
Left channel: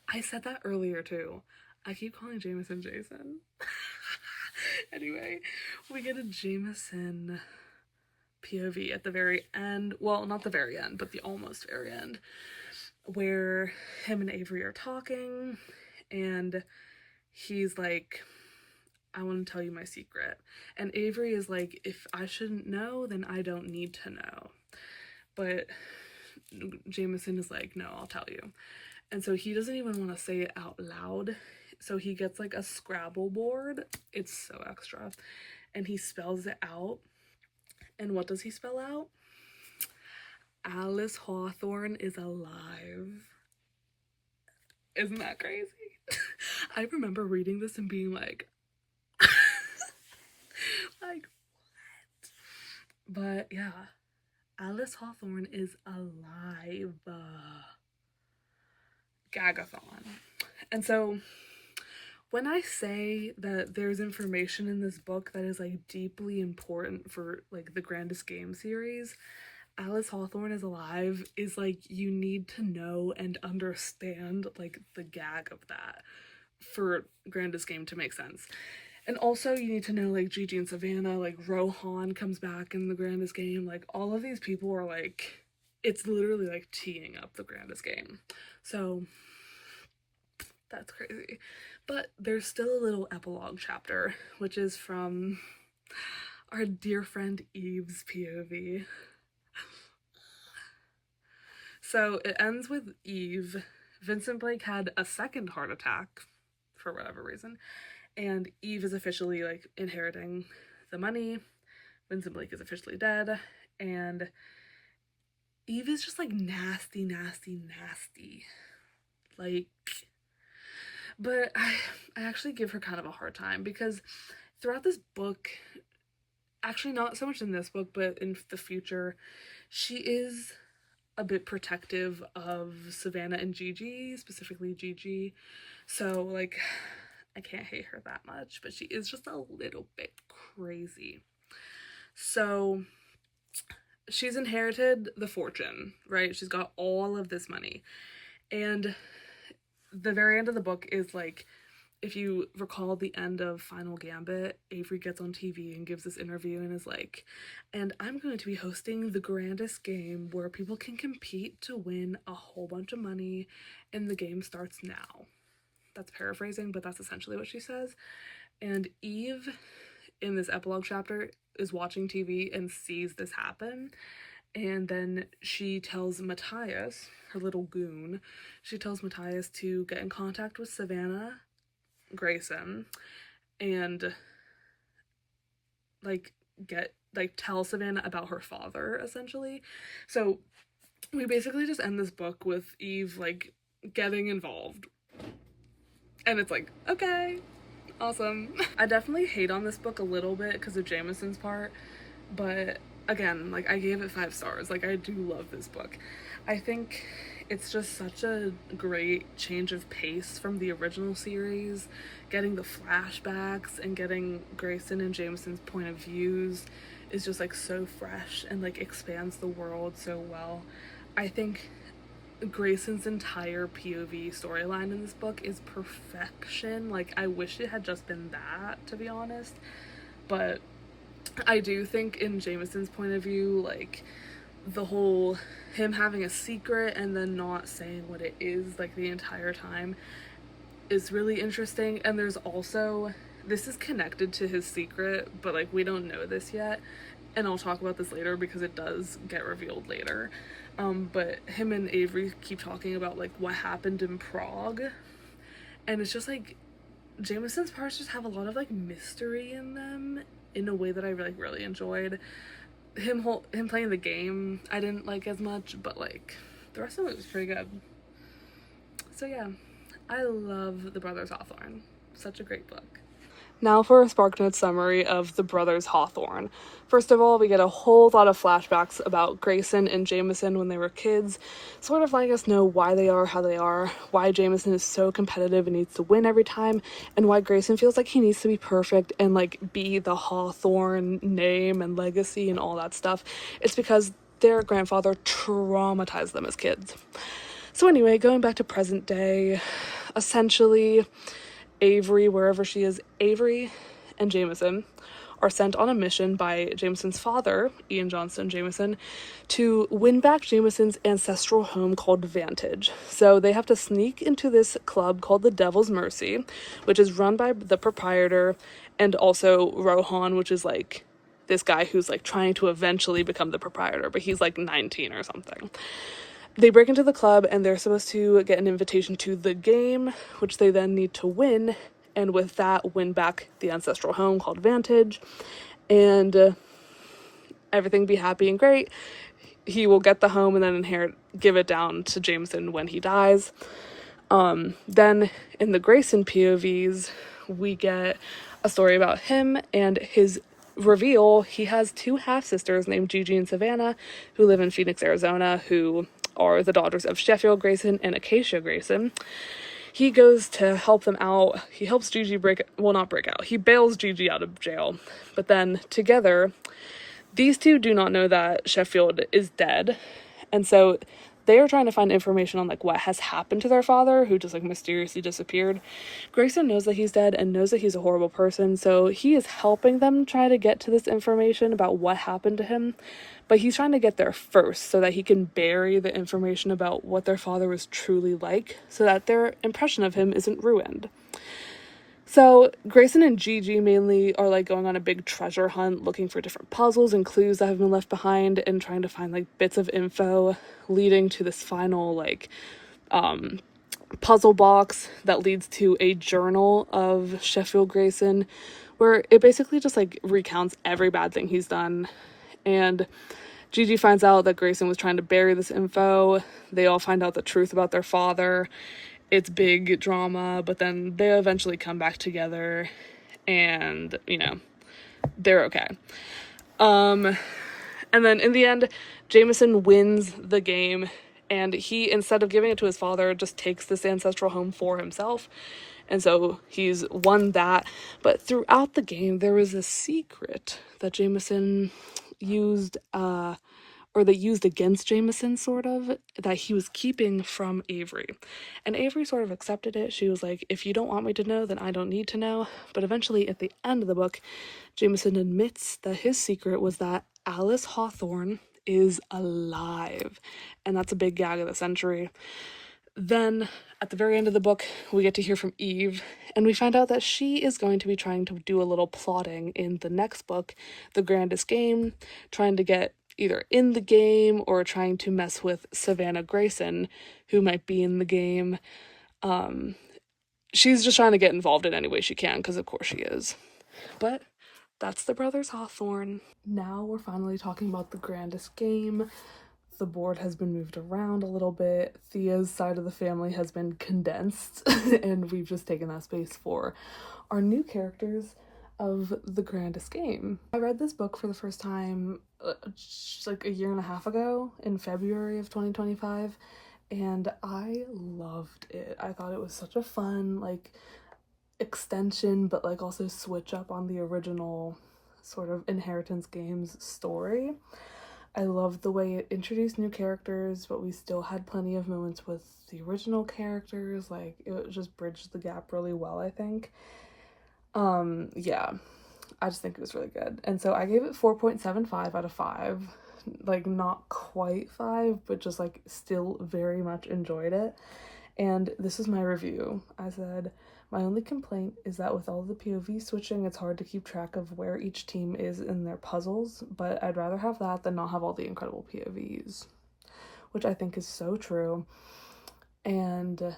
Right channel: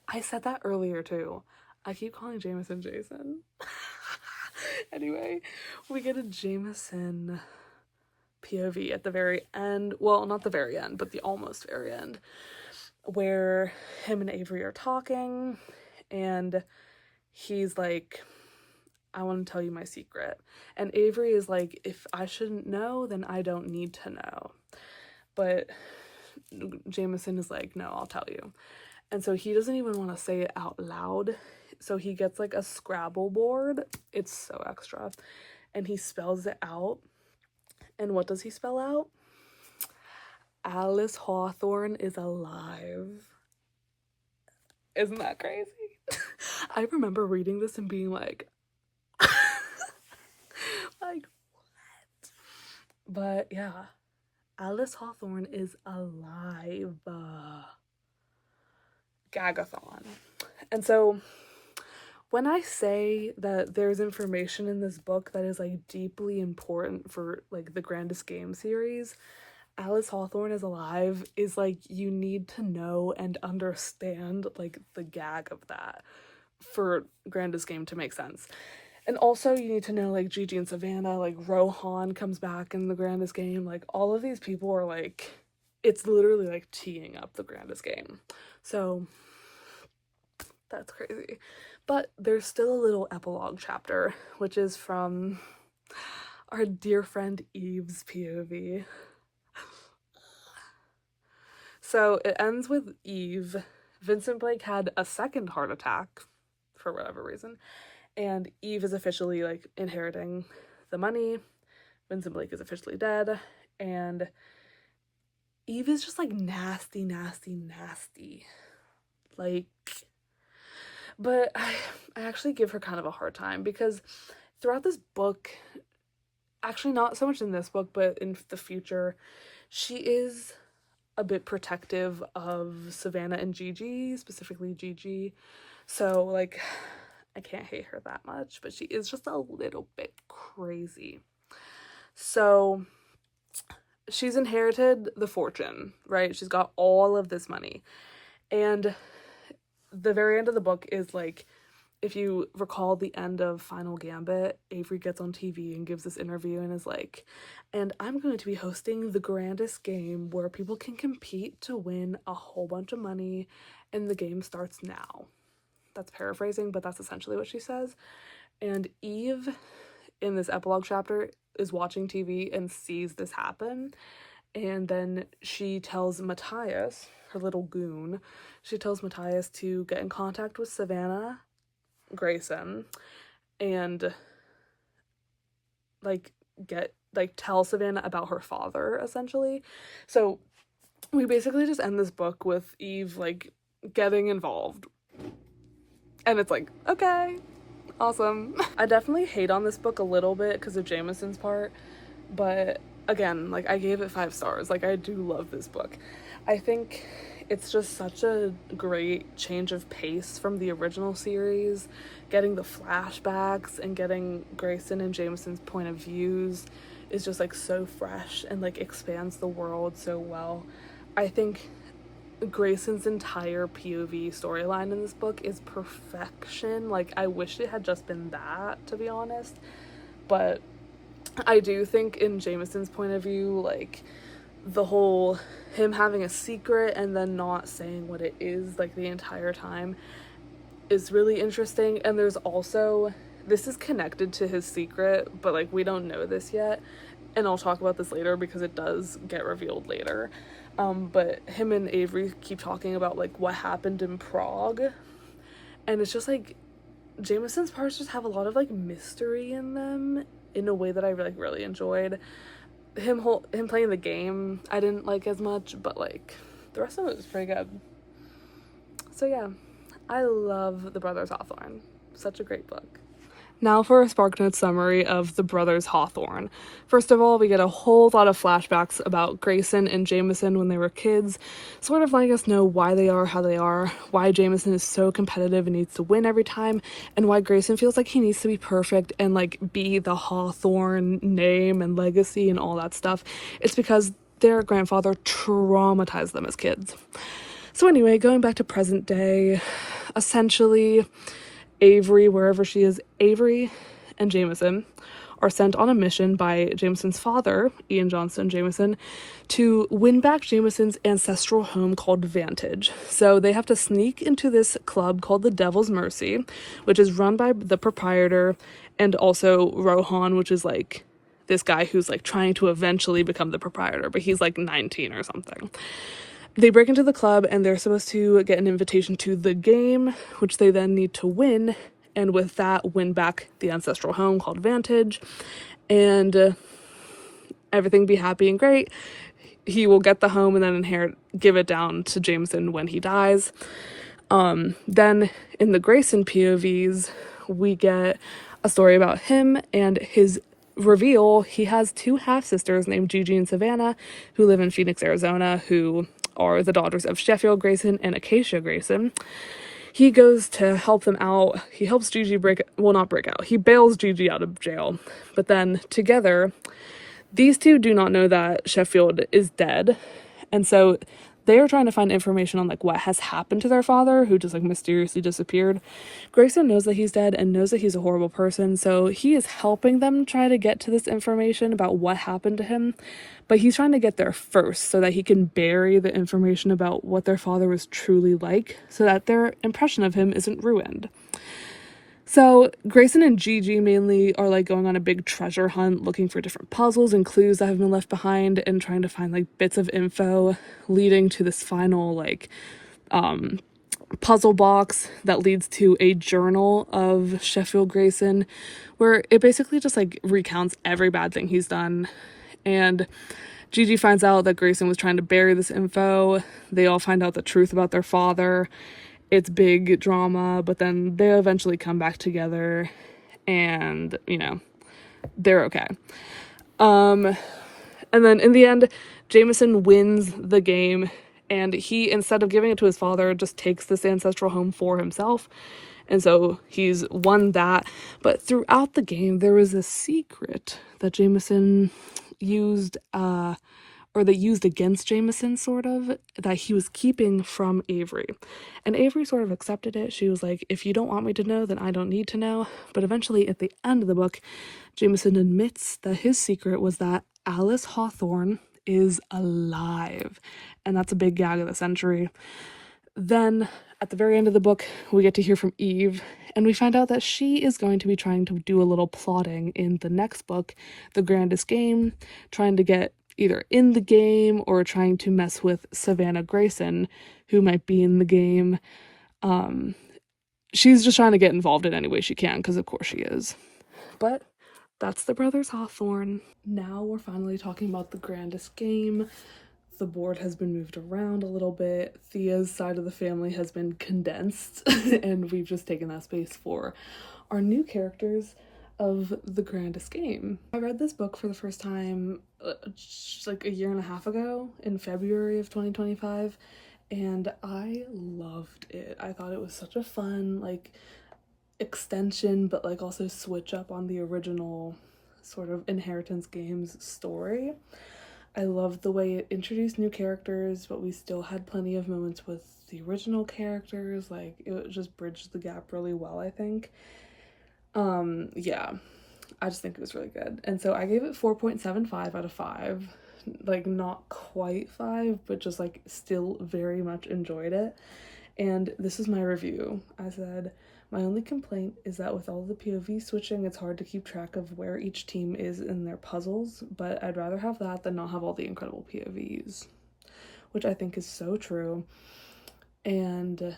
I said that earlier too. I keep calling Jameson Jason. Anyway, we get a Jameson POV at the very end. Well, not the very end, but the almost very end, where him and Avery are talking, and he's like, I want to tell you my secret. And Avery is like, if I shouldn't know, then I don't need to know. But Jameson is like, no, I'll tell you. And so he doesn't even want to say it out loud. So he gets like a Scrabble board. It's so extra. And he spells it out. And what does he spell out? Alice Hawthorne is alive. Isn't that crazy? I remember reading this and being like, like, what? But yeah, Alice Hawthorne is alive. Gagathon. And so when I say that there's information in this book that is like deeply important for like the Grandest Game series, Alice Hawthorne is alive is like, you need to know and understand like the gag of that, for grandest game to make sense. And also you need to know like Gigi and Savannah, like Rohan comes back in the grandest game, like all of these people are like, it's literally like teeing up the grandest game. So that's crazy. But there's still a little epilogue chapter, which is from our dear friend Eve's POV. So it ends with Eve. Vincent Blake had a second heart attack for whatever reason, and Eve is officially like inheriting the money. Vincent Blake is officially dead, and Eve is just like nasty, nasty, nasty. Like, but I actually give her kind of a hard time because throughout this book, actually not so much in this book, but in the future, she is a bit protective of Savannah and Gigi, specifically Gigi. So like, I can't hate her that much, but she is just a little bit crazy. So she's inherited the fortune, right? She's got all of this money. And the very end of the book is like, if you recall the end of Final Gambit, Avery gets on TV and gives this interview and is like, and I'm going to be hosting the grandest game where people can compete to win a whole bunch of money, and the game starts now. That's paraphrasing, but that's essentially what she says. And Eve, in this epilogue chapter, is watching TV and sees this happen. And then she tells Matthias, her little goon, she tells Matthias to get in contact with Savannah Grayson and tell Savannah about her father, essentially. So we basically just end this book with Eve like getting involved, and it's like, okay, awesome. I definitely hate on this book a little bit because of Jameson's part, but again, like, I gave it 5 stars. Like, I do love this book. I think it's just such a great change of pace from the original series. Getting the flashbacks and getting Grayson and Jameson's point of views is just like so fresh and like expands the world so well. I think Grayson's entire POV storyline in this book is perfection. Like, I wish it had just been that, to be honest. But I do think in Jameson's point of view, like, the whole him having a secret and then not saying what it is like the entire time is really interesting. And there's also, this is connected to his secret, but like, we don't know this yet, and I'll talk about this later because it does get revealed later. But him and Avery keep talking about like what happened in Prague, and it's just like Jameson's parts just have a lot of like mystery in them in a way that I like really enjoyed. Him playing the game I didn't like as much, but like the rest of it was pretty good. So yeah, I love The Brothers Hawthorne. Such a great book. Now for a SparkNotes summary of The Brothers Hawthorne. First of all, we get a whole lot of flashbacks about Grayson and Jameson when they were kids, sort of letting us know why they are how they are, why Jameson is so competitive and needs to win every time, and why Grayson feels like he needs to be perfect and like be the Hawthorne name and legacy and all that stuff. It's because their grandfather traumatized them as kids. So anyway, going back to present day, essentially Avery, wherever she is, Avery and Jameson are sent on a mission by Jameson's father, Ian Johnston Jameson, to win back Jameson's ancestral home called Vantage. So they have to sneak into this club called the Devil's Mercy, which is run by the proprietor and also Rohan, which is like this guy who's like trying to eventually become the proprietor, but he's like 19 or something. They break into the club and they're supposed to get an invitation to the game, which they then need to win, and with that win back the ancestral home called Vantage, and everything be happy and great. He will get the home and then give it down to Jameson when he dies. Then in the Grayson POVs, we get a story about him and his reveal. He has 2 half-sisters named Gigi and Savannah who live in Phoenix, Arizona, who are the daughters of Sheffield Grayson and Acacia Grayson. He goes to help them out. He helps Gigi he bails Gigi out of jail. But then together, these two do not know that Sheffield is dead. And so they are trying to find information on like what has happened to their father, who just like mysteriously disappeared. Grayson knows that he's dead and knows that he's a horrible person, so he is helping them try to get to this information about what happened to him, but he's trying to get there first so that he can bury the information about what their father was truly like, so that their impression of him isn't ruined. So Grayson and Gigi mainly are like going on a big treasure hunt, looking for different puzzles and clues that have been left behind, and trying to find like bits of info leading to this final like puzzle box that leads to a journal of Sheffield Grayson, where it basically just like recounts every bad thing he's done. And Gigi finds out that Grayson was trying to bury this info. They all find out the truth about their father. It's big drama, but then they eventually come back together and, you know, they're okay. And then in the end, Jameson wins the game, and he, instead of giving it to his father, just takes this ancestral home for himself. And so he's won that. But throughout the game, there was a secret that Jameson used, or they used against Jameson, sort of, that he was keeping from Avery. And Avery sort of accepted it. She was like, if you don't want me to know, then I don't need to know. But eventually, at the end of the book, Jameson admits that his secret was that Alice Hawthorne is alive. And that's a big gag of the century. Then, at the very end of the book, we get to hear from Eve, and we find out that she is going to be trying to do a little plotting in the next book, The Grandest Game, trying to get either in the game or trying to mess with Savannah Grayson, who might be in the game. She's just trying to get involved in any way she can, because of course she is. But that's the Brothers Hawthorne. Now we're finally talking about The Grandest Game. The board has been moved around a little bit. Thea's side of the family has been condensed, and we've just taken that space for our new characters of The Grandest Game. I read this book for the first time like a year and a half ago in February of 2025, and I loved it. I thought it was such a fun like extension, but like also switch up on the original sort of Inheritance Games story. I loved the way it introduced new characters, but we still had plenty of moments with the original characters. Like, it just bridged the gap really well, I think. Yeah, I just think it was really good. And so I gave it 4.75 out of 5. Like, not quite 5, but just like still very much enjoyed it. And this is my review. I said, my only complaint is that with all the POV switching, it's hard to keep track of where each team is in their puzzles, but I'd rather have that than not have all the incredible POVs, which I think is so true. And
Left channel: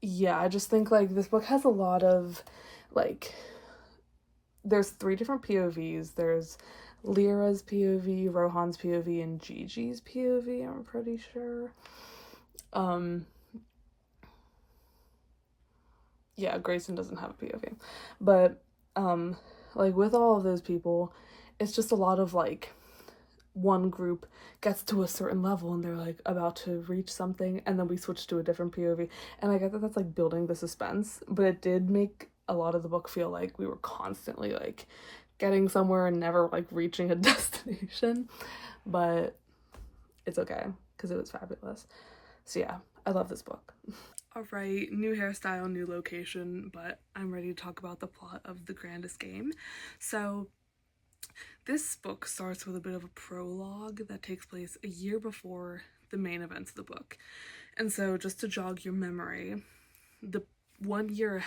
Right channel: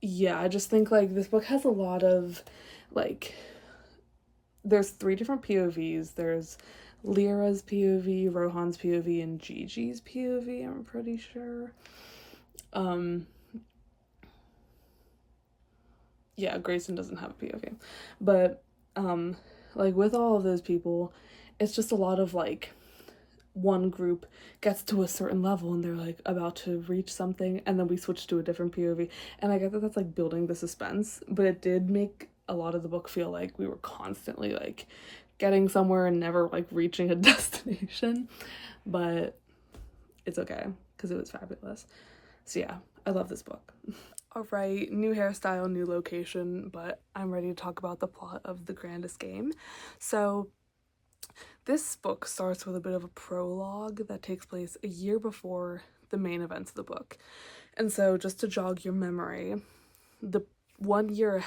yeah, I just think like this book has a lot of like, there's 3 different POVs. There's Lyra's POV, Rohan's POV, and Gigi's POV, I'm pretty sure. Yeah, Grayson doesn't have a POV. But, like, with all of those people, it's just a lot of, like, one group gets to a certain level and they're, like, about to reach something, and then we switch to a different POV. And I get that that's, like, building the suspense, but it did make a lot of the book feel like we were constantly, like, getting somewhere and never, like, reaching a destination. But it's okay, because it was fabulous. So yeah, I love this book. Alright, new hairstyle, new location, but I'm ready to talk about the plot of The Grandest Game. So, this book starts with a bit of a prologue that takes place a year before the main events of the book. And so, just to jog your memory, the 1 year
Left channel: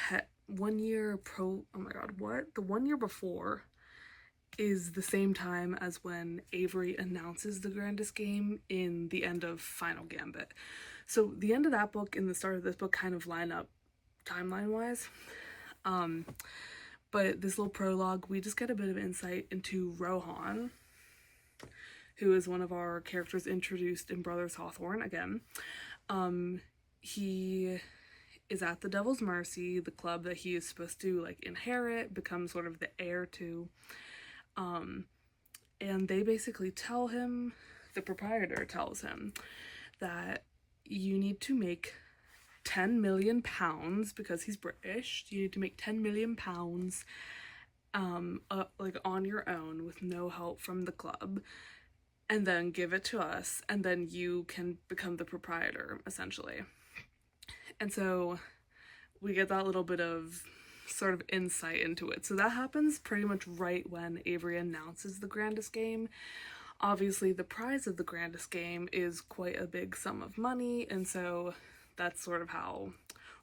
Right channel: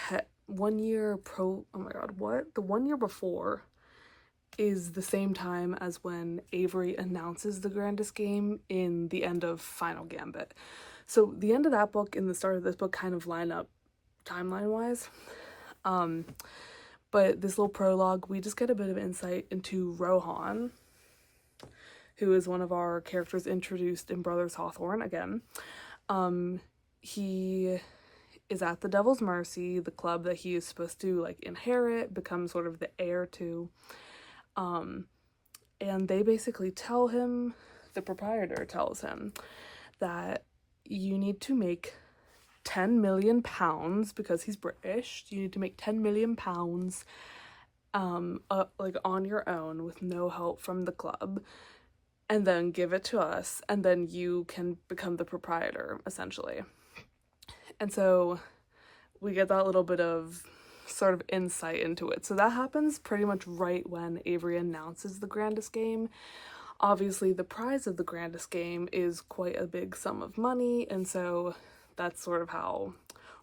before is the same time as when Avery announces The Grandest Game in the end of Final Gambit. So the end of that book and the start of this book kind of line up timeline-wise. But this little prologue, we just get a bit of insight into Rohan, who is one of our characters introduced in Brothers Hawthorne again. He is at the Devil's Mercy, the club that he is supposed to like inherit, become sort of the heir to. And they basically tell him, the proprietor tells him that you need to make 10 million pounds, because he's British, you need to make 10 million pounds like on your own with no help from the club, and then give it to us, and then you can become the proprietor, essentially. And so we get that little bit of sort of insight into it. So that happens pretty much right when Avery announces the grandest game. Obviously, the prize of the grandest game is quite a big sum of money, and so that's sort of how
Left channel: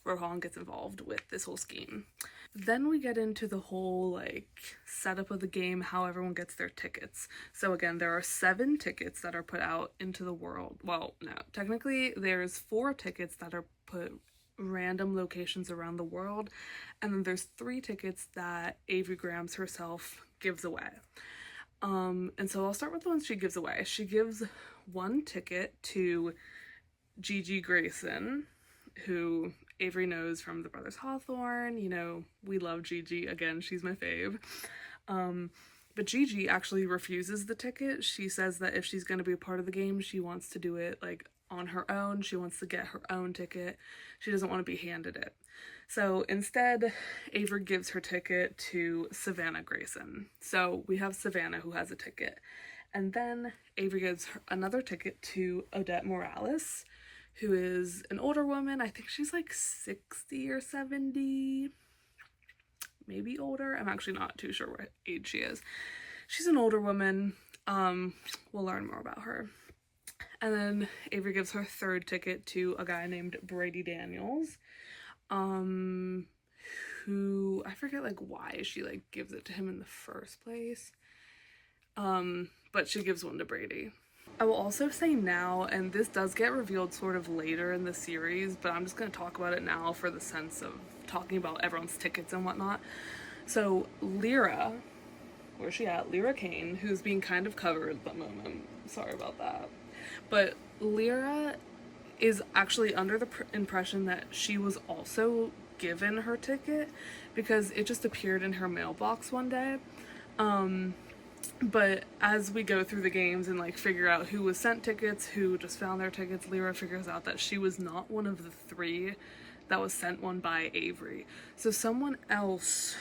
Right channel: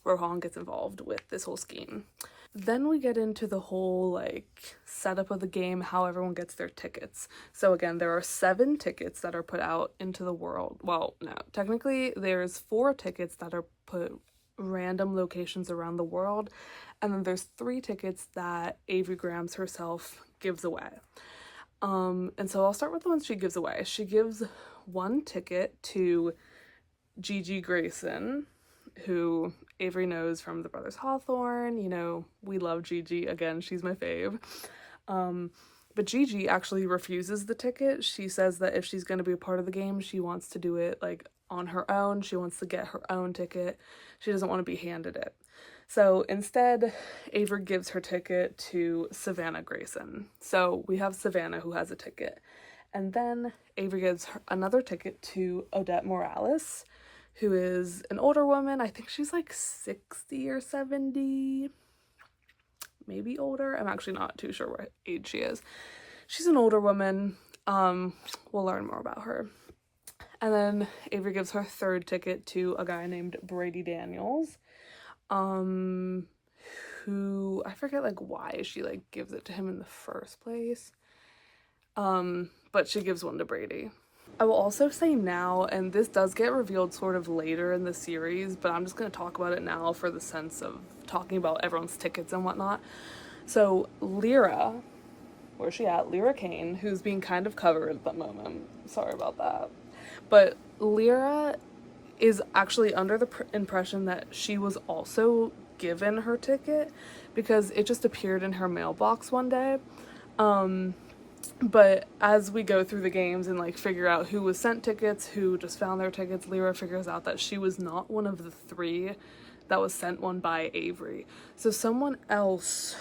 Rohan gets involved with this whole scheme. Then we get into the whole like setup of the game, how everyone gets their tickets. So again, there are 7 tickets that are put out into the world. Well, no, technically there's 4 tickets that are put random locations around the world, and then there's 3 tickets that Avery Grams herself gives away. And so I'll start with the ones she gives away. She gives 1 ticket to Gigi Grayson, who Avery knows from the Brothers Hawthorne. You know, we love Gigi. Again, she's my fave. But Gigi actually refuses the ticket. She says that if she's going to be a part of the game, she wants to do it like on her own. She wants to get her own ticket. She doesn't want to be handed it. So instead, Avery gives her ticket to Savannah Grayson. So we have Savannah who has a ticket. And then Avery gives her another ticket to Odette Morales, who is an older woman. I think she's like 60 or 70, maybe older. I'm actually not too sure what age she is. She's an older woman. We'll learn more about her. And then Avery gives her 3rd ticket to a guy named Brady Daniels, who I forget like why she like gives it to him in the first place. But she gives one to Brady. I will also say now, and this does get revealed sort of later in the series, but I'm just going to talk about it now for the sense of talking about everyone's tickets and whatnot. So Lyra, where's she at? Lyra Kane, who's being kind of covered at the moment. Sorry about that. But Lyra is actually under the impression that she was also given her ticket because it just appeared in her mailbox one day. But as we go through the games and like figure out who was sent tickets, who just found their tickets, Lyra figures out that she was not one of the 3 that was sent one by Avery. So someone else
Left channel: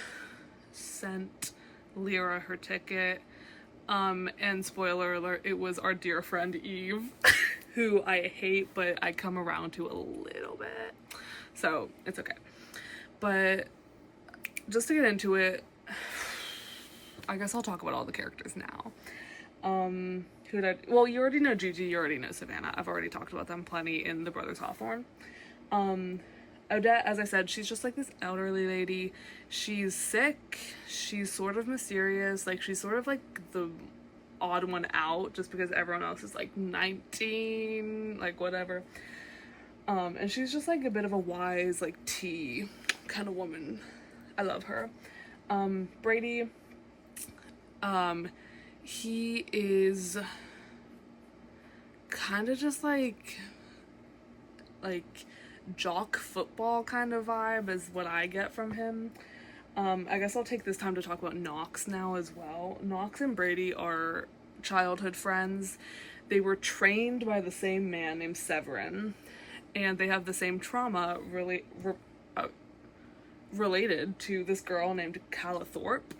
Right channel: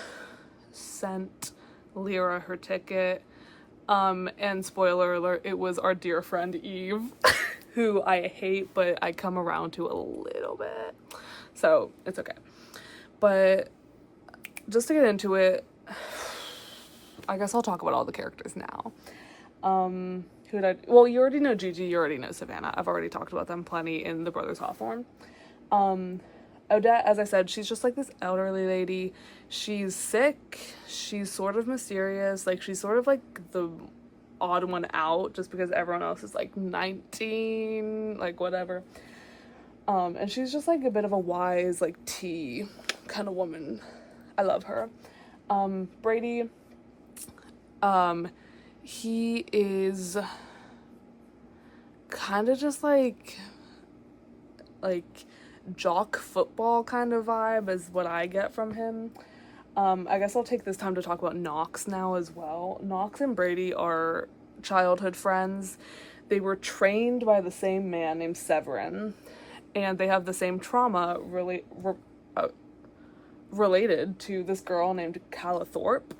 sent Lyra her ticket. And spoiler alert, it was our dear friend Eve, who I hate, but I come around to a little bit. So it's okay. But just to get into it, I guess I'll talk about all the characters now. Well, you already know Gigi, you already know Savannah. I've already talked about them plenty in the Brothers Hawthorne. Odette, as I said, she's just like this elderly lady. She's sick. She's sort of mysterious. Like, she's sort of like the odd one out just because everyone else is like 19, like whatever. And she's just like a bit of a wise, like tea kind of woman. I love her. Brady, he is kind of just like jock football kind of vibe is what I get from him. I guess I'll take this time to talk about Knox now as well. Knox and Brady are childhood friends. They were trained by the same man named Severin, and they have the same trauma related to this girl named Calathorpe.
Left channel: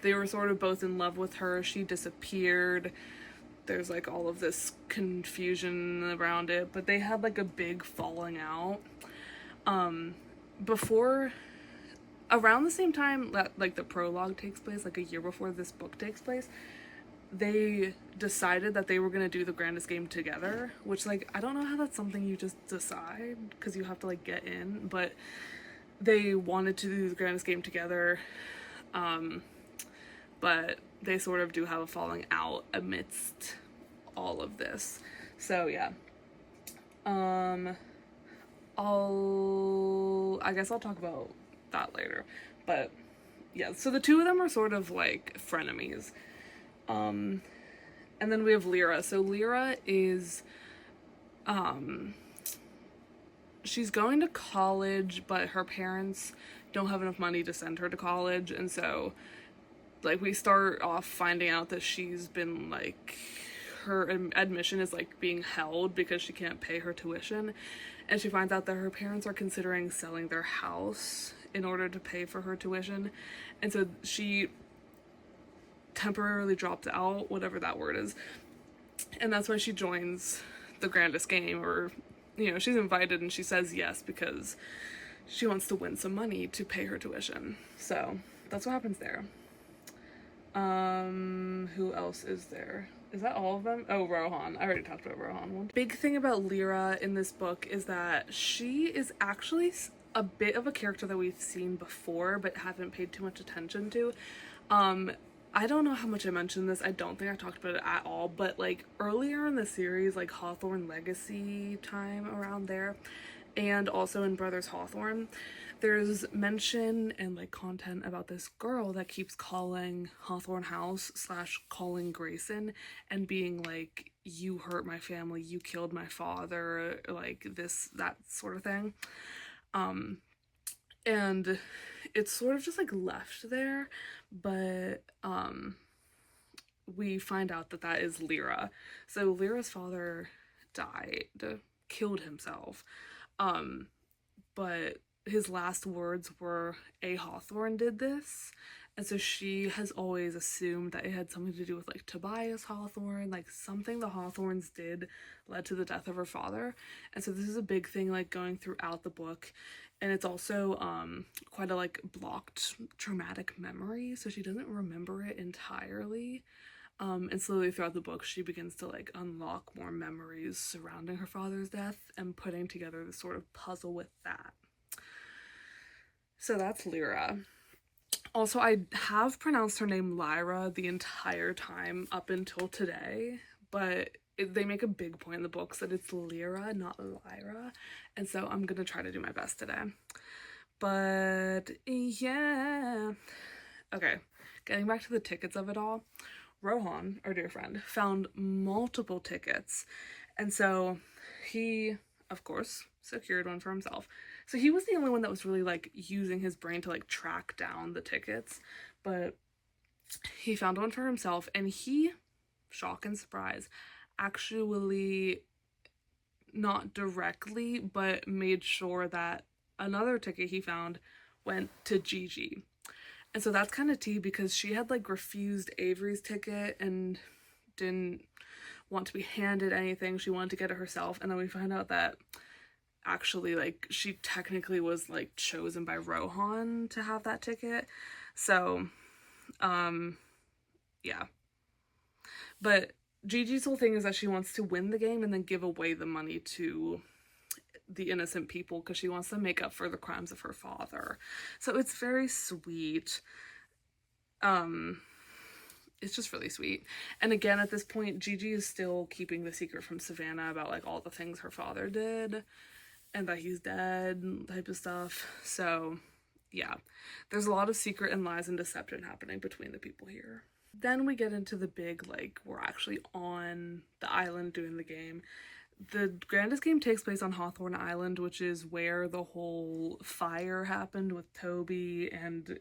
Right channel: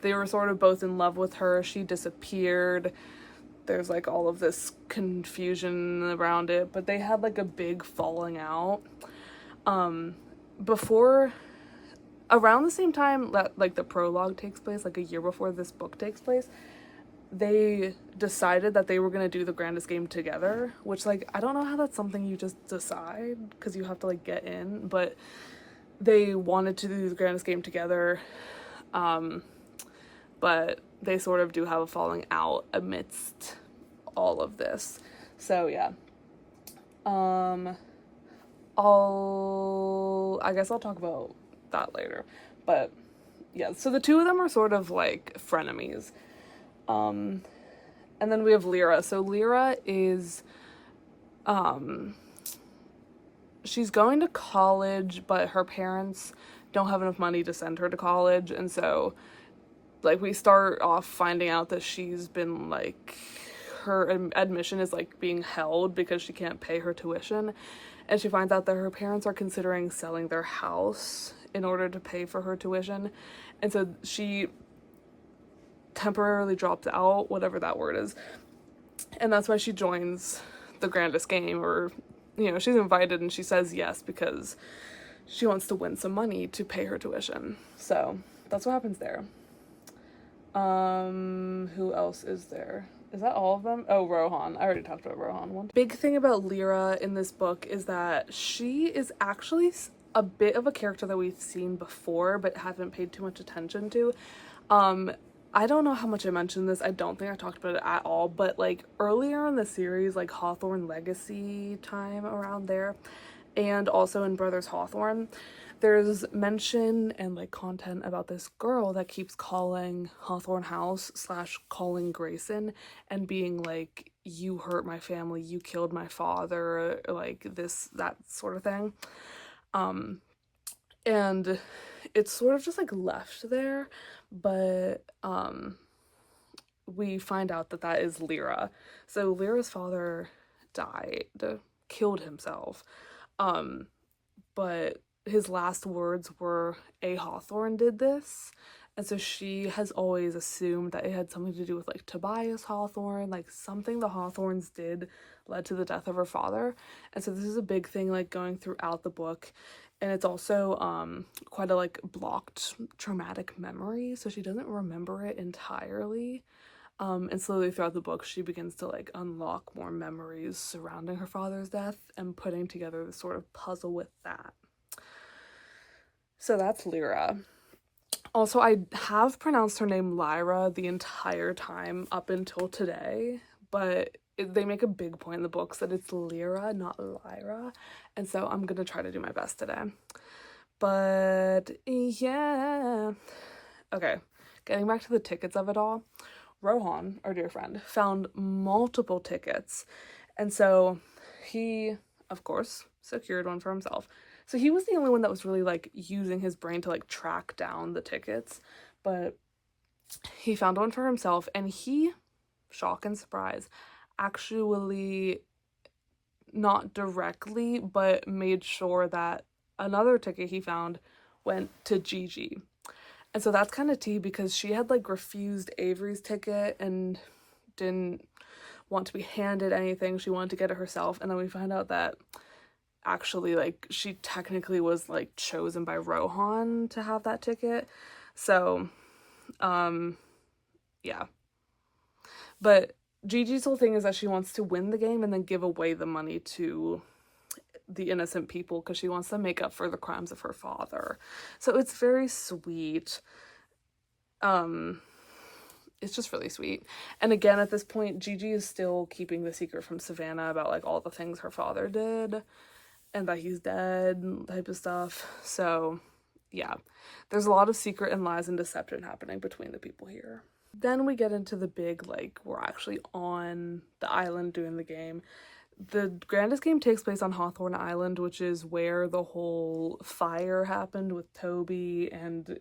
They were sort of both in love with her. She disappeared. There's like all of this confusion around it, but they had like a big falling out. Around the same time that like the prologue takes place, like a year before this book takes place, they decided that they were going to do the grandest game together, which like I don't know how that's something you just decide because you have to like get in, but they wanted to do the grandest game together. But they sort of do have a falling out amidst all of this. So yeah. I guess I'll talk about that later. But yeah, so the two of them are sort of like frenemies. And then we have Lyra. So Lyra is she's going to college, but her parents don't have enough money to send her to college, and so like we start off finding out that she's been like her admission is like being held because she can't pay her tuition, and she finds out that her parents are considering selling their house in order to pay for her tuition, and so she temporarily dropped out, whatever that word is. And that's why she joins the grandest game, or, you know, she's invited and she says yes because she wants to win some money to pay her tuition. So that's what happens there. Who else is there? Is that all of them? Oh, Rohan. I already talked about Rohan. One big thing about Lyra in this book is that she is actually a bit of a character that we've seen before but haven't paid too much attention to. I don't know how much I mentioned this. I don't think I talked about it at all, but like earlier in the series, like Hawthorne Legacy time around there, and also in Brothers Hawthorne, there's mention and like content about this girl that keeps calling Hawthorne House / calling Grayson and being like, you hurt my family, you killed my father, like this, that sort of thing. And it's sort of just like left there, but we find out that that is Lyra. So Lyra's father died, killed himself, but his last words were, a Hawthorne did this. And so she has always assumed that it had something to do with like Tobias Hawthorne, like something the Hawthornes did led to the death of her father. And so this is a big thing like going throughout the book. And it's also quite a like blocked traumatic memory, so she doesn't remember it entirely. And slowly throughout the book, she begins to like unlock more memories surrounding her father's death and putting together this sort of puzzle with that. So that's Lyra. Also, I have pronounced her name Lyra the entire time up until today, but they make a big point in the books that it's Lyra, not Lyra, and so I'm gonna try to do my best today. But yeah, okay, getting back to the tickets of it all, Rohan, our dear friend, found multiple tickets, and so he, of course, secured one for himself. So he was the only one that was really like using his brain to like track down the tickets, but he found one for himself, and he, shock and surprise, actually not directly but made sure that another ticket he found went to Gigi. And so that's kind of tea because she had like refused Avery's ticket and didn't want to be handed anything. She wanted to get it herself, and then we find out that actually like she technically was like chosen by Rohan to have that ticket. So yeah, but Gigi's whole thing is that she wants to win the game and then give away the money to the innocent people because she wants to make up for the crimes of her father. So it's very sweet. It's just really sweet. And again, at this point, Gigi is still keeping the secret from Savannah about like all the things her father did and that he's dead type of stuff. So yeah, there's a lot of secret and lies and deception happening between the people here. Then we get into the big, like, we're actually on the island doing the game. The grandest game takes place on Hawthorne Island, which is where the whole fire happened with Toby and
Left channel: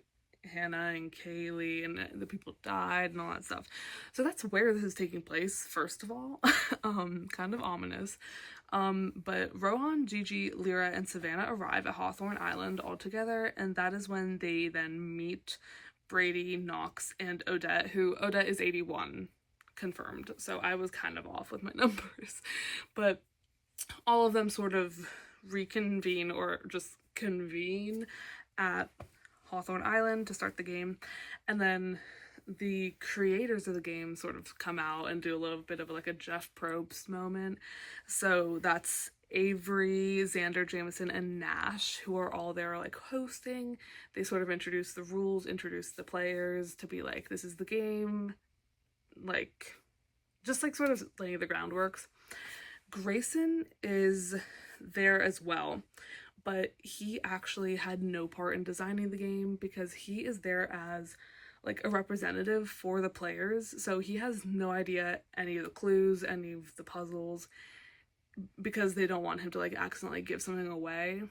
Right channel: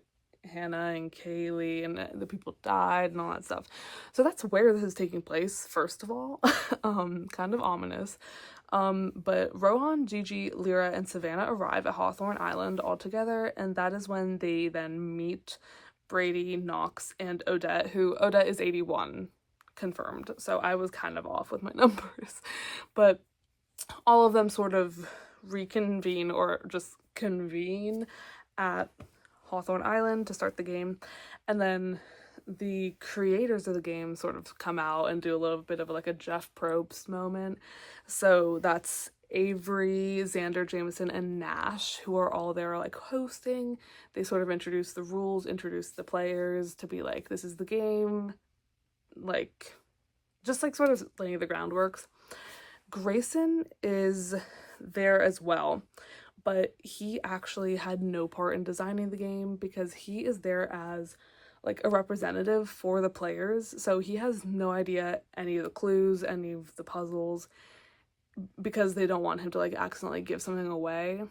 Hannah and Kaylee, and the people died and all that stuff. So that's where this is taking place, first of all. Kind of ominous. But Rohan, Gigi, Lyra, and Savannah arrive at Hawthorne Island all together, and that is when they then meet Brady, Knox, and Odette, who Odette is 81 confirmed, so I was kind of off with my numbers, but all of them sort of reconvene or just convene at Hawthorne Island to start the game, and then the creators of the game sort of come out and do a little bit of like a Jeff Probst moment. So that's Avery, Xander, Jameson, and Nash, who are all there like hosting. They sort of introduce the rules, introduce the players to be like, this is the game, like just like sort of laying the groundworks. Grayson is there as well, but he actually had no part in designing the game because he is there as like a representative for the players, so he has no idea any of the clues, any of the puzzles, because they don't want him to like accidentally give something away,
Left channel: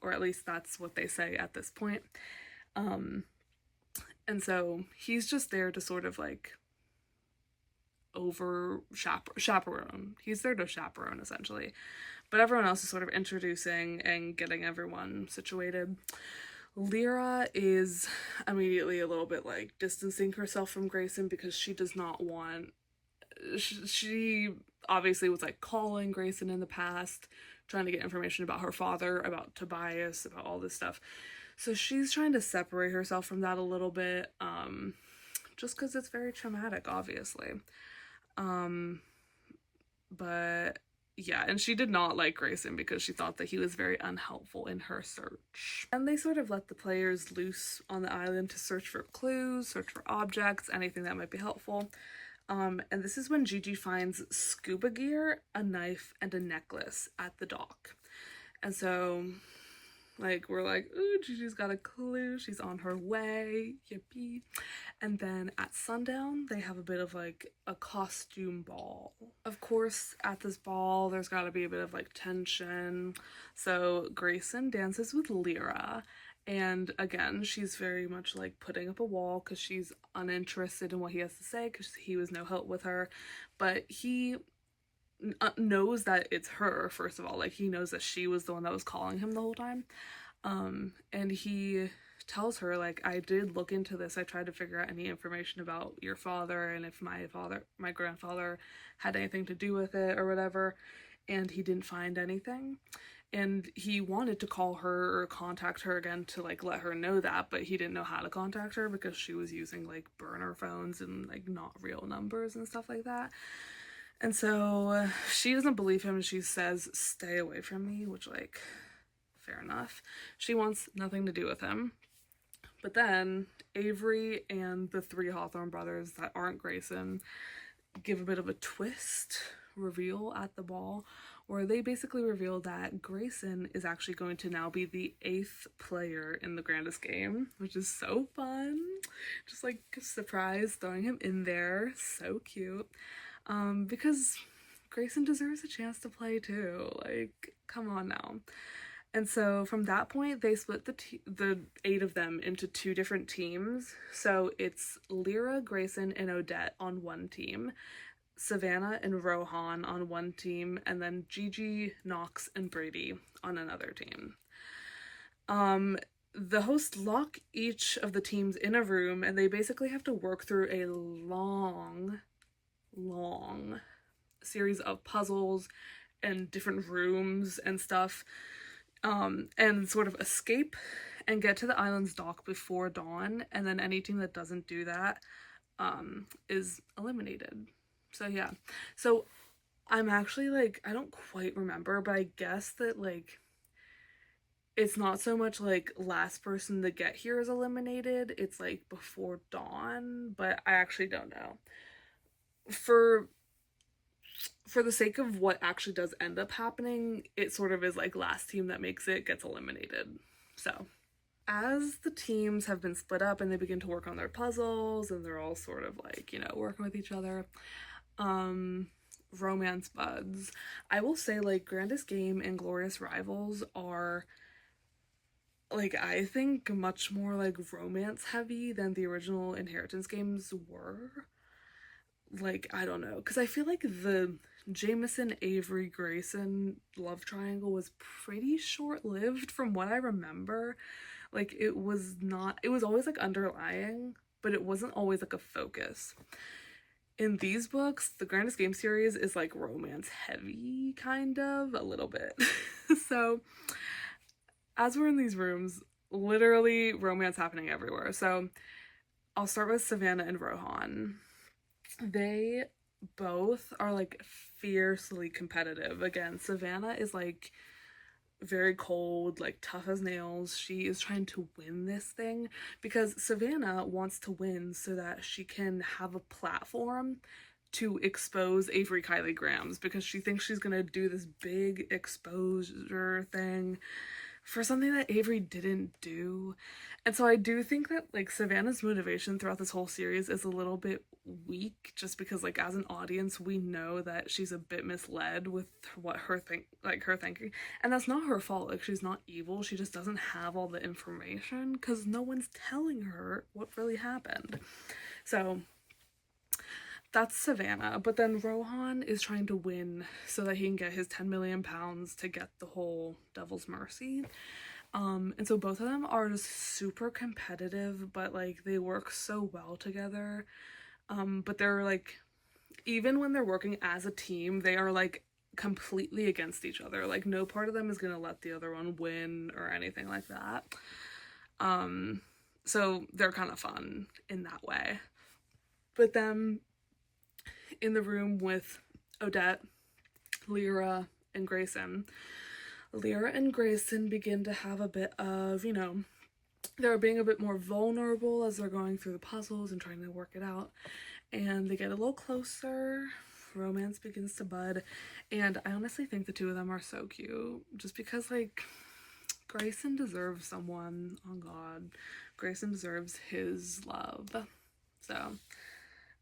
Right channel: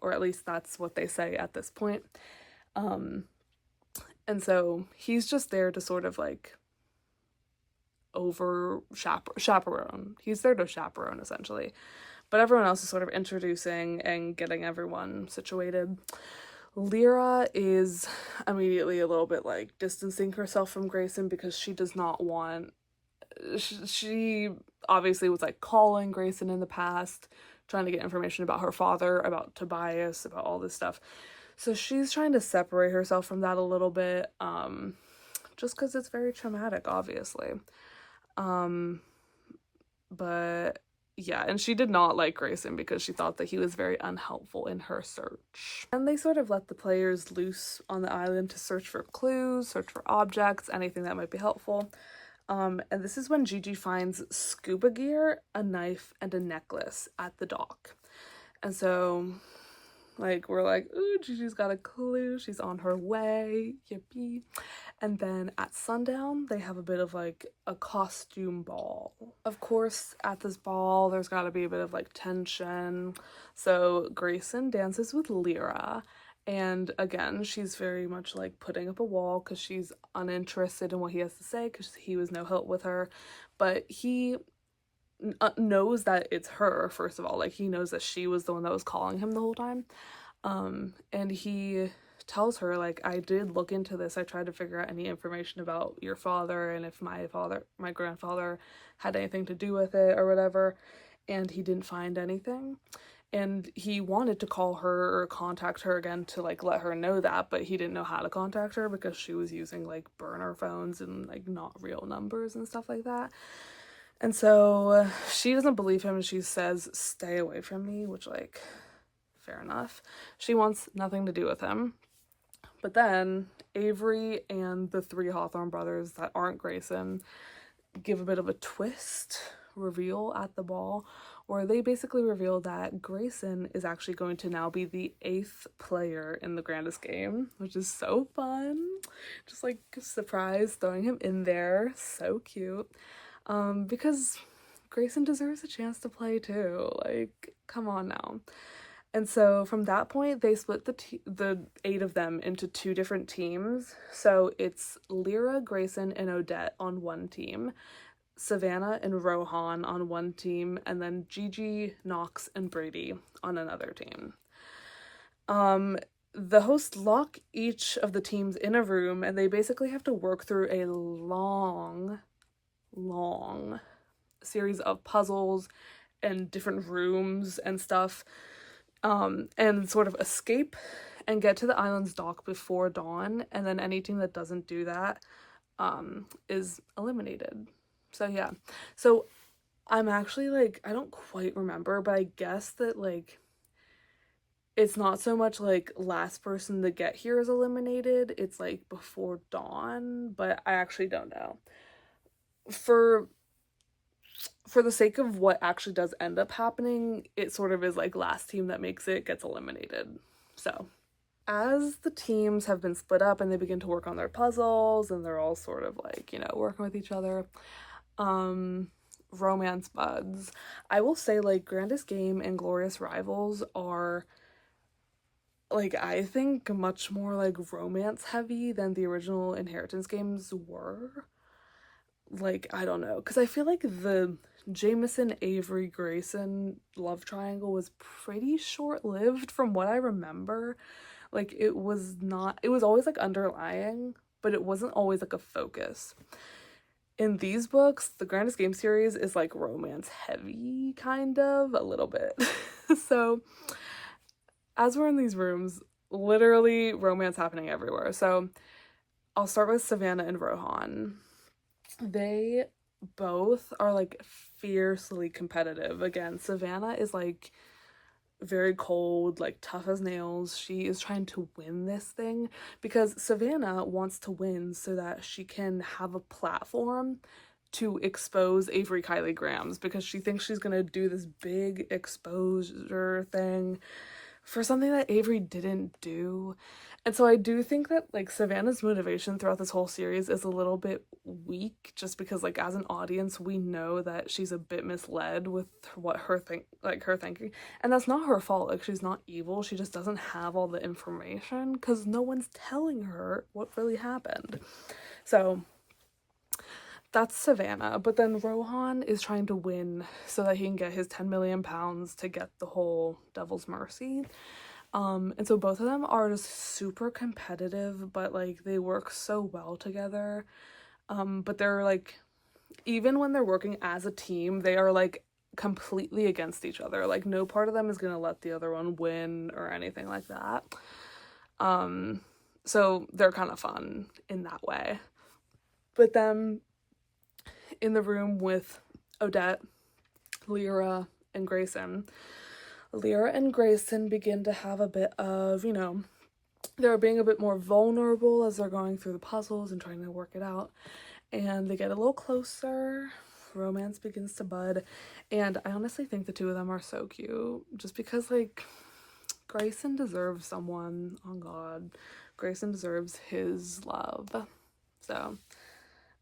or at least that's what they say at this point. And so he's just there to sort of like chaperone. He's there to chaperone essentially, but everyone else is sort of introducing and getting everyone situated. Lyra is immediately a little bit like distancing herself from Grayson because she does not want, she obviously was like calling Grayson in the past, trying to get information about her father, about Tobias, about all this stuff. So she's trying to separate herself from that a little bit, just because it's very traumatic, obviously. But yeah, and she did not like Grayson because she thought that he was very unhelpful in her search. And they sort of let the players loose on the island to search for clues, search for objects, anything that might be helpful. And this is when Gigi finds scuba gear, a knife, and a necklace at the dock. And so, like, we're like, ooh, Gigi's got a clue. She's on her way. Yippee. And then at sundown, they have a bit of like a costume ball. Of course, at this ball, there's got to be a bit of like tension. So Grayson dances with Lyra. And again, she's very much like putting up a wall because she's uninterested in what he has to say because he was no help with her. But he knows that it's her, first of all. Like, he knows that she was the one that was calling him the whole time. And he tells her, like, I did look into this. I tried to figure out any information about your father and if my grandfather had anything to do with it or whatever, and he didn't find anything. And he wanted to call her or contact her again to like let her know that, but he didn't know how to contact her because she was using like burner phones and like not real numbers and stuff like that. And so she doesn't believe him and she says, stay away from me, which, like, fair enough. She wants nothing to do with him. But then Avery and the three Hawthorne brothers that aren't Grayson give a bit of a twist reveal at the ball where they basically reveal that Grayson is actually going to now be the 8th player in the grandest game, which is so fun. Just like a surprise, throwing him in there. So cute. Because Grayson deserves a chance to play too. Like, come on now. And so from that point, they split the 8 of them into 2 different teams. So it's Lyra, Grayson, and Odette on one team, Savannah and Rohan on one team, and then Gigi, Knox, and Brady on another team. The hosts lock each of the teams in a room, and they basically have to work through a long series of puzzles and different rooms and stuff, and sort of escape and get to the island's dock before dawn, and then any team that doesn't do that is eliminated. So yeah, so I'm actually like, I don't quite remember, but I guess that like it's not so much like last person to get here is eliminated, it's like before dawn, but I actually don't know. For the sake of what actually does end up happening, it sort of is like last team that makes it gets eliminated. So as the teams have been split up and they begin to work on their puzzles and they're all sort of like, you know, working with each other, romance buds. I will say, like, Grandest Game and Glorious Rivals are, like, I think much more like romance heavy than the original Inheritance games were. Like, I don't know, because I feel like the Jameson, Avery, Grayson love triangle was pretty short-lived from what I remember. Like, it was always like underlying, but it wasn't always like a focus. In these books, the Grandest Game series is like romance heavy, kind of, a little bit. So as we're in these rooms, literally romance happening everywhere. So I'll start with Savannah and Rohan. They both are like fiercely competitive. Again, Savannah is like very cold, like tough as nails. She is trying to win this thing because Savannah wants to win so that she can have a platform to expose Avery Kylie Grams, because she thinks she's gonna do this big exposure thing for something that Avery didn't do. And so I do think that like Savannah's motivation throughout this whole series is a little bit weak, just because like as an audience we know that she's a bit misled with what her thinking, and that's not her fault. Like, she's not evil, she just doesn't have all the information because no one's telling her what really happened. So that's Savannah. But then Rohan is trying to win so that he can get his 10 million pounds to get the whole Devil's Mercy. And so both of them are just super competitive, but like they work so well together. But they're like, even when they're working as a team, they are like completely against each other. Like no part of them is gonna let the other one win or anything like that. So they're kind of fun in that way. But then in the room with Odette, Lyra, and Grayson, Lyra and Grayson begin to have a bit of, you know, they're being a bit more vulnerable as they're going through the puzzles and trying to work it out. And they get a little closer. Romance begins to bud. And I honestly think the two of them are so cute. Just because, like, Grayson deserves someone. Oh, God. Grayson deserves his love. So,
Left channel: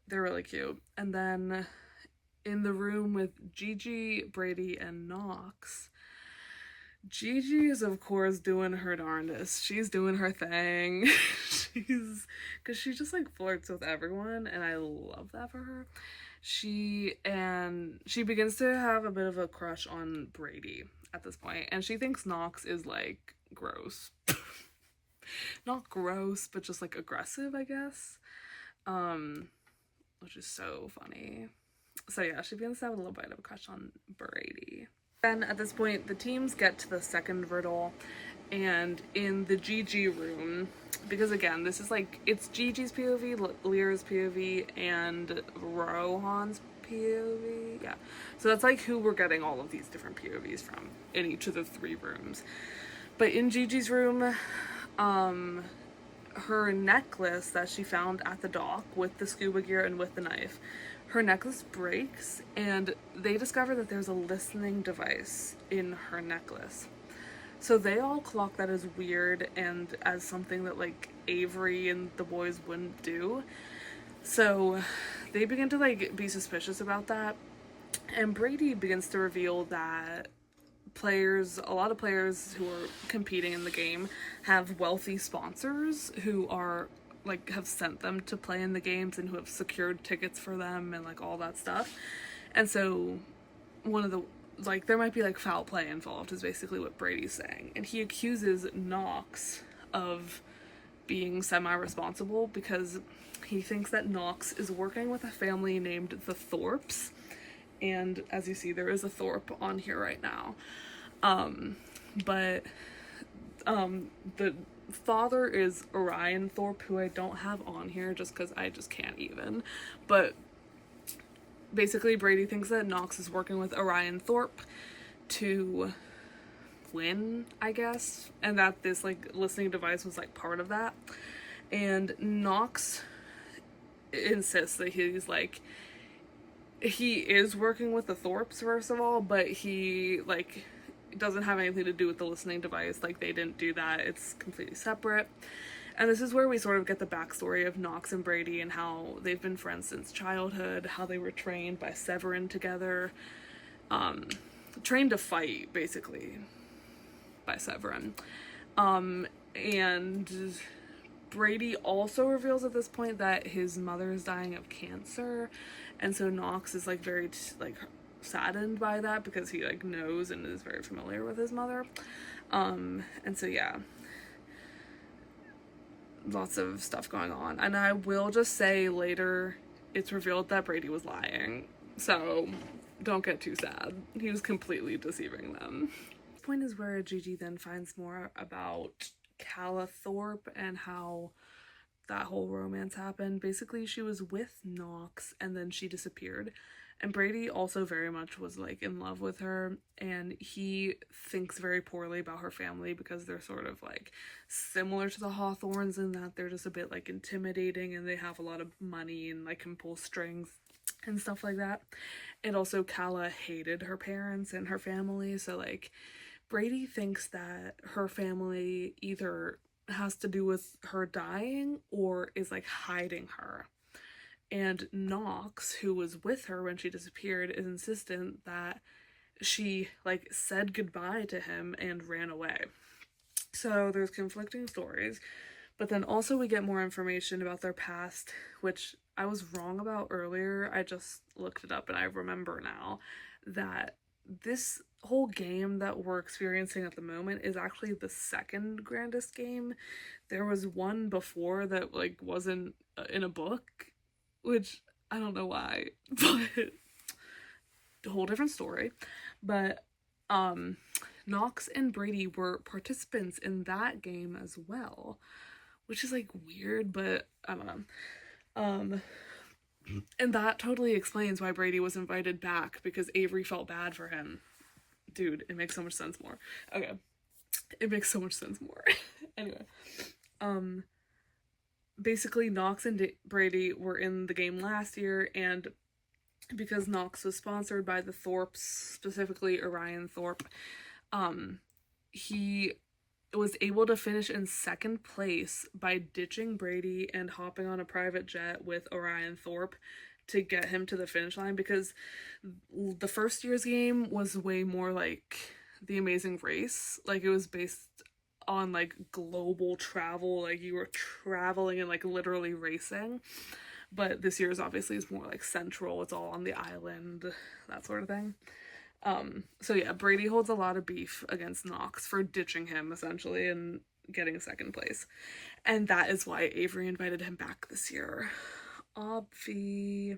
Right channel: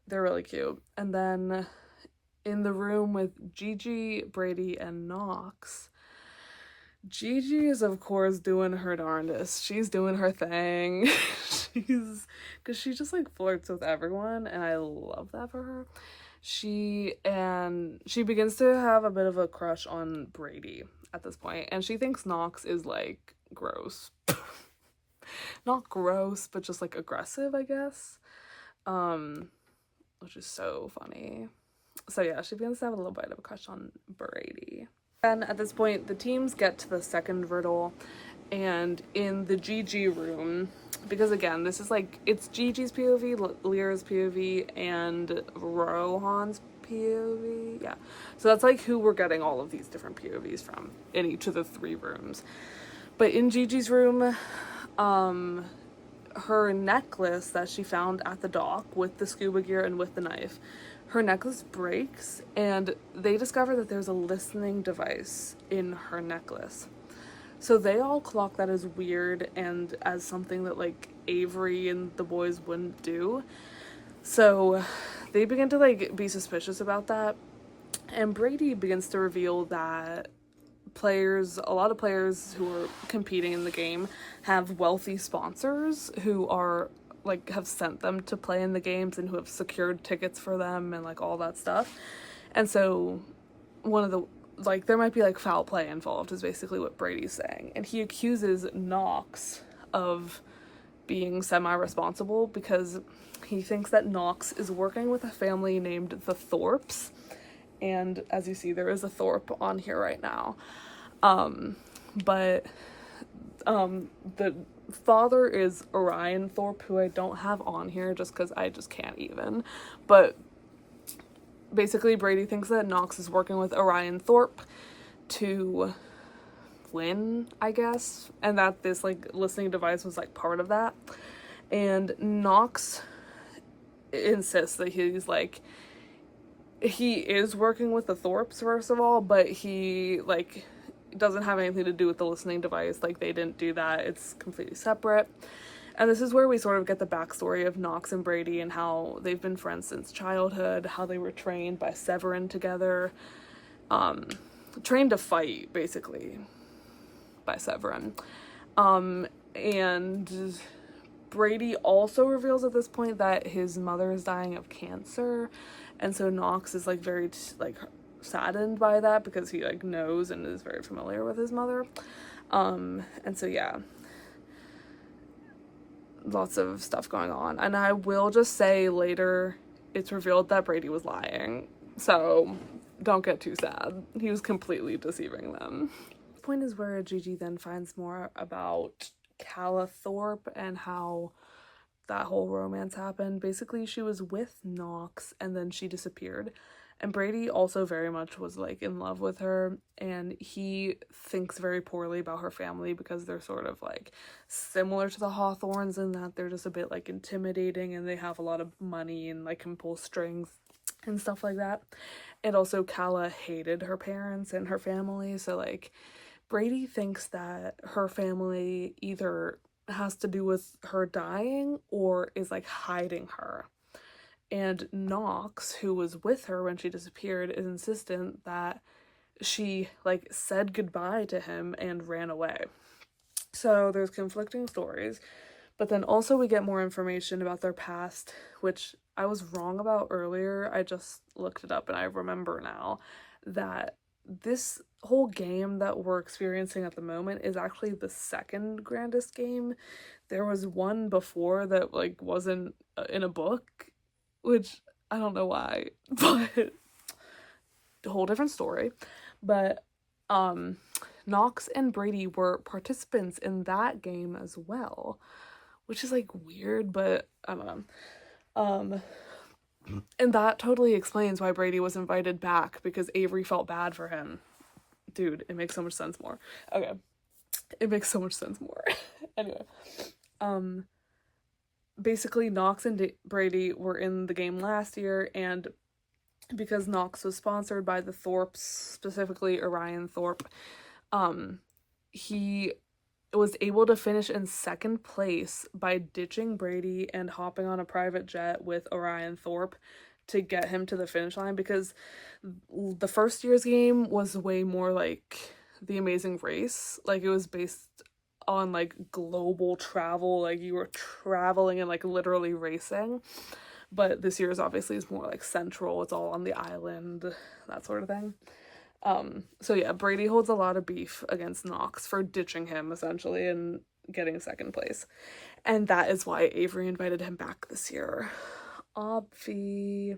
they're really cute. And then in the room with Gigi, Brady, and Knox, Gigi is of course doing her darndest. She's doing her thing. Because she just like flirts with everyone, and I love that for her. She begins to have a bit of a crush on Brady at this point, and she thinks Knox is like gross. Not gross, but just like aggressive, I guess. Which is so funny. So yeah, she begins to have a little bit of a crush on Brady. Then at this point, the teams get to the second riddle, and in the Gigi room, because again, this is like, it's Gigi's POV, Lyra's POV, and Rohan's POV, yeah. So that's like who we're getting all of these different POVs from in each of the three rooms. But in Gigi's room, her necklace that she found at the dock with the scuba gear and with the knife, her necklace breaks, and they discover that there's a listening device in her necklace. So they all clock that as weird and as something that like Avery and the boys wouldn't do. So they begin to like be suspicious about that. And Brady begins to reveal that a lot of players who are competing in the game have wealthy sponsors who are like have sent them to play in the games and who have secured tickets for them and like all that stuff. And so one of the like there might be like foul play involved is basically what Brady's saying, and he accuses Knox of being semi-responsible because he thinks that Knox is working with a family named the Thorpes, and as you see, there is a Thorpe on here right now. But the father is Orion Thorpe, who I don't have on here just because I just can't even. But basically, Brady thinks that Knox is working with Orion Thorpe to win, I guess, and that this like listening device was like part of that. And Knox insists that he's like, he is working with the Thorpes first of all, but he like doesn't have anything to do with the listening device. Like they didn't do that. It's completely separate. And this is where we sort of get the backstory of Knox and Brady and how they've been friends since childhood, how they were trained by Severin together, trained to fight basically by Severin. And Brady also reveals at this point that his mother is dying of cancer, and so Knox is like very like saddened by that because he like knows and is very familiar with his mother. And so yeah, lots of stuff going on. And I will just say later it's revealed that Brady was lying, so don't get too sad. He was completely deceiving them. The point is where Gigi then finds more about Calla Thorpe and how that whole romance happened. Basically, she was with Knox and then she disappeared. And Brady also very much was like in love with her, and he thinks very poorly about her family because they're sort of like similar to the Hawthornes in that they're just a bit like intimidating and they have a lot of money and like can pull strings and stuff like that. And also Calla hated her parents and her family, so like Brady thinks that her family either has to do with her dying or is like hiding her. And Knox, who was with her when she disappeared, is insistent that she like said goodbye to him and ran away. So there's conflicting stories, but then also we get more information about their past, which I was wrong about earlier. I just looked it up and I remember now that this whole game that we're experiencing at the moment is actually the second grandest game. There was one before that like wasn't in a book, which I don't know why, but a whole different story. But Knox and Brady were participants in that game as well, which is like weird, but I don't know. And that totally explains why Brady was invited back, because Avery felt bad for him. Dude, it makes so much sense more. Okay. It makes so much sense more. Anyway. Basically, Knox and Brady were in the game last year, and because Knox was sponsored by the Thorpes, specifically Orion Thorpe, he was able to finish in second place by ditching Brady and hopping on a private jet with Orion Thorpe to get him to the finish line, because the first year's game was way more like The Amazing Race. Like, it was based on like global travel, like you were traveling and like literally racing. But this year's obviously is more like central, it's all on the island, that sort of thing. So yeah, Brady holds a lot of beef against Knox for ditching him essentially and getting second place, and that is why Avery invited him back this year. Obvi.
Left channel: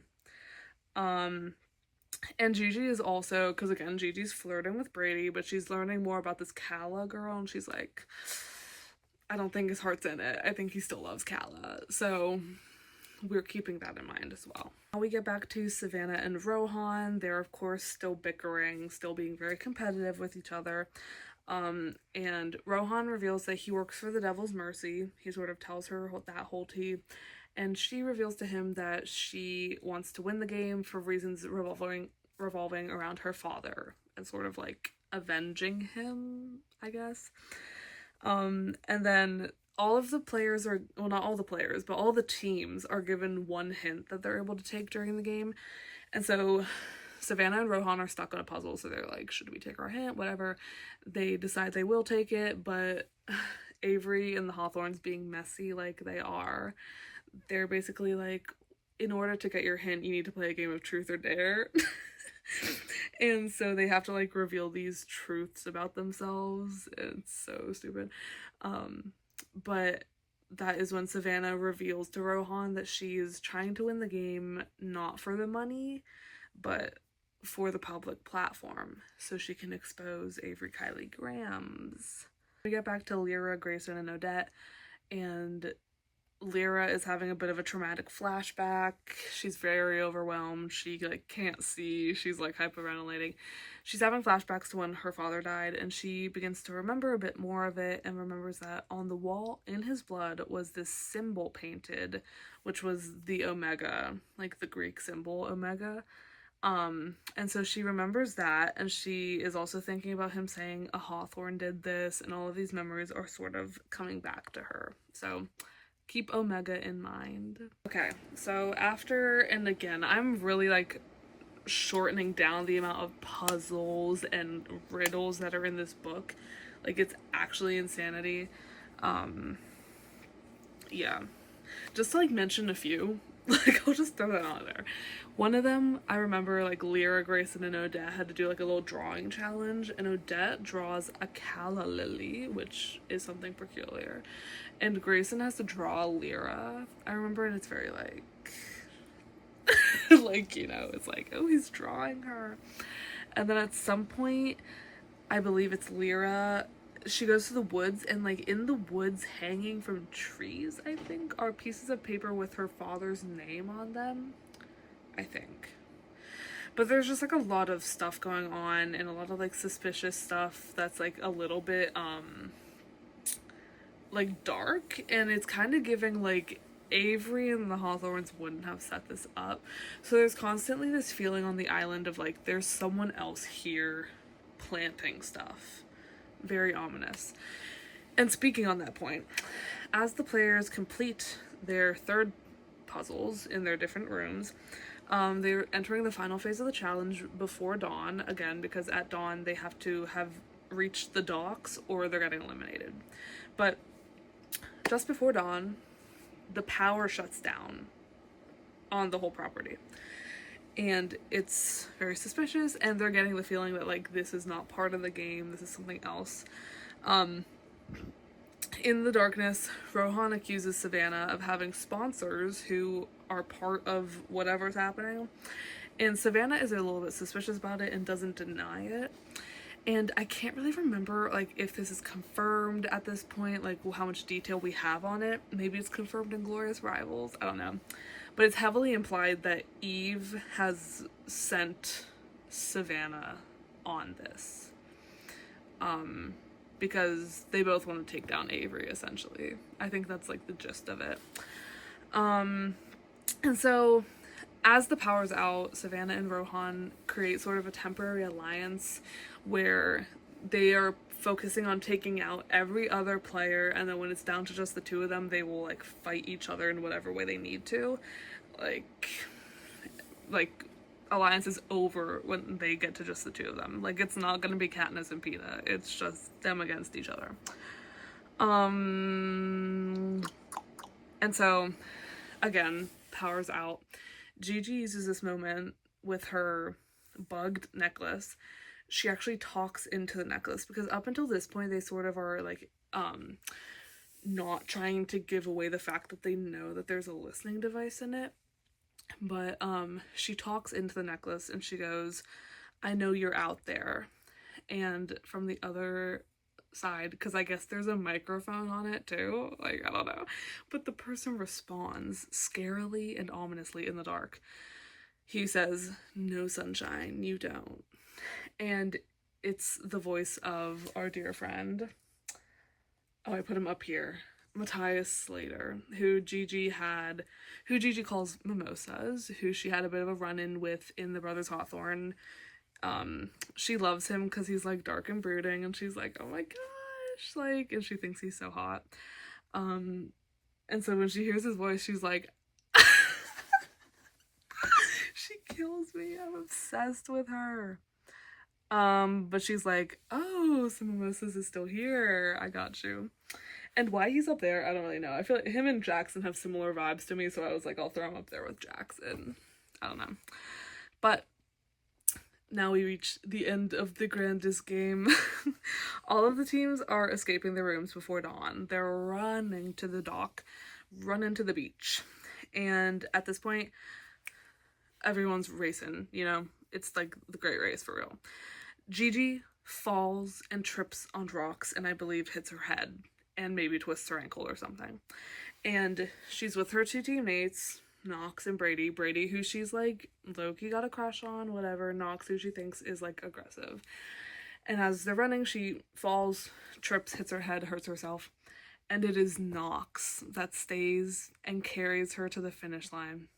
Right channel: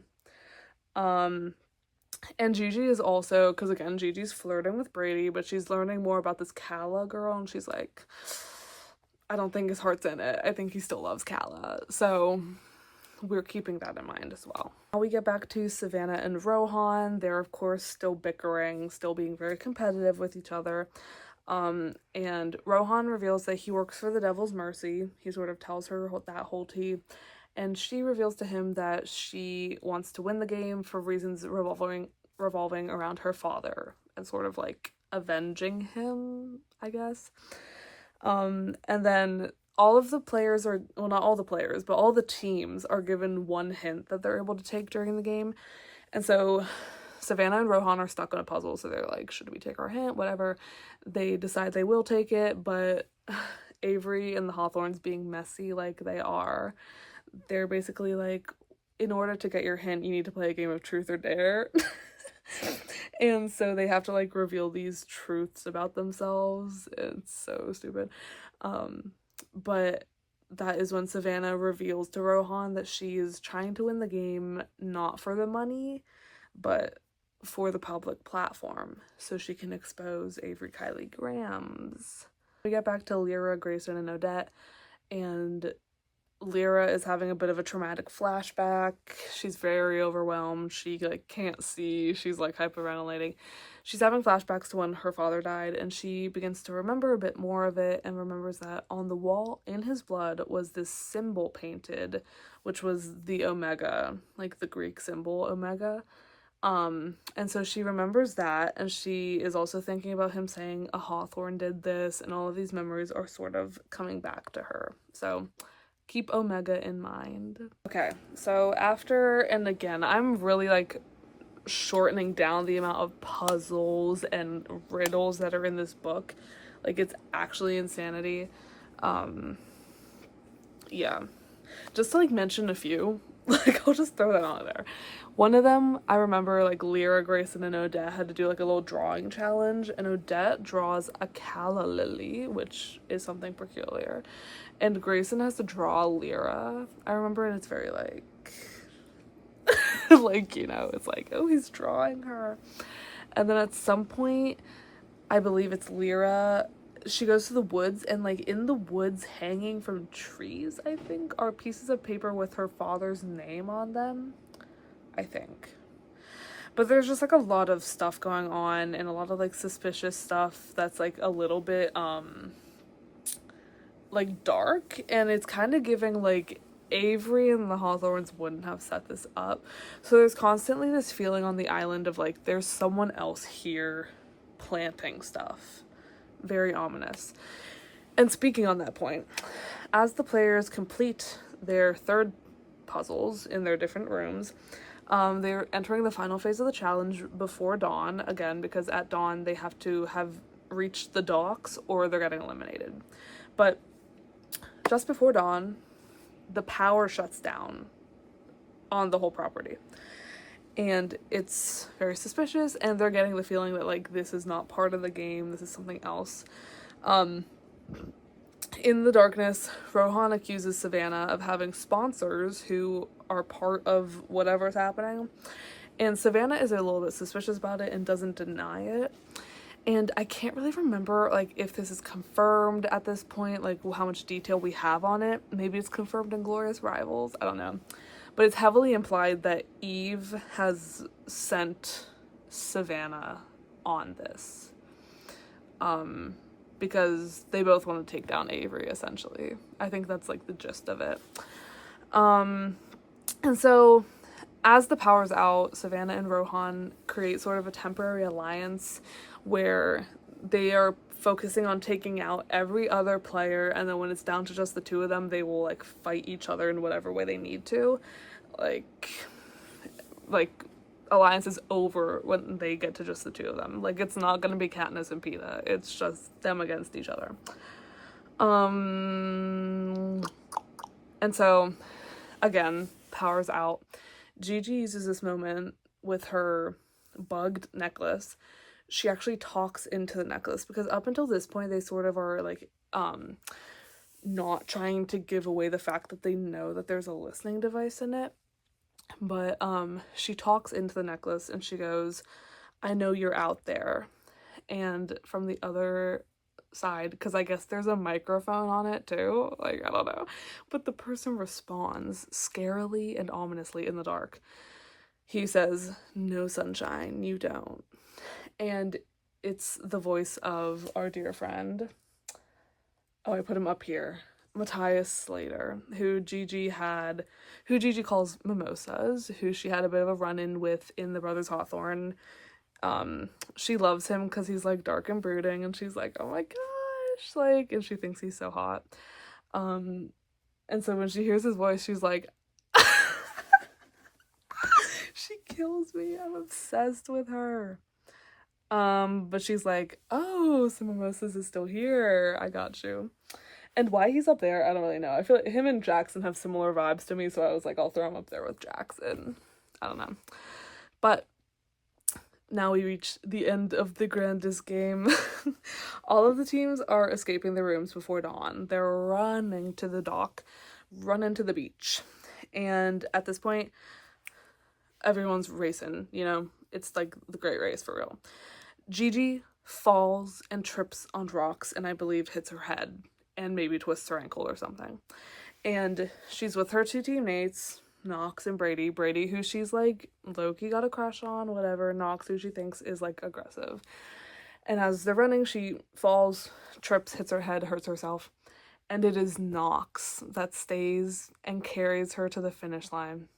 And Gigi is also, because again, Gigi's flirting with Brady, but she's learning more about this Calla girl, and she's like, I don't think his heart's in it. I think he still loves Calla. So we're keeping that in mind as well. Now we get back to Savannah and Rohan. They're of course still bickering, still being very competitive with each other. And Rohan reveals that he works for the Devil's Mercy. He sort of tells her that whole tea. And she reveals to him that she wants to win the game for reasons revolving around her father and sort of like avenging him, I guess. And then all of the players are, well, not all the players, but all the teams are given one hint that they're able to take during the game. And so Savannah and Rohan are stuck on a puzzle, so they're like, should we take our hint? Whatever. They decide they will take it, but Avery and the Hawthorns, being messy like they are, they're basically like, in order to get your hint, you need to play a game of truth or dare. And so they have to like reveal these truths about themselves. It's so stupid. But that is when Savannah reveals to Rohan that she is trying to win the game not for the money, but for the public platform, so she can expose Avery Kylie Grams. We get back to Lyra, Grayson, and Odette, and Lyra is having a bit of a traumatic flashback. She's very overwhelmed. She like can't see. She's like hyperventilating. She's having flashbacks to when her father died, and she begins to remember a bit more of it, and remembers that on the wall in his blood was this symbol painted, which was the Omega, like the Greek symbol Omega. And so she remembers that, and she is also thinking about him saying a Hawthorne did this, and all of these memories are sort of coming back to her. So keep Omega in mind. Okay, so after, and again, I'm really like shortening down the amount of puzzles and riddles that are in this book. Like, it's actually insanity. Yeah, just to like mention a few, like I'll just throw that on there. One of them, I remember like Lyra, Grayson, and Odette had to do like a little drawing challenge, and Odette draws a calla lily, which is something peculiar, and Grayson has to draw Lyra. I remember, and it's very like like, you know, it's like, oh, he's drawing her. And then at some point, I believe it's Lyra, she goes to the woods, and like in the woods hanging from trees, I think, are pieces of paper with her father's name on them, I think. But there's just like a lot of stuff going on, and a lot of like suspicious stuff that's like a little bit like dark, and it's kind of giving like Avery and the Hawthorns wouldn't have set this up. So there's constantly this feeling on the island of like there's someone else here planting stuff. Very ominous. And speaking on that point, as the players complete their third puzzles in their different rooms, they're entering the final phase of the challenge before dawn, again, because at dawn they have to have reached the docks or they're getting eliminated. But just before dawn, the power shuts down on the whole property. and it's very suspicious, and they're getting the feeling that, like, this is not part of the game, this is something else. In the darkness, Rohan accuses Savannah of having sponsors who are part of whatever's happening, and Savannah is a little bit suspicious about it and doesn't deny it. And I can't really remember, like, if this is confirmed at this point, like, how much detail we have on it. Maybe it's confirmed in Glorious Rivals, I don't know. But it's heavily implied that Eve has sent Savannah on this. Because they both want to take down Avery, essentially. I think that's, like, the gist of it. And so, as the power's out, Savannah and Rohan create sort of a temporary alliance where they are focusing on taking out every other player, and then when it's down to just the two of them, they will, like, fight each other in whatever way they need to. Like alliance is over when they get to just the two of them. Like, it's not gonna be Katniss and Peeta. It's just them against each other. And so, again, power's out. Gigi uses this moment with her bugged necklace. She actually talks into the necklace, because up until this point, they sort of are, like, not trying to give away the fact that they know that there's a listening device in it. But she talks into the necklace and she goes, "I know you're out there." And from the other side, because I guess there's a microphone on it too, like, I don't know, but the person responds scarily and ominously in the dark. He says, "No, sunshine, you don't." And it's the voice of our dear friend, oh, I put him up here, Matthias Slater, who Gigi calls Mimosas, who she had a bit of a run-in with in The Brothers Hawthorne. She loves him because he's, like, dark and brooding, and she's like, oh my gosh, like, and she thinks he's so hot. And so when she hears his voice, she's like, she kills me. I'm obsessed with her. But she's like, oh, so Mimosas is still here. I got you. And why he's up there, I don't really know. I feel like him and Jackson have similar vibes to me, so I was like, I'll throw him up there with Jackson. I don't know. But now we reach the end of the grandest game. All of the teams are escaping the rooms before dawn. They're running to the dock, running to the beach. And at this point, everyone's racing, you know? It's like the great race for real. Gigi falls and trips on rocks and I believe hits her head and maybe twists her ankle or something. And she's with her two teammates, Knox and Brady. Brady, who she's like low-key got a crush on, whatever. Knox, who she thinks is like aggressive. And as they're running, she falls, trips, hits her head, hurts herself. And it is Knox that stays and carries her to the finish line.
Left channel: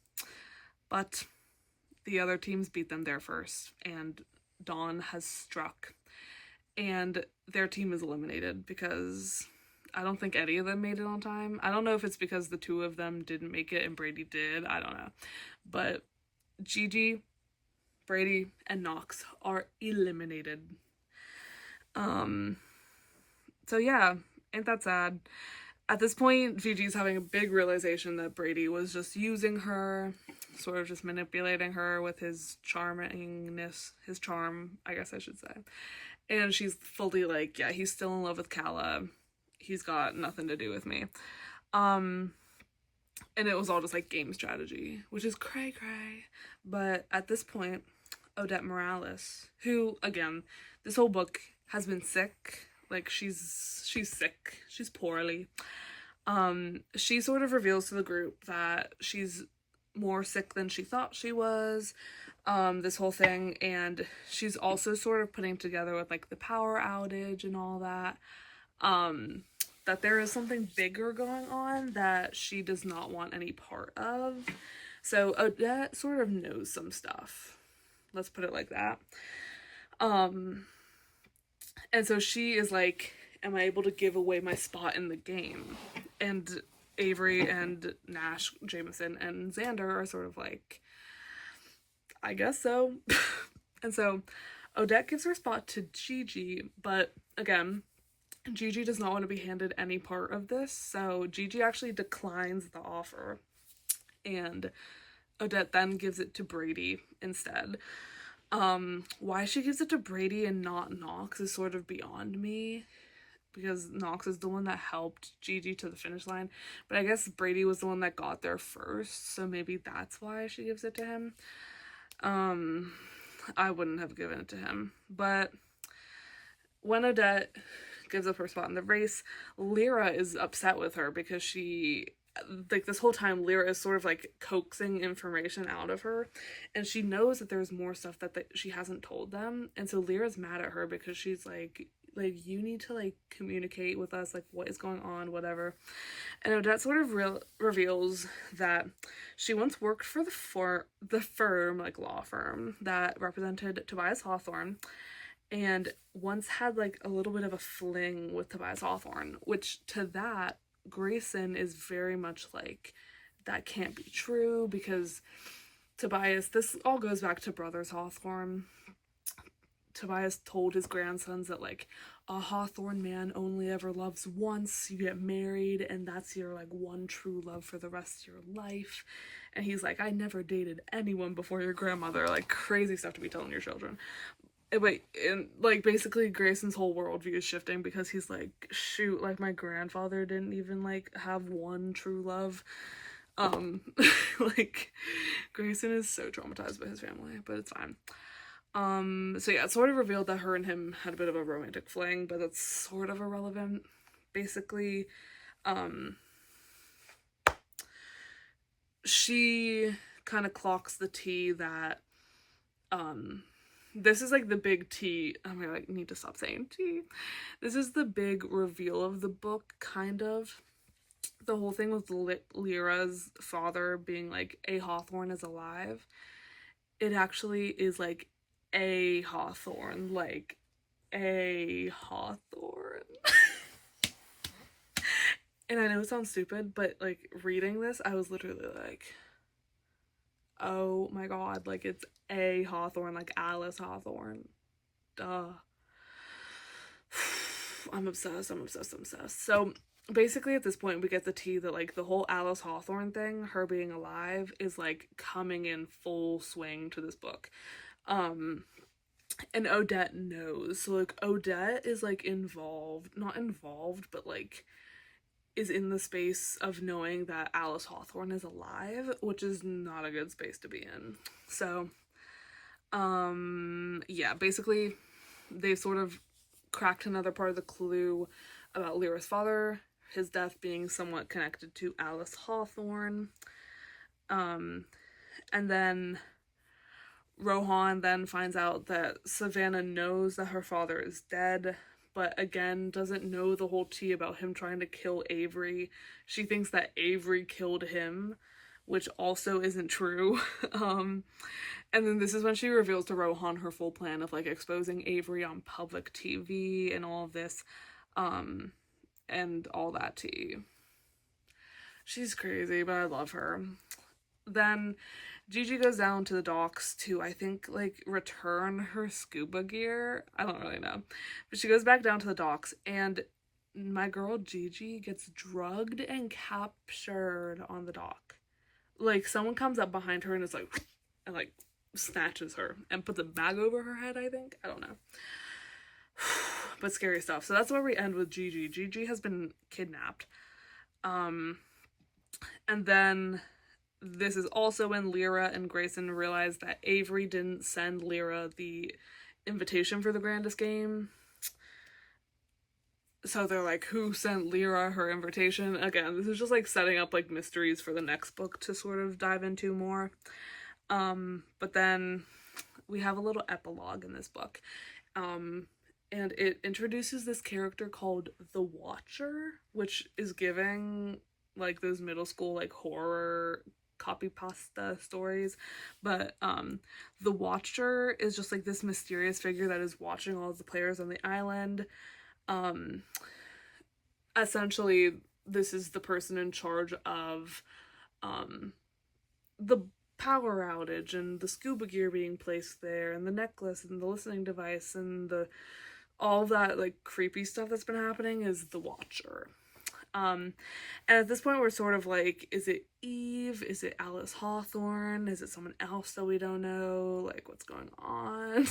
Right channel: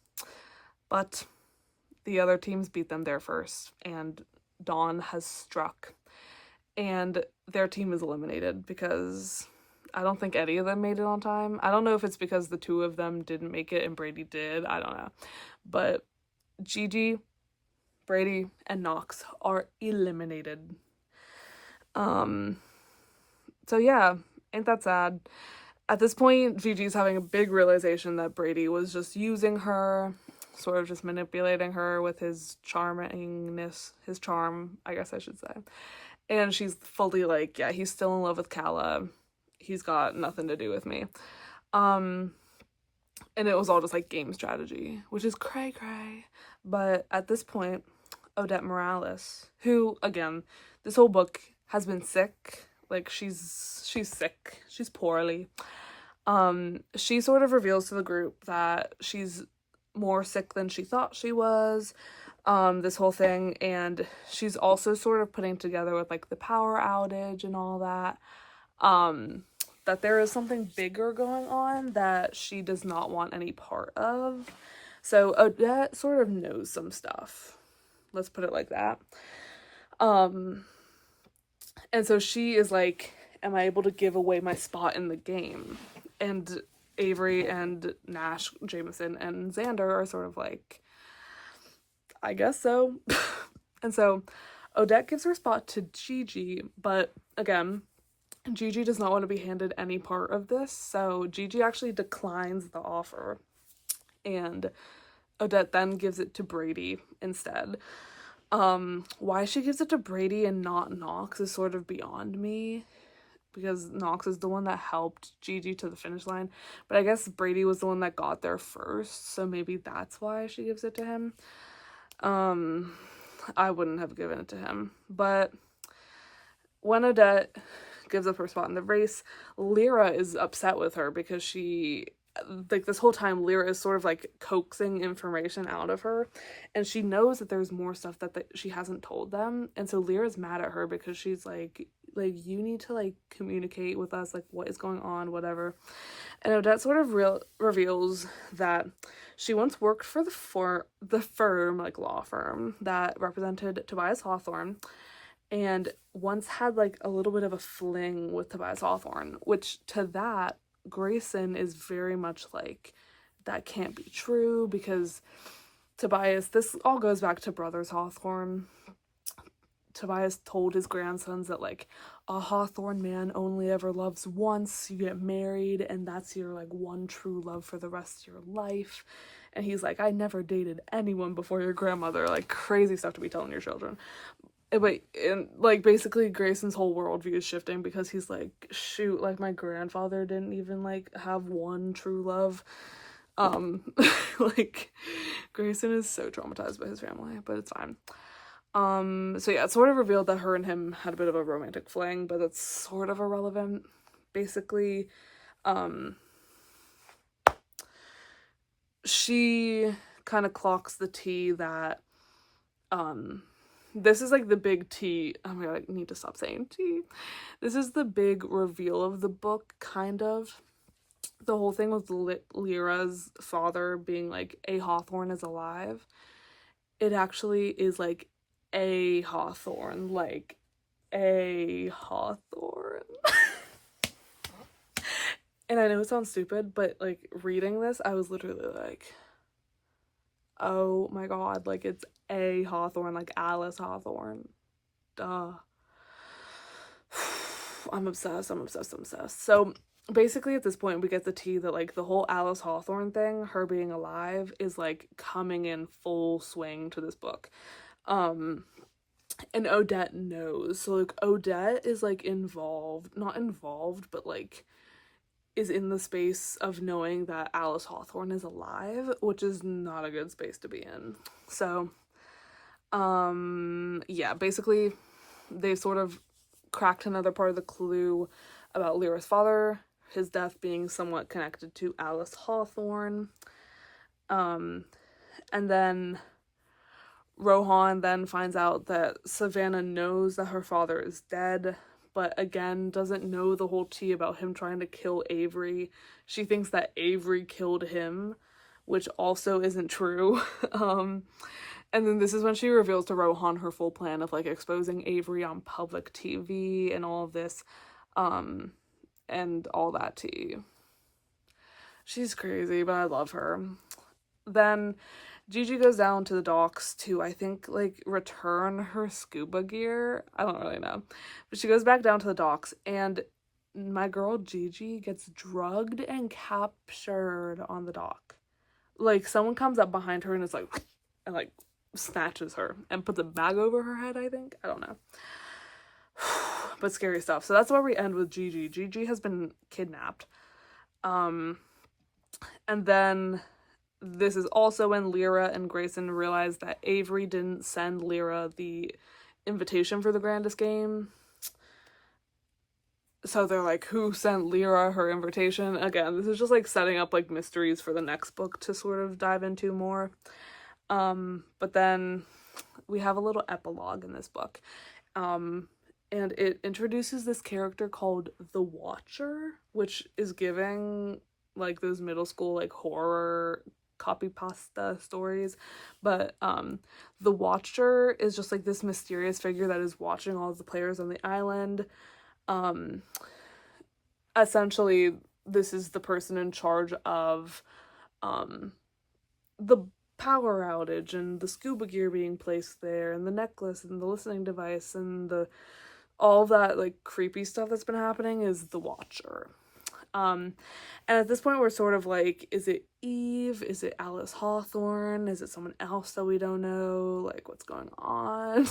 But the other teams beat them there first, and dawn has struck. And their team is eliminated because I don't think any of them made it on time. I don't know if it's because the two of them didn't make it and Brady did. I don't know. But Gigi, Brady, and Knox are eliminated. So yeah, ain't that sad? At this point, Gigi's having a big realization that Brady was just using her, sort of just manipulating her with his charmingness, his charm, I guess I should say. And she's fully like, yeah, he's still in love with Calla. He's got nothing to do with me. And it was all just like game strategy, which is cray cray. But at this point, Odette Morales, who, again, this whole book has been sick. Like, she's sick. She's poorly. She sort of reveals to the group that she's more sick than she thought she was, this whole thing, and she's also sort of putting together with, like, the power outage and all that, that there is something bigger going on that she does not want any part of. So Odette sort of knows some stuff. Let's put it like that. And so she is like, am I able to give away my spot in the game? And Avery and Nash, Jameson, and Xander are sort of like, I guess so. And so Odette gives her spot to Gigi, but again, Gigi does not want to be handed any part of this, so Gigi actually declines the offer. And Odette then gives it to Brady instead. Why she gives it to Brady and not Knox is sort of beyond me, because Knox is the one that helped Gigi to the finish line, but I guess Brady was the one that got there first, so maybe that's why she gives it to him. I wouldn't have given it to him. But when Odette gives up her spot in the race, Lyra is upset with her because she, like, this whole time Lyra is sort of like coaxing information out of her, and she knows that there's more stuff that she hasn't told them, and so Lyra's mad at her because she's like you need to like communicate with us, like what is going on, whatever. And Odette sort of reveals that she once worked for the firm, like law firm, that represented Tobias Hawthorne, and once had like a little bit of a fling with Tobias Hawthorne, which to that, Grayson is very much like, that can't be true, because Tobias, this all goes back to Brothers Hawthorne. Tobias told his grandsons that like a Hawthorne man only ever loves once, you get married and that's your like one true love for the rest of your life. And he's like, I never dated anyone before your grandmother. Like, crazy stuff to be telling your children. And like basically Grayson's whole worldview is shifting because he's like, shoot, like my grandfather didn't even like have one true love. Like Grayson is so traumatized by his family, but it's fine. So yeah, it's sort of revealed that her and him had a bit of a romantic fling, but that's sort of irrelevant. Basically, she kind of clocks the tea that, this is like the big tea. I'm gonna like need to stop saying tea. This is the big reveal of the book, kind of. The whole thing with Lyra's father being like, a Hawthorne is alive. It actually is like a Hawthorne, like a Hawthorne. And I know it sounds stupid, but like reading this, I was literally like, oh my god, like it's a Hawthorne, like Alice Hawthorne. Duh. I'm obsessed. So basically at this point we get the tea that like the whole Alice Hawthorne thing, her being alive, is like coming in full swing to this book. And Odette knows. So like Odette is like not involved, but like is in the space of knowing that Alice Hawthorne is alive, which is not a good space to be in. So yeah, basically they sort of cracked another part of the clue about Lyra's father, his death being somewhat connected to Alice Hawthorne. And then Rohan then finds out that Savannah knows that her father is dead, but again doesn't know the whole tea about him trying to kill Avery. She thinks that Avery killed him, which also isn't true. And then this is when she reveals to Rohan her full plan of like exposing Avery on public TV and all of this, and all that tea. She's crazy, but I love her. Then Gigi goes down to the docks to, I think, like, return her scuba gear. I don't really know. But she goes back down to the docks, and my girl Gigi gets drugged and captured on the dock. Like, someone comes up behind her and is like, and, like, snatches her and puts a bag over her head, I think. I don't know. But scary stuff. So that's where we end with Gigi. Gigi has been kidnapped. And then this is also when Lyra and Grayson realize that Avery didn't send Lyra the invitation for the grandest game. So they're like, who sent Lyra her invitation? Again, this is just like setting up like mysteries for the next book to sort of dive into more. But then we have a little epilogue in this book. And it introduces this character called the Watcher, which is giving like those middle school like horror copy pasta stories. But the Watcher is just like this mysterious figure that is watching all of the players on the island. Essentially this is the person in charge of the power outage and the scuba gear being placed there and the necklace and the listening device and all that like creepy stuff that's been happening is the Watcher. And at this point, we're sort of like, is it Eve? Is it Alice Hawthorne? Is it someone else that we don't know? Like, what's going on?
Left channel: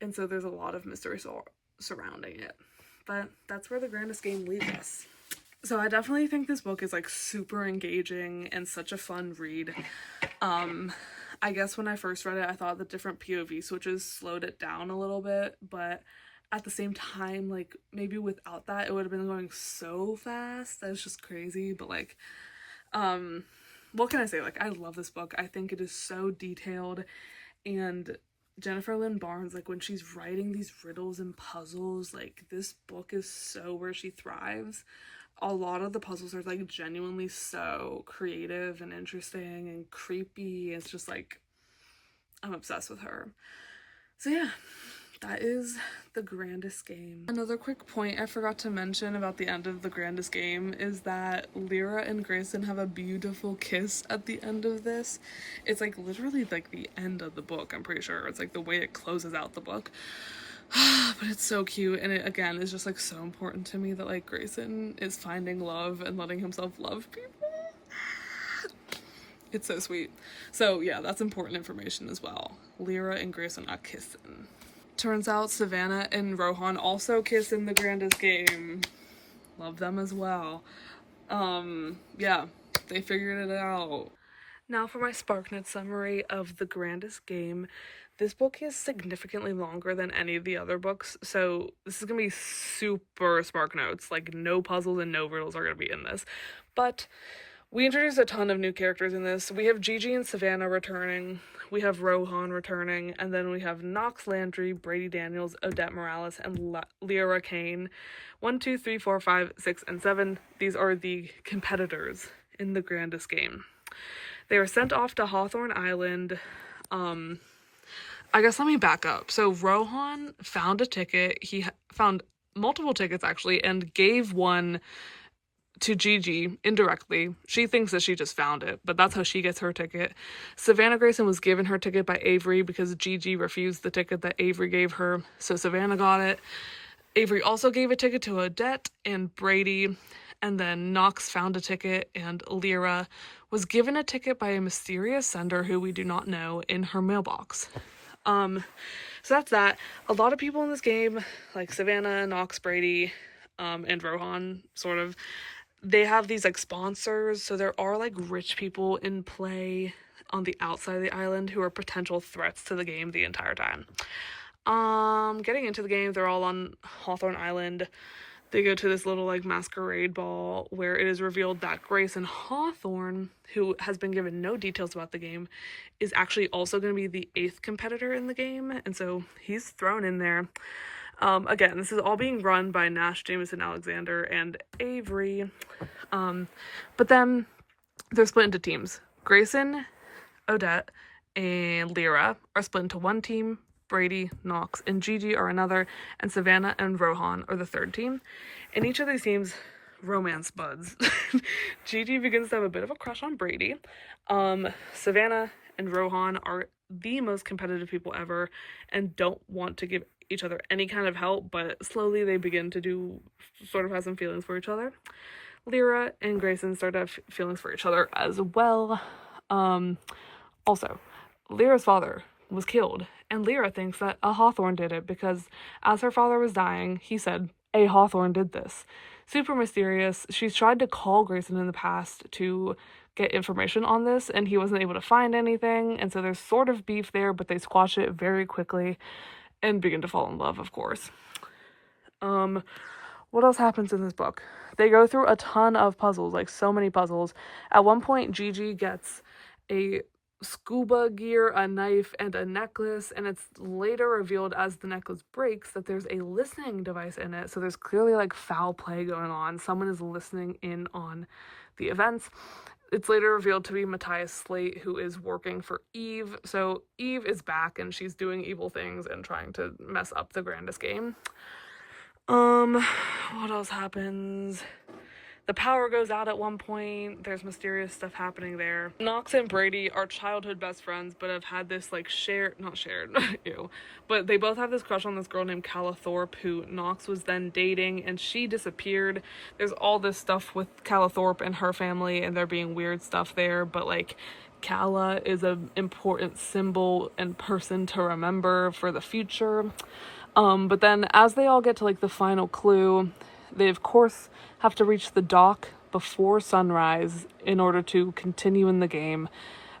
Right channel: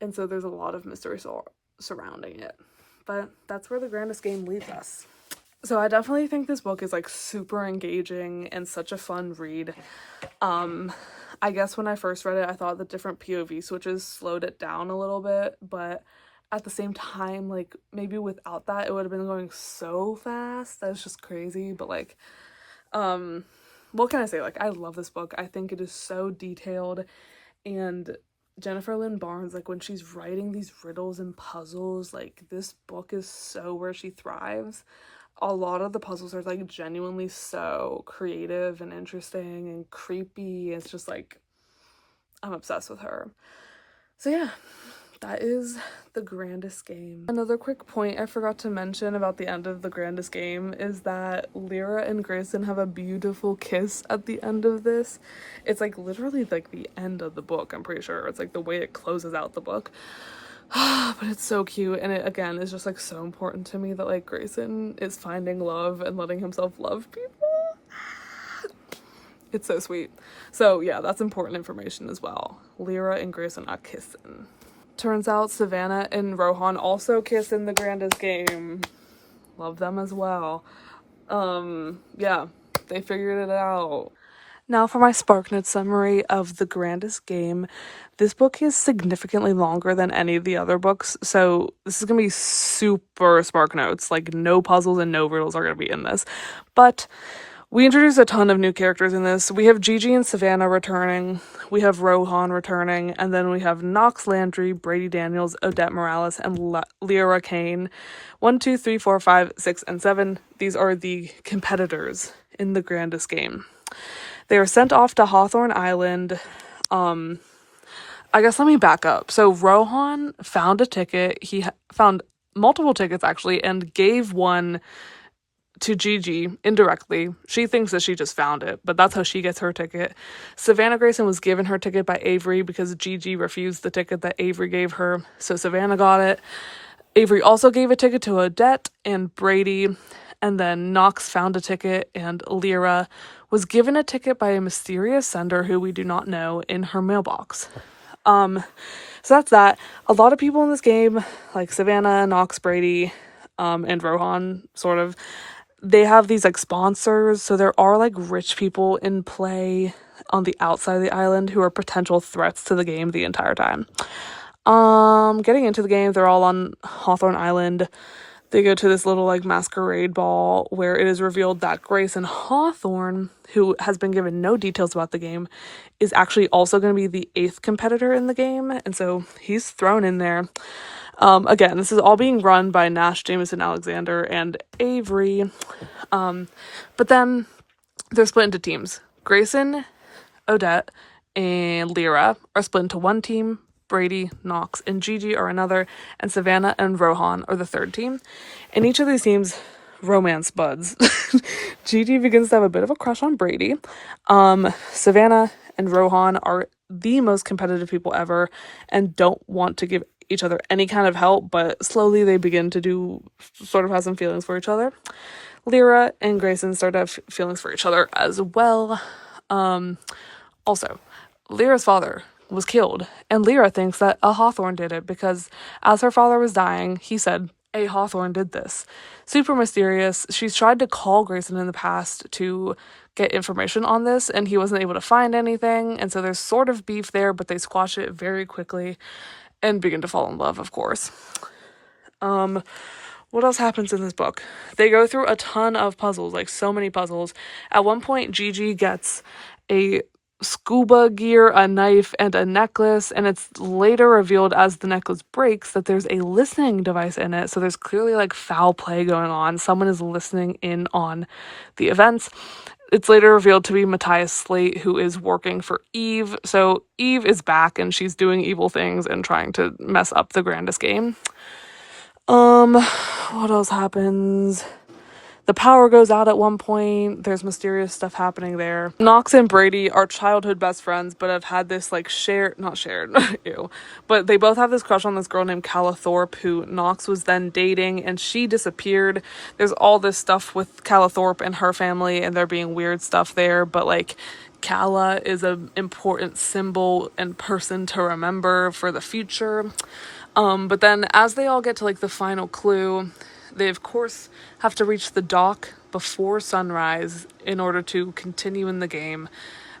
And so there's a lot of mystery surrounding it. But that's where the grandest game leads us. So I definitely think this book is like super engaging and such a fun read. I guess when I first read it, I thought the different POV switches slowed it down a little bit, but at the same time, like, maybe without that, it would have been going so fast. That was just crazy. But like, what can I say? Like, I love this book. I think it is so detailed, and Jennifer Lynn Barnes, like, when she's writing these riddles and puzzles, like, this book is so where she thrives. A lot of the puzzles are like genuinely so creative and interesting and creepy. It's just like, I'm obsessed with her. So yeah, that is the grandest game. Another quick point I forgot to mention about the end of the grandest game is that Lyra and Grayson have a beautiful kiss at the end of this. It's like literally like the end of the book, I'm pretty sure. It's like the way it closes out the book. But it's so cute, and it again is just like so important to me that like Grayson is finding love and letting himself love people. It's so sweet. So yeah, that's important information as well. Lyra and Grayson are kissing. Turns out Savannah and Rohan also kiss in the grandest game. Love them as well. Yeah, they figured it out. Now for my SparkNotes summary of the grandest game. This book is significantly longer than any of the other books, so this is going to be super SparkNotes. Like, no puzzles and no riddles are going to be in this. But we introduced a ton of new characters in this. We have Gigi and Savannah returning, we have Rohan returning, and then we have Knox Landry, Brady Daniels, Odette Morales, and Lyra Kane. 1, 2, 3, 4, 5, 6, and 7. These are the competitors in the grandest game. They are sent off to Hawthorne Island. I guess let me back up. So Rohan found a ticket. He found multiple tickets, actually, and gave one to Gigi indirectly. She thinks that she just found it, but that's how she gets her ticket. Savannah Grayson was given her ticket by Avery because Gigi refused the ticket that Avery gave her, so Savannah got it. Avery also gave a ticket to Odette and Brady, and then Knox found a ticket, and Lyra was given a ticket by a mysterious sender who we do not know in her mailbox. So that's that. A lot of people in this game, like Savannah, Knox, Brady, and Rohan, sort of, they have these like sponsors. So there are like rich people in play on the outside of the island who are potential threats to the game the entire time. Getting into the game, they're all on Hawthorne Island. They go to this little like masquerade ball where it is revealed that Grayson Hawthorne, who has been given no details about the game, is actually also going to be the 8th competitor in the game, and so he's thrown in there. Again, this is all being run by Nash, Jameson, Alexander, and Avery. But then they're split into teams. Grayson, Odette, and Lyra are split into one team. Brady, Knox, and Gigi are another, and Savannah and Rohan are the third team. In each of these teams, romance buds. Gigi begins to have a bit of a crush on Brady. Savannah and Rohan are the most competitive people ever and don't want to give each other any kind of help, but slowly they begin to sort of have some feelings for each other. Lyra and Grayson start to have feelings for each other as well. Also, Lyra's father was killed, and Lyra thinks that a Hawthorne did it because as her father was dying, he said, a Hawthorne did this. Super mysterious. She's tried to call Grayson in the past to get information on this, and he wasn't able to find anything, and so there's sort of beef there, but they squash it very quickly and begin to fall in love, of course. What else happens in this book? They go through a ton of puzzles, like so many puzzles. At one point, Gigi gets a scuba gear, a knife, and a necklace, and it's later revealed as the necklace breaks that there's a listening device in it, so there's clearly like foul play going on. Someone is listening in on the events. It's later revealed to be Matthias Slate, who is working for Eve, so Eve is back and she's doing evil things and trying to mess up the grandest game. What else happens? the power goes out at one point. There's mysterious stuff happening there. Knox and Brady are childhood best friends, but have had this like not shared, ew. But they both have this crush on this girl named Calla Thorpe, who Knox was then dating, and she disappeared. There's all this stuff with Calla Thorpe and her family, and there being weird stuff there, but like Calla is an important symbol and person to remember for the future. But then as they all get to like the final clue, they of course have to reach the dock before sunrise in order to continue in the game.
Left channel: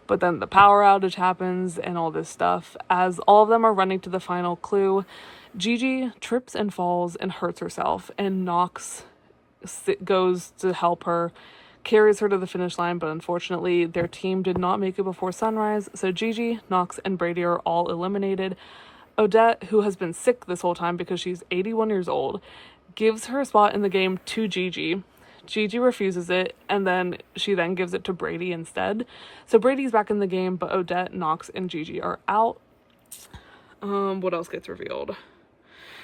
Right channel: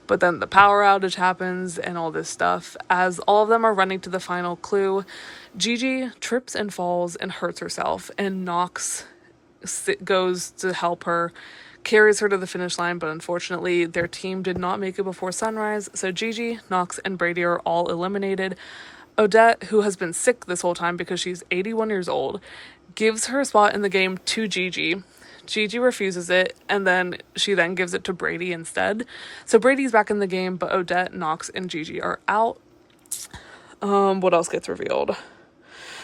But then the power outage happens and all this stuff. As all of them are running to the final clue, Gigi trips and falls and hurts herself, and Knox goes to help her, carries her to the finish line, but unfortunately their team did not make it before sunrise, so Gigi, Knox, and Brady are all eliminated. Odette, who has been sick this whole time because she's 81 years old, gives her spot in the game to Gigi. Gigi refuses it, and then she gives it to Brady instead. So Brady's back in the game, but Odette, Knox, and Gigi are out. What else gets revealed?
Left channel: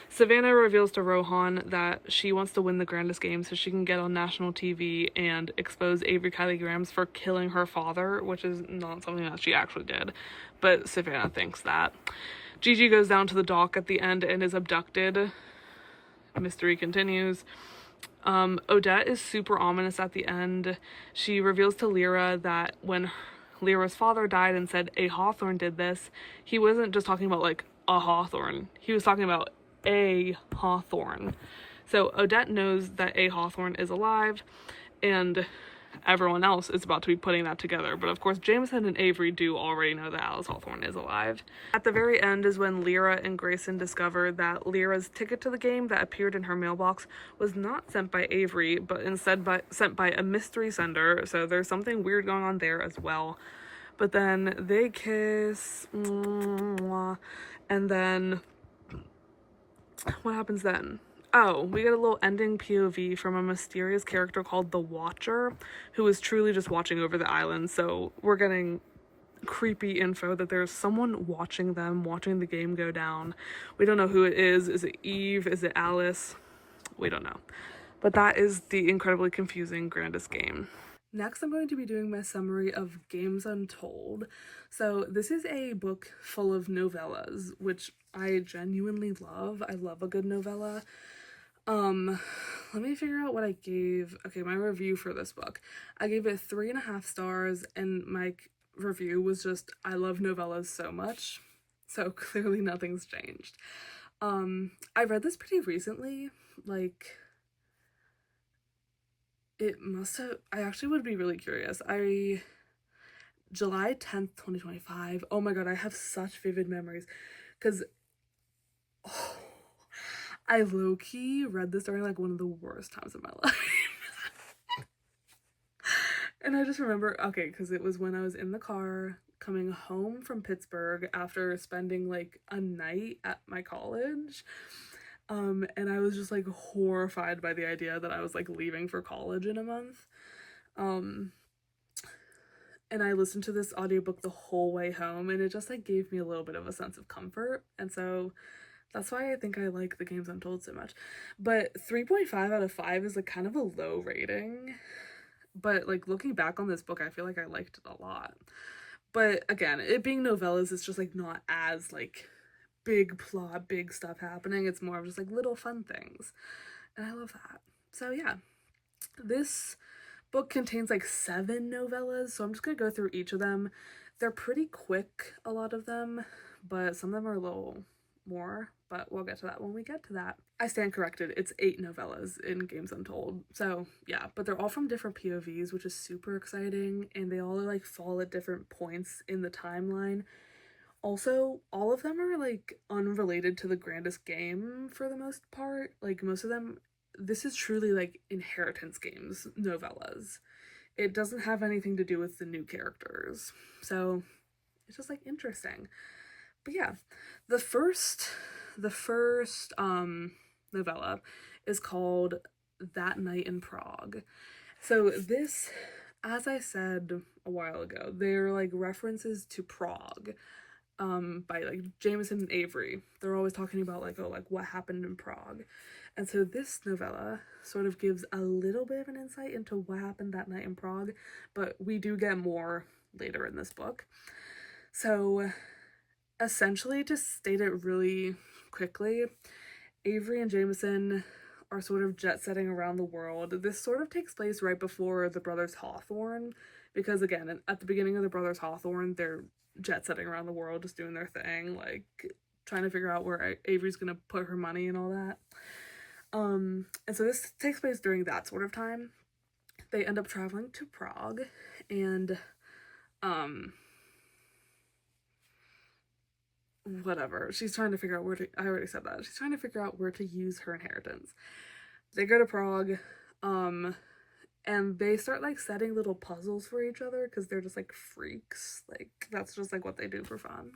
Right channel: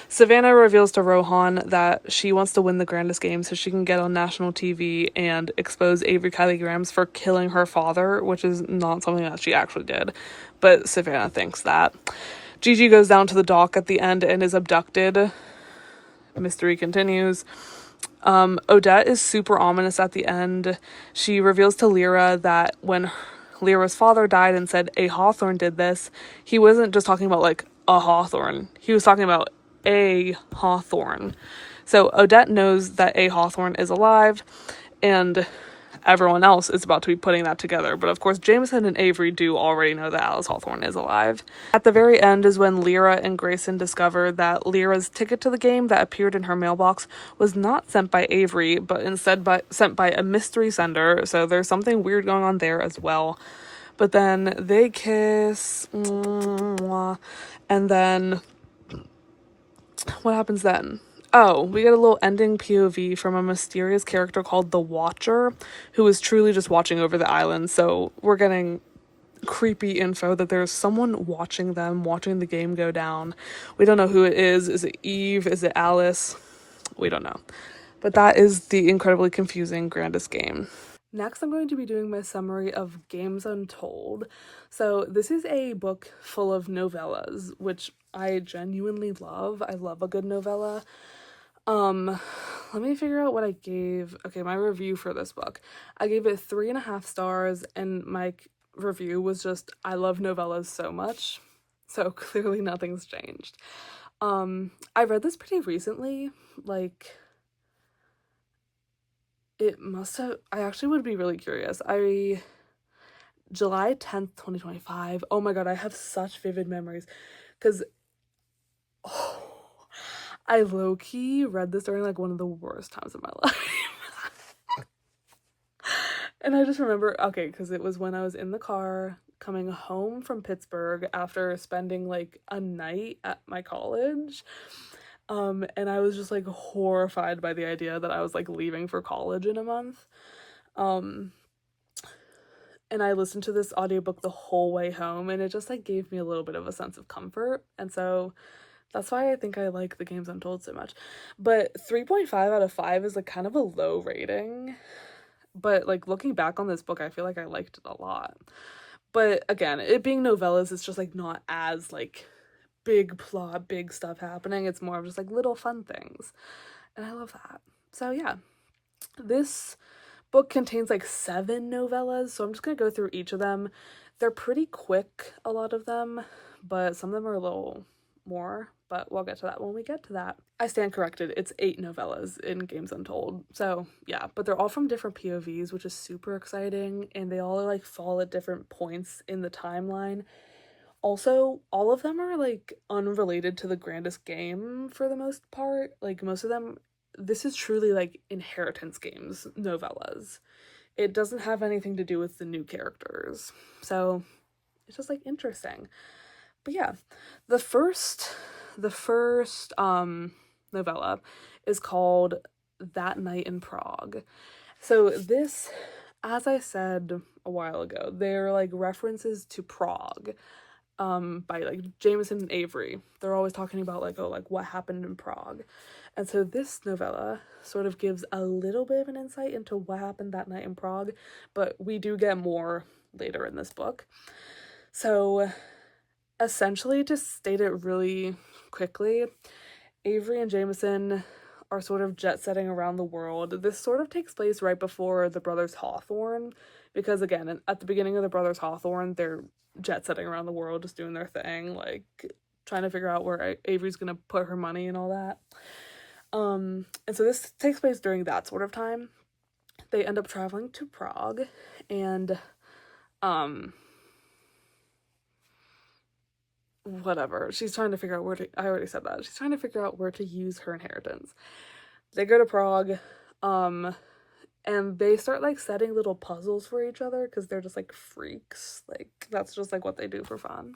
Savannah reveals to Rohan that she wants to win the grandest game so she can get on national TV and expose Avery Kylie Grahams for killing her father, which is not something that she actually did, but Savannah thinks that. Gigi goes down to the dock at the end and is abducted. Mystery continues. Odette is super ominous at the end. She reveals to Lyra that when Lyra's father died and said a Hawthorne did this, he wasn't just talking about like a Hawthorne. He was talking about a Hawthorne. So Odette knows that a Hawthorne is alive, and everyone else is about to be putting that together. But of course, Jameson and Avery do already know that Alice Hawthorne is alive. At the very end is when Lyra and Grayson discover that Lyra's ticket to the game that appeared in her mailbox was not sent by Avery, but instead sent by a mystery sender. So there's something weird going on there as well. But then they kiss, and then what happens then? Oh, we get a little ending POV from a mysterious character called the Watcher, who is truly just watching over the island. So we're getting creepy info that there's someone watching them, watching the game go down. We don't know who it is. Is it Eve? Is it Alice? We don't know. But that is the incredibly confusing grandest game. Next, I'm going to be doing my summary of Games Untold. So this is a book full of novellas, which I genuinely love. I love a good novella. Let me figure out what I gave. Okay, my review for this book. I gave it 3.5 stars, and my review was just, I love novellas so much. So clearly nothing's changed. I read this pretty recently, like, it must have, I actually would be really curious. July 10th, 2025. Oh my god, I have such vivid memories, because, I low-key read this during like one of the worst times of my life. And I just remember, okay, because it was when I was in the car coming home from Pittsburgh after spending like a night at my college. And I was just like horrified by the idea that I was like leaving for college in a month. And I listened to this audiobook the whole way home, and it just like gave me a little bit of a sense of comfort. And so that's why I think I like the Games Untold so much. But 3.5 out of 5 is like kind of a low rating. But like looking back on this book, I feel like I liked it a lot. But again, it being novellas, it's just like not as like big plot, big stuff happening. It's more of just like little fun things. And I love that. So yeah, this book contains like 7 novellas. So I'm just going to go through each of them. They're pretty quick, a lot of them, but some of them are a little more, but we'll get to that when we get to that. I stand corrected. It's 8 novellas in Games Untold. So yeah, but they're all from different POVs, which is super exciting, and they all like fall at different points in the timeline. Also, all of them are like unrelated to the grandest game for the most part. Like most of them, this is truly like inheritance games novellas. It doesn't have anything to do with the new characters. So it's just like interesting. But yeah, the first novella is called That Night in Prague. So this, as I said a while ago, they're like references to Prague, by like Jameson and Avery. They're always talking about like, oh, like what happened in Prague. And so this novella sort of gives a little bit of an insight into what happened that night in Prague, but we do get more later in this book. So essentially, to state it really quickly, Avery and Jameson are sort of jet-setting around the world. This sort of takes place right before the brothers Hawthorne, because again, at the beginning of the brothers Hawthorne, they're jet-setting around the world, just doing their thing, like trying to figure out where Avery's gonna put her money and all that. And so this takes place during that sort of time. They end up traveling to Prague, and whatever, she's trying to figure out where to, I already said that, she's trying to figure out where to use her inheritance. They go to Prague, and they start like setting little puzzles for each other because they're just like freaks, like that's just like what they do for fun.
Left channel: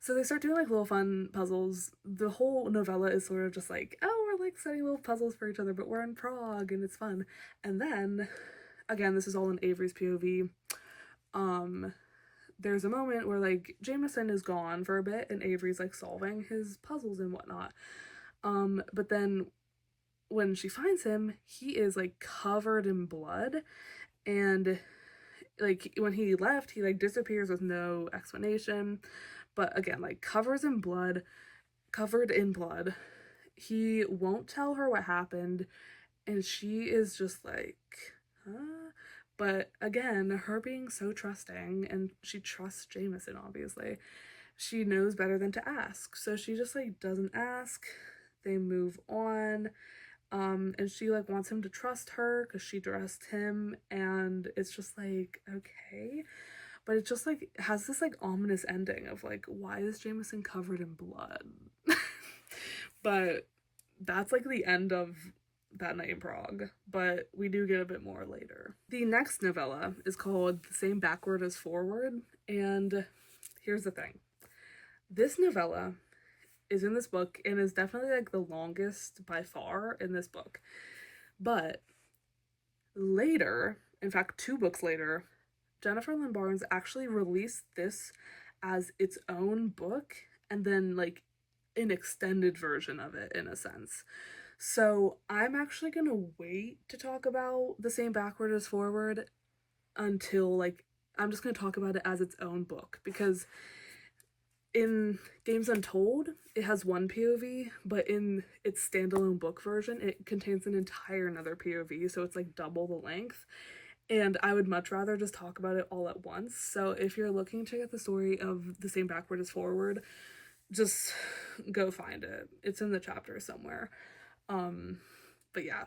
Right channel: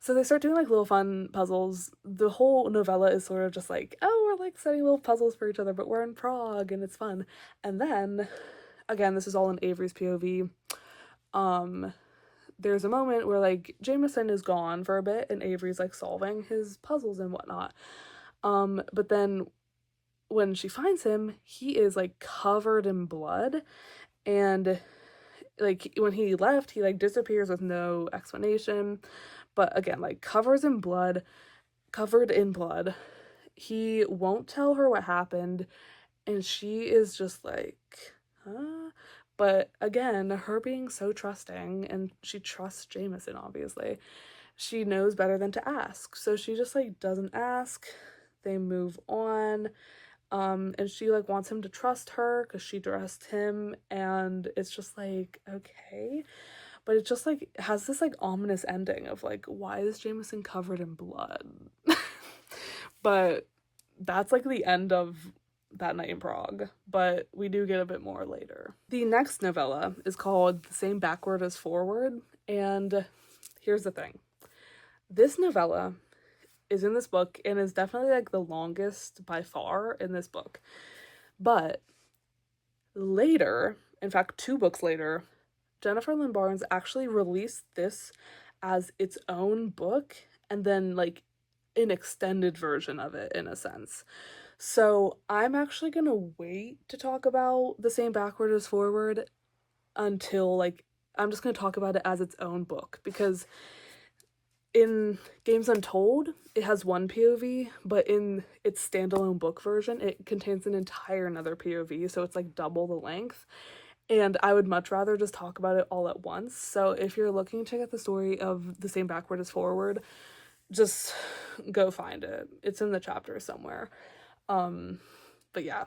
So they start doing like little fun puzzles. The whole novella is sort of just like, oh, we're like setting little puzzles for each other, but we're in Prague and it's fun. And then again, this is all in Avery's POV. There's a moment where like Jameson is gone for a bit and Avery's like solving his puzzles and whatnot. But then when she finds him, he is like covered in blood, and like when he left, he like disappears with no explanation. But again, like covered in blood. He won't tell her what happened, and she is just like, huh? But again, her being so trusting, and she trusts Jameson, obviously, she knows better than to ask. So she just like doesn't ask. They move on. And she like wants him to trust her because she trusts him, and it's just like, okay. But it just like has this like ominous ending of like, why is Jameson covered in blood? But that's like the end of that night in Prague, but we do get a bit more later. The next novella is called The Same Backward as Forward, and here's the thing. This novella is in this book and is definitely like the longest by far in this book. But later, in fact 2 books later, Jennifer Lynn Barnes actually released this as its own book, and then like an extended version of it in a sense. So I'm actually gonna wait to talk about The Same Backward as Forward until like, I'm just gonna talk about it as its own book, because in Games Untold, it has one POV, but in its standalone book version, it contains an entire another POV, so it's like double the length. And I would much rather just talk about it all at once. So if you're looking to get the story of The Same Backward as Forward, just go find it. It's in the chapter somewhere. But yeah,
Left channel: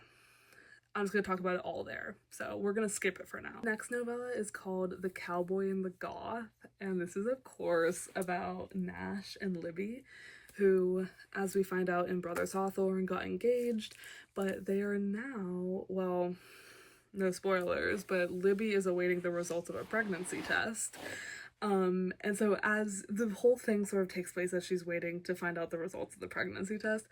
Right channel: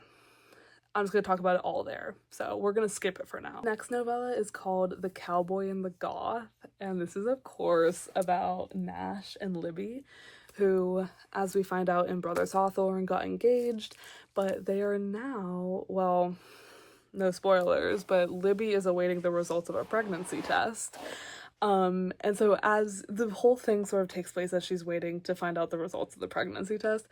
I'm just gonna talk about it all there. So we're gonna skip it for now. Next novella is called The Cowboy and the Goth, and this is of course about Nash and Libby, who, as we find out in Brothers Hawthorne, got engaged, but they are now, well, no spoilers, but Libby is awaiting the results of a pregnancy test. And so as the whole thing sort of takes place as she's waiting to find out the results of the pregnancy test,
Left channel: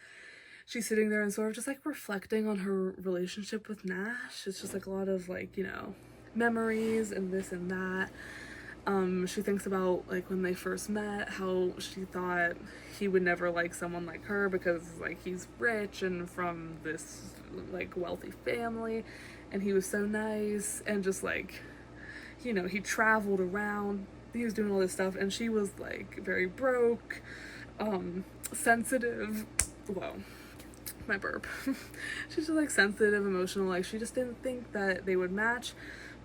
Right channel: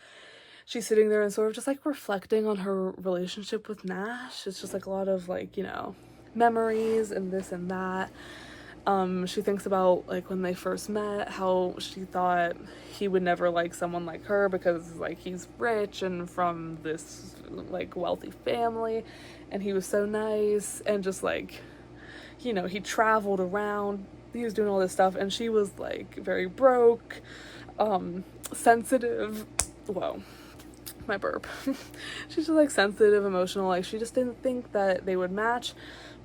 she's sitting there and sort of just like reflecting on her relationship with Nash. It's just like a lot of like, you know, memories and this and that. She thinks about like when they first met, how she thought he would never like someone like her because like he's rich and from this like wealthy family, and he was so nice, and just like, you know, he traveled around, he was doing all this stuff, and she was like very broke, sensitive, whoa, my burp. She's just like sensitive, emotional, like she just didn't think that they would match,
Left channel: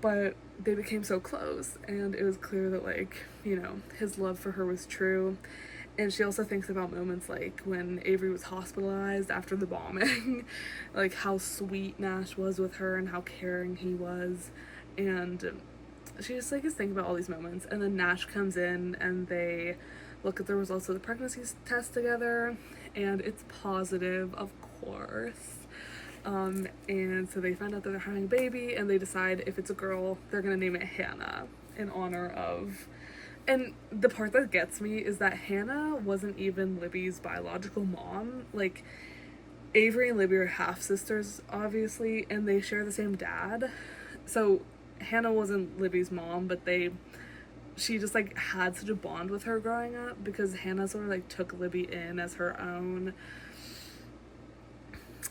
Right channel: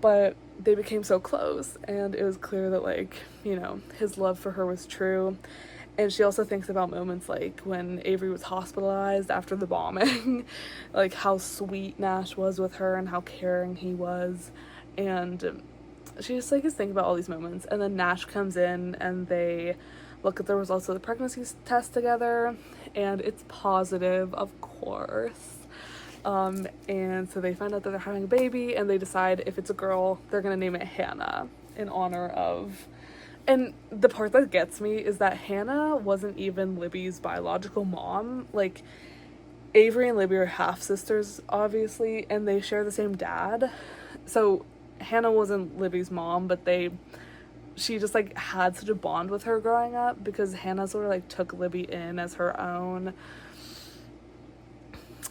but they became so close, and it was clear that like, you know, his love for her was true. And she also thinks about moments like when Avery was hospitalized after the bombing, like how sweet Nash was with her and how caring he was, and she just like is thinking about all these moments. And then Nash comes in and they look at the results of the pregnancy test together, and it's positive, of course. And so they find out that they're having a baby, and they decide if it's a girl, they're gonna name it Hannah in honor of. And the part that gets me is that Hannah wasn't even Libby's biological mom. Like, Avery and Libby are half-sisters, obviously, and they share the same dad. So Hannah wasn't Libby's mom, but she just, like, had such a bond with her growing up because Hannah sort of, like, took Libby in as her own.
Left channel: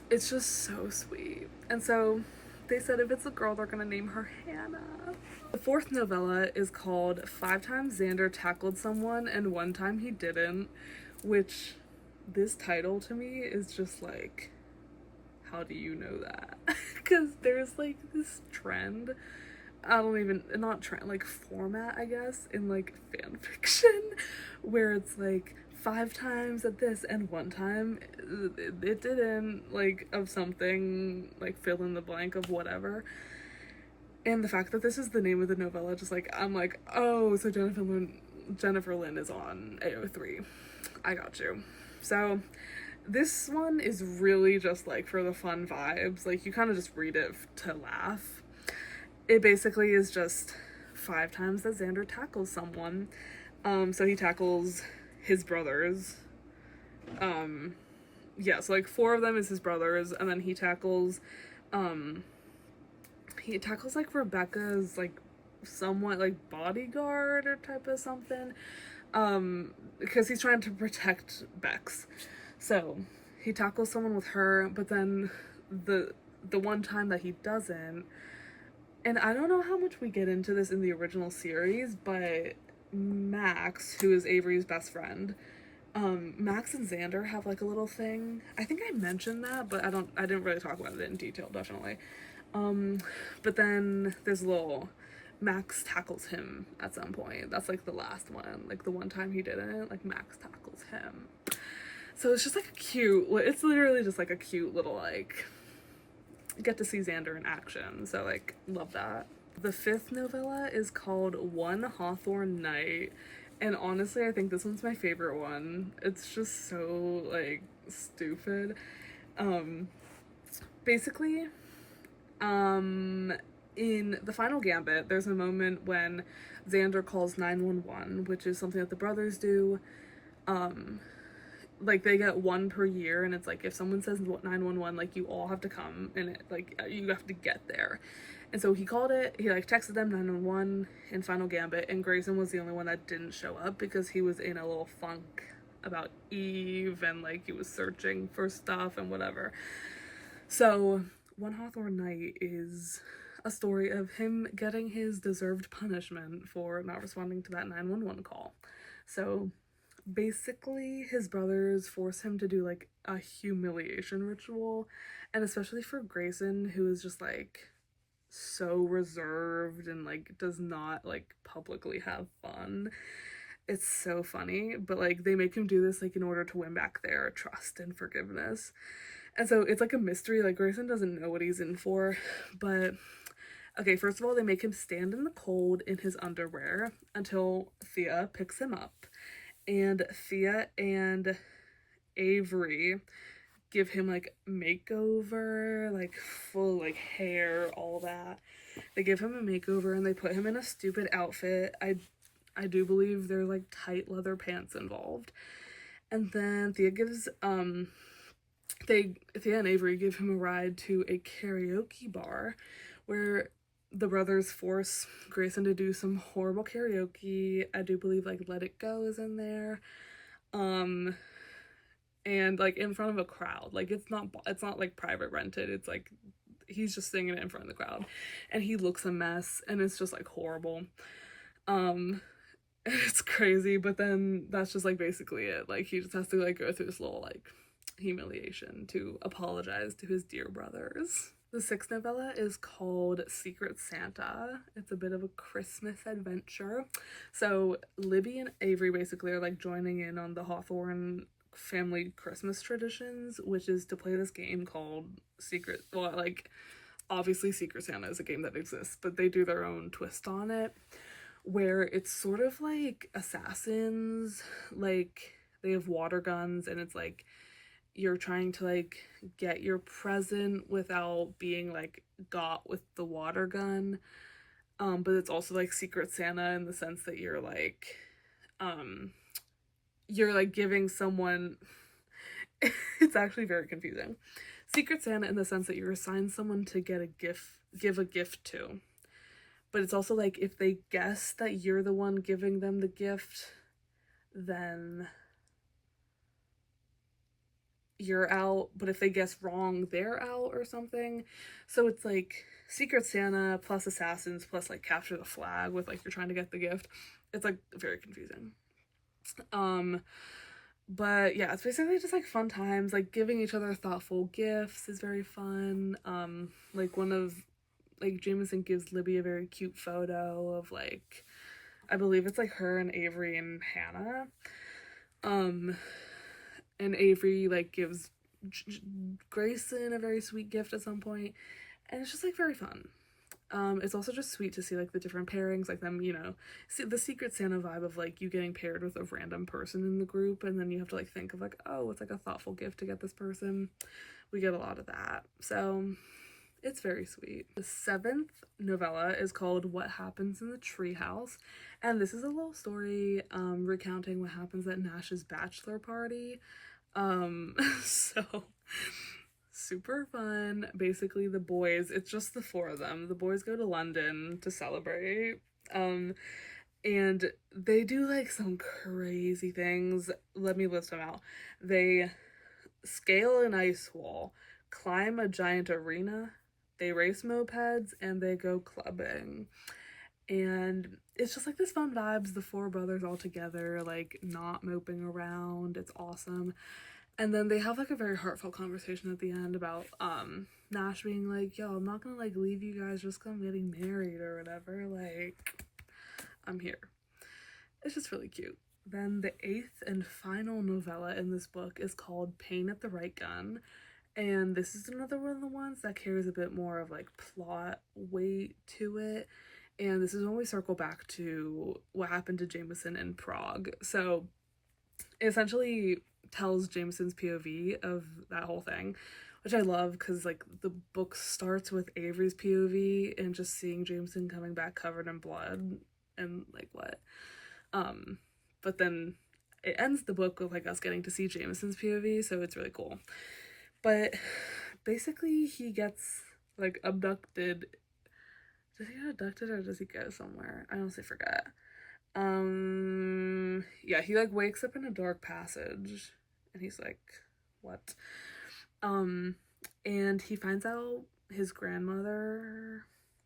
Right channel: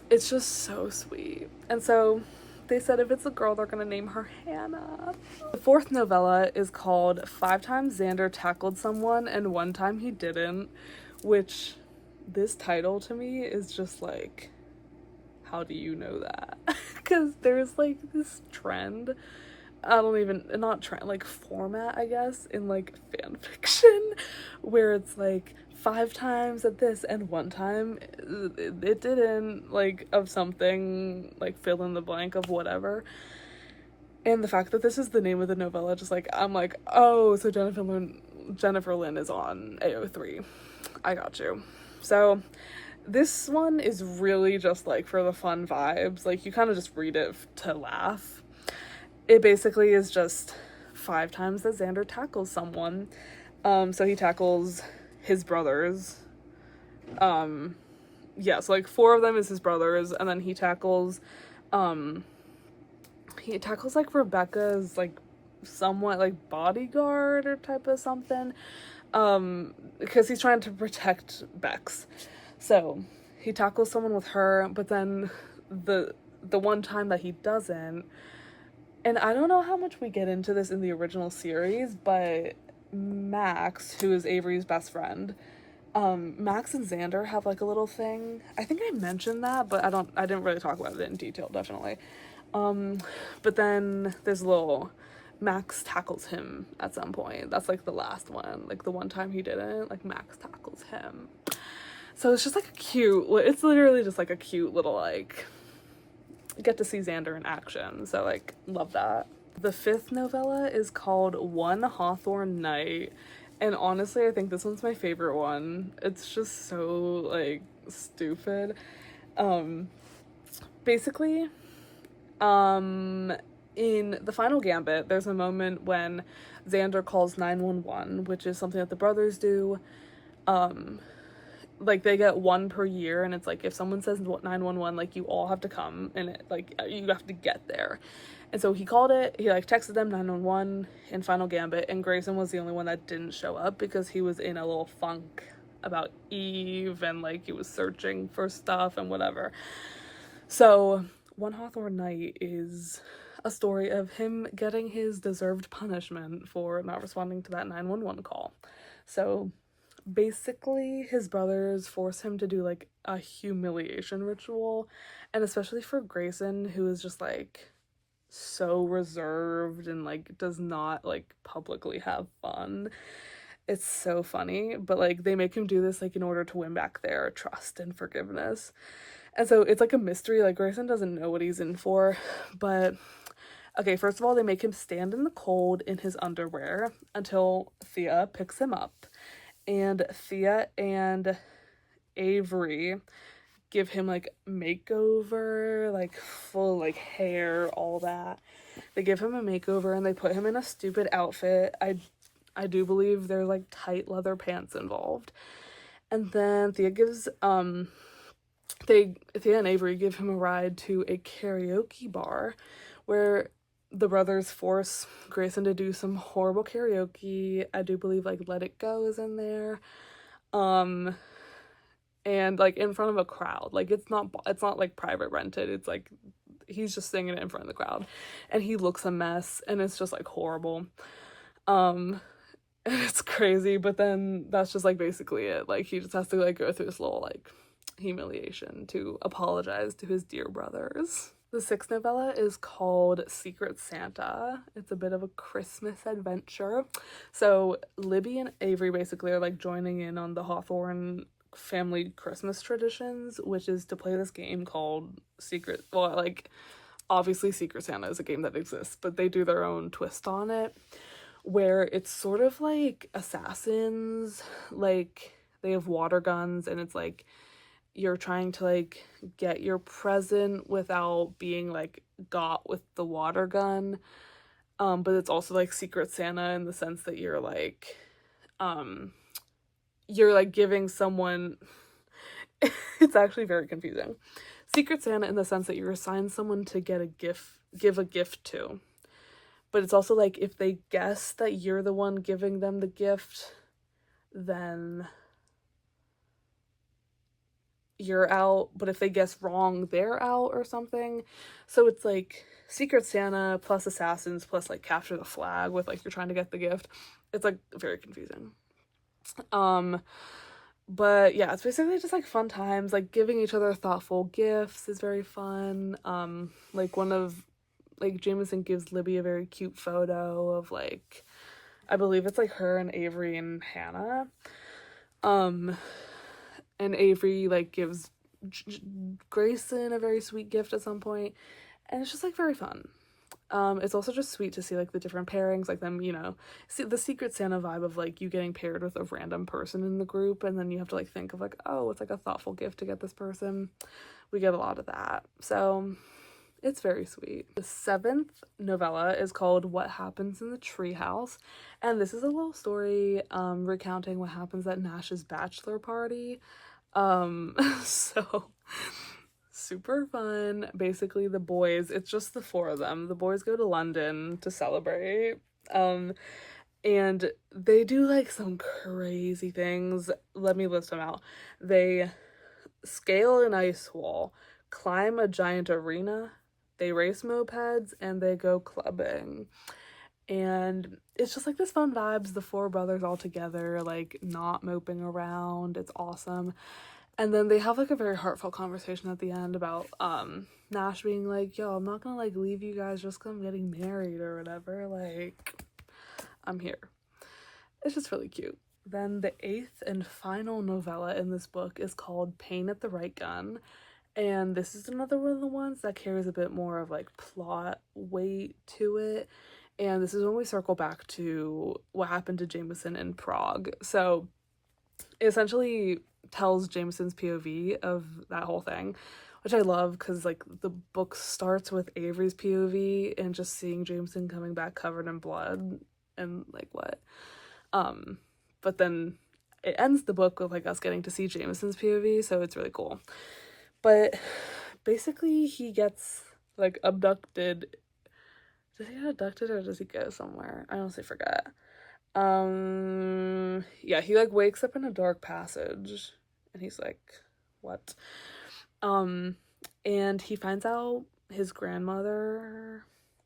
it's just so sweet. And so they said if it's a girl, they're gonna name her Hannah. The fourth novella is called 5 Times Xander Tackled Someone and 1 Time He Didn't, which this title to me is just like, how do you know that? Because there's like this trend, not trend, like format, I guess, in like fan fiction, where it's like 5 times at this and 1 time it didn't, like, of something, like fill in the blank of whatever. And the fact that this is the name of the novella, just like, I'm like, oh, so Jennifer Lynn is on AO3. I got you. So this one is really just like for the fun vibes. Like, you kind of just read it to laugh. It basically is just 5 times that Xander tackles someone. So he tackles his brothers. So like 4 of them is his brothers, and then he tackles like Rebecca's like somewhat like bodyguard or type of something, because he's trying to protect Bex. So he tackles someone with her, but then the 1 time that he doesn't, and I don't know how much we get into this in the original series, but Max, who is Avery's best friend, Max and Xander have like a little thing. I think I mentioned that, but I didn't really talk about it in detail, definitely. But then there's Max tackles him at some point. That's like the last one. Like the 1 time he didn't, like Max tackles him. So it's just like it's literally just like a cute little, like, get to see Xander in action. So like, love that. The 5th novella is called One Hawthorne Night. And honestly, I think this one's my favorite one. It's just so, like, stupid. Basically, in the final Gambit, there's a moment when Xander calls 911, which is something that the brothers do. Like, they get 1 per year, and it's like, if someone says 911, like, you all have to come, and it, like, you have to get there. And so he called it, he like texted them 911 in Final Gambit, and Grayson was the only one that didn't show up because he was in a little funk about Eve, and like he was searching for stuff and whatever. So One Hawthorne Night is a story of him getting his deserved punishment for not responding to that 911 call. So basically his brothers force him to do like a humiliation ritual, and especially for Grayson, who is just like so reserved and like does not like publicly have fun. It's so funny, but like they make him do this like in order to win back their trust and forgiveness. And so it's like a mystery. Like, Grayson doesn't know what he's in for. But okay, first of all, they make him stand in the cold in his underwear until Thea picks him up. And Thea and Avery give him like makeover, like full like hair, all that. They give him a makeover and they put him in a stupid outfit. I do believe there's like tight leather pants involved. And then Thea and Avery give him a ride to a karaoke bar where the brothers force Grayson to do some horrible karaoke. I do believe like Let It Go is in there. And like in front of a crowd. Like it's not like private rented. It's like he's just singing it in front of the crowd, and he looks a mess, and it's just like horrible. It's crazy, but then that's just like basically it. Like he just has to like go through this little like humiliation to apologize to his dear brothers. The 6th novella is called Secret Santa. It's a bit of a Christmas adventure. So Libby and Avery basically are like joining in on the Hawthorne family Christmas traditions, which is to play this game called obviously Secret Santa is a game that exists, but they do their own twist on it, where it's sort of like Assassins. Like, they have water guns, and it's like you're trying to like get your present without being like got with the water gun. But it's also like Secret Santa in the sense that you're like giving someone it's actually very confusing. Secret Santa in the sense that you're assigned someone to give a gift to. But it's also like if they guess that you're the one giving them the gift, then you're out, but if they guess wrong, they're out or something. So it's like Secret Santa plus assassins plus like capture the flag with like you're trying to get the gift. It's like very confusing. But yeah, it's basically just like fun times, like giving each other thoughtful gifts is very fun. Like one of like Jameson gives Libby a very cute photo of like, I believe it's like her and Avery and Hannah. And Avery like gives Grayson a very sweet gift at some point, and it's just like very fun. It's also just sweet to see like the different pairings, like them, you know, see the Secret Santa vibe of like you getting paired with a random person in the group, and then you have to like think of like, oh, it's like a thoughtful gift to get this person. We get a lot of that, so it's very sweet. The 7th novella is called What Happens in the Treehouse, and this is a little story recounting what happens at Nash's bachelor party. So super fun. Basically the boys, it's just the 4 of them. The boys go to London to celebrate. And they do like some crazy things. Let me list them out. They scale an ice wall, climb a giant arena, they race mopeds, and they go clubbing. And it's just like this fun vibes, the 4 brothers all together, like not moping around. It's awesome. And then they have like a very heartfelt conversation at the end about Nash being like, yo, I'm not gonna like leave you guys just because I'm getting married or whatever, like I'm here. It's just really cute. Then the 8th and final novella in this book is called Pain at the Right Gun, and this is another one of the ones that carries a bit more of like plot weight to it. And this is when we circle back to what happened to Jameson in Prague. So it essentially tells Jameson's POV of that whole thing, which I love because like the book starts with Avery's POV and just seeing Jameson coming back covered in blood and like what. But then it ends the book with like us getting to see Jameson's POV, so it's really cool. But basically he gets like abducted. Does he get abducted or does he go somewhere? I honestly forget. Yeah, he like wakes up in a dark passage and he's like, what? And he finds out his grandmother,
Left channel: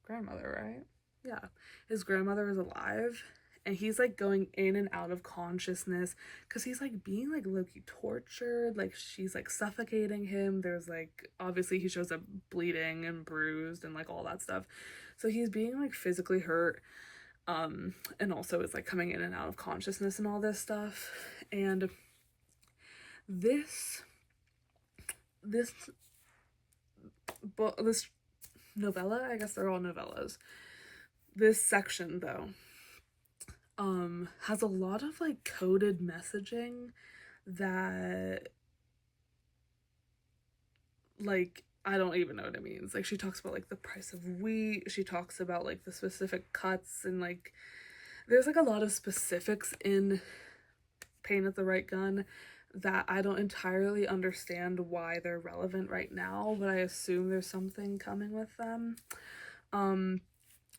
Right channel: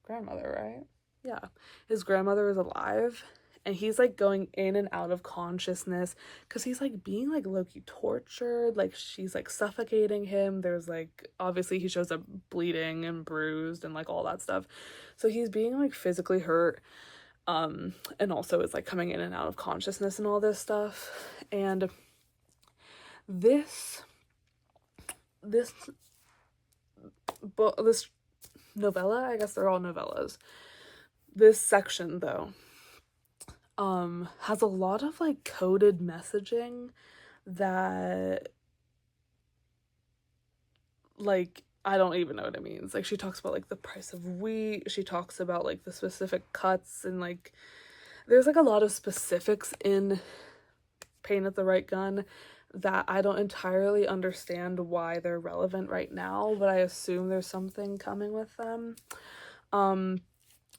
right? Yeah, his grandmother is alive, and he's like going in and out of consciousness because he's like being like low-key tortured, like she's like suffocating him. There's like obviously he shows up bleeding and bruised and like all that stuff, so he's being like physically hurt, and also is like coming in and out of consciousness and all this stuff. And this novella, I guess they're all novellas, this section though has a lot of like coded messaging that like I don't even know what it means. Like she talks about like the price of wheat, she talks about like the specific cuts, and like there's like a lot of specifics in Pain at the Right Gun that I don't entirely understand why they're relevant right now, but I assume there's something coming with them.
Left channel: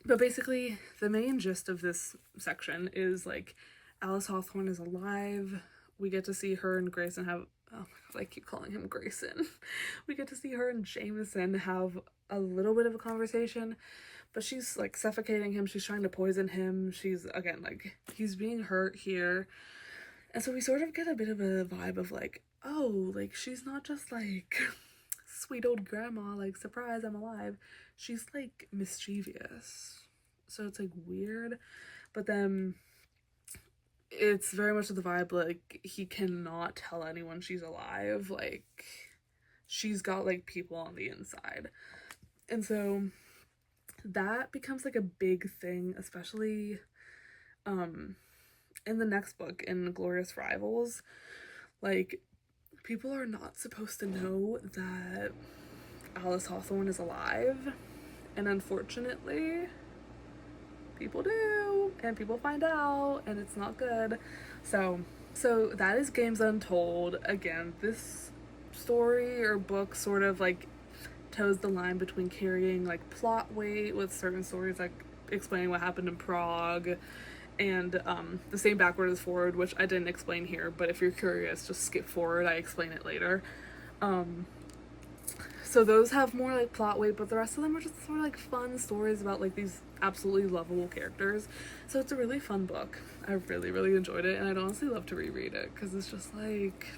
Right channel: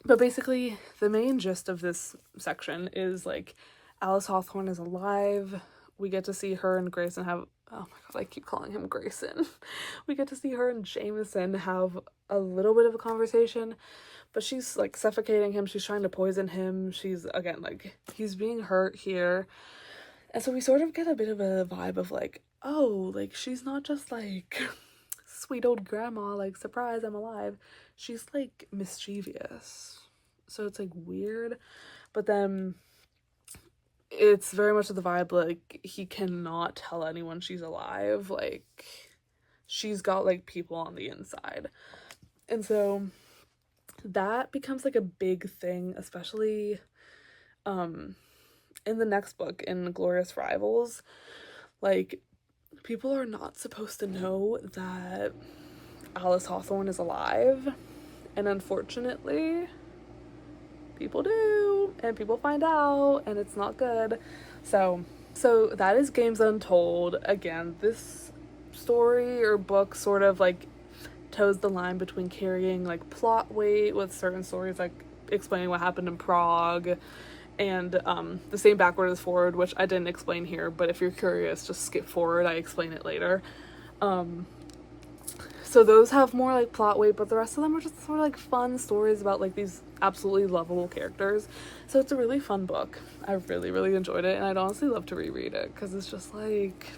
But basically the main gist of this section is like Alice Hawthorne is alive. We get to see her and Grayson have, oh my god, I keep calling him Grayson. We get to see her and Jameson have a little bit of a conversation, but she's like suffocating him, she's trying to poison him, she's again like he's being hurt here. And so we sort of get a bit of a vibe of like, oh, like she's not just like sweet old grandma, like surprise, I'm alive. She's like mischievous. So it's like weird. But then it's very much the vibe like he cannot tell anyone she's alive. Like she's got like people on the inside. And so that becomes like a big thing, especially in the next book, in Glorious Rivals. Like people are not supposed to know that Alice Hawthorne is alive, and unfortunately people do, and people find out, and it's not good. So that is Games Untold. Again, this story or book sort of like toes the line between carrying like plot weight with certain stories, like explaining what happened in Prague, and the same backward as forward, which I didn't explain here, but if you're curious, just skip forward, I explain it later. So those have more like plot weight, but the rest of them are just sort of like fun stories about like these absolutely lovable characters. So it's a really fun book. I really, really enjoyed it, and I'd honestly love to reread it because it's just like,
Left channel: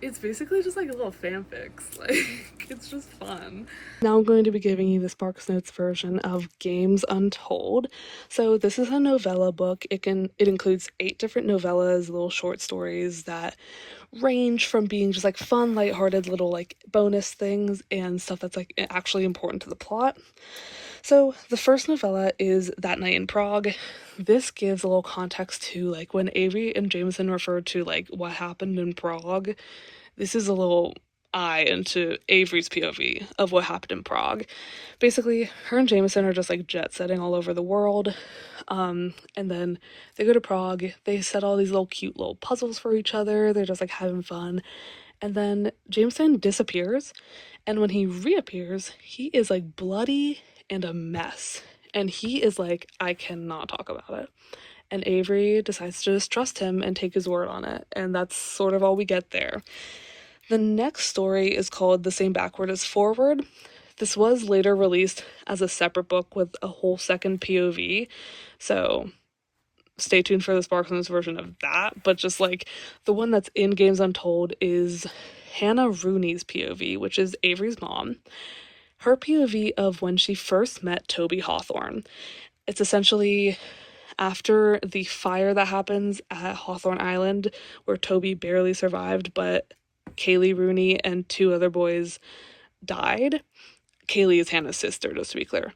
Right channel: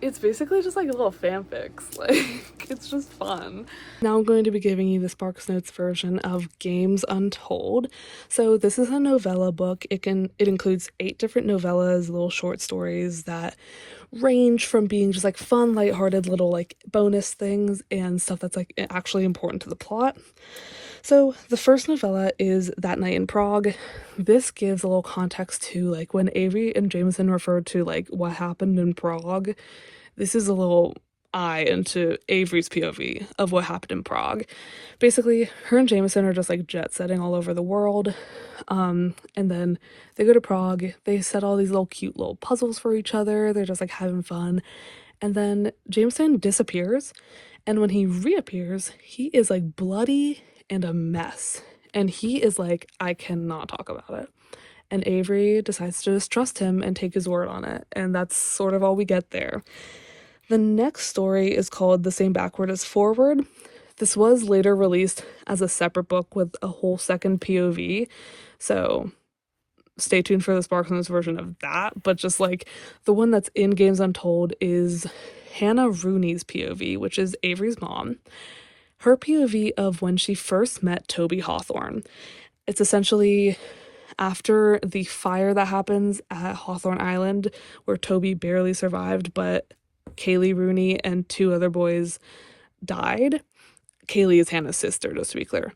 it's basically just like little fanfics. Like, it's just fun. Now I'm going to be giving you the sparknotes version of Games Untold. So this is a novella book. It includes 8 different novellas, little short stories that range from being just like fun, lighthearted little like bonus things and stuff that's like actually important to the plot. So the first novella is That Night in Prague. This gives a little context to like when Avery and Jameson refer to like what happened in Prague. This is a little eye into Avery's POV of what happened in Prague. Basically, her and Jameson are just like jet setting all over the world. And then they go to Prague. They set all these little cute little puzzles for each other. They're just like having fun. And then Jameson disappears. And when he reappears, he is like bloody and a mess. And he is like, I cannot talk about it. And Avery decides to just trust him and take his word on it. And that's sort of all we get there. The next story is called The Same Backward as Forward. This was later released as a separate book with a whole second POV. So stay tuned for the sparknotes version of that. But just like the one that's in Games Untold is Hannah Rooney's POV, which is Avery's mom. Her POV of when she first met Toby Hawthorne. It's essentially after the fire that happens at Hawthorne Island, where Toby barely survived, but Kaylee Rooney and 2 other boys died. Kaylee is Hannah's sister, just to be clear.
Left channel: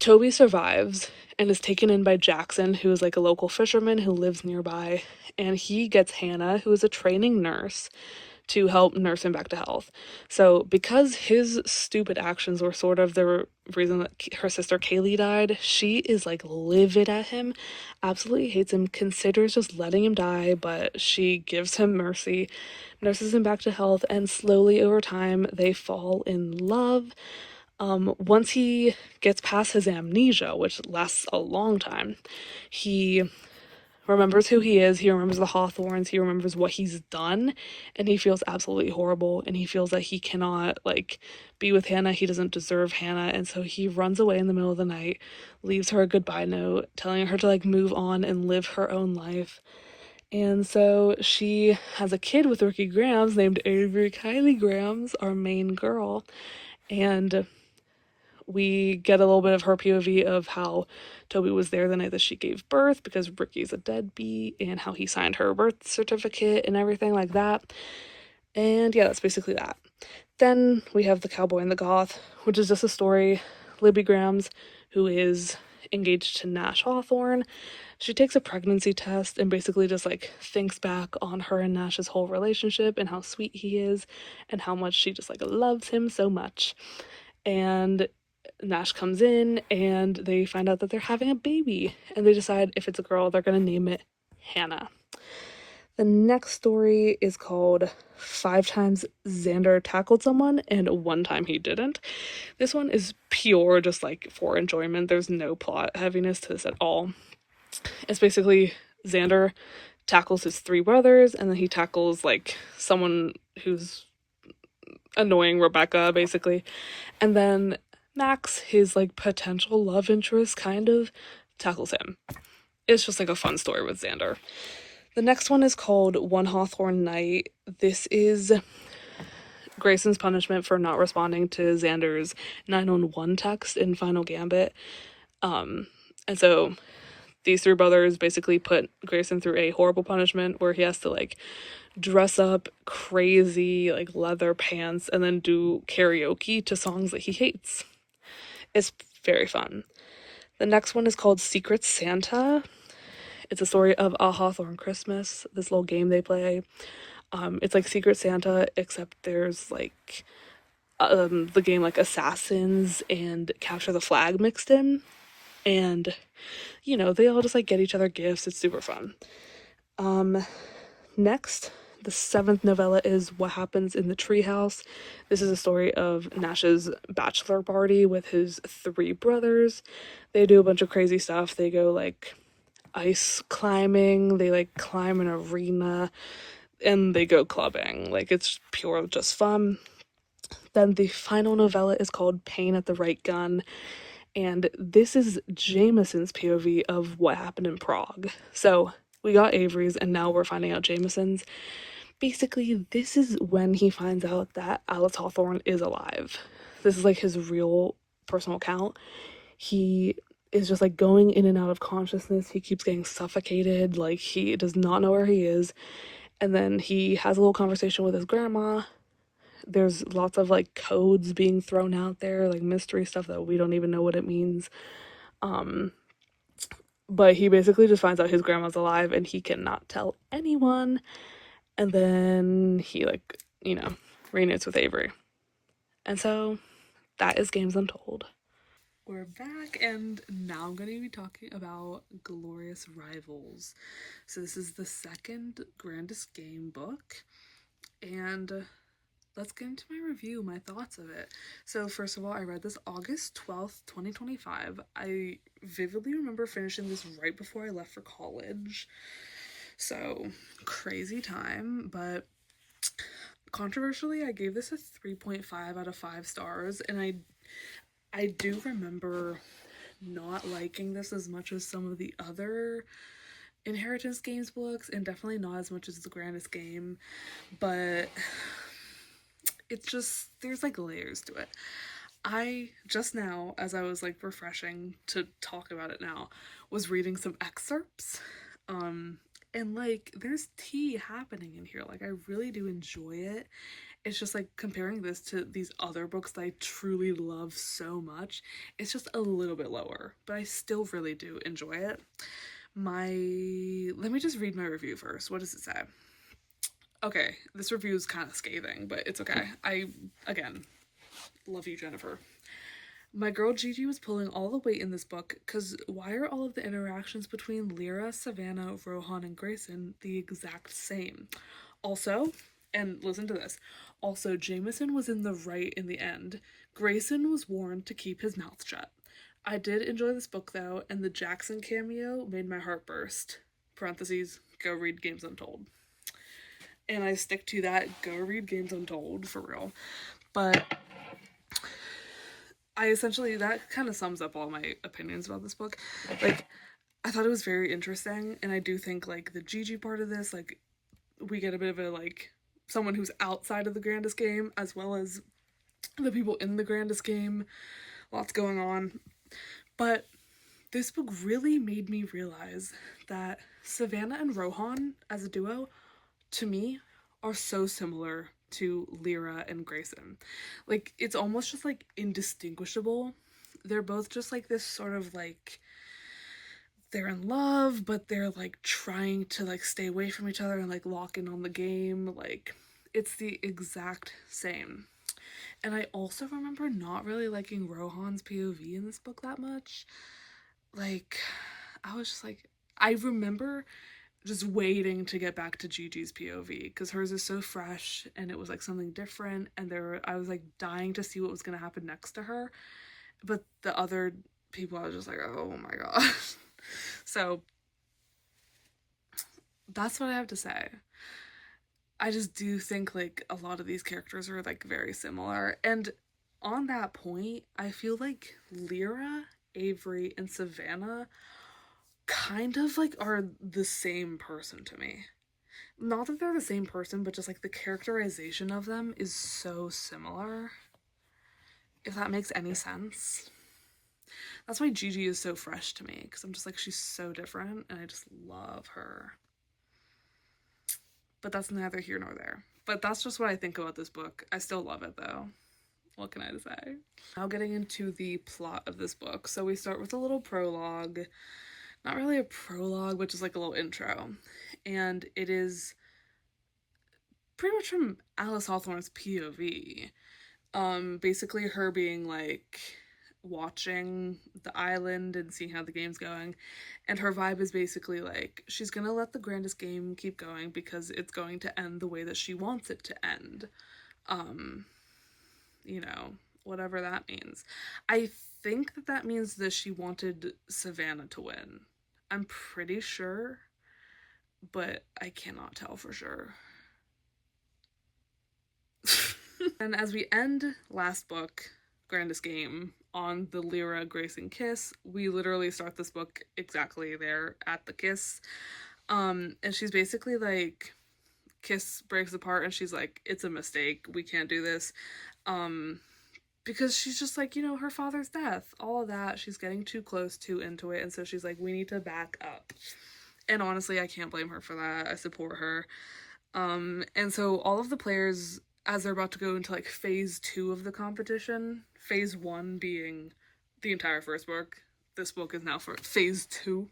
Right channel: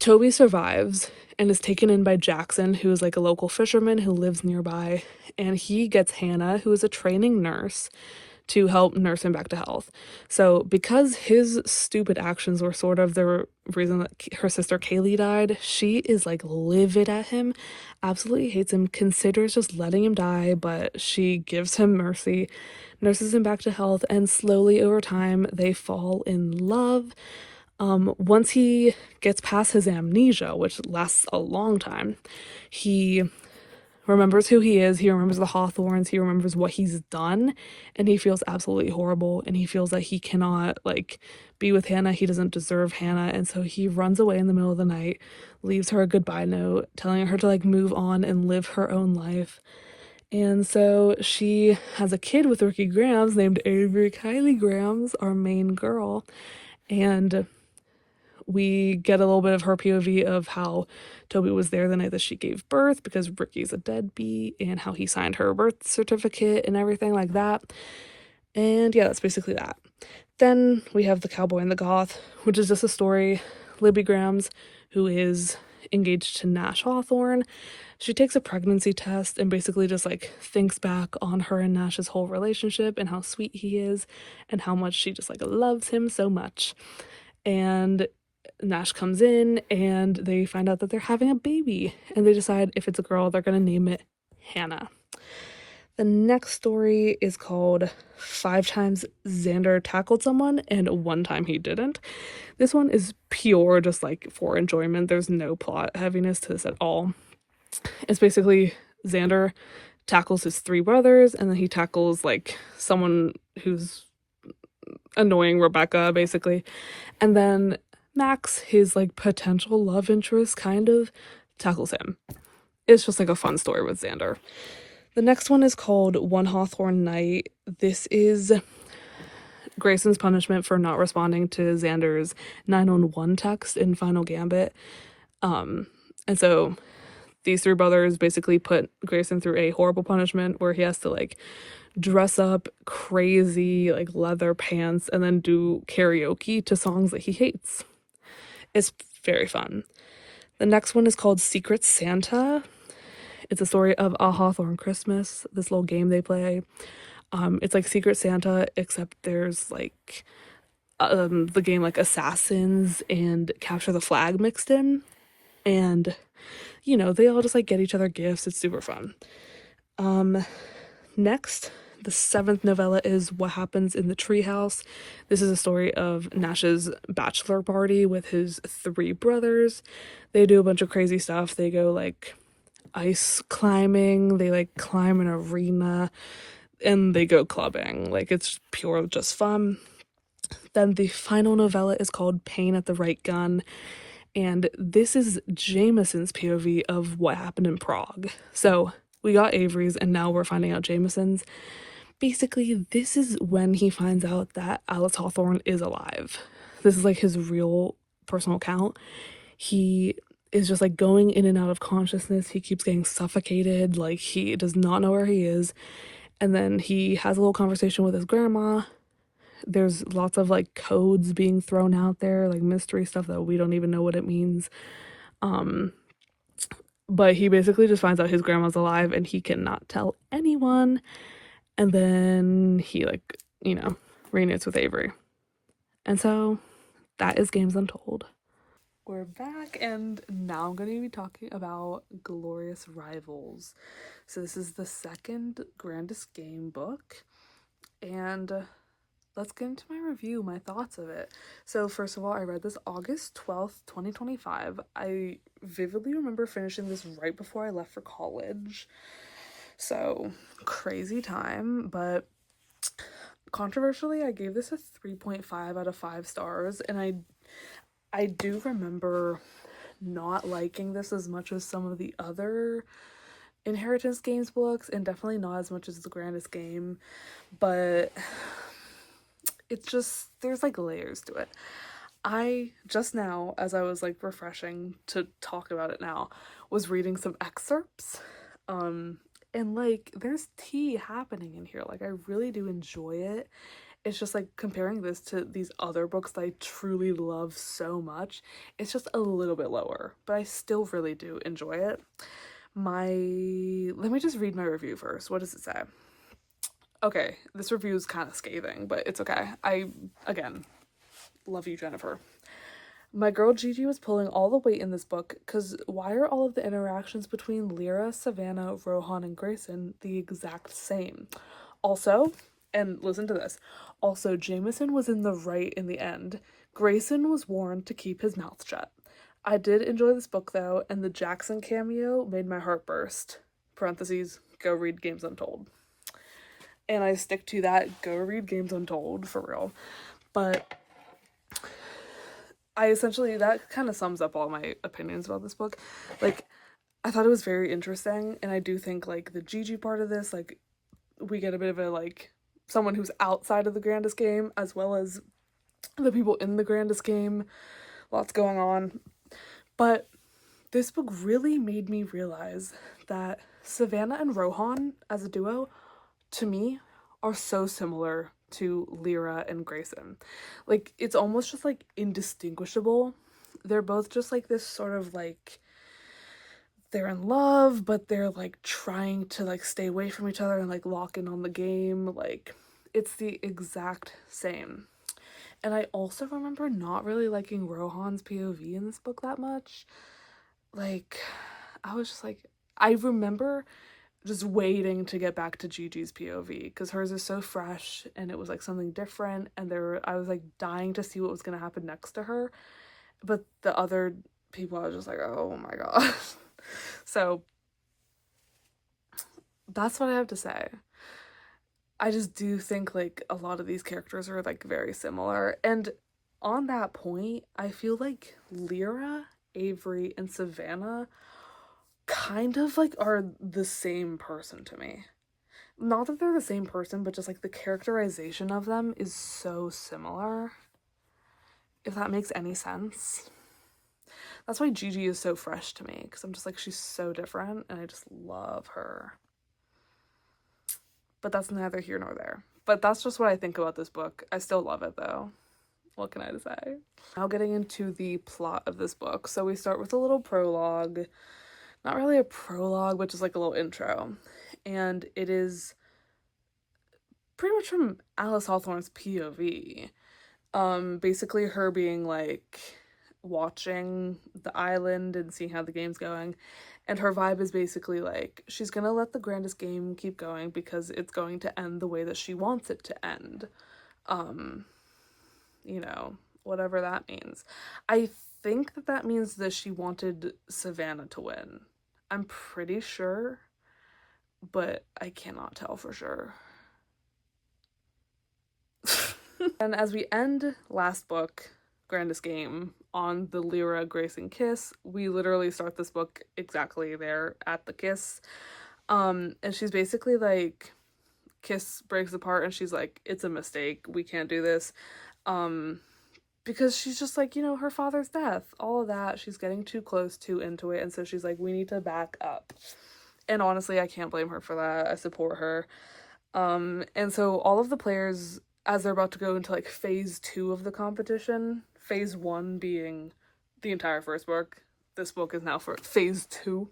Toby survives and is taken in by Jackson, who is like a local fisherman who lives nearby, and he gets Hannah, who is a training nurse, to help nurse him back to health. So because his stupid actions were sort of the reason that her sister Kaylee died, she is like livid at him, absolutely hates him, considers just letting him die, but she gives him mercy, nurses him back to health, and slowly over time they fall in love. Once he gets past his amnesia, which lasts a long time, he remembers who he is, he remembers the Hawthorns, he remembers what he's done, and he feels absolutely horrible, and he feels that he cannot, like, be with Hannah, he doesn't deserve Hannah, and so he runs away in the middle of the night, leaves her a goodbye note, telling her to, like, move on and live her own life. And so she has a kid with Ricky Grams named Avery Kylie Grams, our main girl, and we get a little bit of her POV of how Toby was there the night that she gave birth because Ricky's a deadbeat, and how he signed her birth certificate and everything like that. And yeah, that's basically that. Then we have The Cowboy and the Goth, which is just a story. Libby Grams, who is engaged to Nash Hawthorne, she takes a pregnancy test and basically just like thinks back on her and Nash's whole relationship and how sweet he is and how much she just like loves him so much. And Nash comes in and they find out that they're having a baby, and they decide if it's a girl, they're going to name it Hannah. The next story is called 5 Times Xander Tackled Someone and 1 Time He Didn't. This one is pure just like for enjoyment. There's no plot heaviness to this at all. It's basically Xander tackles his 3 brothers, and then he tackles like someone who's annoying Rebecca, basically. And then Max, his like potential love interest, kind of tackles him. It's just like a fun story with Xander. The next one is called One Hawthorne Night. This is Grayson's punishment for not responding to Xander's 911 text in Final Gambit. And so these 3 brothers basically put Grayson through a horrible punishment where he has to like dress up crazy like leather pants and then do karaoke to songs that he hates. It's very fun. The next one is called Secret Santa. It's a story of a Hawthorne Christmas, this little game they play. It's like Secret Santa, except there's like the game like Assassins and Capture the Flag mixed in. And, you know, they all just like get each other gifts. It's super fun. Next, the 7th novella is What Happens in the Treehouse. This is a story of Nash's bachelor party with his 3 brothers. They do a bunch of crazy stuff. They go like ice climbing, they like climb an arena. and they go clubbing. Like, it's pure just fun. Then the final novella is called Pain at the Right Gun, and this is Jameson's POV of what happened in Prague. So we got Avery's, and now we're finding out Jameson's. Basically, this is when he finds out that Alice Hawthorne is alive. This is like his real personal account. He is just like going in and out of consciousness. He keeps getting suffocated. Like, he does not know where he is. And then he has a little conversation with his grandma. There's lots of like codes being thrown out there, like mystery stuff that we don't even know what it means. But he basically just finds out his grandma's alive and he cannot tell anyone. And then he, like, you know, reunites with Avery. And so that is Games Untold. We're back, and now I'm going to be talking about Glorious Rivals. So this is the second Grandest Game book, and let's get into my review, my thoughts of it. So first of all, I read this August 12th, 2025. I vividly remember finishing this right before I left for college. So crazy time, but controversially, I gave this a 3.5 out of 5 stars, and I do remember not liking this as much as some of the other Inheritance Games books, and definitely not as much as The Grandest Game, but it's just, there's like layers to it. I just now, as I was like refreshing to talk about it now, was reading some excerpts, and like there's tea happening in here. Like, I really do enjoy it. It's just like comparing this to these other books that I truly love so much, it's just a little bit lower, but I still really do enjoy it. Let me just read my review first. What does it say? Okay, this review is kind of scathing, but it's okay. Again, love you, Jennifer. My girl Gigi was pulling all the weight in this book, because why are all of the interactions between Lyra, Savannah, Rohan, and Grayson the exact same? Also, and listen to this, also, Jameson was in the right in the end. Grayson was warned to keep his mouth shut. I did enjoy this book, though, and the Jackson cameo made my heart burst. Parentheses, go read Games Untold. And I stick to that, go read Games Untold, for real. But that kind of sums up all my opinions about this book. Like, I thought it was very interesting, and I do think, like, the Gigi part of this, like, we get a bit of a, like, someone who's outside of the Grandest Game, as well as the people in the Grandest Game. Lots going on. But this book really made me realize that Savannah and Rohan, as a duo, to me, are so similar to Lyra and Grayson. Like, it's almost just, like, indistinguishable. They're both just, like, this sort of, like, they're in love, but they're, like, trying to, like, stay away from each other and, like, lock in on the game. Like, it's the exact same. And I also remember not really liking Rohan's POV in this book that much. Like, I was just like, I remember just waiting to get back to Gigi's POV, because hers is so fresh, and it was, like, something different, and I was, like, dying to see what was going to happen next to her. But the other people, I was just like, oh my gosh. So that's what I have to say. I just do think, like, a lot of these characters are, like, very similar. And on that point, I feel like Lyra, Avery, and Savannah kind of, like, are the same person to me. Not that they're the same person, but just, like, the characterization of them is so similar. If that makes any sense. That's why Gigi is so fresh to me, because I'm just like, she's so different, and I just love her. But that's neither here nor there. But that's just what I think about this book. I still love it, though. What can I say? Now getting into the plot of this book. So we start with a little prologue. Not really a prologue, but just like a little intro. And it is pretty much from Alice Hawthorne's POV. Basically her being, like, watching the island and seeing how the game's going, and her vibe is basically like, she's gonna let the Grandest Game keep going because it's going to end the way that she wants it to end. You know, whatever that means. I think that means that she wanted Savannah to win. I'm pretty sure, but I cannot tell for sure. And as we end last book, Grandest Game, on the Lyra Grayson kiss, we literally start this book exactly there at the kiss. And she's basically like, kiss breaks apart and she's like, it's a mistake, we can't do this. Because she's just like, you know, her father's death, all of that, she's getting too close, too into it, and so she's like, we need to back up. And honestly, I can't blame her for that. I support her. And so all of the players, as they're about to go into like phase 2 of the competition, phase 1 being the entire first book, this book is now for phase 2.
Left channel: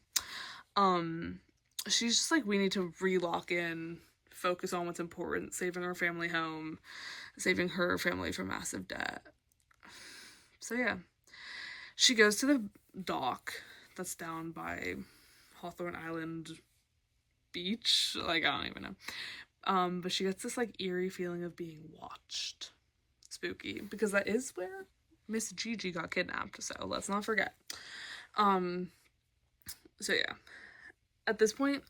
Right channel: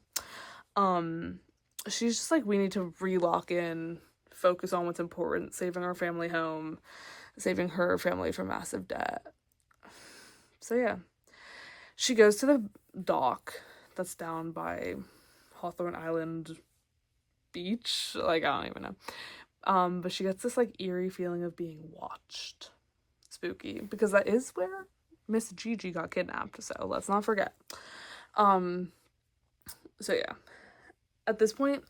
She's just like, we need to re-lock in, focus on what's important, saving our family home, saving her family from massive debt. So yeah, she goes to the dock that's down by Hawthorne Island beach, like, I don't even know. But she gets this like eerie feeling of being watched. Spooky, because that is where Miss Gigi got kidnapped, so let's not forget. So yeah, at this point,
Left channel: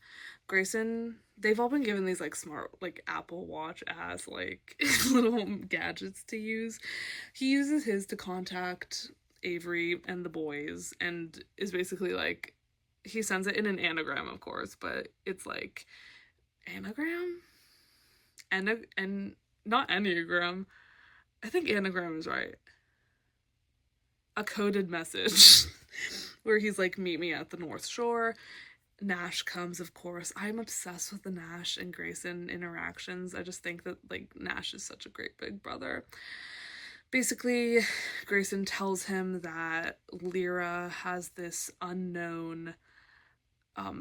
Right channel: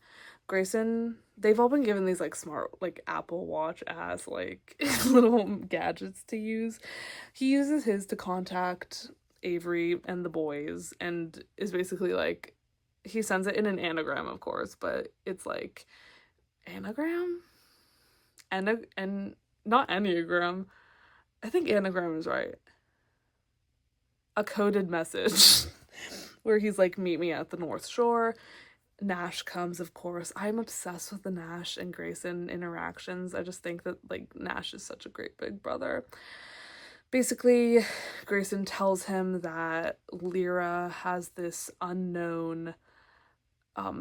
Grayson, they've all been given these like smart, like Apple Watch ass like little gadgets to use. He uses his to contact Avery and the boys, and is basically like, he sends it in an anagram, of course, but it's like, anagram? And not enneagram. I think anagram is right. A coded message where he's like, meet me at the North Shore. Nash comes, of course. I'm obsessed with the Nash and Grayson interactions. I just think that like Nash is such a great big brother. Basically, Grayson tells him that Lyra has this unknown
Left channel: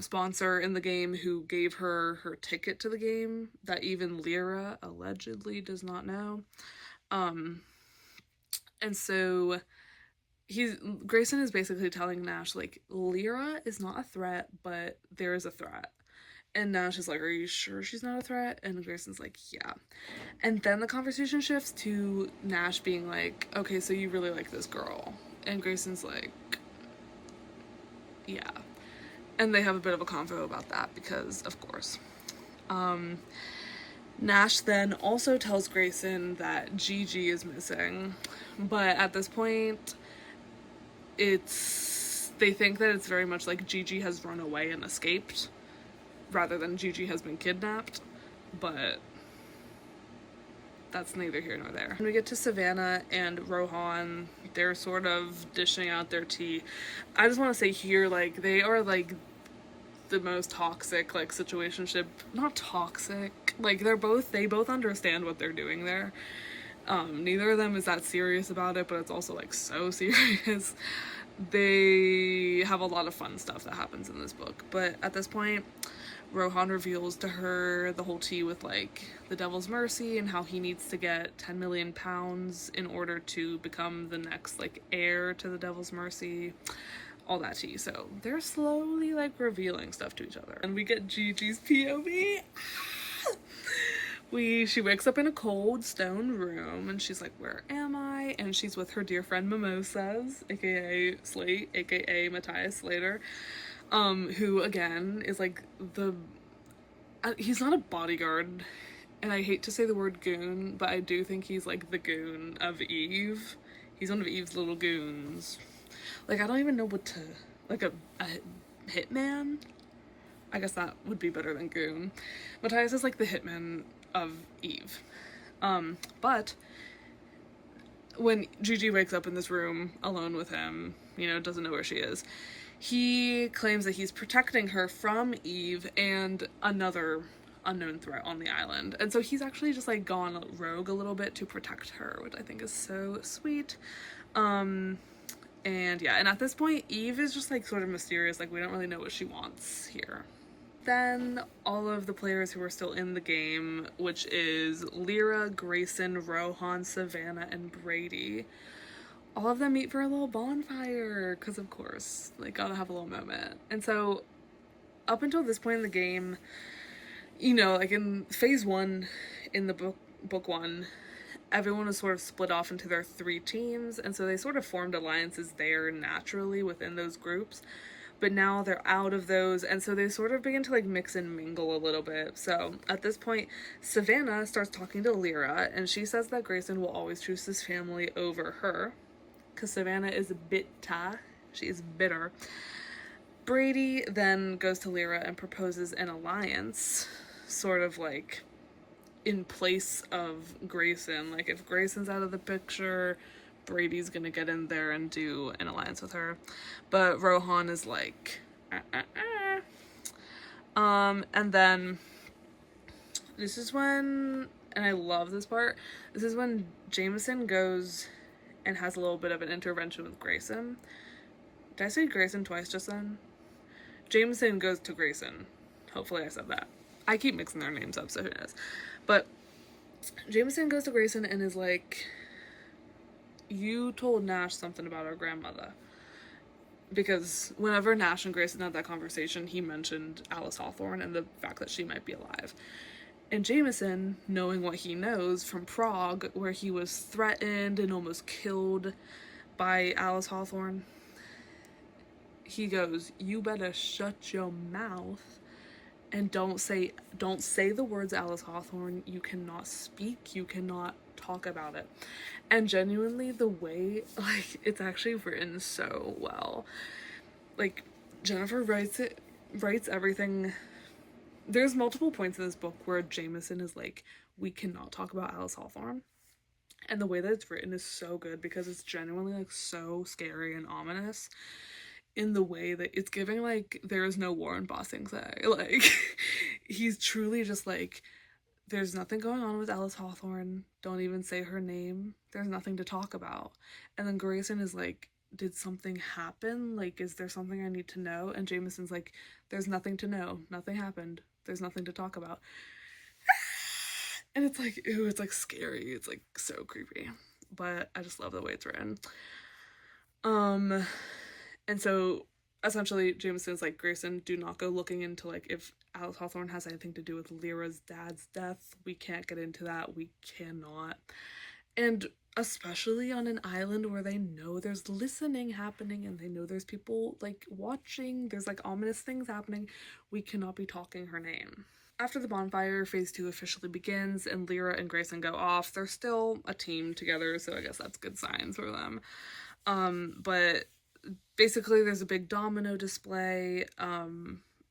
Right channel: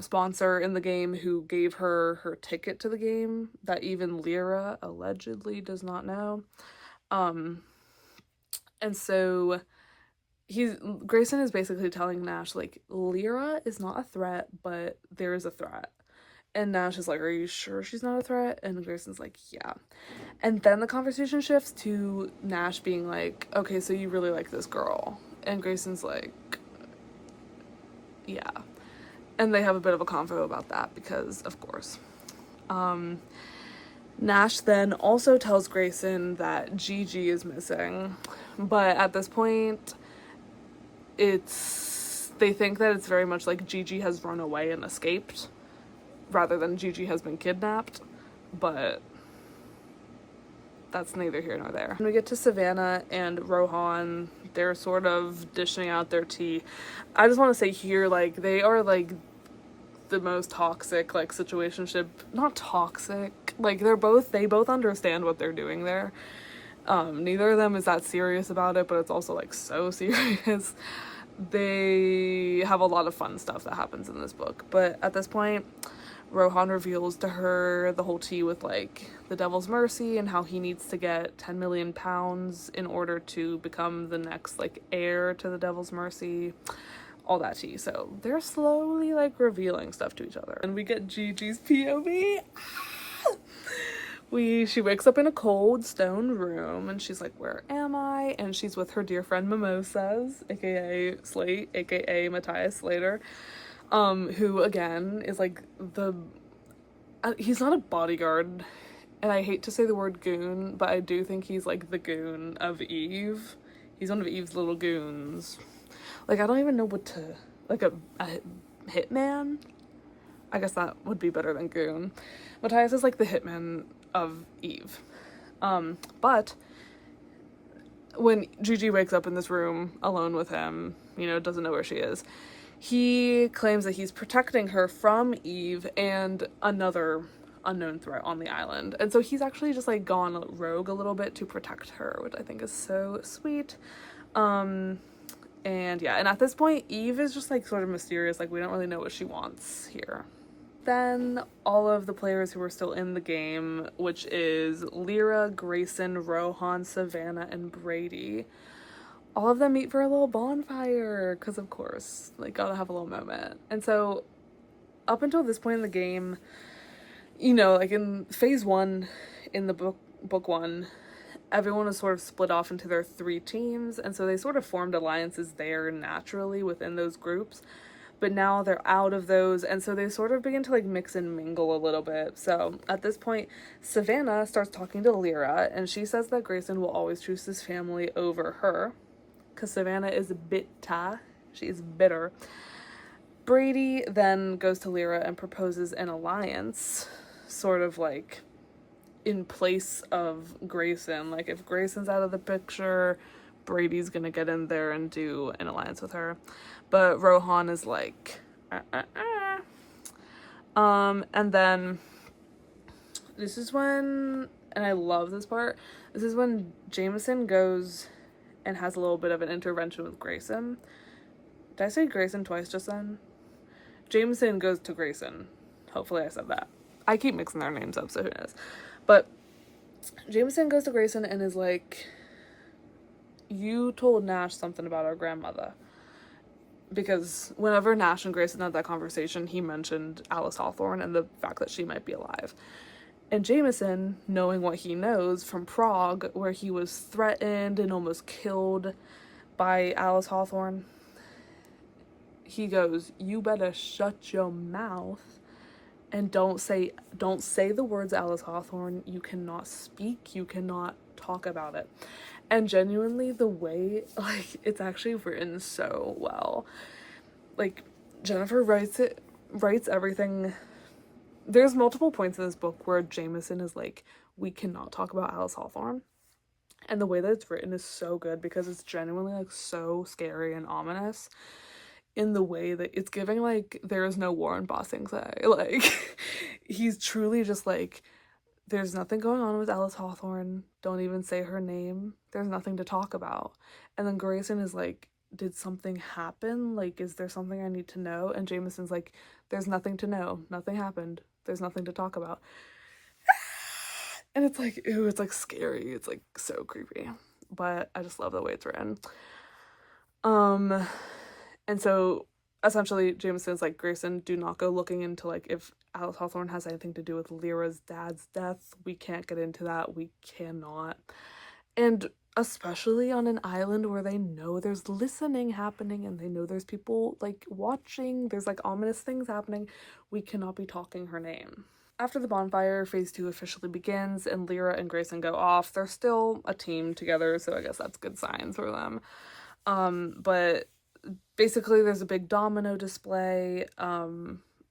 sponsor in the game who gave her her ticket to the game that even Lyra allegedly does not know. And so Grayson is basically telling Nash, like, Lyra is not a threat, but there is a threat. And Nash is like, are you sure she's not a threat? And Grayson's like, yeah. And then the conversation shifts to Nash being like, okay, so you really like this girl. And Grayson's like, yeah. And they have a bit of a convo about that because, of course. Nash then also tells Grayson that Gigi is missing. But at this point, they think that it's very much like Gigi has run away and escaped rather than Gigi has been kidnapped, but that's neither here nor there. When we get to Savannah and Rohan, they're sort of dishing out their tea. I just want to say here, like, they are like the most toxic like situationship, not toxic, like they both understand what they're doing there. Neither of them is that serious about it, but it's also like so serious. They have a lot of fun stuff that happens in this book, but at this point Rohan reveals to her the whole tea with like the Devil's Mercy and how he needs to get 10 million pounds in order to become the next like heir to the Devil's Mercy, all that tea. So they're slowly like revealing stuff to each other, and we get Gigi's POV. She wakes up in a cold stone room and she's like, where am I? And she's with her dear friend Mimosas, aka Slate, aka Matthias Slater, who again is like he's not a bodyguard, and I hate to say the word goon, but I do think he's like the goon of Eve. He's one of Eve's little goons. Like, I don't even know what to, like a hitman? I guess that would be better than goon. Matthias is like the hitman of Eve. But when Gigi wakes up in this room alone with him, you know, doesn't know where she is, he claims that he's protecting her from Eve and another unknown threat on the island. And so he's actually just like gone rogue a little bit to protect her, which I think is so sweet. And yeah, and at this point Eve is just like sort of mysterious, like we don't really know what she wants here. Then all of the players who are still in the game, which is Lyra, Grayson, Rohan, Savannah, and Brady, all of them meet for a little bonfire, because of course, like, gotta have a little moment. And so up until this point in the game, you know, like in phase 1 in the book 1, everyone was sort of split off into their 3 teams, and so they sort of formed alliances there naturally within those groups. but now they're out of those, and so they sort of begin to like mix and mingle a little bit. So at this point, Savannah starts talking to Lyra, and she says that Grayson will always choose his family over her, because Savannah is bitter. She is bitter. Brady then goes to Lyra and proposes an alliance, sort of like in place of Grayson. Like, if Grayson's out of the picture, Brady's gonna get in there and do an alliance with her. But Rohan is like, and then this is when, and I love this part, this is when Jameson goes and has a little bit of an intervention with Grayson. Did I say Grayson twice just then? Jameson goes to Grayson. Hopefully I said that. I keep mixing their names up, so who knows. But Jameson goes to Grayson and is like, you told Nash something about our grandmother. Because whenever Nash and Grayson had that conversation, he mentioned Alice Hawthorne and the fact that she might be alive. And Jameson, knowing what he knows from Prague, where he was threatened and almost killed by Alice Hawthorne, he goes, you better shut your mouth and don't say the words Alice Hawthorne. You cannot speak, you cannot talk about it. And genuinely, the way, like, it's actually written so well. Like, Jennifer writes everything. There's multiple points in this book where Jameson is like, we cannot talk about Alice Hawthorne. And the way that it's written is so good, because it's genuinely like so scary and ominous in the way that it's giving like there is no war in Ba Sing Se. Like, he's truly just like, there's nothing going on with Alice Hawthorne. Don't even say her name. There's nothing to talk about. And then Grayson is like, did something happen? Like, is there something I need to know? And Jameson's like, there's nothing to know. Nothing happened. There's nothing to talk about. And it's like, ew, it's like scary. It's like so creepy. But I just love the way it's written. And so essentially Jameson's like, Grayson, do not go looking into like if Alice Hawthorne has anything to do with Lyra's dad's death. We can't get into that. We cannot. And especially on an island where they know there's listening happening and they know there's people like watching, there's like ominous things happening, we cannot be talking her name. After the bonfire, phase 2 officially begins and Lyra and Grayson go off. They're still a team together, so I guess that's good signs for them. But basically there's a big domino display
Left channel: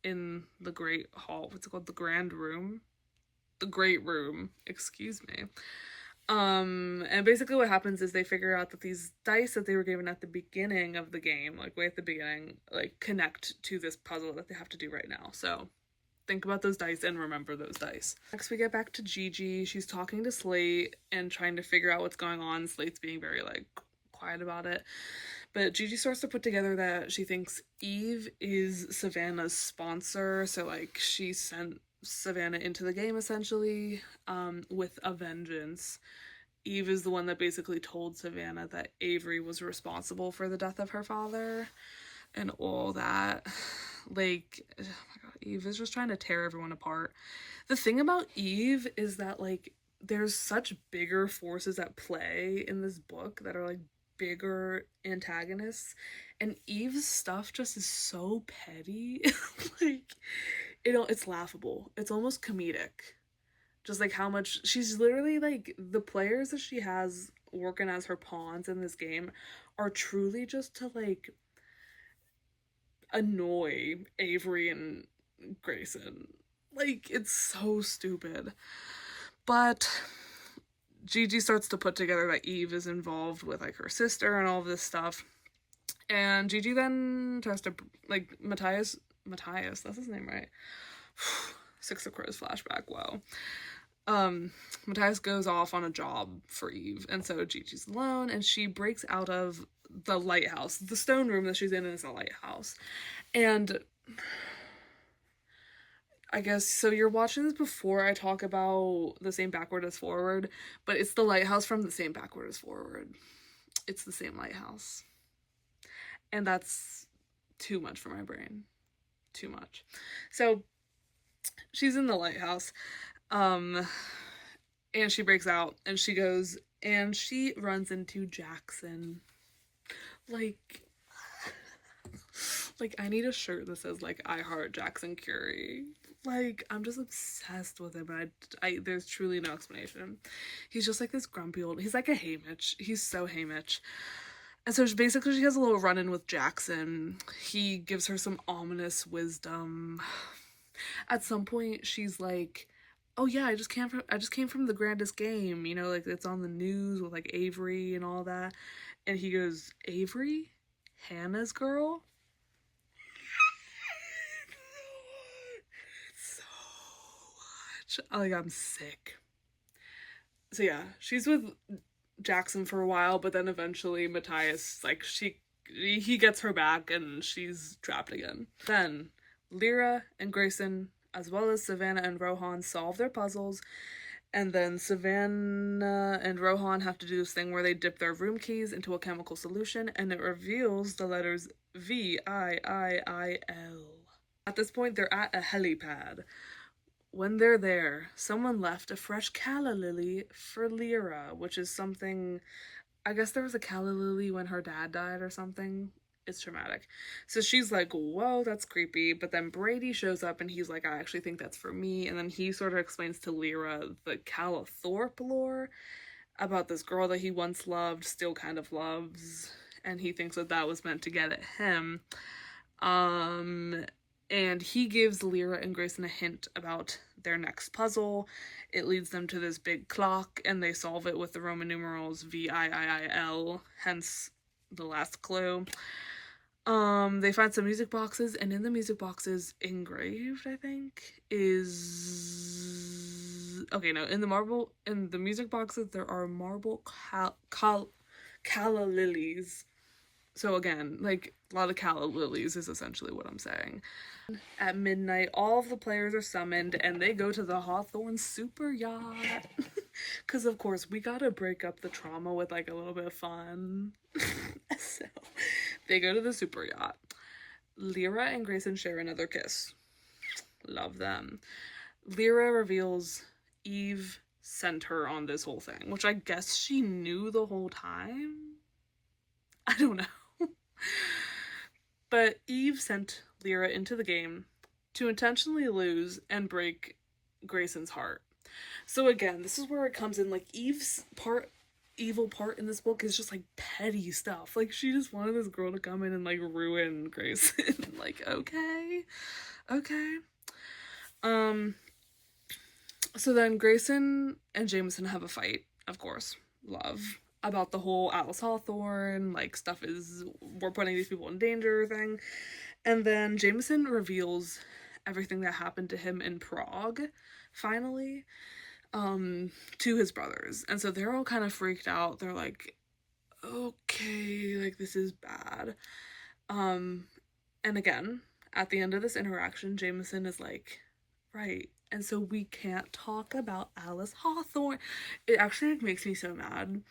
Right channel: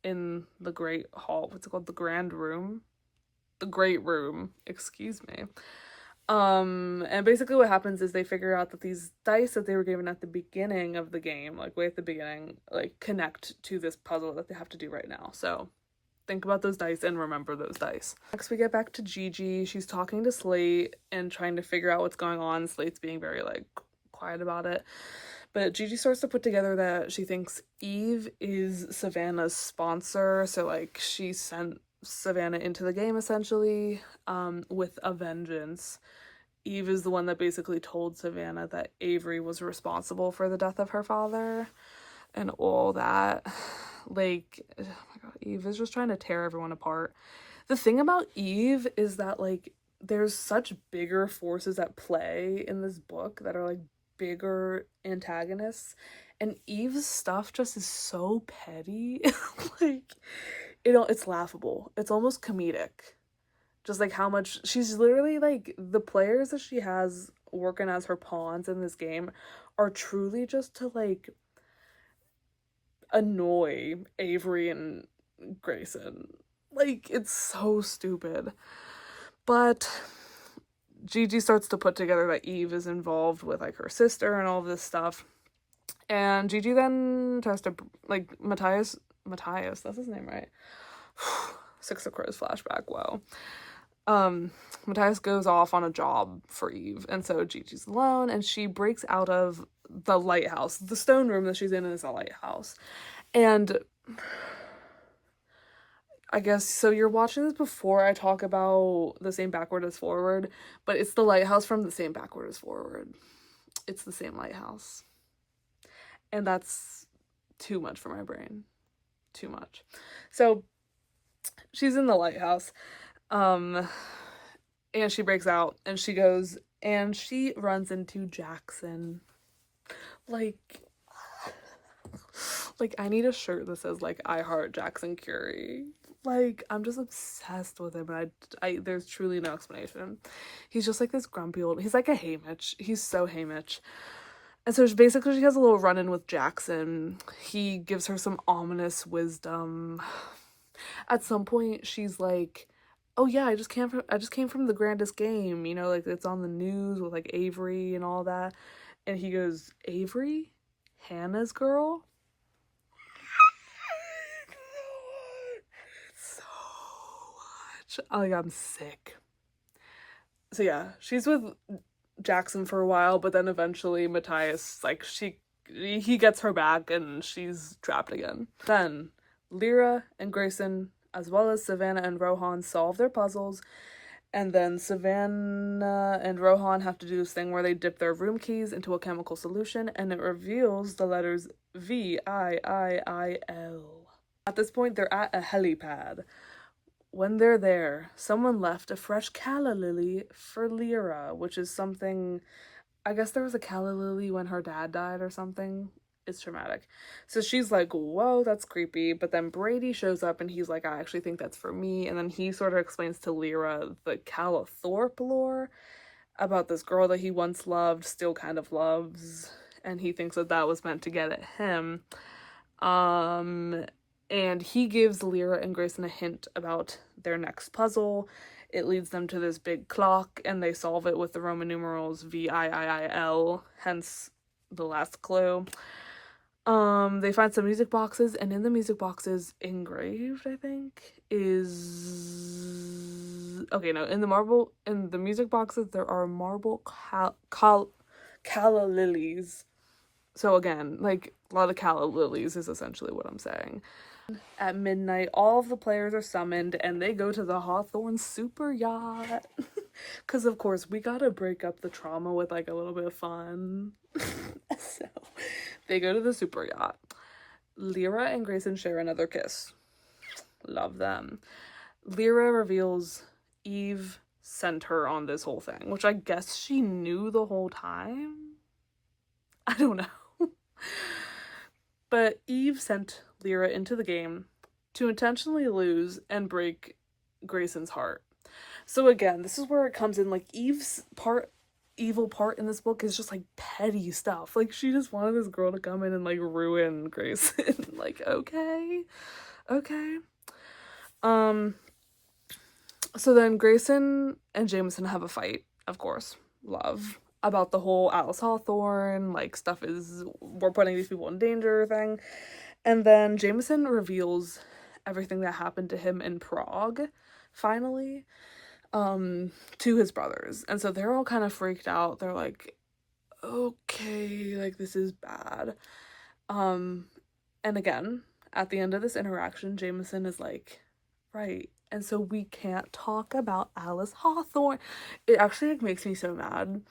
in the great hall. What's it called? The grand room? The great room, excuse me. And basically what happens is they figure out that these dice that they were given at the beginning of the game, like way at the beginning, like connect to this puzzle that they have to do right now. So think about those dice and remember those dice. Next we get back to Gigi. She's talking to Slate and trying to figure out what's going on. Slate's being very like quiet about it. But Gigi starts to put together that she thinks Eve is Savannah's sponsor. So like she sent Savannah into the game essentially with a vengeance. Eve is the one that basically told Savannah that Avery was responsible for the death of her father and all that. Like, oh my god, Eve is just trying to tear everyone apart. The thing about Eve is that like there's such bigger forces at play in this book that are like bigger antagonists, and Eve's stuff just is so petty. Like, it's laughable. It's almost comedic. Just like how much she's literally like, the players that she has working as her pawns in this game are truly just to like annoy Avery and Grayson. Like, it's so stupid. But Gigi starts to put together that Eve is involved with like her sister and all of this stuff. And Gigi then tries to like Matthias, that's his name, right? Six of Crows flashback, wow. Matthias goes off on a job for Eve, and so Gigi's alone, and she breaks out of the lighthouse. The stone room that she's in is a lighthouse. And I guess, so you're watching this before I talk about The Same Backward as Forward, but it's the lighthouse from The Same Backward as Forward. It's the same lighthouse. And that's too much for my brain. Too much. So, she's in the lighthouse, and she breaks out, and she goes, and she runs into Jackson. Like, Like, I need a shirt that says, like, I heart Jackson Curie. Like, I'm just obsessed with him, and there's truly no explanation. He's just like this grumpy old, he's like a Haymitch. He's so Haymitch. And so basically she has a little run-in with Jackson. He gives her some ominous wisdom. At some point she's like, oh yeah, I just came from the grandest game, you know, like it's on the news with like Avery and all that. And he goes, Avery? Hannah's girl? So much. Like, I'm sick. So yeah, she's with Jackson for a while, but then eventually Matthias, like, he gets her back and she's trapped again. Then Lyra and Grayson, as well as Savannah and Rohan, solve their puzzles, and then Savannah and Rohan have to do this thing where they dip their room keys into a chemical solution, and it reveals the letters VIIIL. At this point, they're at a helipad. When they're there, someone left a fresh calla lily for Lyra, which is something, I guess there was a calla lily when her dad died or something. It's traumatic. So she's like, whoa, that's creepy. But then Brady shows up and he's like, I actually think that's for me. And then he sort of explains to Lyra the Calla Thorpe lore about this girl that he once loved, still kind of loves. And he thinks that that was meant to get at him. And he gives Lyra and Grayson a hint about their next puzzle. It leads them to this big clock, and they solve it with the Roman numerals VIIIL, hence the last clue. They find some music boxes, and in the music boxes, engraved, I think, is... Okay, no, in the music boxes, there are marble calla lilies. So again, like, a lot of calla lilies is essentially what I'm saying. At midnight, all of the players are summoned, and they go to the Hawthorne super yacht. Because, of course, we gotta break up the trauma with, like, a little bit of fun. So, they go to the super yacht. Lyra and Grayson share another kiss. Love them. Lyra reveals Eve sent her on this whole thing, which I guess she knew the whole time? I don't know. But Eve sent Lyra into the game to intentionally lose and break Grayson's heart. So again, this is where it comes in, like, Eve's evil part in this book is just, like, petty stuff. Like, she just wanted this girl to come in and, like, ruin Grayson. Like, okay. So then Grayson and Jameson have a fight, of course, love, about the whole Alice Hawthorne, like, we're putting these people in danger thing. And then Jameson reveals everything that happened to him in Prague, finally, to his brothers. And so they're all kind of freaked out. They're like, okay, like, this is bad. And again, at the end of this interaction, Jameson is like, right, and so we can't talk about Alice Hawthorne. It actually, like, makes me so mad.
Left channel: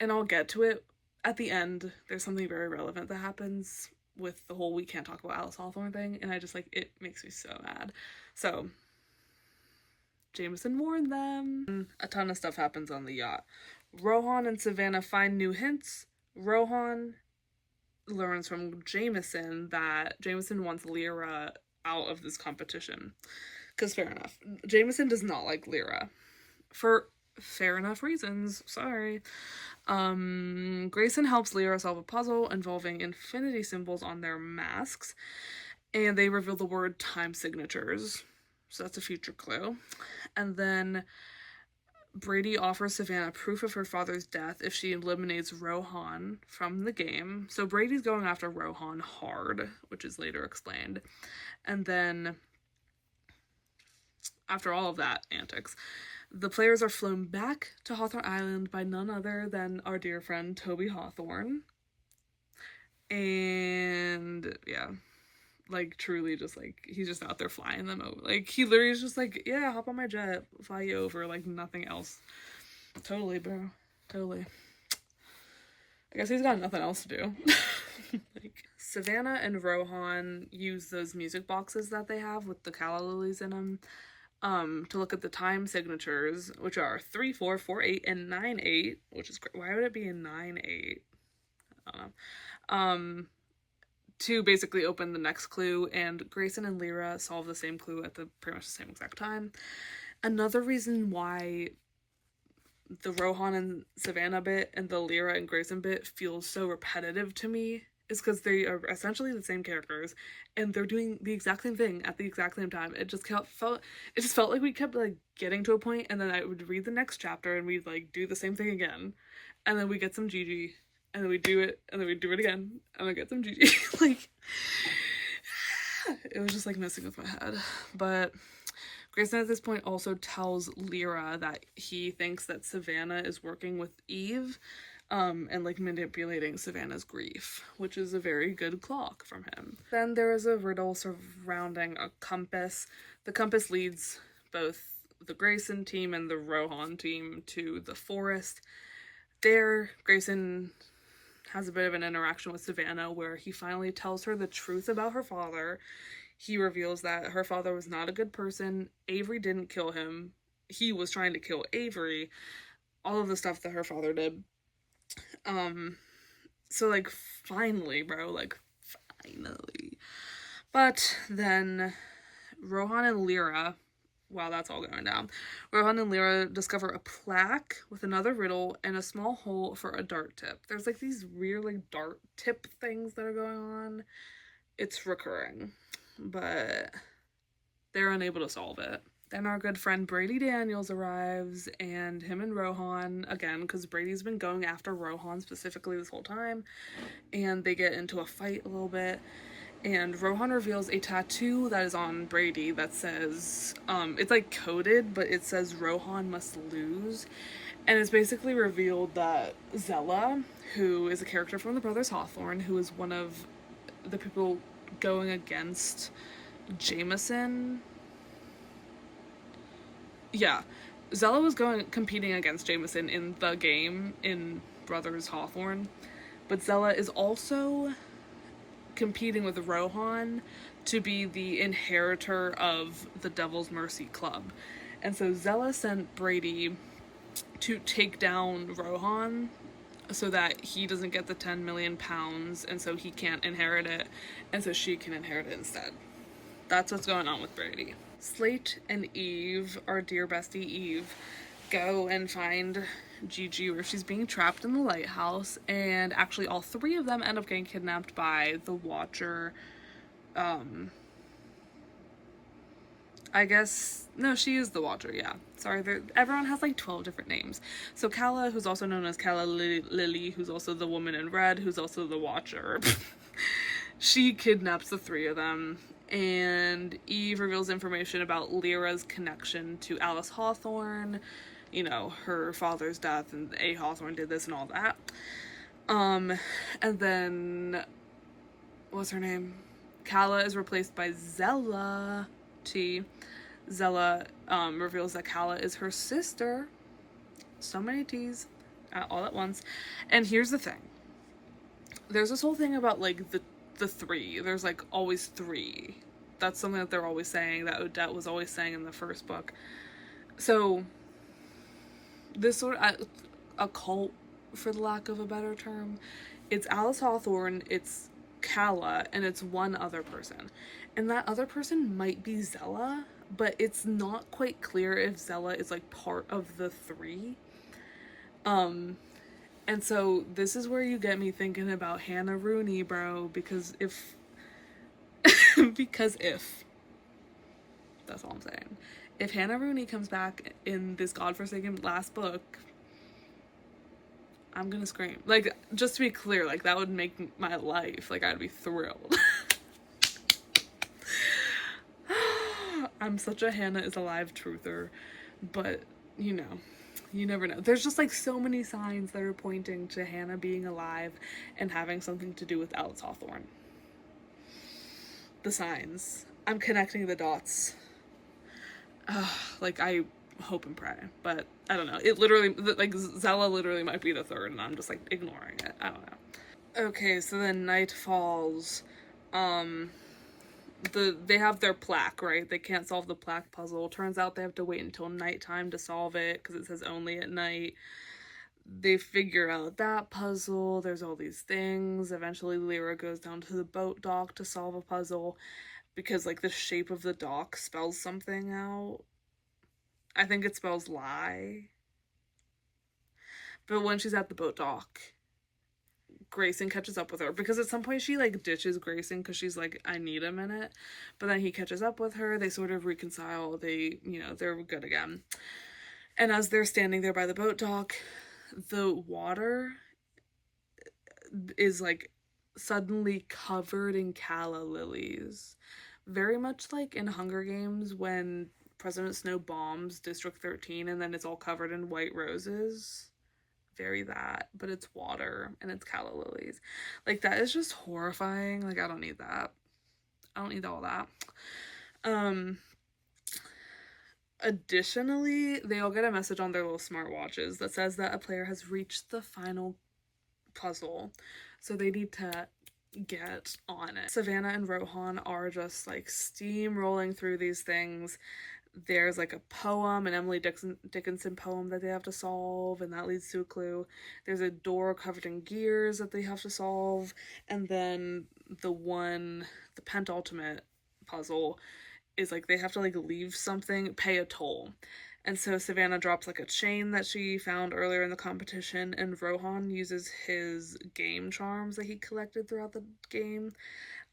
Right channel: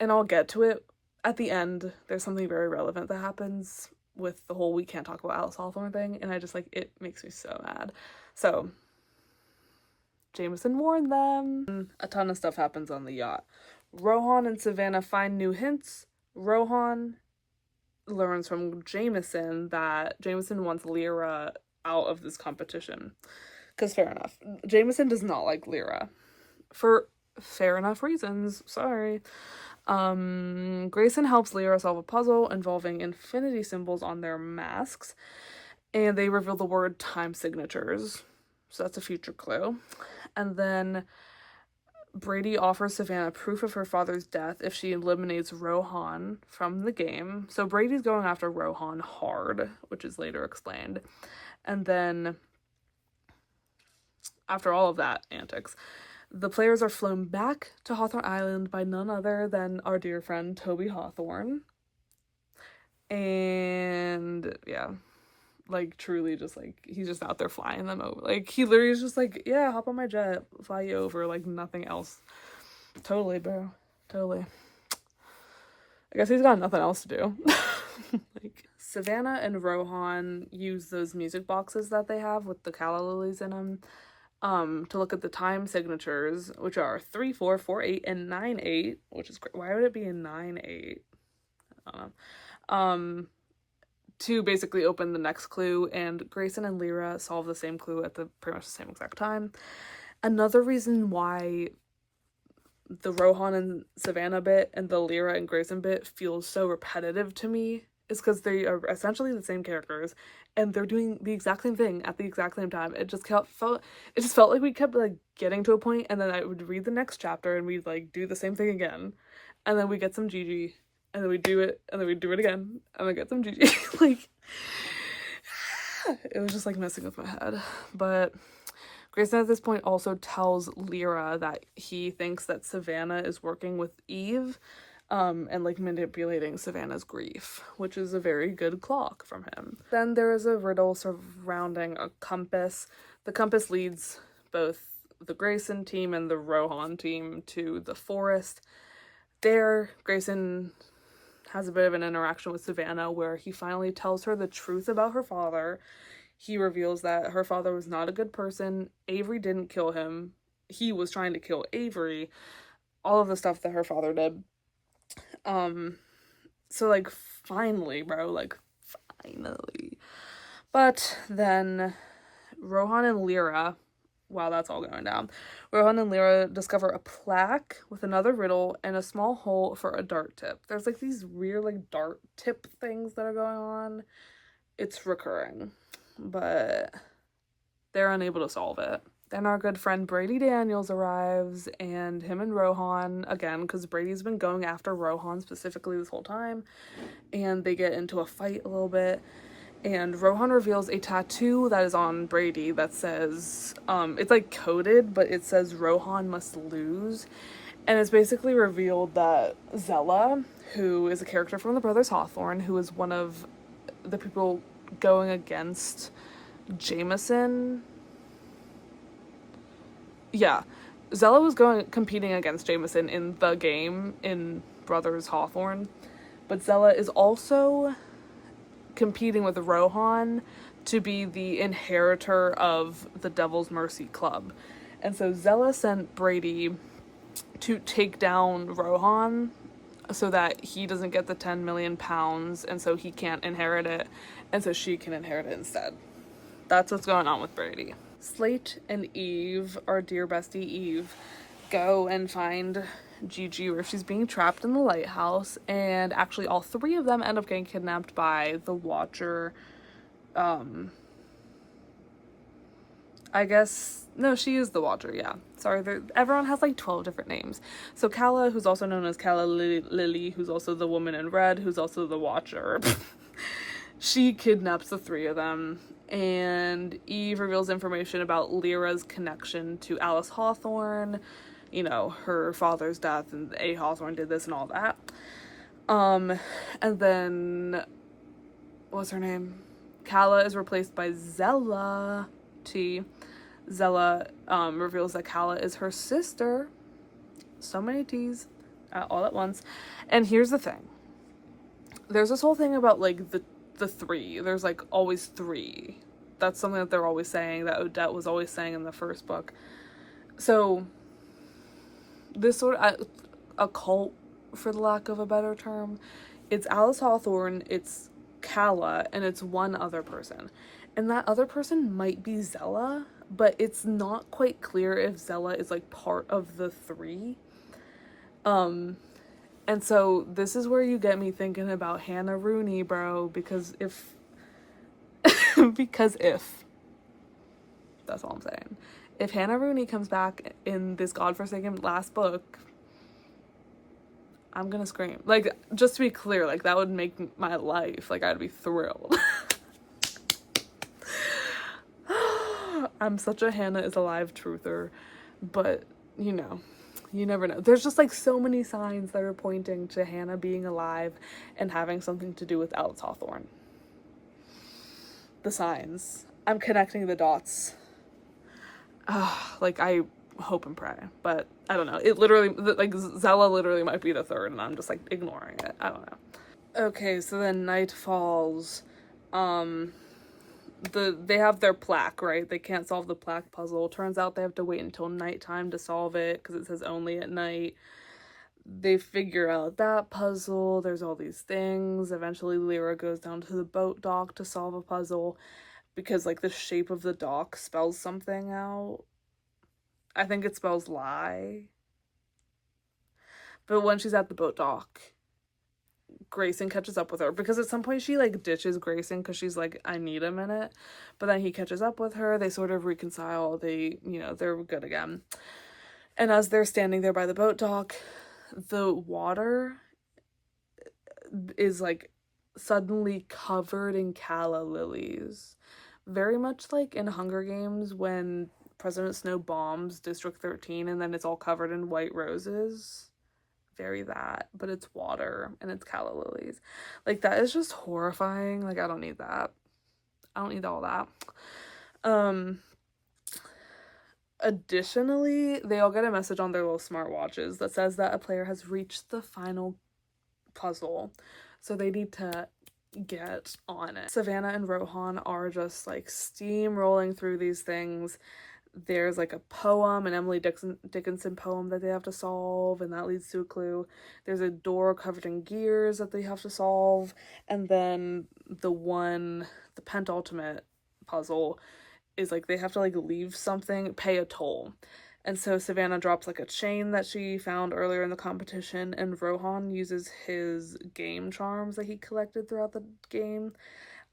And I'll get to it at the end. There's something very relevant that happens with the whole we can't talk about Alice Hawthorne thing, and I just, like, it makes me so mad. So Jameson warned them. A ton of stuff happens on the yacht. Rohan and Savannah find new hints. Rohan learns from Jameson that Jameson wants Lyra out of this competition. Because fair enough. Jameson does not like Lyra. For fair enough reasons. Sorry. Grayson helps Lyra solve a puzzle involving infinity symbols on their masks, and they reveal the word time signatures. So that's a future clue. And then Brady offers Savannah proof of her father's death if she eliminates Rohan from the game. So Brady's going after Rohan hard, which is later explained. And then, after all of that antics, the players are flown back to Hawthorne Island by none other than our dear friend Toby Hawthorne. And yeah, like, truly just, like, he's just out there flying them over. Like, he literally is just like, yeah, hop on my jet, fly you over, like, nothing else. Totally, bro. Totally. I guess he's got nothing else to do. Like, Savannah and Rohan use those music boxes that they have with the calla lilies in them to look at the time signatures, which are 3, 4, 4, 8, and 9, 8, which is great. Why would it be in 9, 8? I don't know. to basically open the next clue, and Grayson and Lyra solve the same clue at the pretty much the same exact time. Another reason why the Rohan and Savannah bit and the Lyra and Grayson bit feels so repetitive to me is because they are essentially the same characters and they're doing the exact same thing at the exact same time. It just felt like we kept like getting to a point, and then I would read the next chapter and we'd like do the same thing again, and then we get some Gigi, and then we do it, and then we do it again, and we get some Gigi. Like, it was just like messing with my head. But Grayson at this point also tells Lyra that he thinks that Savannah is working with Eve, and like manipulating Savannah's grief, which is a very good clock from him. Then there is a riddle surrounding a compass. The compass leads both the Grayson team and the Rohan team to the forest. There, Grayson has a bit of an interaction with Savannah where he finally tells her the truth about her father. He reveals that her father was not a good person. Avery didn't kill him. He was trying to kill Avery. All of the stuff that her father did. So like finally, bro, like finally. But then Rohan and Lyra, while that's all going down, Rohan and Lyra discover a plaque with another riddle and a small hole for a dart tip. There's like these weird like dart tip things that are going on. It's recurring, but they're unable to solve it. Then our good friend Brady Daniels arrives, and him and Rohan, again, because Brady's been going after Rohan specifically this whole time, and they get into a fight a little bit, and Rohan reveals a tattoo that is on Brady that says, it's like coded, but it says Rohan must lose, and it's basically revealed that Zella, who is a character from the Brothers Hawthorne, who is one of the people going against Jameson. Yeah, Zella was competing against Jameson in the game in Brothers Hawthorne, but Zella is also competing with Rohan to be the inheritor of the Devil's Mercy Club. And so Zella sent Brady to take down Rohan so that he doesn't get the 10 million pounds, and so he can't inherit it, and so she can inherit it instead. That's what's going on with Brady. Slate and Eve, our dear bestie Eve, go and find Gigi where she's being trapped in the lighthouse, and actually all three of them end up getting kidnapped by the Watcher. I guess, no, she is the Watcher, yeah. Sorry, everyone has like 12 different names. So Calla, who's also known as Calla Lily, who's also the woman in red, who's also the Watcher. She kidnaps the three of them, and Eve reveals information about Lyra's connection to Alice Hawthorne, you know, her father's death, and A. Hawthorne did this and all that. And then, what's her name? Calla is replaced by Zella T. Zella reveals that Calla is her sister. So many T's all at once. And here's the thing. There's this whole thing about like the three. There's like always three. That's something that they're always saying, that Odette was always saying in the first book. So this sort of a cult, for the lack of a better term. It's Alice Hawthorne, it's Calla, and it's one other person. And that other person might be Zella, but it's not quite clear if Zella is like part of the three. And so this is where you get me thinking about Hannah Rooney, bro, because if that's all I'm saying. If Hannah Rooney comes back in this godforsaken last book, I'm gonna scream. Like, just to be clear, like, that would make my life, like, I'd be thrilled. I'm such a Hannah is alive truther, but, you know, you never know. There's just, like, so many signs that are pointing to Hannah being alive and having something to do with Alice Hawthorne. The signs. I'm connecting the dots. Like, I hope and pray, but I don't know. It literally, like, Zella literally might be the third, and I'm just, like, ignoring it. I don't know. Okay, so then night falls. They have their plaque, right? They can't solve the plaque puzzle. Turns out they have to wait until nighttime to solve it, because it says only at night. they figure out that puzzle. There's all these things. Eventually Lyra goes down to the boat dock to solve a puzzle because like the shape of the dock spells something out. I think it spells lie. But when she's at the boat dock, Grayson catches up with her because at some point she like ditches Grayson because she's like, I need a minute. But then he catches up with her. They sort of reconcile. They, you know, they're good again. And as they're standing there by the boat dock, the water is like suddenly covered in calla lilies. Very much like in Hunger Games when President Snow bombs District 13 and then it's all covered in white roses. Very that, but it's water and it's calla lilies. Like, that is just horrifying. Like, I don't need that. I don't need all that. Additionally, they all get a message on their little smartwatches that says that a player has reached the final puzzle. So they need to get on it. Savannah and Rohan are just like steamrolling through these things. There's like a poem, an Emily Dickinson poem that they have to solve, and that leads to a clue. There's a door covered in gears that they have to solve, and then the penultimate puzzle is like they have to like leave something, pay a toll. And so Savannah drops like a chain that she found earlier in the competition, and Rohan uses his game charms that he collected throughout the game.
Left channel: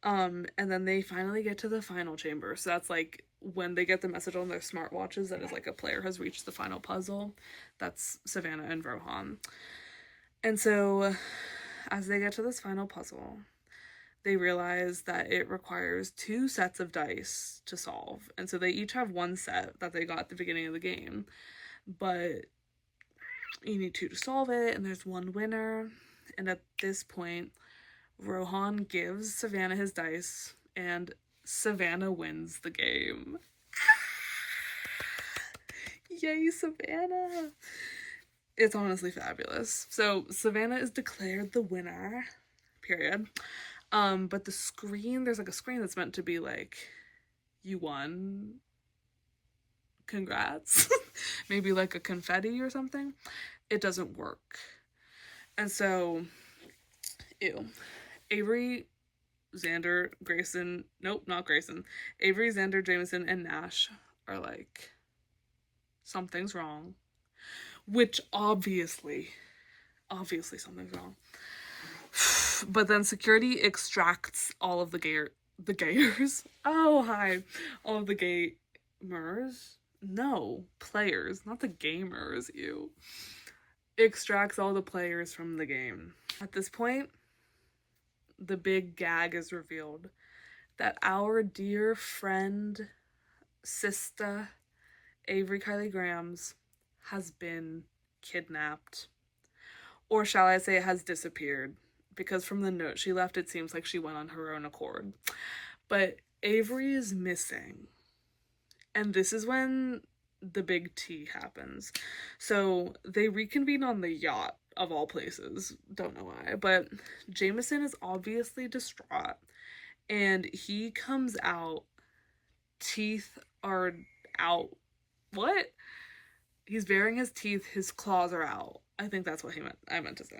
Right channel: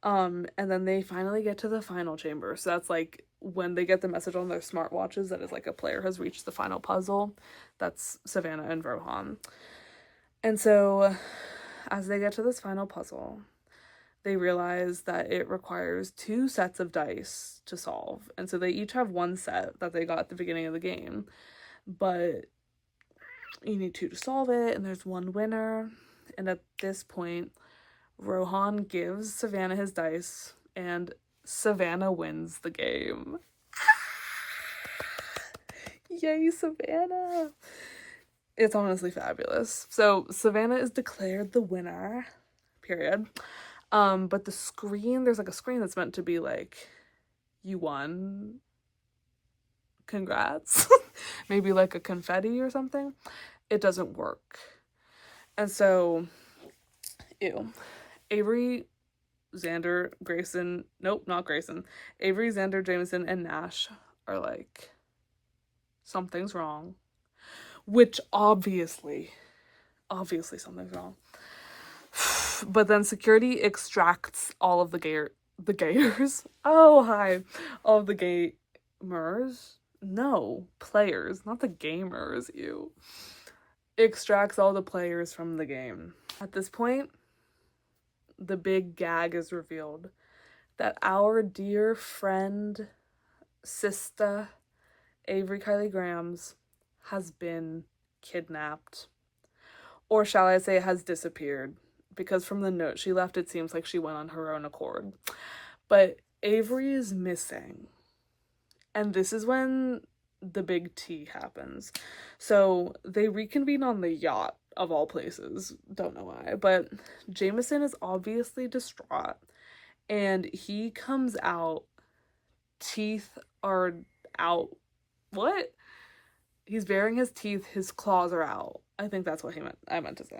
And then they finally get to the final chamber. So that's like when they get the message on their smartwatches that is like a player has reached the final puzzle. That's Savannah and Rohan. And so as they get to this final puzzle, they realize that it requires 2 sets of dice to solve. And so they each have 1 set that they got at the beginning of the game. But you need 2 to solve it, and there's 1 winner. And at this point, Rohan gives Savannah his dice, and Savannah wins the game. Yay, Savannah! It's honestly fabulous. So Savannah is declared the winner, period. But the screen, there's like a screen that's meant to be like, you won, congrats. Maybe like a confetti or something. It doesn't work. And so, ew. Avery, Xander, Grayson, nope, not Grayson. Avery, Xander, Jameson, and Nash are like, something's wrong. Which obviously something's wrong. But then security extracts all of the gators. Oh, hi. All of the gamers. No, players, not the gamers, you. Extracts all the players from the game. At this point, the big gag is revealed that our dear friend, sister, Avery Kylie Grams, has been kidnapped. Or shall I say has disappeared, because from the note she left, it seems like she went on her own accord. But Avery is missing. And this is when the big T happens. So they reconvene on the yacht, of all places. Don't know why. But Jameson is obviously distraught. And he comes out. Teeth are out. What? He's baring his teeth. His claws are out. I think that's what I meant to say.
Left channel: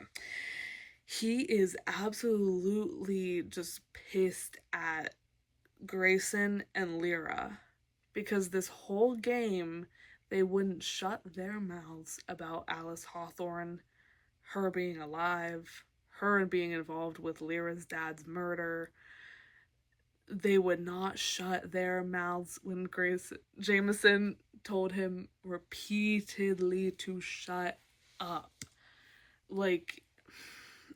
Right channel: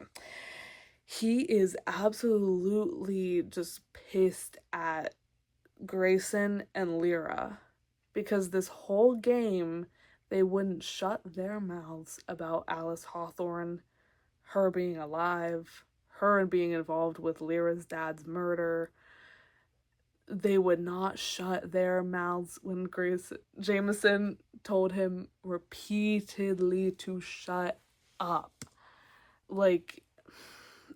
He is absolutely just pissed at Grayson and Lyra because this whole game they wouldn't shut their mouths about Alice Hawthorne, her being alive, her being involved with Lyra's dad's murder. They would not shut their mouths when Jameson told him repeatedly to shut up. Like,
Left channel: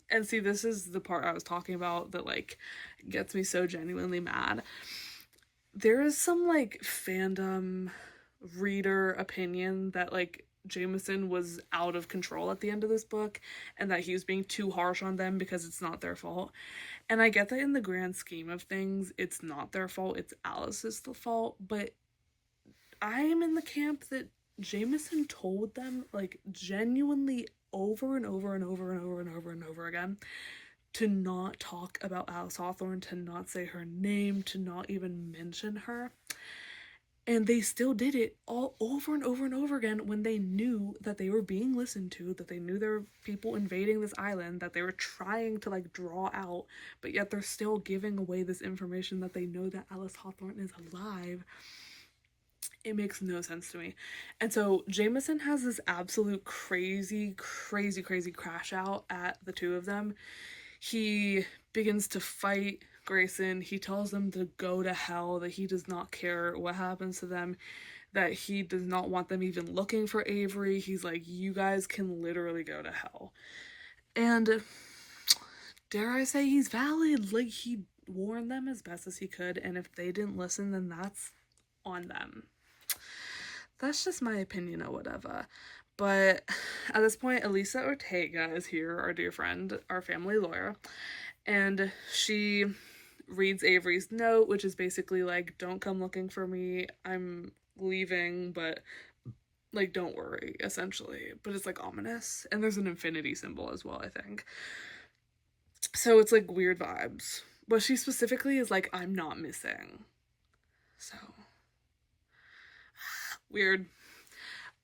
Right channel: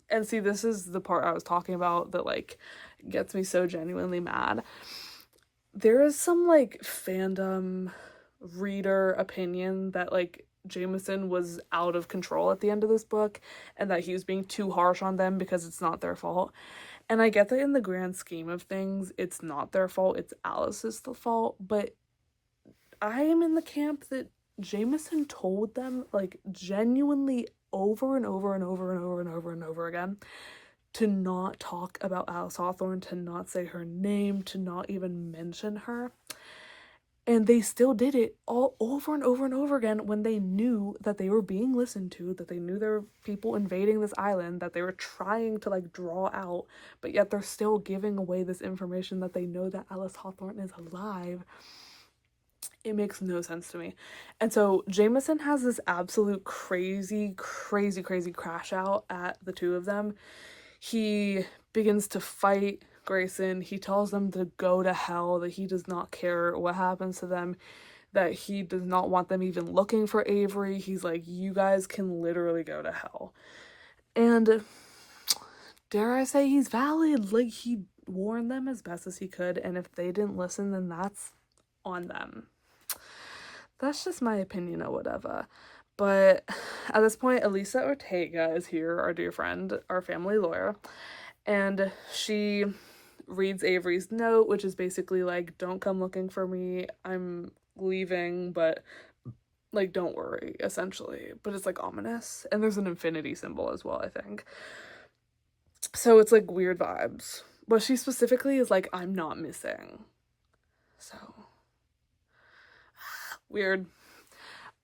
and see, this is the part I was talking about that, like, gets me so genuinely mad. There is some, like, fandom reader opinion that, like, Jameson was out of control at the end of this book and that he was being too harsh on them because it's not their fault. And I get that in the grand scheme of things, it's not their fault, it's Alice's fault, but I am in the camp that Jameson told them, like, genuinely over and over and over and over and over and over again to not talk about Alice Hawthorne, to not say her name, to not even mention her. And they still did it all over and over and over again when they knew that they were being listened to, that they knew there were people invading this island, that they were trying to like draw out, but yet they're still giving away this information that they know that Alice Hawthorne is alive. It makes no sense to me. And so Jameson has this absolute crazy crash out at the two of them. He begins to fight Grayson. He tells them to go to hell, that he does not care what happens to them, that he does not want them even looking for Avery. He's like, you guys can literally go to hell. And dare I say he's valid. Like, he warned them as best as he could, and if they didn't listen, then that's on them. That's just my opinion or whatever. But at this point, Elisa Ortega is here, our dear friend, our family lawyer, and she reads Avery's note, which is basically like, don't come looking for me, I'm leaving, but like, don't worry, essentially. But it's like ominous, and there's an infinity symbol as well, I think. So it's like weird vibes, but she specifically is like, I'm not missing. So weird.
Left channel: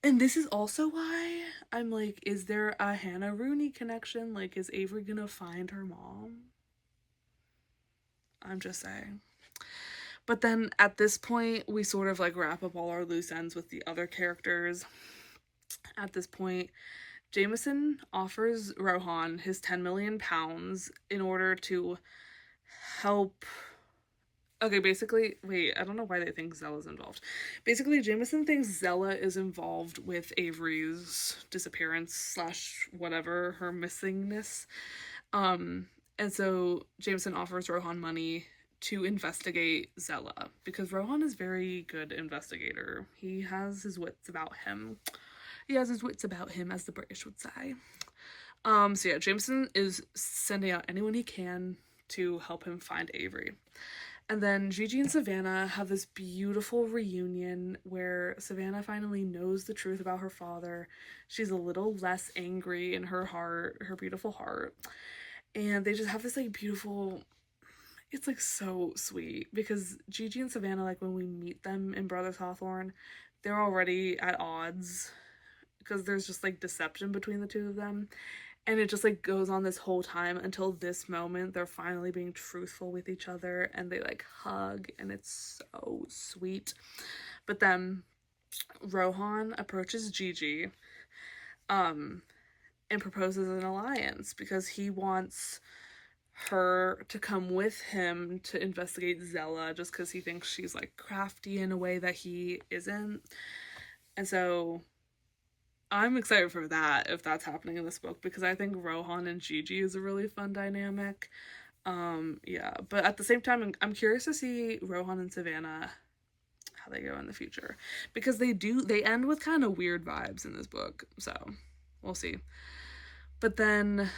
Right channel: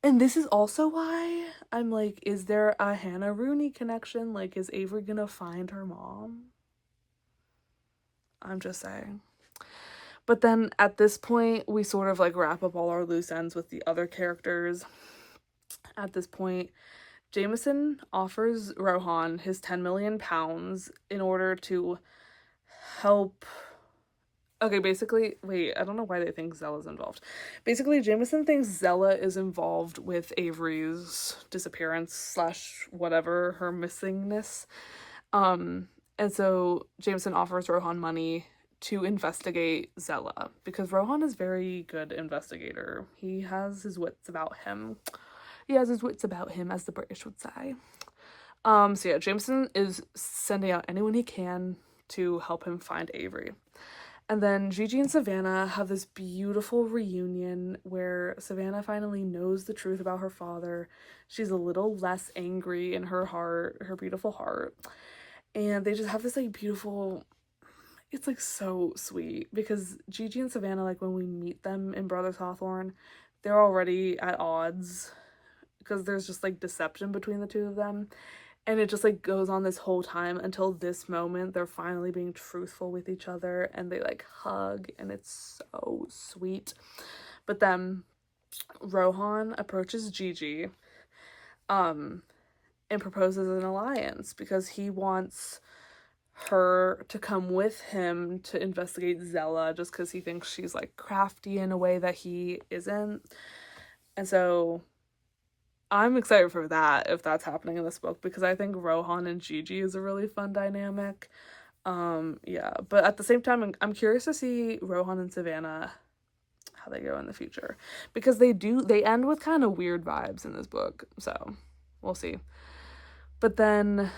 And this is also why I'm like, is there a Hannah Rooney connection? Like, is Avery gonna find her mom? I'm just saying. But then at this point, we sort of like wrap up all our loose ends with the other characters. At this point, Jameson offers Rohan his 10 million pounds in order to help. Okay, basically, wait, I don't know why they think Zella's involved. Basically, Jameson thinks Zella is involved with Avery's disappearance / whatever, her missingness. And so Jameson offers Rohan money to investigate Zella, because Rohan is very good investigator. He has his wits about him. As the British would say. So yeah, Jameson is sending out anyone he can to help him find Avery. And then Gigi and Savannah have this beautiful reunion where Savannah finally knows the truth about her father. She's a little less angry in her heart, her beautiful heart. And they just have this like beautiful, it's like so sweet, because Gigi and Savannah, like when we meet them in Brothers Hawthorne, they're already at odds because there's just like deception between the two of them. And it just like goes on this whole time until this moment. They're finally being truthful with each other and they like hug, and it's so sweet. But then Rohan approaches Gigi and proposes an alliance because he wants her to come with him to investigate Zella, just because he thinks she's like crafty in a way that he isn't. And so I'm excited for that, if that's happening in this book, because I think Rohan and Gigi is a really fun dynamic. Yeah, but at the same time, I'm curious to see Rohan and Savannah, how they go in the future, because they end with kind of weird vibes in this book, so we'll see. But then,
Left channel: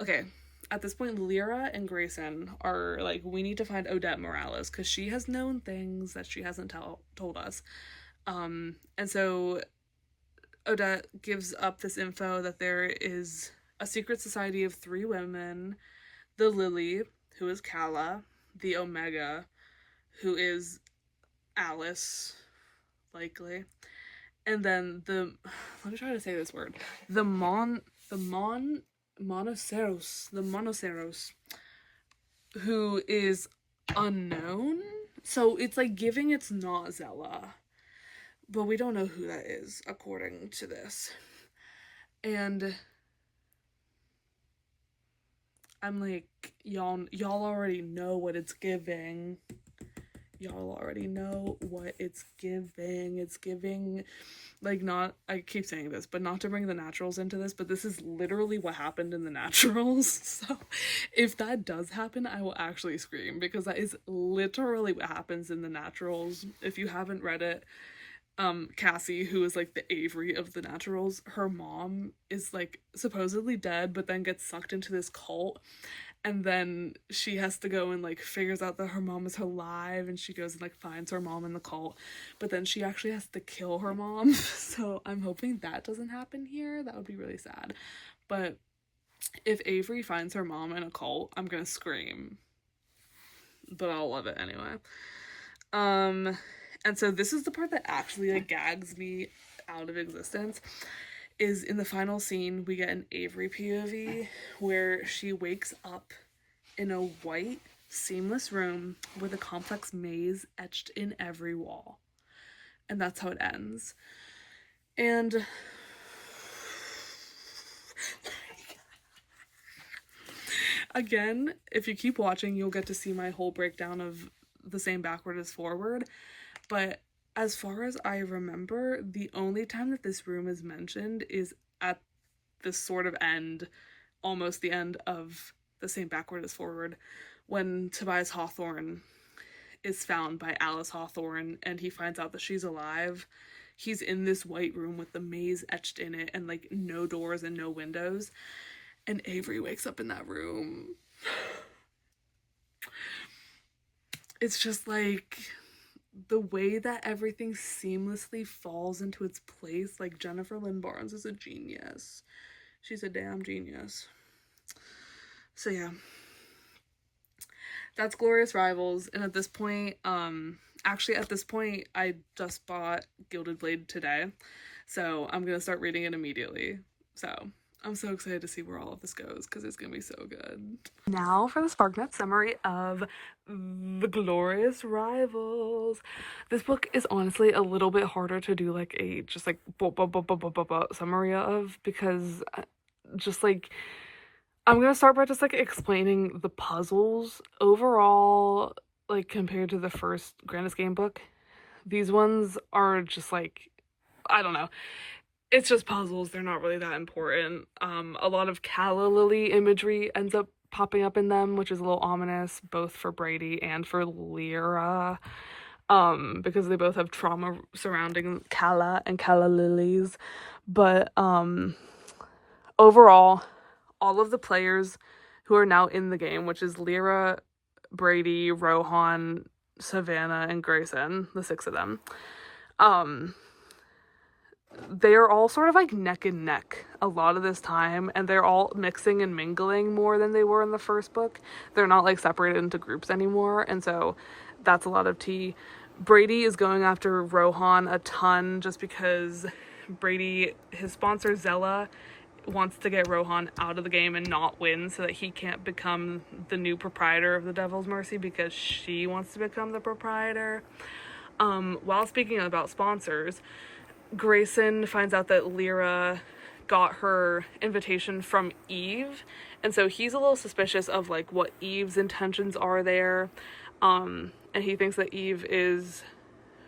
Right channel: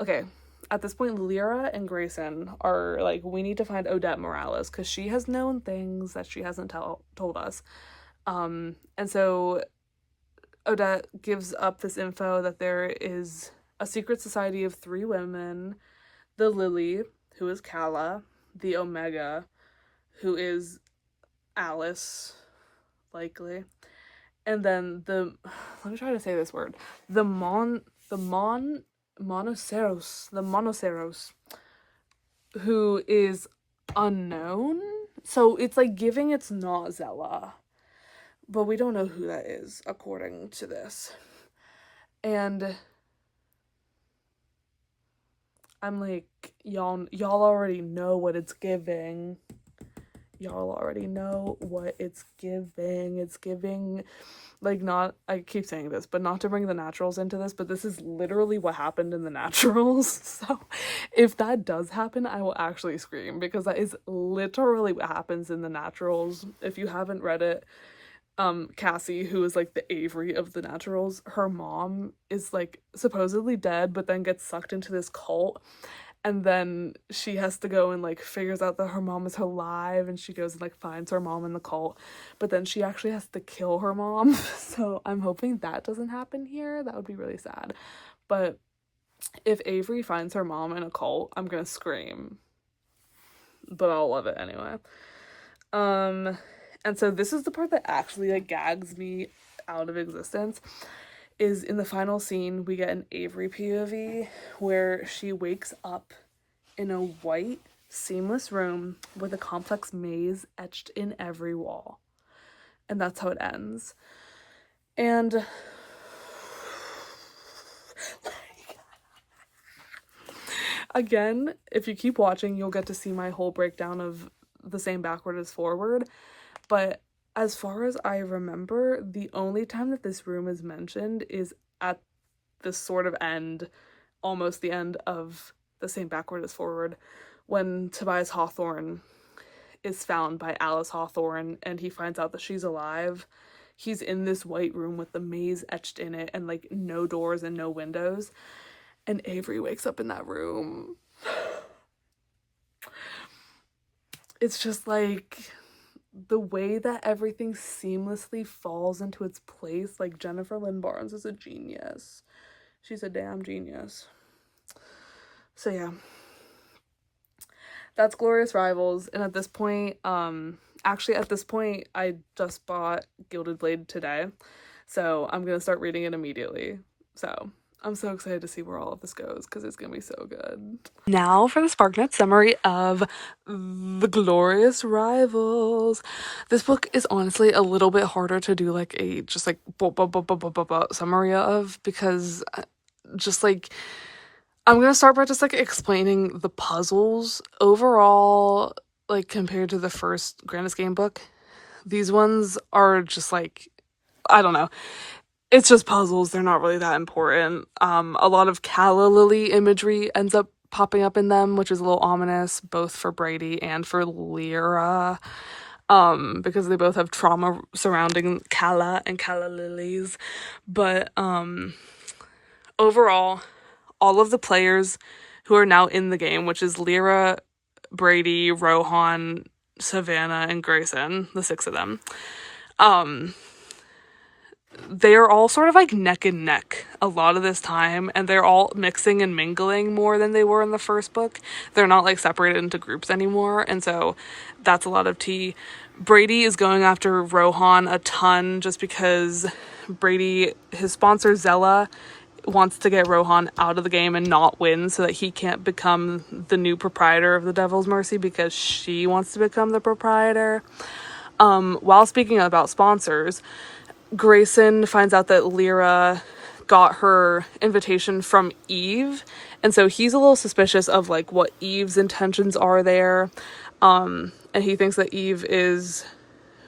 okay, at this point, Lyra and Grayson are like, we need to find Odette Morales, because she has known things that she hasn't told us. And so Odette gives up this info that there is a secret society of 3 women, the Lily, who is Calla, the Omega, who is Alice, likely, and then the, let me try to say this word, the Monoceros, who is unknown. So it's like giving it's not Zella, but we don't know who that is according to this. And I'm like, y'all already know what it's giving. Y'all already know what it's giving. It's giving, like, not, I keep saying this, but not to bring the naturals into this, but this is literally what happened in the naturals. So if that does happen, I will actually scream, because that is literally what happens in the naturals. If you haven't read it, Cassie, who is like the Avery of the naturals, her mom is like supposedly dead, but then gets sucked into this cult, and then she has to go and like figures out that her mom is alive, and she goes and like finds her mom in the cult, but then she actually has to kill her mom. So I'm hoping that doesn't happen here. That would be really sad. But if Avery finds her mom in a cult, I'm gonna scream. but I'll love it anyway. And so this is the part that actually like gags me out of existence, is in the final scene we get an Avery POV where she wakes up in a white seamless room with a complex maze etched in every wall, and that's how it ends. And again, if you keep watching, you'll get to see my whole breakdown of the same backward as forward. But as far as I remember, the only time that this room is mentioned is at the sort of end, almost the end of the same backward as forward, when Tobias Hawthorne is found by Alice Hawthorne and he finds out that she's alive. He's in this white room with the maze etched in it and like no doors and no windows. And Avery wakes up in that room. It's just like the way that everything seamlessly falls into its place. Like, Jennifer Lynn Barnes is a genius. She's a damn genius. So yeah, that's Glorious Rivals. And at this point, actually at this point, I just bought Gilded Blade today, so I'm gonna start reading it immediately. So I'm so excited to see where all of this goes because it's gonna be so good. Now for the SparkNotes summary of The Glorious Rivals. This book is honestly a little bit harder to do like a just like summary of, because just like I'm gonna start by just like explaining the puzzles overall, like compared to the first Grandest Game book. These ones are just like, I don't know, it's just puzzles. They're not really that important. A lot of calla lily imagery ends up popping up in them, which is a little ominous, both for Brady and for Lyra, because they both have trauma surrounding calla and calla lilies. But overall, all of the players who are now in the game, which is Lyra, Brady, Rohan, Savannah, and Grayson, the 6 of them, they are all sort of like neck and neck a lot of this time, and they're all mixing and mingling more than they were in the first book. They're not like separated into groups anymore, and so that's a lot of tea. Brady is going after Rohan a ton just because Brady, his sponsor Zella, wants to get Rohan out of the game and not win so that he can't become the new proprietor of the Devil's Mercy, because she wants to become the proprietor. While speaking about sponsors, Grayson finds out that Lyra got her invitation from Eve, and so he's a little suspicious of like what Eve's intentions are there, and he thinks that Eve is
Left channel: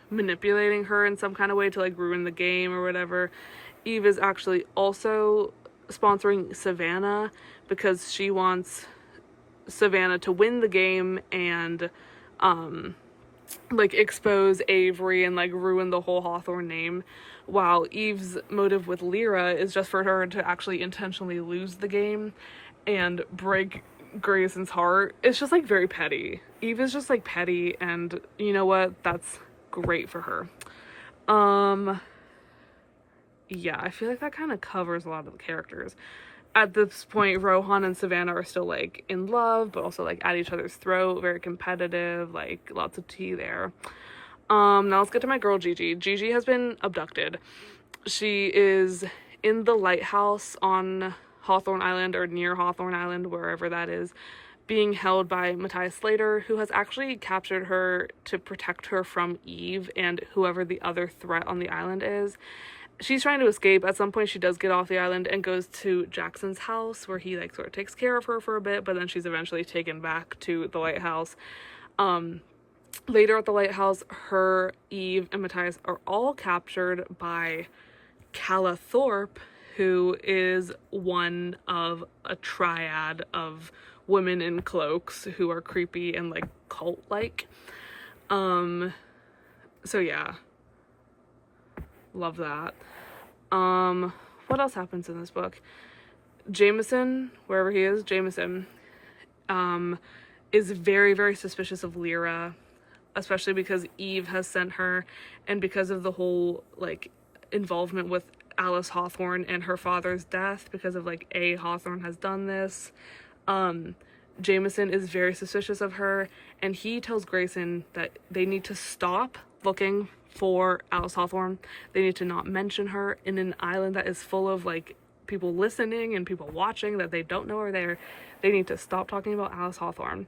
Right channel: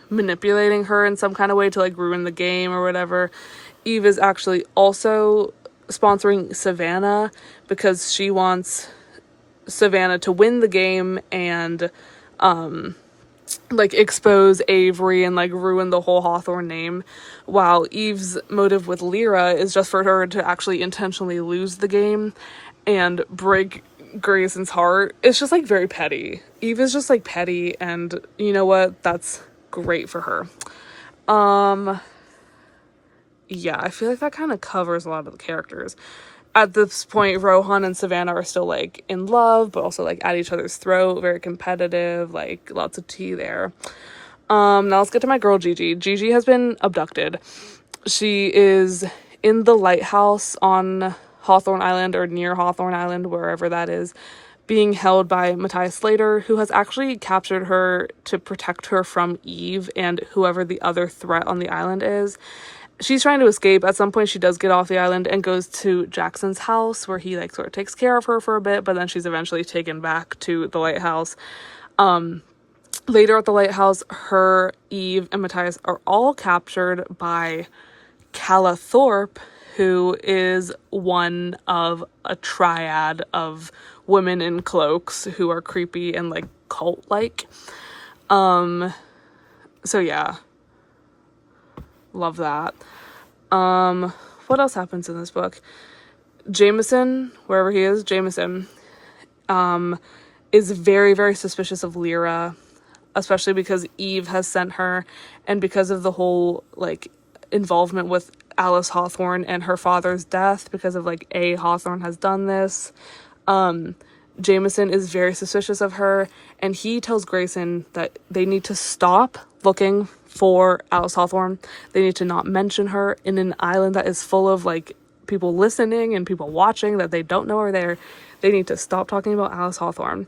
manipulating her in some kind of way to like ruin the game or whatever. Eve is actually also sponsoring Savannah because she wants Savannah to win the game and like expose Avery and like ruin the whole Hawthorne name, while Eve's motive with Lyra is just for her to actually intentionally lose the game and break Grayson's heart. It's just like very petty. Eve is just like petty, and you know what? That's great for her. Yeah, I feel like that kind of covers a lot of the characters. At this point, Rohan and Savannah are still like in love, but also like at each other's throat, very competitive, like lots of tea there. Now let's get to my girl Gigi. Gigi has been abducted. She is in the lighthouse on Hawthorne Island, or near Hawthorne Island, wherever that is, being held by Matthias Slater, who has actually captured her to protect her from Eve and whoever the other threat on the island is. She's trying to escape. At some point, she does get off the island and goes to Jackson's house, where he like sort of takes care of her for a bit, but then she's eventually taken back to the lighthouse. Later at the lighthouse, her, Eve, and Matthias are all captured by Calla Thorpe, who is one of a triad of women in cloaks who are creepy and like cult-like. So yeah. Love that. What else happens in this book? Jameson, wherever he is, Jameson, is very, very suspicious of Lyra, especially because Eve has sent her, and because of the whole, like, involvement with Alice Hawthorne and her father's death, because of, like, Hawthorne has done this. Jameson is very suspicious of her, and he tells Grayson that they need to stop looking for Alice Hawthorne. They need to not mention her in an island that is full of like people listening and people watching that they don't know are there. They need to stop talking about Alice Hawthorne.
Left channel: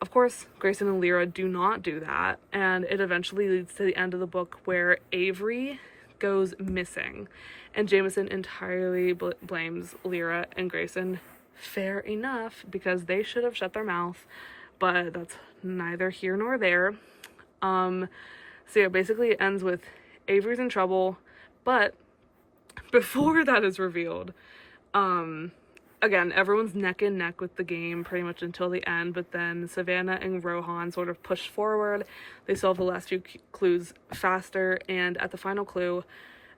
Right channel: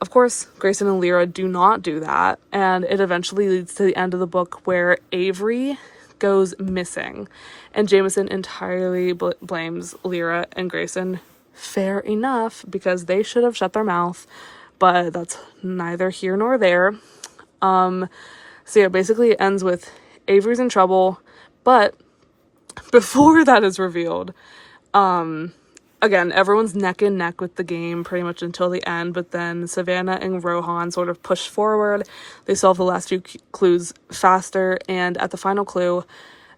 Of course, Grayson and Lyra do not do that, and it eventually leads to the end of the book where Avery goes missing, and Jameson entirely blames Lyra and Grayson. Fair enough, because they should have shut their mouth, but that's neither here nor there. So yeah, basically it ends with Avery's in trouble, but before that is revealed, again, everyone's neck and neck with the game pretty much until the end, but then Savannah and Rohan sort of push forward. They solve the last few clues faster, and at the final clue,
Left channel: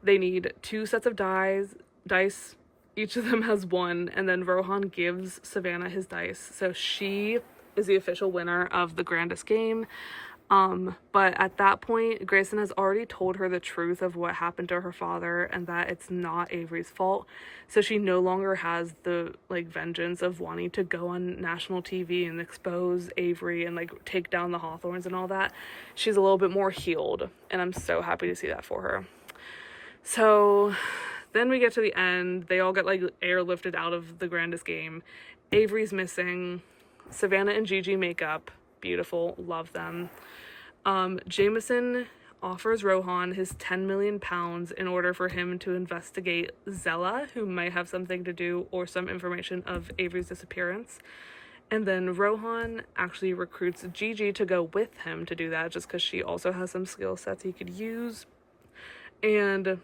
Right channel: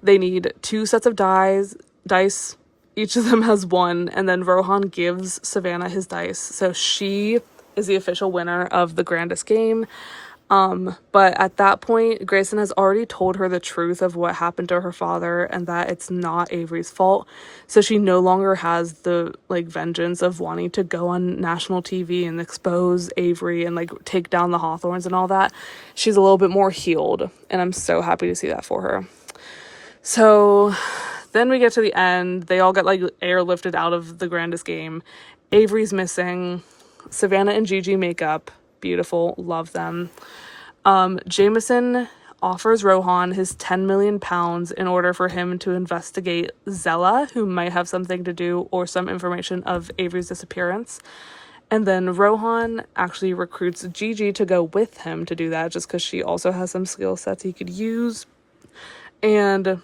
they need 2 sets of dice. Each of them has 1, and then Rohan gives Savannah his dice. So she is the official winner of the grandest game. But at that point, Grayson has already told her the truth of what happened to her father and that it's not Avery's fault. So she no longer has the like vengeance of wanting to go on national TV and expose Avery and like take down the Hawthorns and all that. She's a little bit more healed, and I'm so happy to see that for her. So then we get to the end. They all get like airlifted out of the grandest game. Avery's missing. Savannah and Gigi make up. Beautiful. Love them. Jameson offers Rohan his 10 million pounds in order for him to investigate Zella, who might have something to do or some information of Avery's disappearance. And then Rohan actually recruits Gigi to go with him to do that, just because she also has some skill sets he could use. And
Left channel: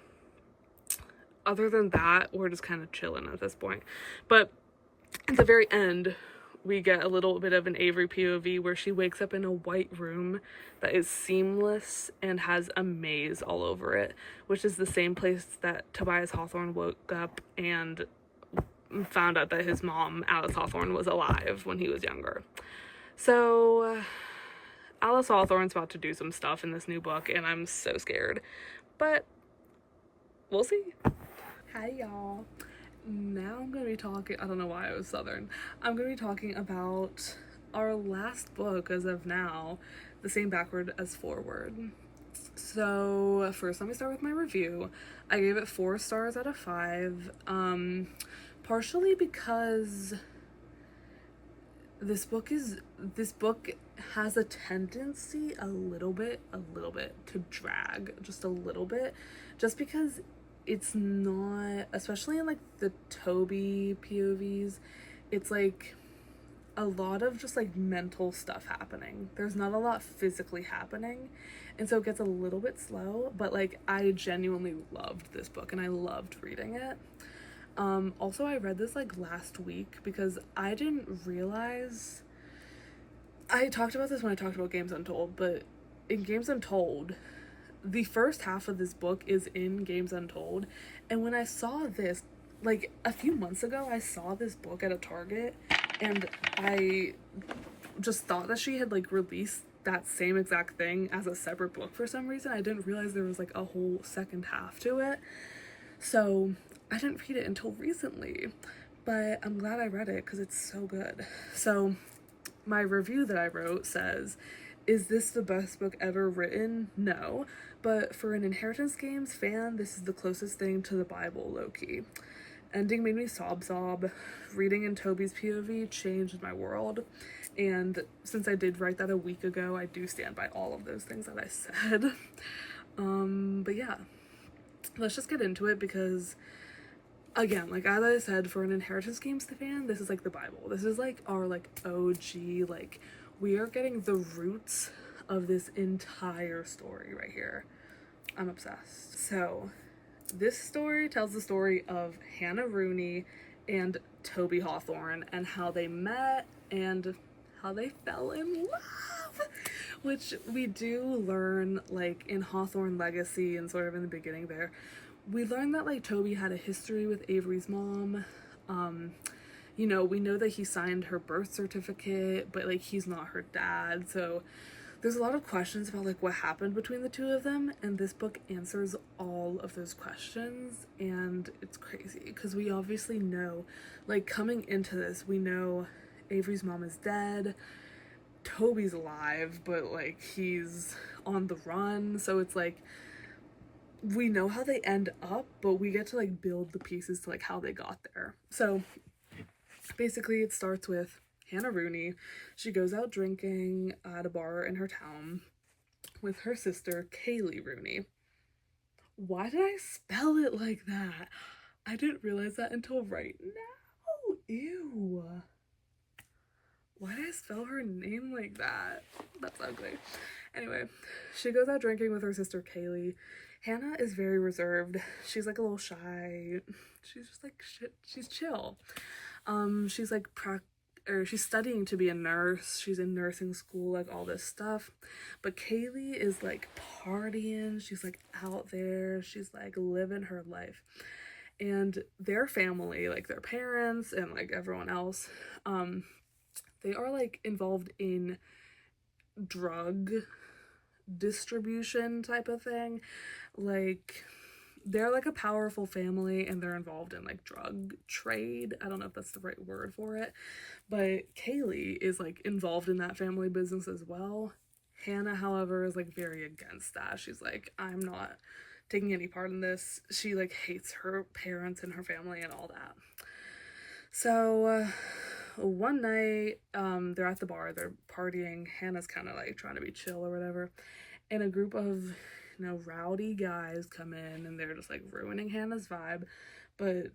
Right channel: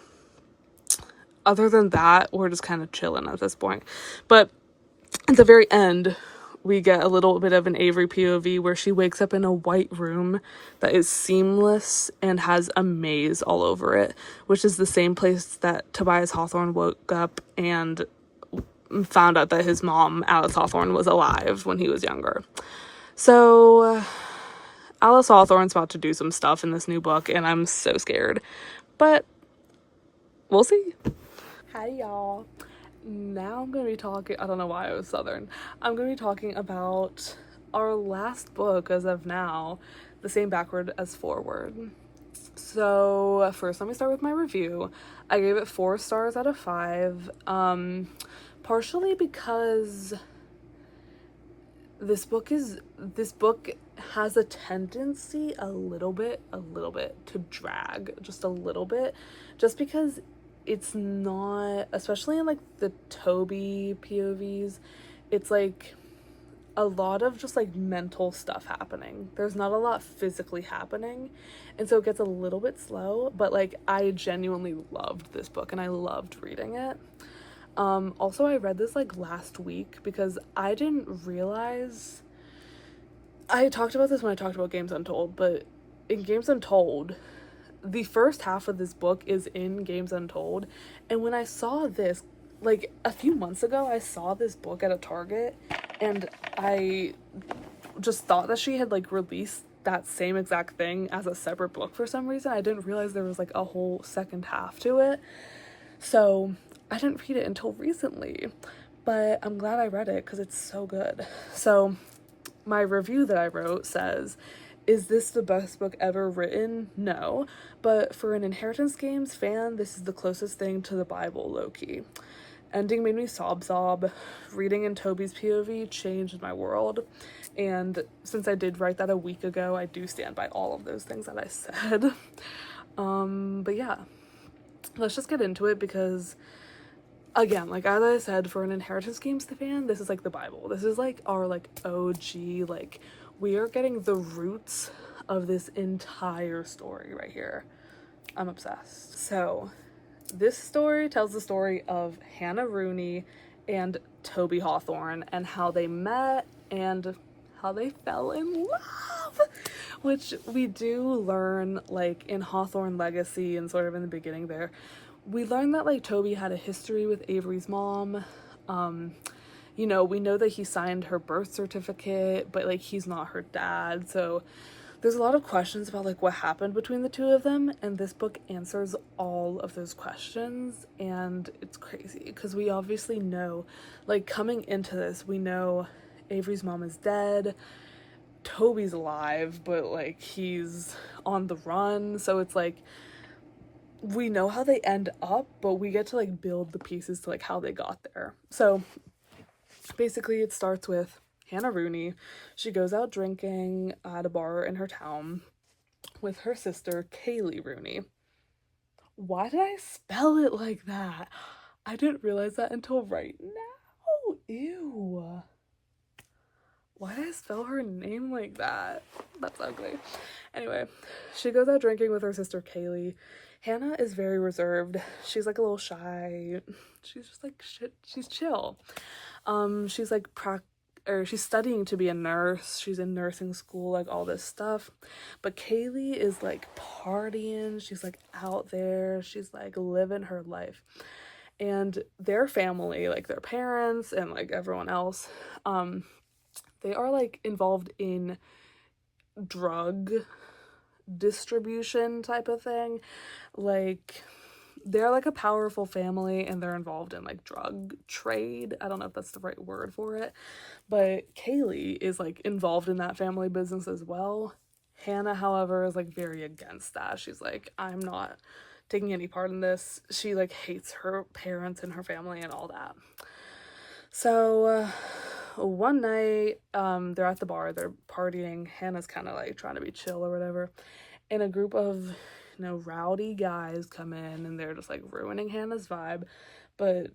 other than that, we're just kind of chilling at this point. But at the very end, we get a little bit of an Avery POV where she wakes up in a white room that is seamless and has a maze all over it, which is the same place that Tobias Hawthorne woke up and found out that his mom, Alice Hawthorne, was alive when he was younger. So Alice Hawthorne's about to do some stuff in this new book, and I'm so scared. But we'll see. Hi, y'all. Now I'm going to be talking, I don't know why I was Southern. I'm going to be talking about our last book as of now, the same backward as forward. So first, let me start with my review. I gave it 4 stars out of 5, partially because this book has a tendency a little bit to drag, just a little bit, just because it's not, especially in like the Toby POVs, it's like a lot of just like mental stuff happening. There's not a lot physically happening, and so it gets a little bit slow, but like I genuinely loved this book and I loved reading it. Also, I read this like last week because I didn't realize, I talked about this when I talked about Games Untold, but in Games Untold, the first half of this book is in Games Untold, and when I saw this, like a few months ago, I saw this book at a Target, and I just thought that she had like released that same exact thing as a separate book for some reason. I didn't realize there was like a whole second half to it, so I didn't read it until recently, but I'm glad I read it because it's so good. So my review that I wrote says, is this the best book ever written? No. But for an Inheritance Games fan, this is the closest thing to the Bible, low-key. Ending made me sob. Reading in Toby's POV changed my world. And since I did write that a week ago, I do stand by all of those things that I said. But yeah, let's just get into it because, again, like as I said, for an Inheritance Games fan, this is like the Bible. This is like our like OG, like we are getting the roots of this entire story right here. I'm obsessed. So this story tells the story of Hannah Rooney and Toby Hawthorne and how they met and how they fell in love, which we do learn like in Hawthorne Legacy and sort of in the beginning there. We learn that like Toby had a history with Avery's mom. You know, we know that he signed her birth certificate, but like he's not her dad, so there's a lot of questions about like what happened between the two of them, and this book answers all of those questions, and it's crazy because we obviously know, like coming into this, we know Avery's mom is dead. Toby's alive, but like he's on the run, so it's like we know how they end up, but we get to like build the pieces to like how they got there. So basically it starts with Hannah Rooney. She goes out drinking at a bar in her town with her sister Kaylee Rooney. Why did I spell it like that? I didn't realize that until right now. Ew. Why did I spell her name like that? That's ugly. Anyway, she goes out drinking with her sister Kaylee. Hannah is very reserved. She's like a little shy. She's just like she's chill. She's like she's studying to be a nurse. She's in nursing school, like all this stuff. But Kaylee is like partying. She's like out there. She's like living her life. And their family, like their parents and like everyone else, they are like involved in drug distribution type of thing. Like they're like a powerful family and they're involved in like drug trade. I don't know if that's the right word for it, but Kaylee is like involved in that family business as well. Hannah, however, is like very against that. She's like, I'm not taking any part in this. She like hates her parents and her family and all that. So one night they're at the bar, they're partying. Hannah's kind of like trying to be chill or whatever, and a group of rowdy guys come in and they're just like ruining Hannah's vibe. But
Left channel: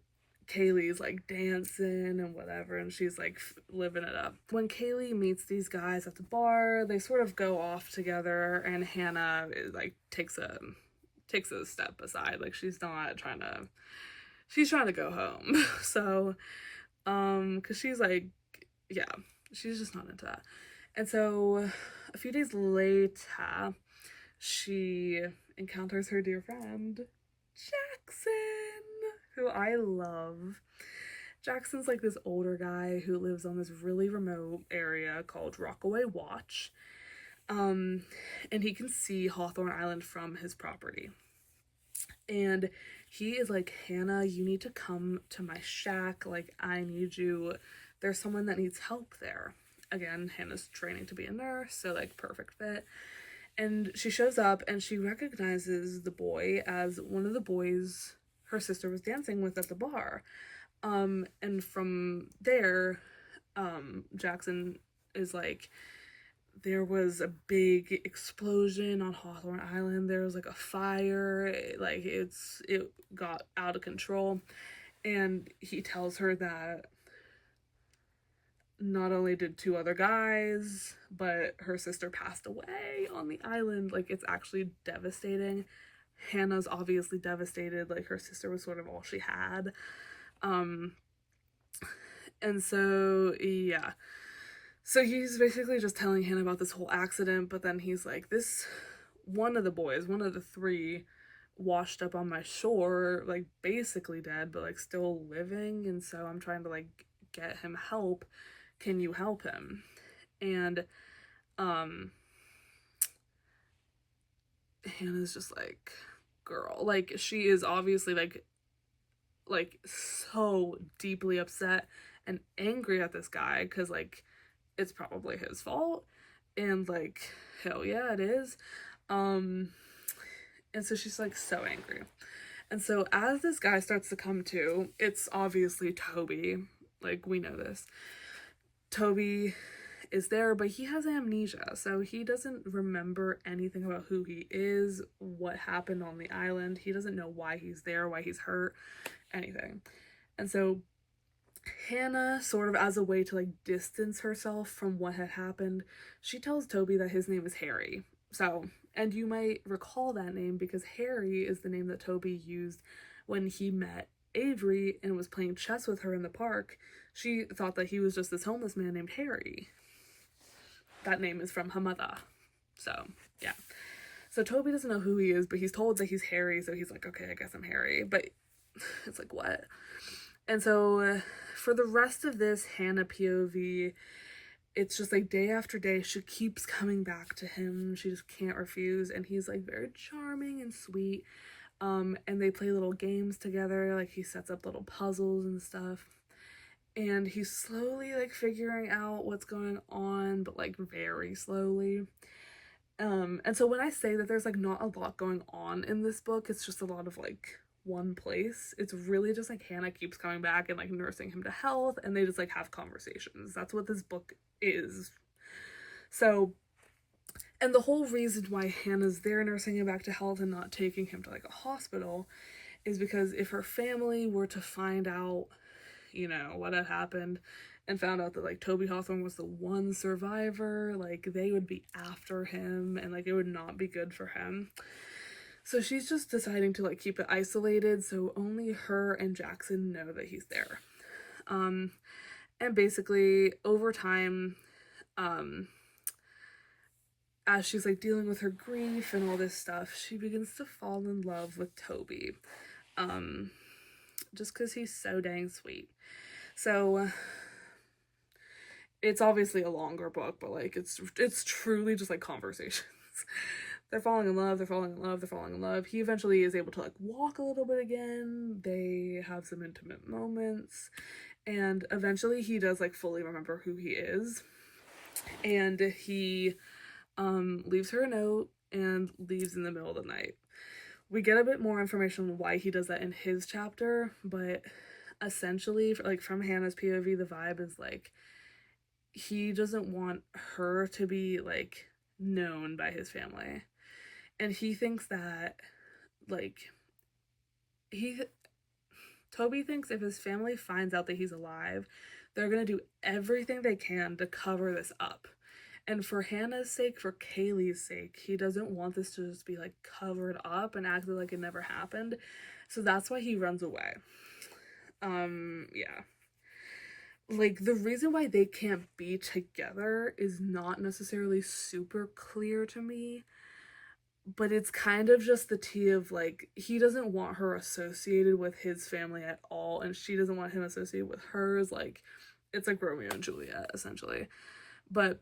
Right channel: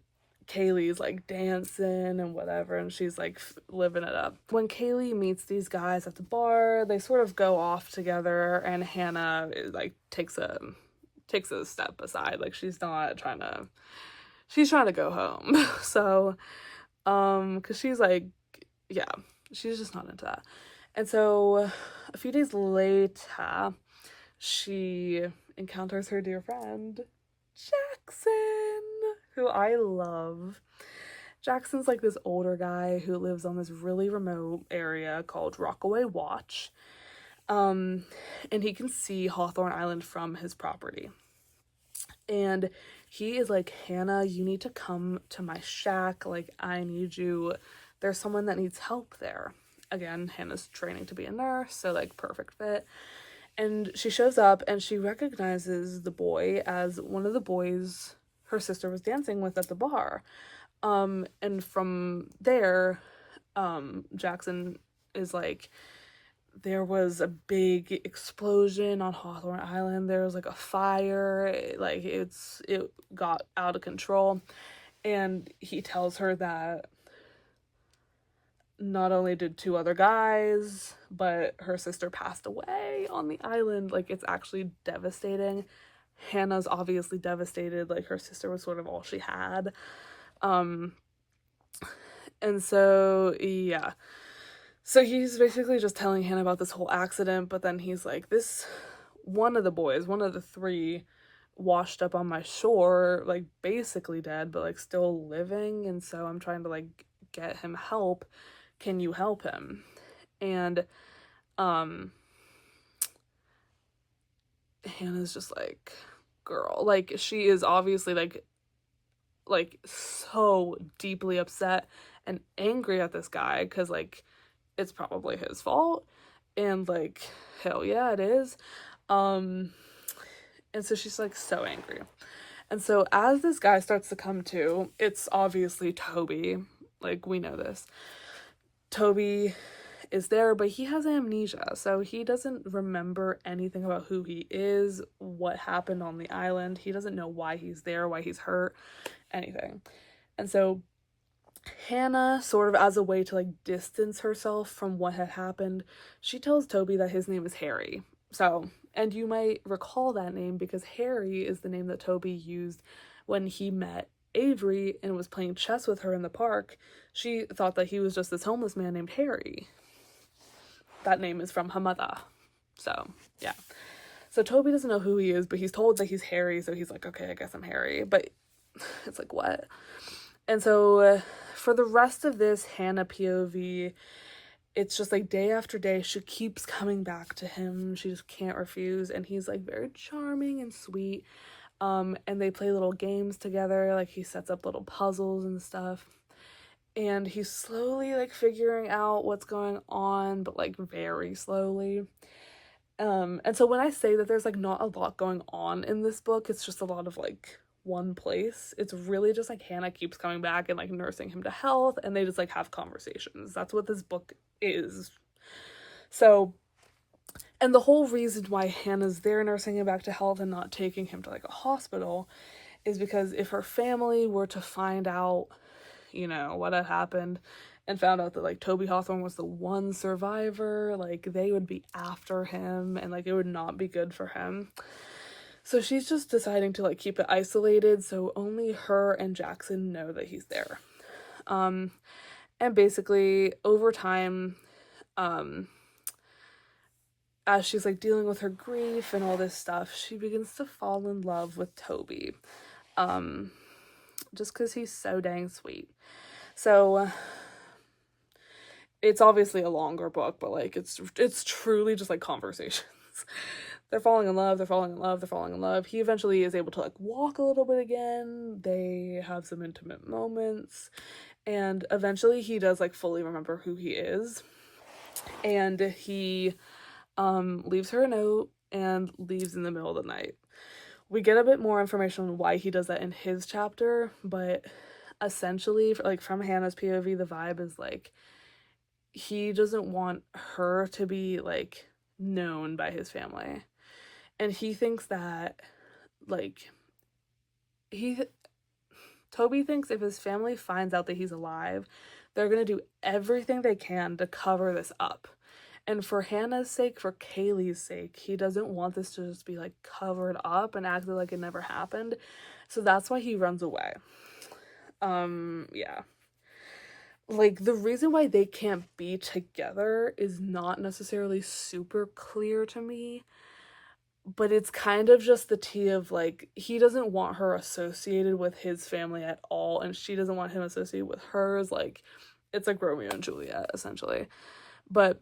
Kaylee's like dancing and whatever, and she's like living it up. When Kaylee meets these guys at the bar, they sort of go off together, and Hannah like takes a step aside. Like she's trying to go home. So because she's like, yeah, she's just not into that. And so a few days later, she encounters her dear friend Jackson, who I love. Jackson's like this older guy who lives on this really remote area called Rockaway Watch, and he can see Hawthorne Island from his property. And he is like, Hannah, you need to come to my shack. Like, I need you. There's someone that needs help there. Again, Hannah's training to be a nurse, so like perfect fit. And she shows up and she recognizes the boy as one of the boys her sister was dancing with at the bar. And from there, Jackson is like, there was a big explosion on Hawthorne Island. There was like a fire. It got out of control. And he tells her that not only did 2 other guys, but her sister passed away on the island. Like, it's actually devastating. Hannah's obviously devastated. Like, her sister was sort of all she had. And so, yeah. So he's basically just telling Hannah about this whole accident, but then he's like, one of the 3 washed up on my shore, like, basically dead, but, like, still living, and so I'm trying to, like, get him help. Can you help him? And Hannah's just like, girl, like, she is obviously like so deeply upset and angry at this guy because like it's probably his fault, and like hell yeah it is. And so she's like so angry. And so as this guy starts to come to, it's obviously Toby. Like, we know this. Toby is there, but he has amnesia, so he doesn't remember anything about who he is, what happened on the island. He doesn't know why he's there, why he's hurt, anything. And so Hannah, sort of as a way to like distance herself from what had happened, she tells Toby that his name is Harry. So, and you might recall that name because Harry is the name that Toby used when he met Avery and was playing chess with her in the park. She thought that he was just this homeless man named Harry. That name is from her mother. So, yeah. So Toby doesn't know who he is, but he's told that he's Harry, so he's like, okay, I guess I'm Harry. But it's like, what? And so for the rest of this Hannah POV, it's just like day after day, she keeps coming back to him. She just can't refuse. And he's like very charming and sweet. And they play little games together. Like, he sets up little puzzles and stuff. and he's slowly like figuring out what's going on, but like very slowly. And so when I say that there's like not a lot going on in this book, it's just a lot of like one place. It's really just like Hannah keeps coming back and like nursing him to health, and they just like have conversations. That's what this book is. So, and the whole reason why Hannah's there nursing him back to health and not taking him to like a hospital is because if her family were to find out, you know, what had happened and found out that like Toby Hawthorne was the one survivor, like they would be after him and like it would not be good for him. So she's just deciding to like keep it isolated so only her and Jackson know that he's there. And basically over time, as she's like dealing with her grief and all this stuff, she begins to fall in love with Toby. Just because he's so dang sweet. So it's obviously a longer book, but like it's truly just like conversations. They're falling in love, they're falling in love, they're falling in love. He eventually is able to like walk a little bit again. They have some intimate moments, and eventually he does like fully remember who he is. And he leaves her a note and leaves in the middle of the night. We get a bit more information on why he does that in his chapter, but essentially, like from Hannah's POV, the vibe is like he doesn't want her to be like known by his family, and he thinks that like Toby thinks if his family finds out that he's alive, they're gonna do everything they can to cover this up. And for Hannah's sake, for Kaylee's sake, he doesn't want this to just be like covered up and acted like it never happened. So that's why he runs away. Yeah. Like the reason why they can't be together is not necessarily super clear to me, but it's kind of just the tea of like he doesn't want her associated with his family at all, and she doesn't want him associated with hers. Like it's like Romeo and Juliet essentially. But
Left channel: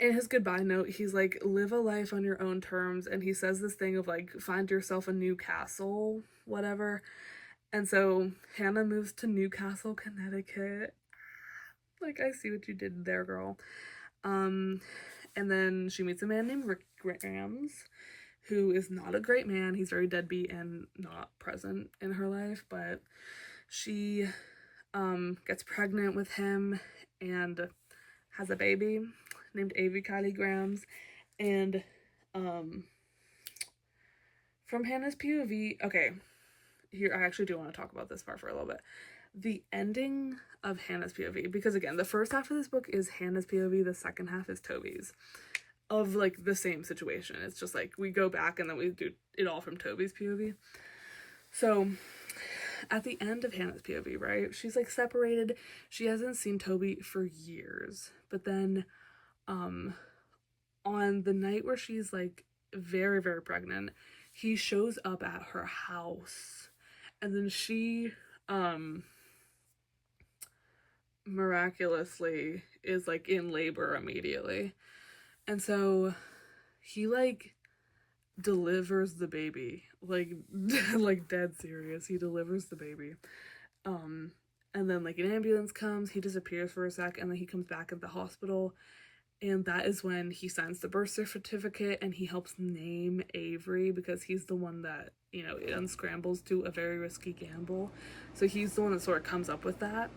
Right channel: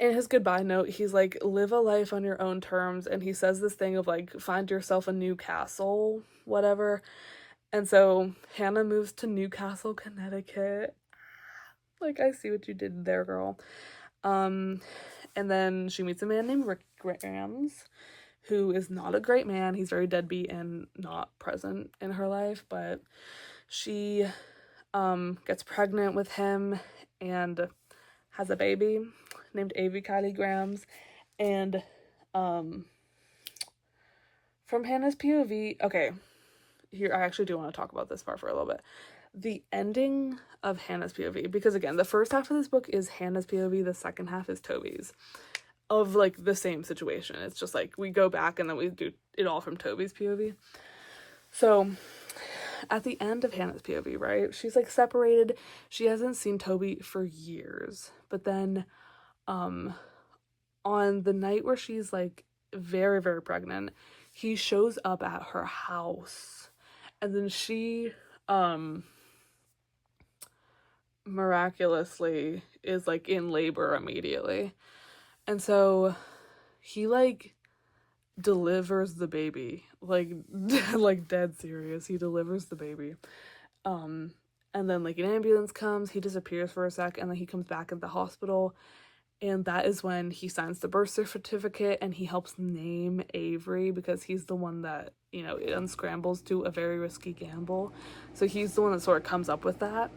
in his goodbye note, he's like, live a life on your own terms, and he says this thing of like, find yourself a new castle, whatever. And so Hannah moves to Newcastle, Connecticut. Like, I see what you did there, girl. And then she meets a man named Rick Grams, who is not a great man. He's very deadbeat and not present in her life, but she gets pregnant with him and has a baby named Avie Kylie Grams. And from Hannah's POV, okay, here I actually do want to talk about this part for a little bit. The ending of Hannah's POV, because again, the first half of this book is Hannah's POV, the second half is Toby's, of like the same situation. It's just like we go back and then we do it all from Toby's POV. So at the end of Hannah's POV, right, she's like separated. She hasn't seen Toby for years, but then on the night where she's like very, very pregnant, he shows up at her house, and then she miraculously is like in labor immediately. And so he like delivers the baby, like like dead serious. He delivers the baby. And then like an ambulance comes, he disappears for a sec, and then he comes back at the hospital. And that is when he signs the birth certificate and he helps name Avery, because he's the one that, you know, it unscrambles to a very risky gamble. So he's the one that sort of comes up with that.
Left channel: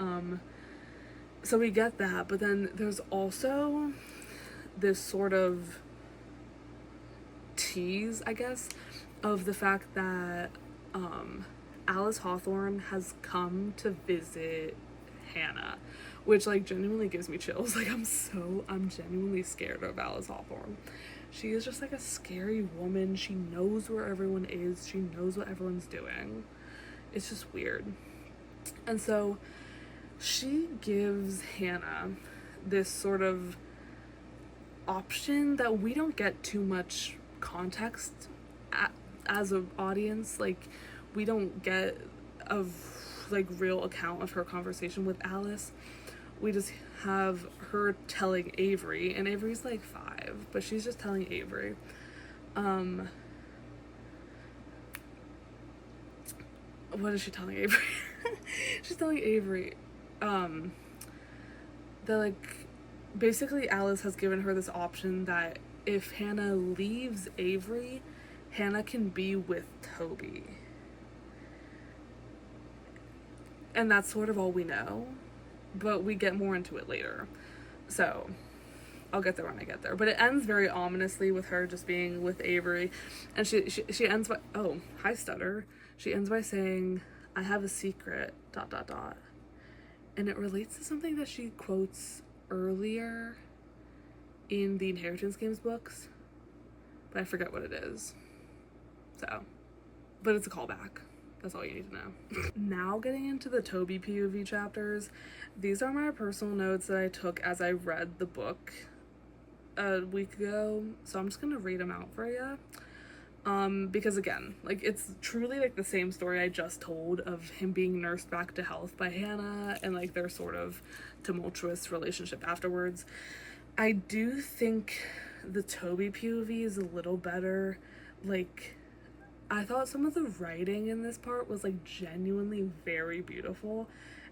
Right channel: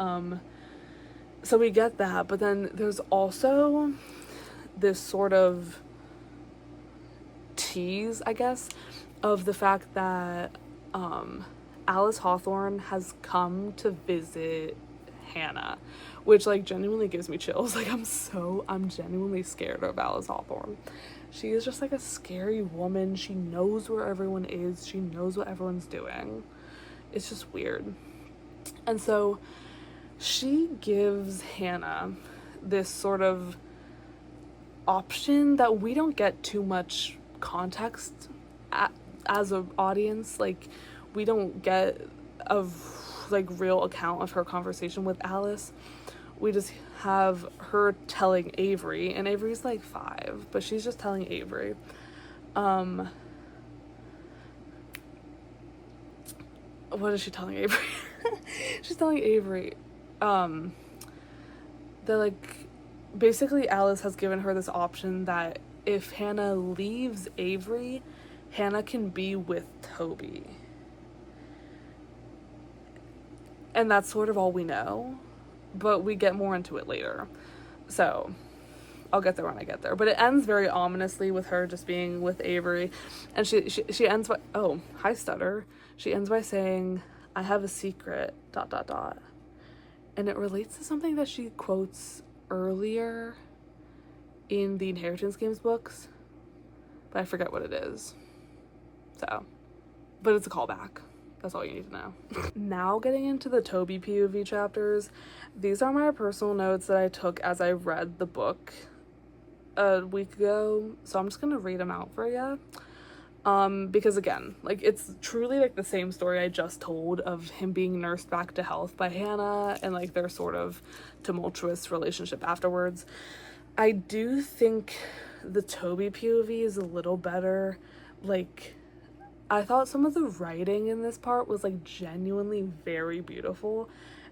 So we get that, but then there's also this sort of tease, I guess, of the fact that Alice Hawthorne has come to visit Hannah, which like genuinely gives me chills. Like I'm genuinely scared of Alice Hawthorne. She is just like a scary woman. She knows where everyone is. She knows what everyone's doing. It's just weird. And so she gives Hannah this sort of option that we don't get too much context as an audience. Like we don't get a like real account of her conversation with Alice. We just have her telling Avery, and Avery's like 5, but she's just telling Avery. What is she telling Avery? She's telling Avery, they're like, basically Alice has given her this option that if Hannah leaves Avery, Hannah can be with Toby. And that's sort of all we know, but we get more into it later. So I'll get there when I get there. But it ends very ominously with her just being with Avery. And she ends by, oh, hi stutter. She ends by saying, I have a secret, ... And it relates to something that she quotes earlier in the Inheritance Games books, but I forget what it is. So, but it's a callback. That's all you need to know. Now getting into the Toby POV chapters, these are my personal notes that I took as I read the book a week ago, so I'm just gonna read them out for you. Because again, like, it's truly like the same story I just told of him being nursed back to health by Hannah and like their sort of tumultuous relationship afterwards. I do think the Toby POV is a little better. Like, I thought some of the writing in this part was like genuinely very beautiful,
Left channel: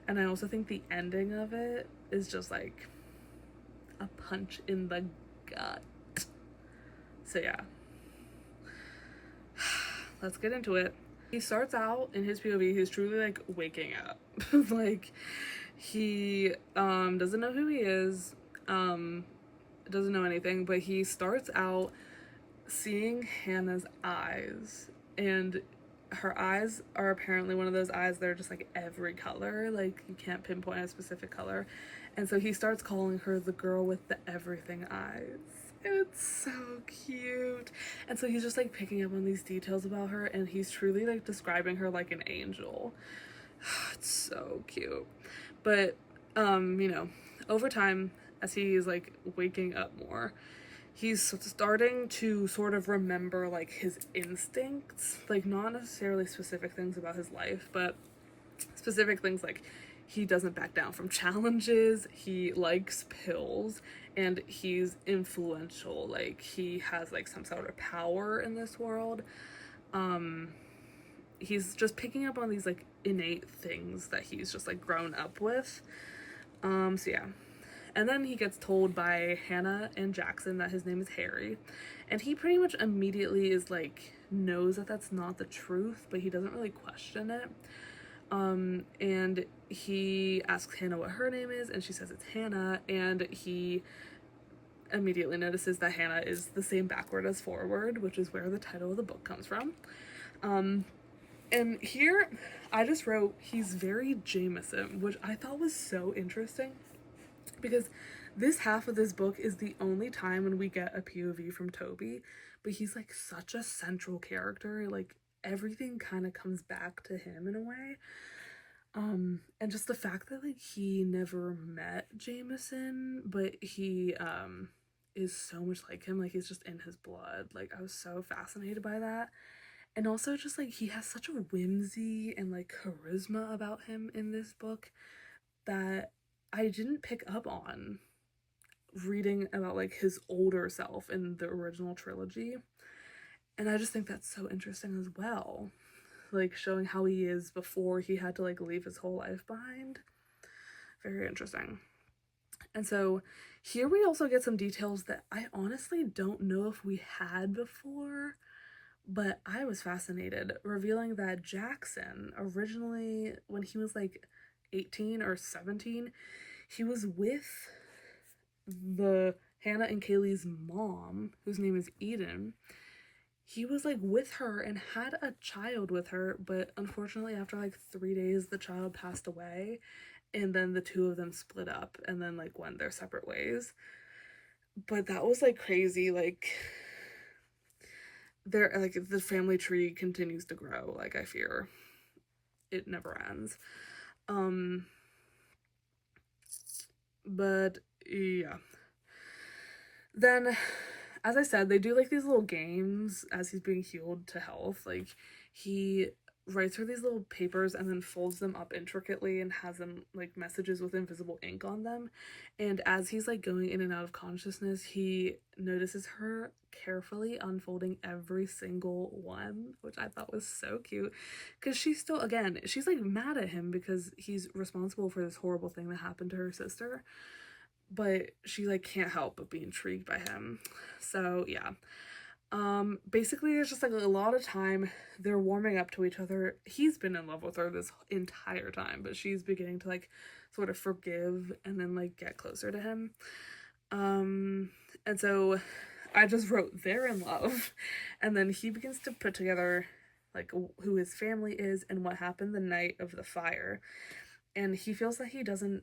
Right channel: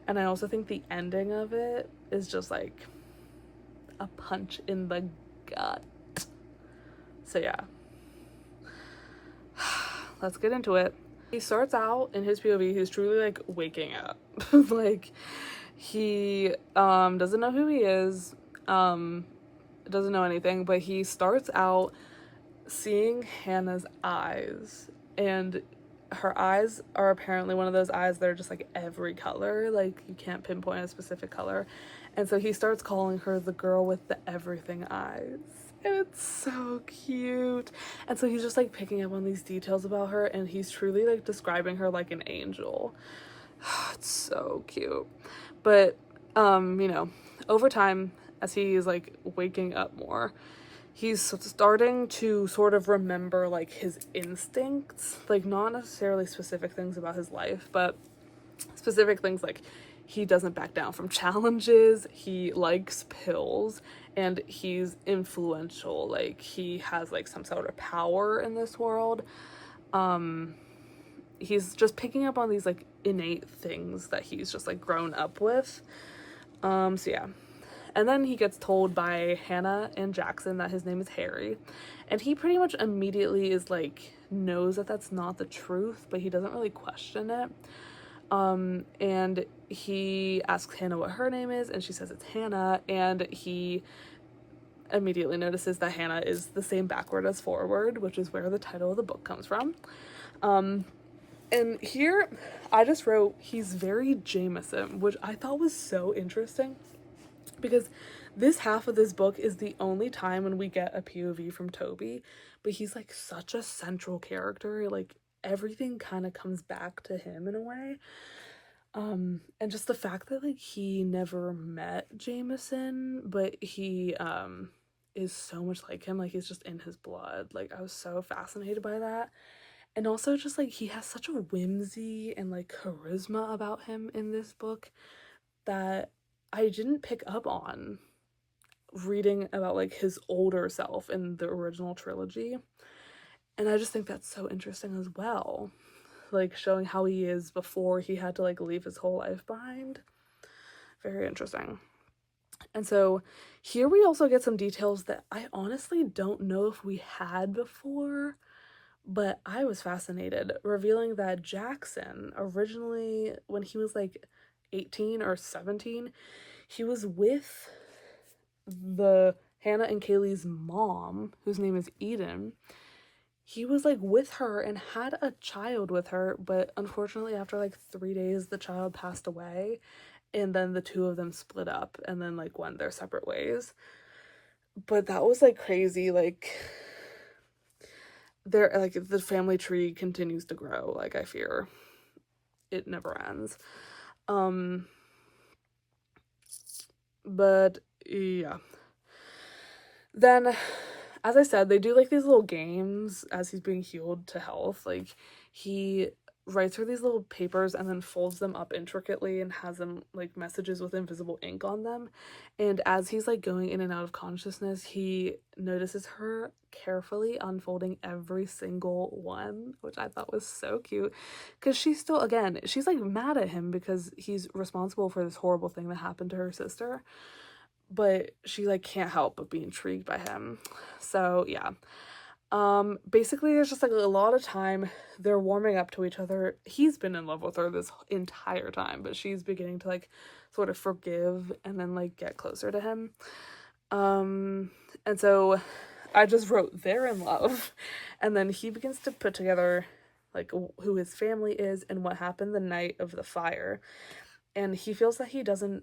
and I also think the ending of it is just like a punch in the gut. So yeah, let's get into it. He starts out in his POV, he's truly like waking up. Like, he doesn't know who he is, doesn't know anything, but he starts out seeing Hannah's eyes, and her eyes are apparently one of those eyes that are just like every color, like you can't pinpoint a specific color. And so he starts calling her the girl with the everything eyes. It's so cute. And so he's just like picking up on these details about her, and he's truly like describing her like an angel. It's so cute. But you know, over time, as he is like waking up more, he's starting to sort of remember like his instincts, like not necessarily specific things about his life, but specific things like he doesn't back down from challenges, he likes pills, and he's influential, like he has like some sort of power in this world. He's just picking up on these like innate things that he's just like grown up with. So yeah. And then he gets told by Hannah and Jackson that his name is Harry, and he pretty much immediately is like, knows that that's not the truth, but he doesn't really question it. And he asks Hannah what her name is, and she says it's Hannah, and he immediately notices that Hannah is the same backward as forward, which is where the title of the book comes from. And here I just wrote, he's very Jameson, which I thought was so interesting, because this half of this book is the only time when we get a POV from Toby, but he's like such a central character, like everything kind of comes back to him in a way. And just the fact that like he never met Jameson, but he is so much like him, like he's just in his blood. Like, I was so fascinated by that. And also just like he has such a whimsy and like charisma about him in this book that I didn't pick up on reading about like his older self in the original trilogy. And I just think that's so interesting as well, like showing how he is before he had to like leave his whole life behind. Very interesting. And so here we also get some details that I honestly don't know if we had before, but I was fascinated, revealing that Jackson originally, when he was like 18 or 17, he was with the Hannah and Kaylee's mom, whose name is Eden. He was like with her and had a child with her, but unfortunately after like 3 days the child passed away, and then the two of them split up and then like went their separate ways. But that was like crazy. Like, they're like, the family tree continues to grow, like I fear it never ends. But yeah, then as I said, they do like these little games as he's being healed to health. Like, he writes her these little papers and then folds them up intricately and has them like messages with invisible ink on them. And as he's like going in and out of consciousness, he notices her carefully unfolding every single one, which I thought was so cute, because she's still, again, she's like mad at him because he's responsible for this horrible thing that happened to her sister, but she like can't help but be intrigued by him. So yeah, basically there's just like a lot of time they're warming up to each other. He's been in love with her this entire time, but she's beginning to like sort of forgive and then like get closer to him. And so I just wrote they're in love, and then he begins to put together like who his family is and what happened the night of the fire, and he feels that he doesn't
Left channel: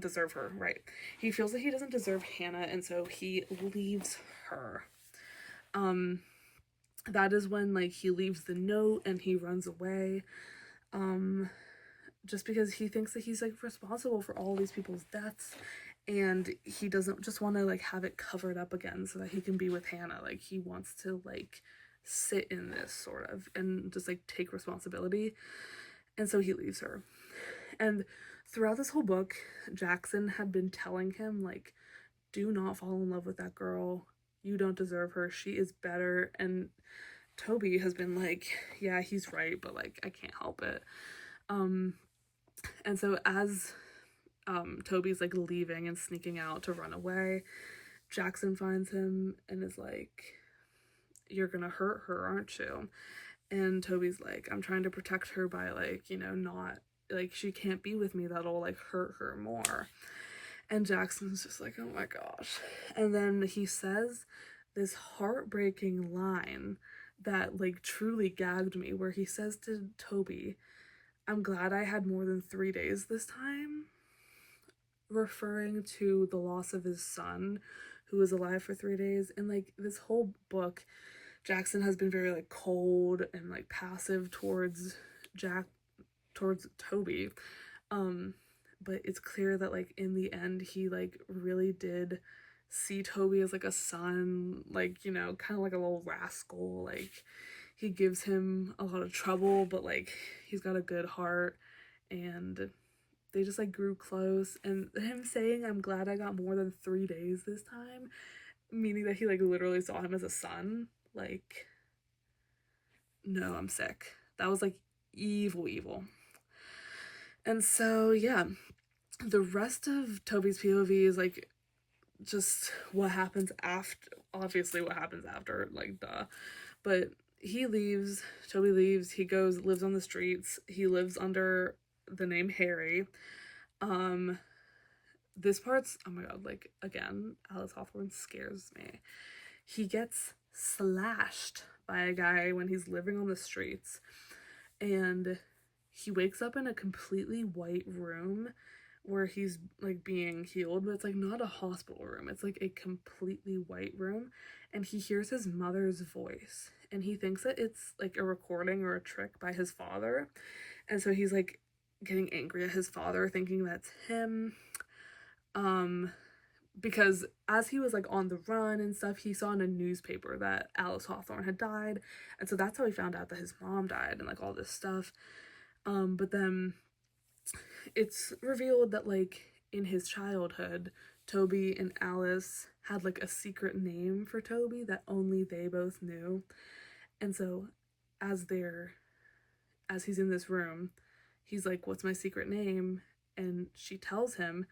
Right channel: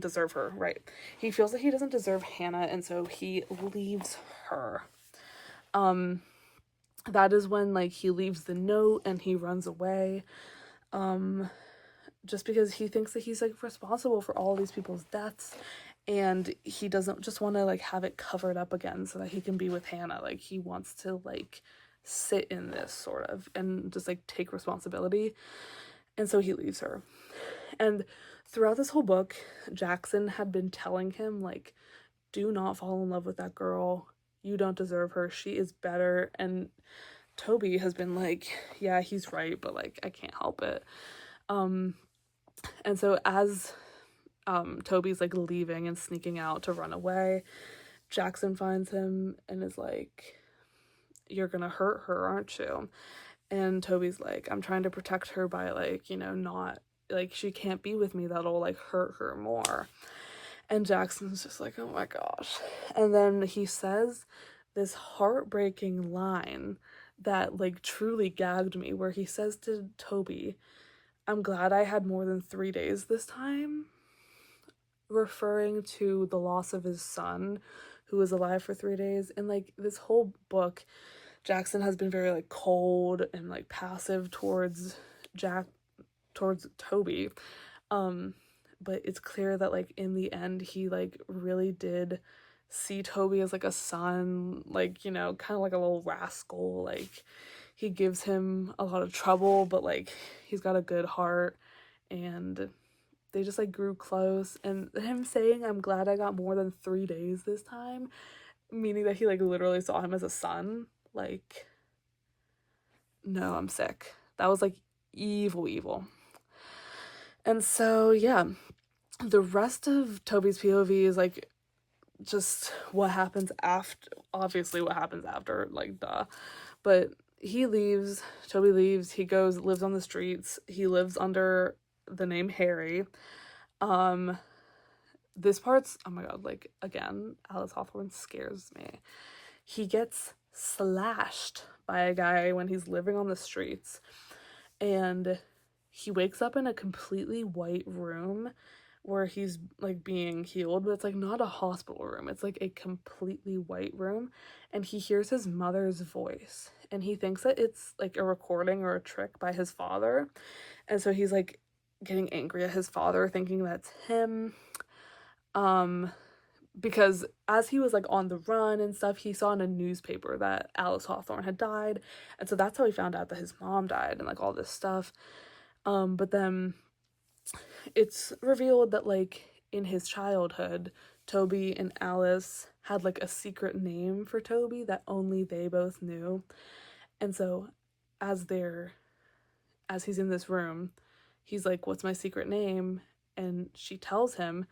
deserve her, right? He feels that he doesn't deserve Hannah, and so he leaves her. That is when like he leaves the note and he runs away, just because he thinks that he's like responsible for all these people's deaths, and he doesn't just want to like have it covered up again so that he can be with Hannah. Like he wants to like sit in this sort of and just like take responsibility, and so he leaves her. And throughout this whole book, Jackson had been telling him, like, do not fall in love with that girl. You don't deserve her. She is better. And Toby has been like, yeah, he's right, but, like, I can't help it. And so as Toby's, like, leaving and sneaking out to run away, Jackson finds him and is like, you're gonna hurt her, aren't you? And Toby's like, I'm trying to protect her by, like, you know, not, like, she can't be with me, that'll like hurt her more. And Jackson's just like, oh my gosh. And then he says this heartbreaking line that like truly gagged me, where he says to Toby, I'm glad I had more than 3 days this time, referring to the loss of his son who was alive for 3 days. And like this whole book, Jackson has been very like cold and like passive towards Toby, but it's clear that like in the end he like really did see Toby as like a son, like, you know, kind of like a little rascal. Like he gives him a lot of trouble, but like he's got a good heart, and they just like grew close. And him saying, I'm glad I got more than 3 days this time, meaning that he like literally saw him as a son. Like, no, I'm sick. That was like evil. And so yeah, the rest of Toby's POV is like just what happens after, obviously what happens after, like duh. But he leaves, Toby leaves, he goes, lives on the streets, he lives under the name Harry. This part's, oh my god, like again, Alice Hawthorne scares me. He gets slashed by a guy when he's living on the streets, and he wakes up in a completely white room where he's like being healed, but it's like not a hospital room, it's like a completely white room, and he hears his mother's voice, and he thinks that it's like a recording or a trick by his father, and so he's like getting angry at his father, thinking that's him, because as he was like on the run and stuff, he saw in a newspaper that Alice Hawthorne had died, and so that's how he found out that his mom died and like all this stuff. But then it's revealed that like in his childhood, Toby and Alice had like a secret name for Toby that only they both knew. And so as he's in this room, he's like, what's my secret name? And she tells him,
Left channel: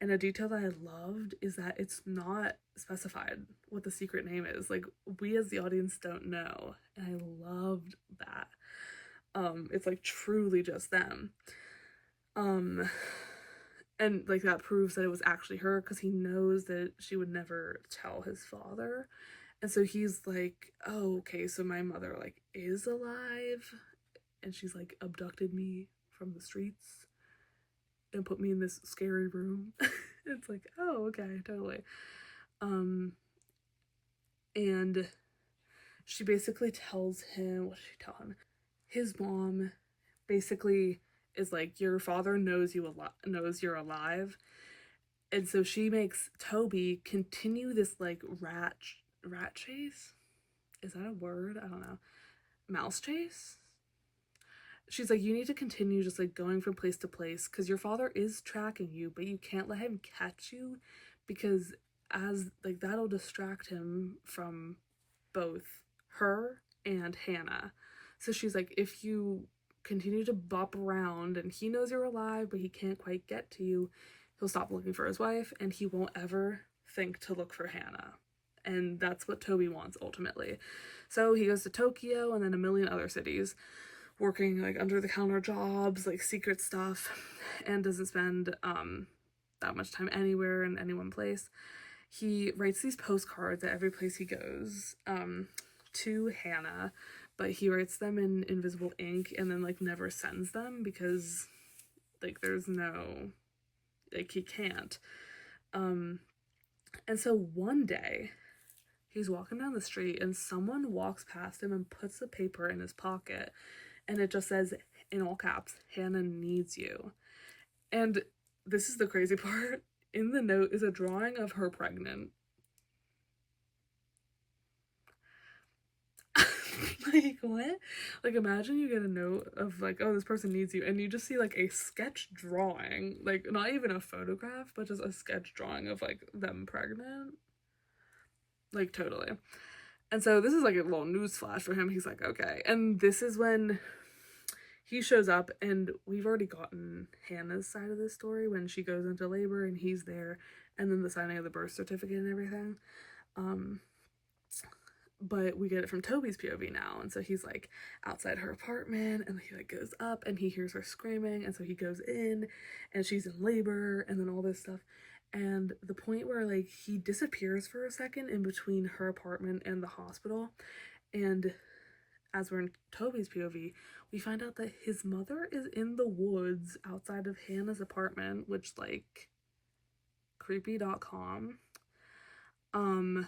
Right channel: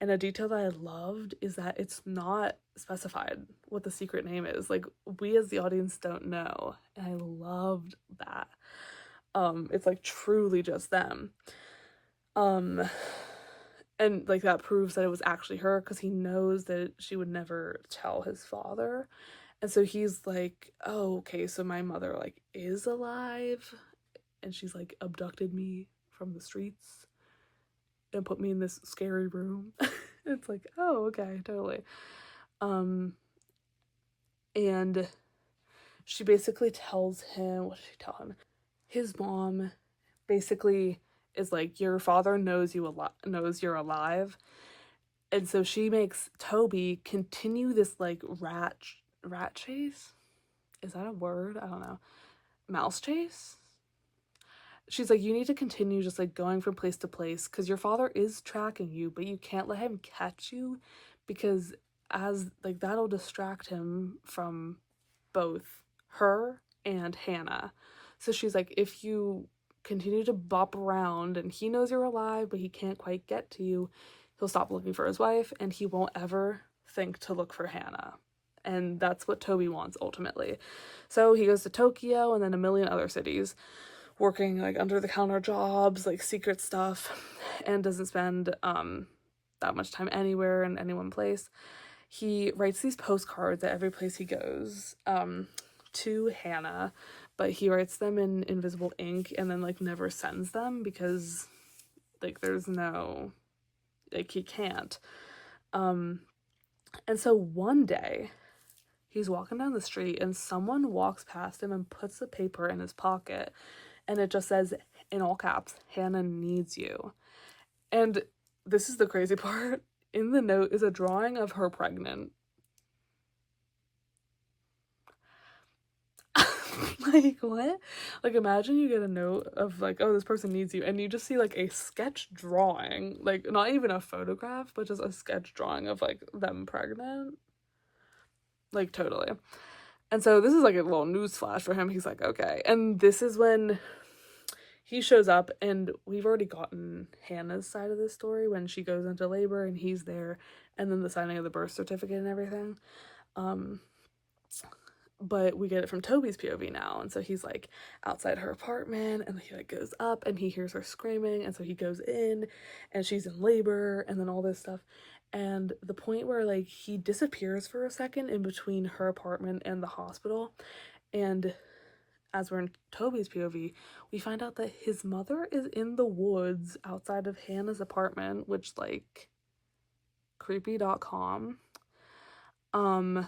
and a detail that I loved is that it's not specified what the secret name is. Like, we as the audience don't know, and I loved that. It's like truly just them. And like that proves that it was actually her, because he knows that she would never tell his father. And so he's like, oh, okay, so my mother like is alive, and she's like abducted me from the streets and put me in this scary room. It's like, oh, okay, totally. And she basically tells him, what did she tell him? His mom basically is like, your father knows knows you're alive. And so she makes Toby continue this like rat chase. Is that a word? I don't know. mouse chase. She's like, you need to continue just like going from place to place because your father is tracking you, but you can't let him catch you because as like that'll distract him from both her and Hannah. So she's like, if you continue to bop around and he knows you're alive but he can't quite get to you, he'll stop looking for his wife and he won't ever think to look for Hannah. And that's what Toby wants ultimately. So he goes to Tokyo and then a million other cities, working like under the counter jobs, like secret stuff, and doesn't spend that much time anywhere in any one place. He writes these postcards at every place he goes to Hannah, but he writes them in invisible ink and then like never sends them because like there's no, like he can't. And so one day he's walking down the street and someone walks past him and puts the paper in his pocket. And it just says, in all caps, Hannah needs you. And this is the crazy part. In the note is a drawing of her pregnant. Like, what? Like, imagine you get a note of, like, oh, this person needs you. And you just see, like, a sketch drawing. Like, not even a photograph, but just a sketch drawing of, like, them pregnant. Like, totally. And so this is, like, a little news flash for him. He's like, okay. And this is when he shows up, and we've already gotten Hannah's side of this story when she goes into labor and he's there, and then the signing of the birth certificate and everything. But we get it from Toby's POV now, and so he's like outside her apartment, and he like goes up and he hears her screaming, and so he goes in and she's in labor and then all this stuff. And the point where like he disappears for a second in between her apartment and the hospital, and as we're in Toby's POV, we find out that his mother is in the woods outside of Hannah's apartment, which, like, creepy.com. And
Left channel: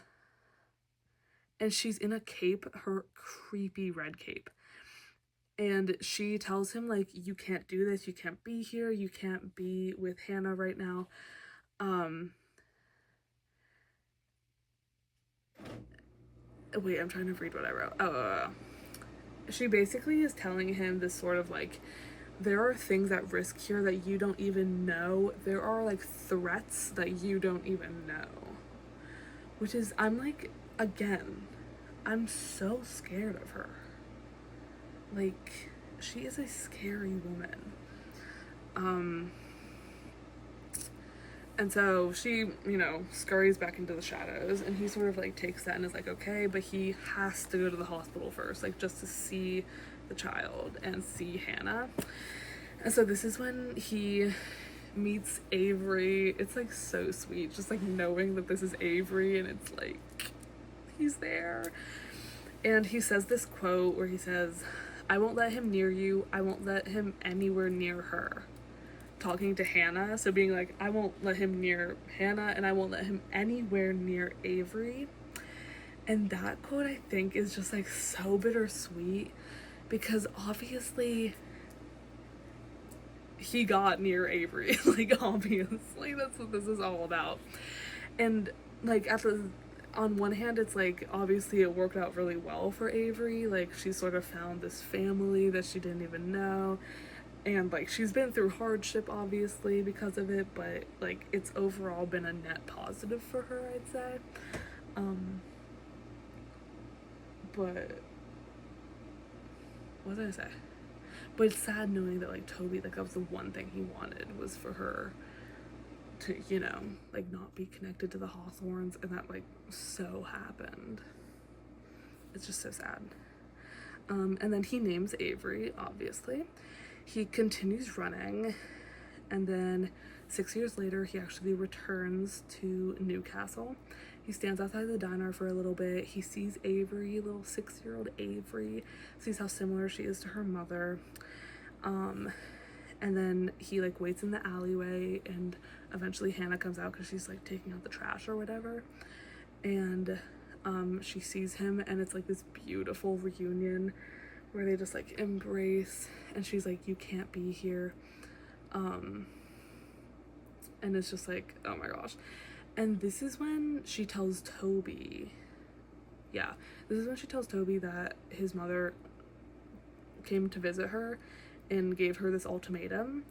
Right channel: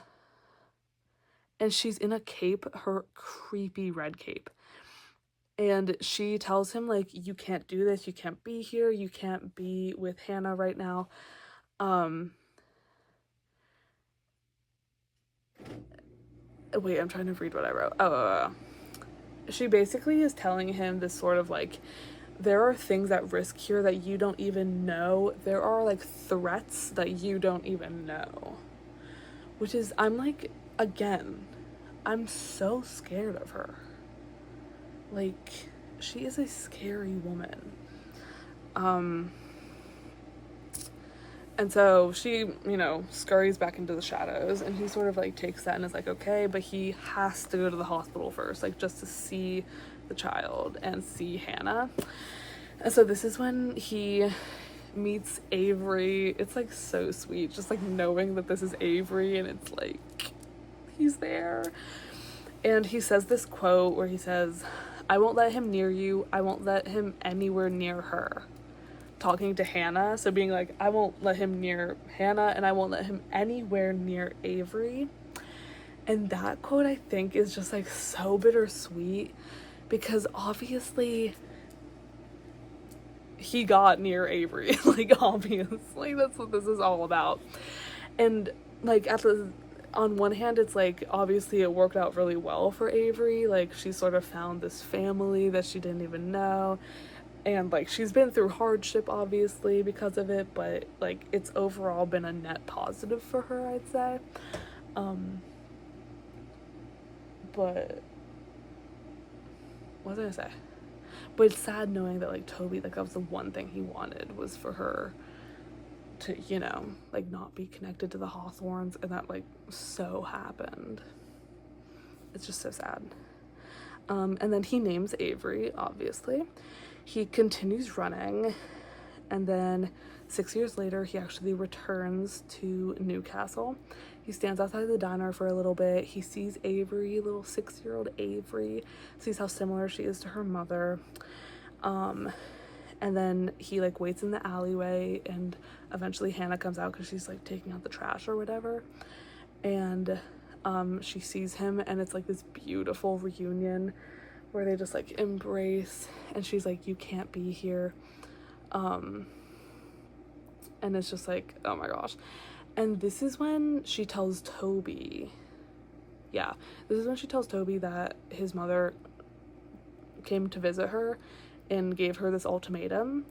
she's in a cape, her creepy red cape. And she tells him, like, you can't do this, you can't be here, you can't be with Hannah right now. Wait, I'm trying to read what I wrote. She basically is telling him this sort of like, there are things at risk here that you don't even know. There are like threats that you don't even know. Which is, I'm like, again, I'm so scared of her. Like, she is a scary woman. And so she, you know, scurries back into the shadows, and he sort of like takes that and is like, okay, but he has to go to the hospital first, like just to see the child and see Hannah. And so this is when he meets Avery. It's like so sweet, just like knowing that this is Avery, and it's like, he's there. And he says this quote where he says, I won't let him near you, I won't let him anywhere near her. Talking to Hannah, so being like, I won't let him near Hannah and I won't let him anywhere near Avery. And that quote, I think, is just like so bittersweet because obviously he got near Avery. Like, obviously that's what this is all about. And like on one hand, it's like obviously it worked out really well for Avery. Like, she sort of found this family that she didn't even know. And, like, she's been through hardship, obviously, because of it, but, like, it's overall been a net positive for her, I'd say. But, what did I say? But it's sad knowing that, like, Toby, like, that was the one thing he wanted, was for her to, you know, like, not be connected to the Hawthorns, and that, like, so happened. It's just so sad. And then he names Avery, obviously. He continues running, and then 6 years later, he actually returns to Newcastle. He stands outside the diner for a little bit. He sees Avery, little 6-year-old Avery, sees how similar she is to her mother. And then he, like, waits in the alleyway, and eventually Hannah comes out because she's, like, taking out the trash or whatever. And she sees him, and it's, like, this beautiful reunion where they just like embrace, and she's like, you can't be here. And it's just like, oh my gosh. And this is when she tells Toby, this is when she tells Toby that his mother came to visit her and gave her this ultimatum.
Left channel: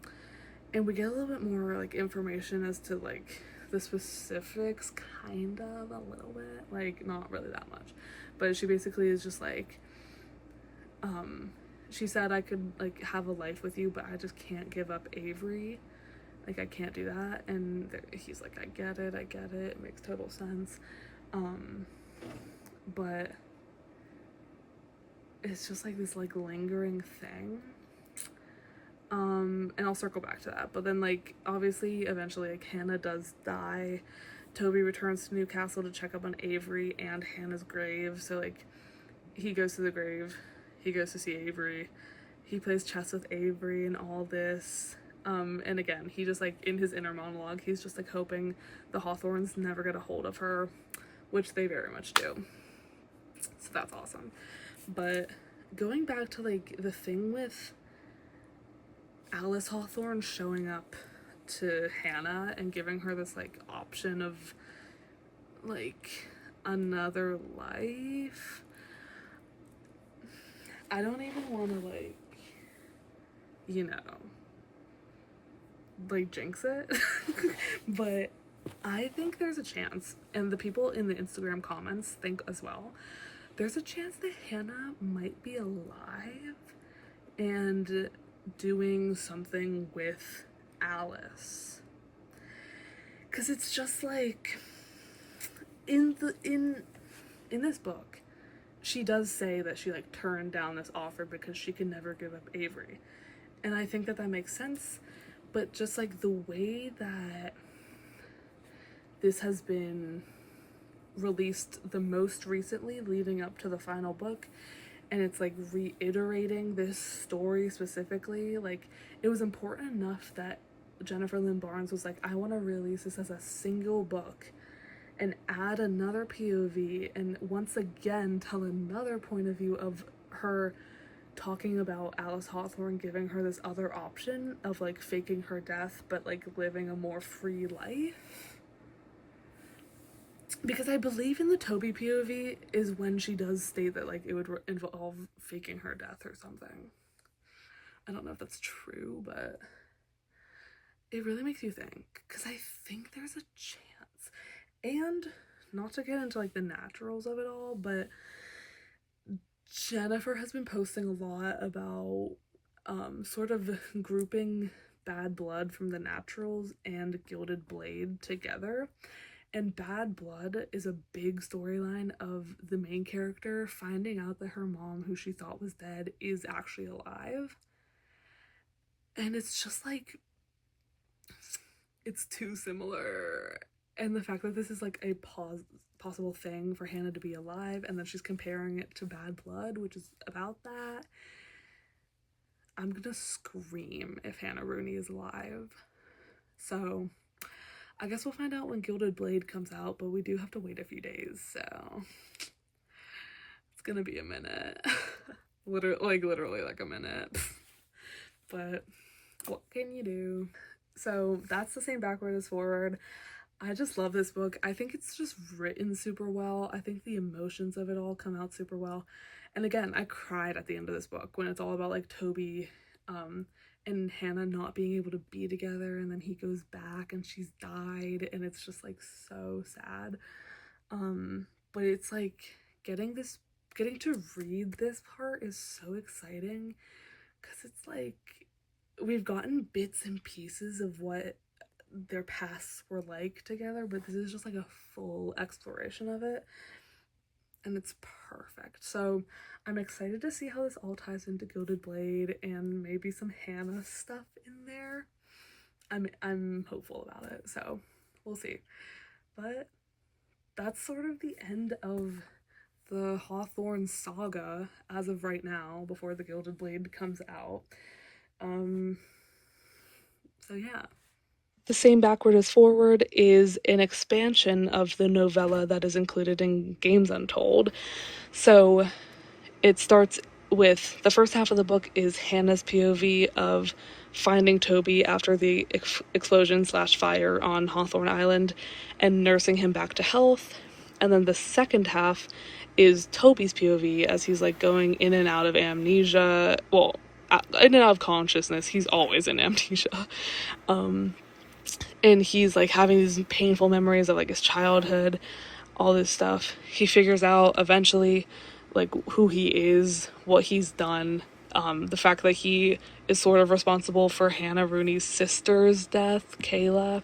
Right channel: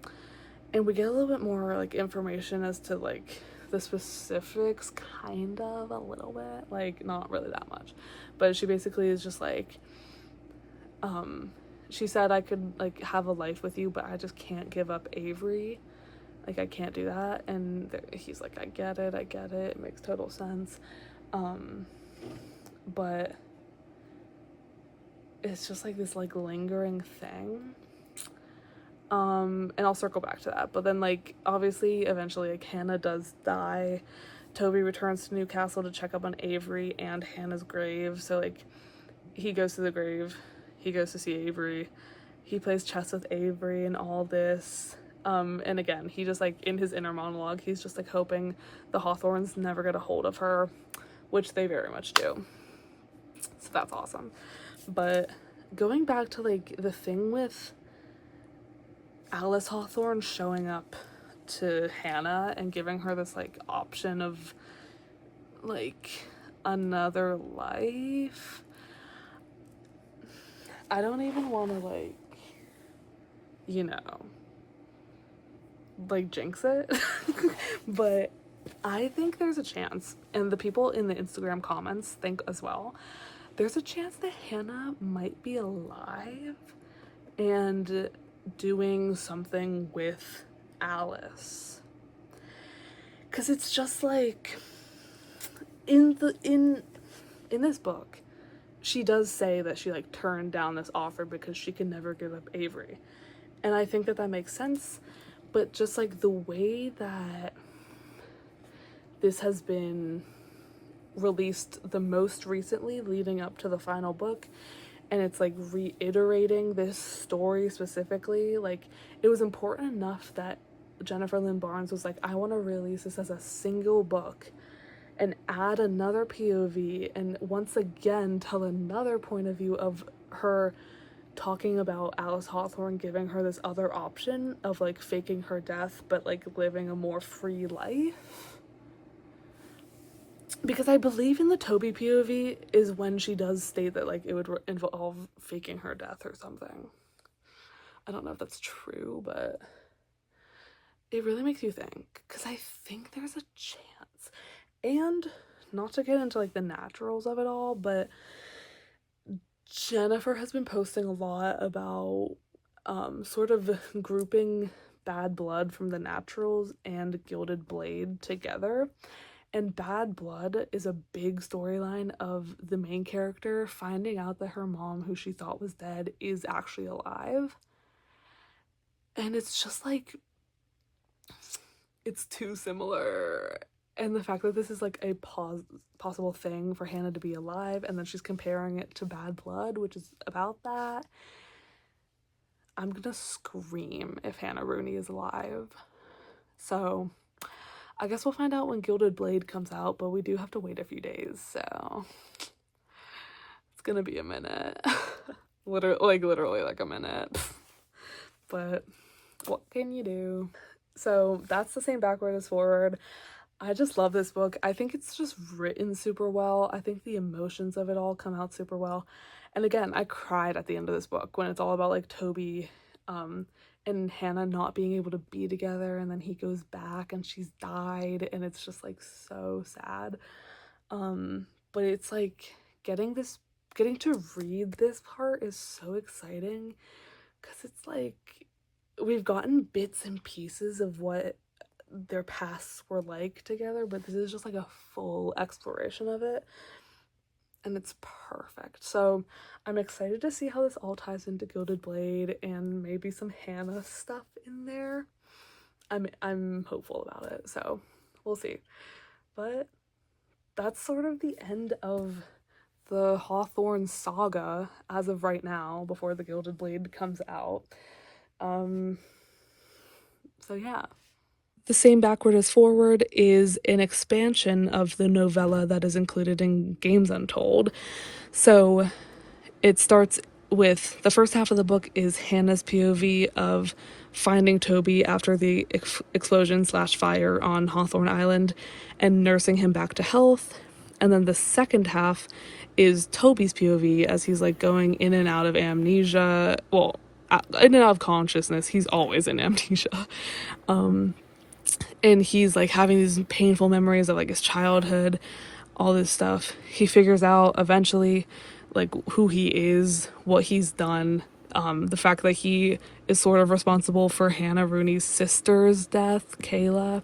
And we get a little bit more like information as to like the specifics, kind of a little bit, like not really that much, but she basically is just like, she said, I could like have a life with you, but I just can't give up Avery. Like, I can't do that. And he's like, I get it, it makes total sense. But it's just like this like lingering thing. And I'll circle back to that. But then like obviously eventually like Hannah does die. Toby returns to Newcastle to check up on Avery and Hannah's grave. So like he goes to the grave, he goes to see Avery, he plays chess with Avery and all this. And again, he just like in his inner monologue, he's just like hoping the Hawthorns never get a hold of her, which they very much do. So that's awesome. But going back to like the thing with Alice Hawthorne showing up to Hannah and giving her this like option of like another life, I don't even want to like, you know, like jinx it. But I think there's a chance, and the people in the Instagram comments think as well, there's a chance that Hannah might be alive and doing something with Alice. Because it's just like in this book, she does say that she like turned down this offer because she can never give up Avery. And I think that that makes sense, but just like the way that this has been released the most recently leading up to the final book, and it's like reiterating this story specifically, like it was important enough that Jennifer Lynn Barnes was like, I want to release this as a single book and add another POV and once again tell another point of view of her talking about Alice Hawthorne giving her this other option of like faking her death but like living a more free life. Because I believe in the Toby POV is when she does state that like it would involve faking her death or something. I don't know if that's true, but it really makes you think, because I think there's a chance. And not to get into like the naturals of it all, but Jennifer has been posting a lot about sort of grouping Bad Blood from the Naturals and Gilded Blade together. And Bad Blood is a big storyline of the main character finding out that her mom, who she thought was dead, is actually alive. And it's just like, it's too similar. And the fact that this is like a possible thing for Hannah to be alive, and then she's comparing it to Bad Blood, which is about that. I'm gonna scream if Hannah Rooney is alive. So I guess we'll find out when Gilded Blade comes out, but we do have to wait a few days, so it's gonna be a minute. literally like a minute. But what can you do? So that's the same backward as forward. I just love this book. I think it's just written super well. I think the emotions of it all come out super well. And again, I cried at the end of this book when it's all about like Toby and Hannah not being able to be together, and then he goes back and she's died, and it's just like so sad. But it's like getting to read this part is so exciting, because it's like we've gotten bits and pieces of what their pasts were like together, but this is just like a full exploration of it, and it's perfect. So I'm excited to see how this all ties into Gilded Blade and maybe some Hannah stuff in there. I'm hopeful about it, so we'll see. But that's sort of the end of the Hawthorne saga as of right now, before the Gilded Blade comes out. So yeah. The Same Backward as Forward is an expansion of the novella that is included in Games Untold. So it starts with, the first half of the book is Hannah's POV of finding Toby after the explosion/fire on Hawthorne Island and nursing him back to health. And then the second half is Toby's POV as he's like going in and out of amnesia, well, in and out of consciousness. He's always in amnesia. And he's like having these painful memories of like his childhood, all this stuff. He figures out eventually like who he is, what he's done, the fact that he is sort of responsible for Hannah Rooney's sister's death, Kayla.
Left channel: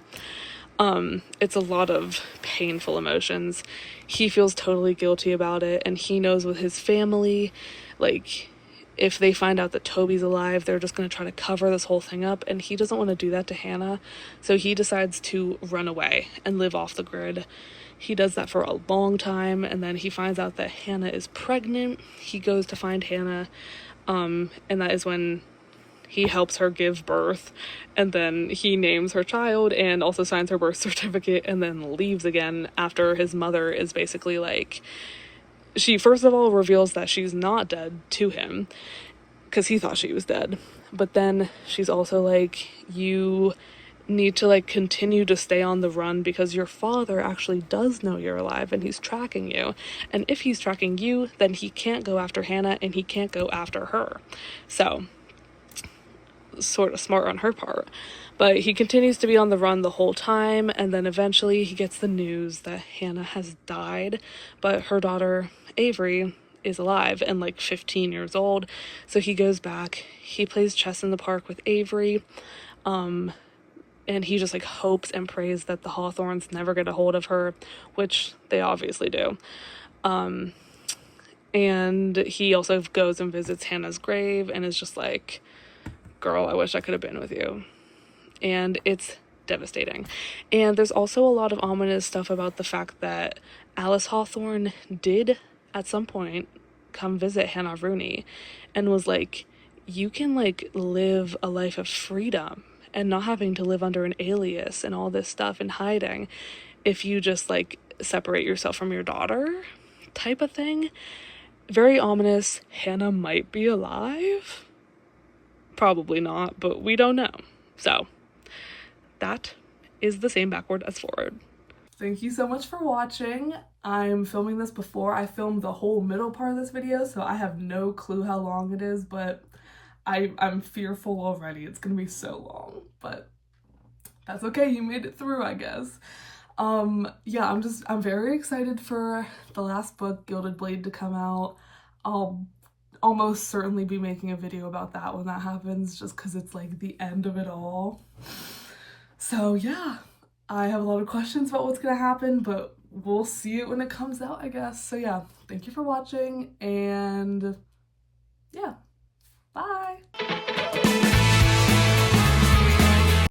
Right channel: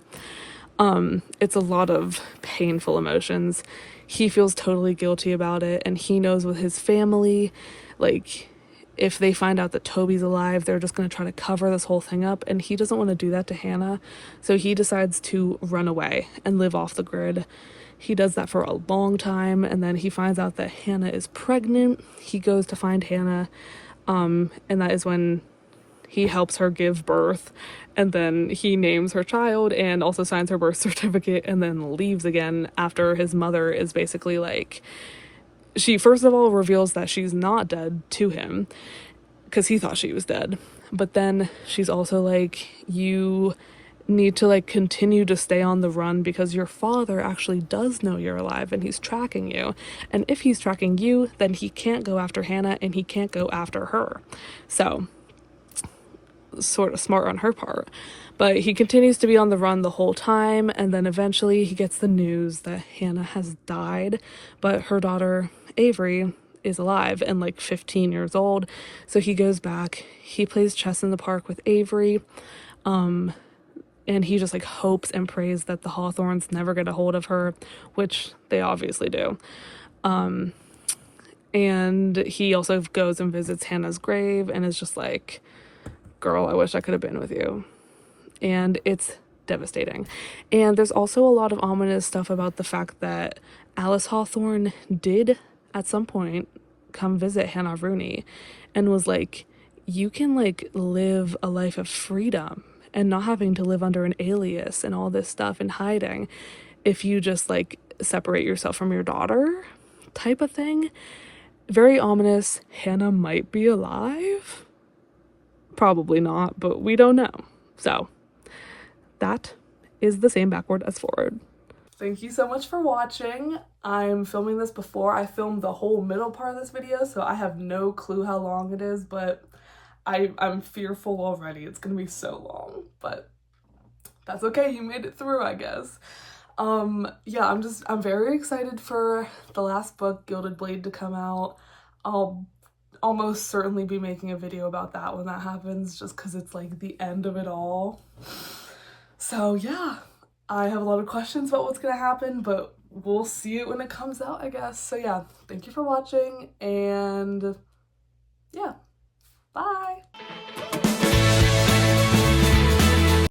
It's a lot of painful emotions. He feels totally guilty about it, and he knows with his family, like, if they find out that Toby's alive, they're just going to try to cover this whole thing up, and he doesn't want to do that to Hannah, so he decides to run away and live off the grid. He does that for a long time, and then he finds out that Hannah is pregnant. He goes to find Hannah, and that is when he helps her give birth, and then he names her child and also signs her birth certificate, and then leaves again after his mother is basically like, she first of all reveals that she's not dead to him because he thought she was dead, but then she's also like, you need to like continue to stay on the run because your father actually does know you're alive and he's tracking you, and if he's tracking you, then he can't go after Hannah and he can't go after her. So sort of smart on her part, but he continues to be on the run the whole time, and then eventually he gets the news that Hannah has died, but her daughter Avery is alive and like 15 years old. So he goes back, he plays chess in the park with Avery, and he just like hopes and prays that the Hawthorns never get a hold of her, which they obviously do. And he also goes and visits Hannah's grave and is just like, girl, I wish I could have been with you. And it's devastating. And there's also a lot of ominous stuff about the fact that Alice Hawthorne did at some point come visit Hannah Rooney and was like, you can like live a life of freedom and not having to live under an alias and all this stuff and hiding if you just like separate yourself from your daughter, type of thing. Very ominous. Hannah might be alive. Probably not, but we don't know. So that is the same backward as forward. Thank you so much for watching. I'm filming this before I filmed the whole middle part of this video, so I have no clue how long it is, but I'm fearful already. It's gonna be so long, but that's okay. You made it through, I guess. Yeah, I'm very excited for the last book, Gilded Blade, to come out. I'll almost certainly be making a video about that when that happens, just because it's like the end of it all. So yeah, I have a lot of questions about what's gonna happen, but we'll see it when it comes out, I guess. So yeah, thank you for watching, and yeah, bye.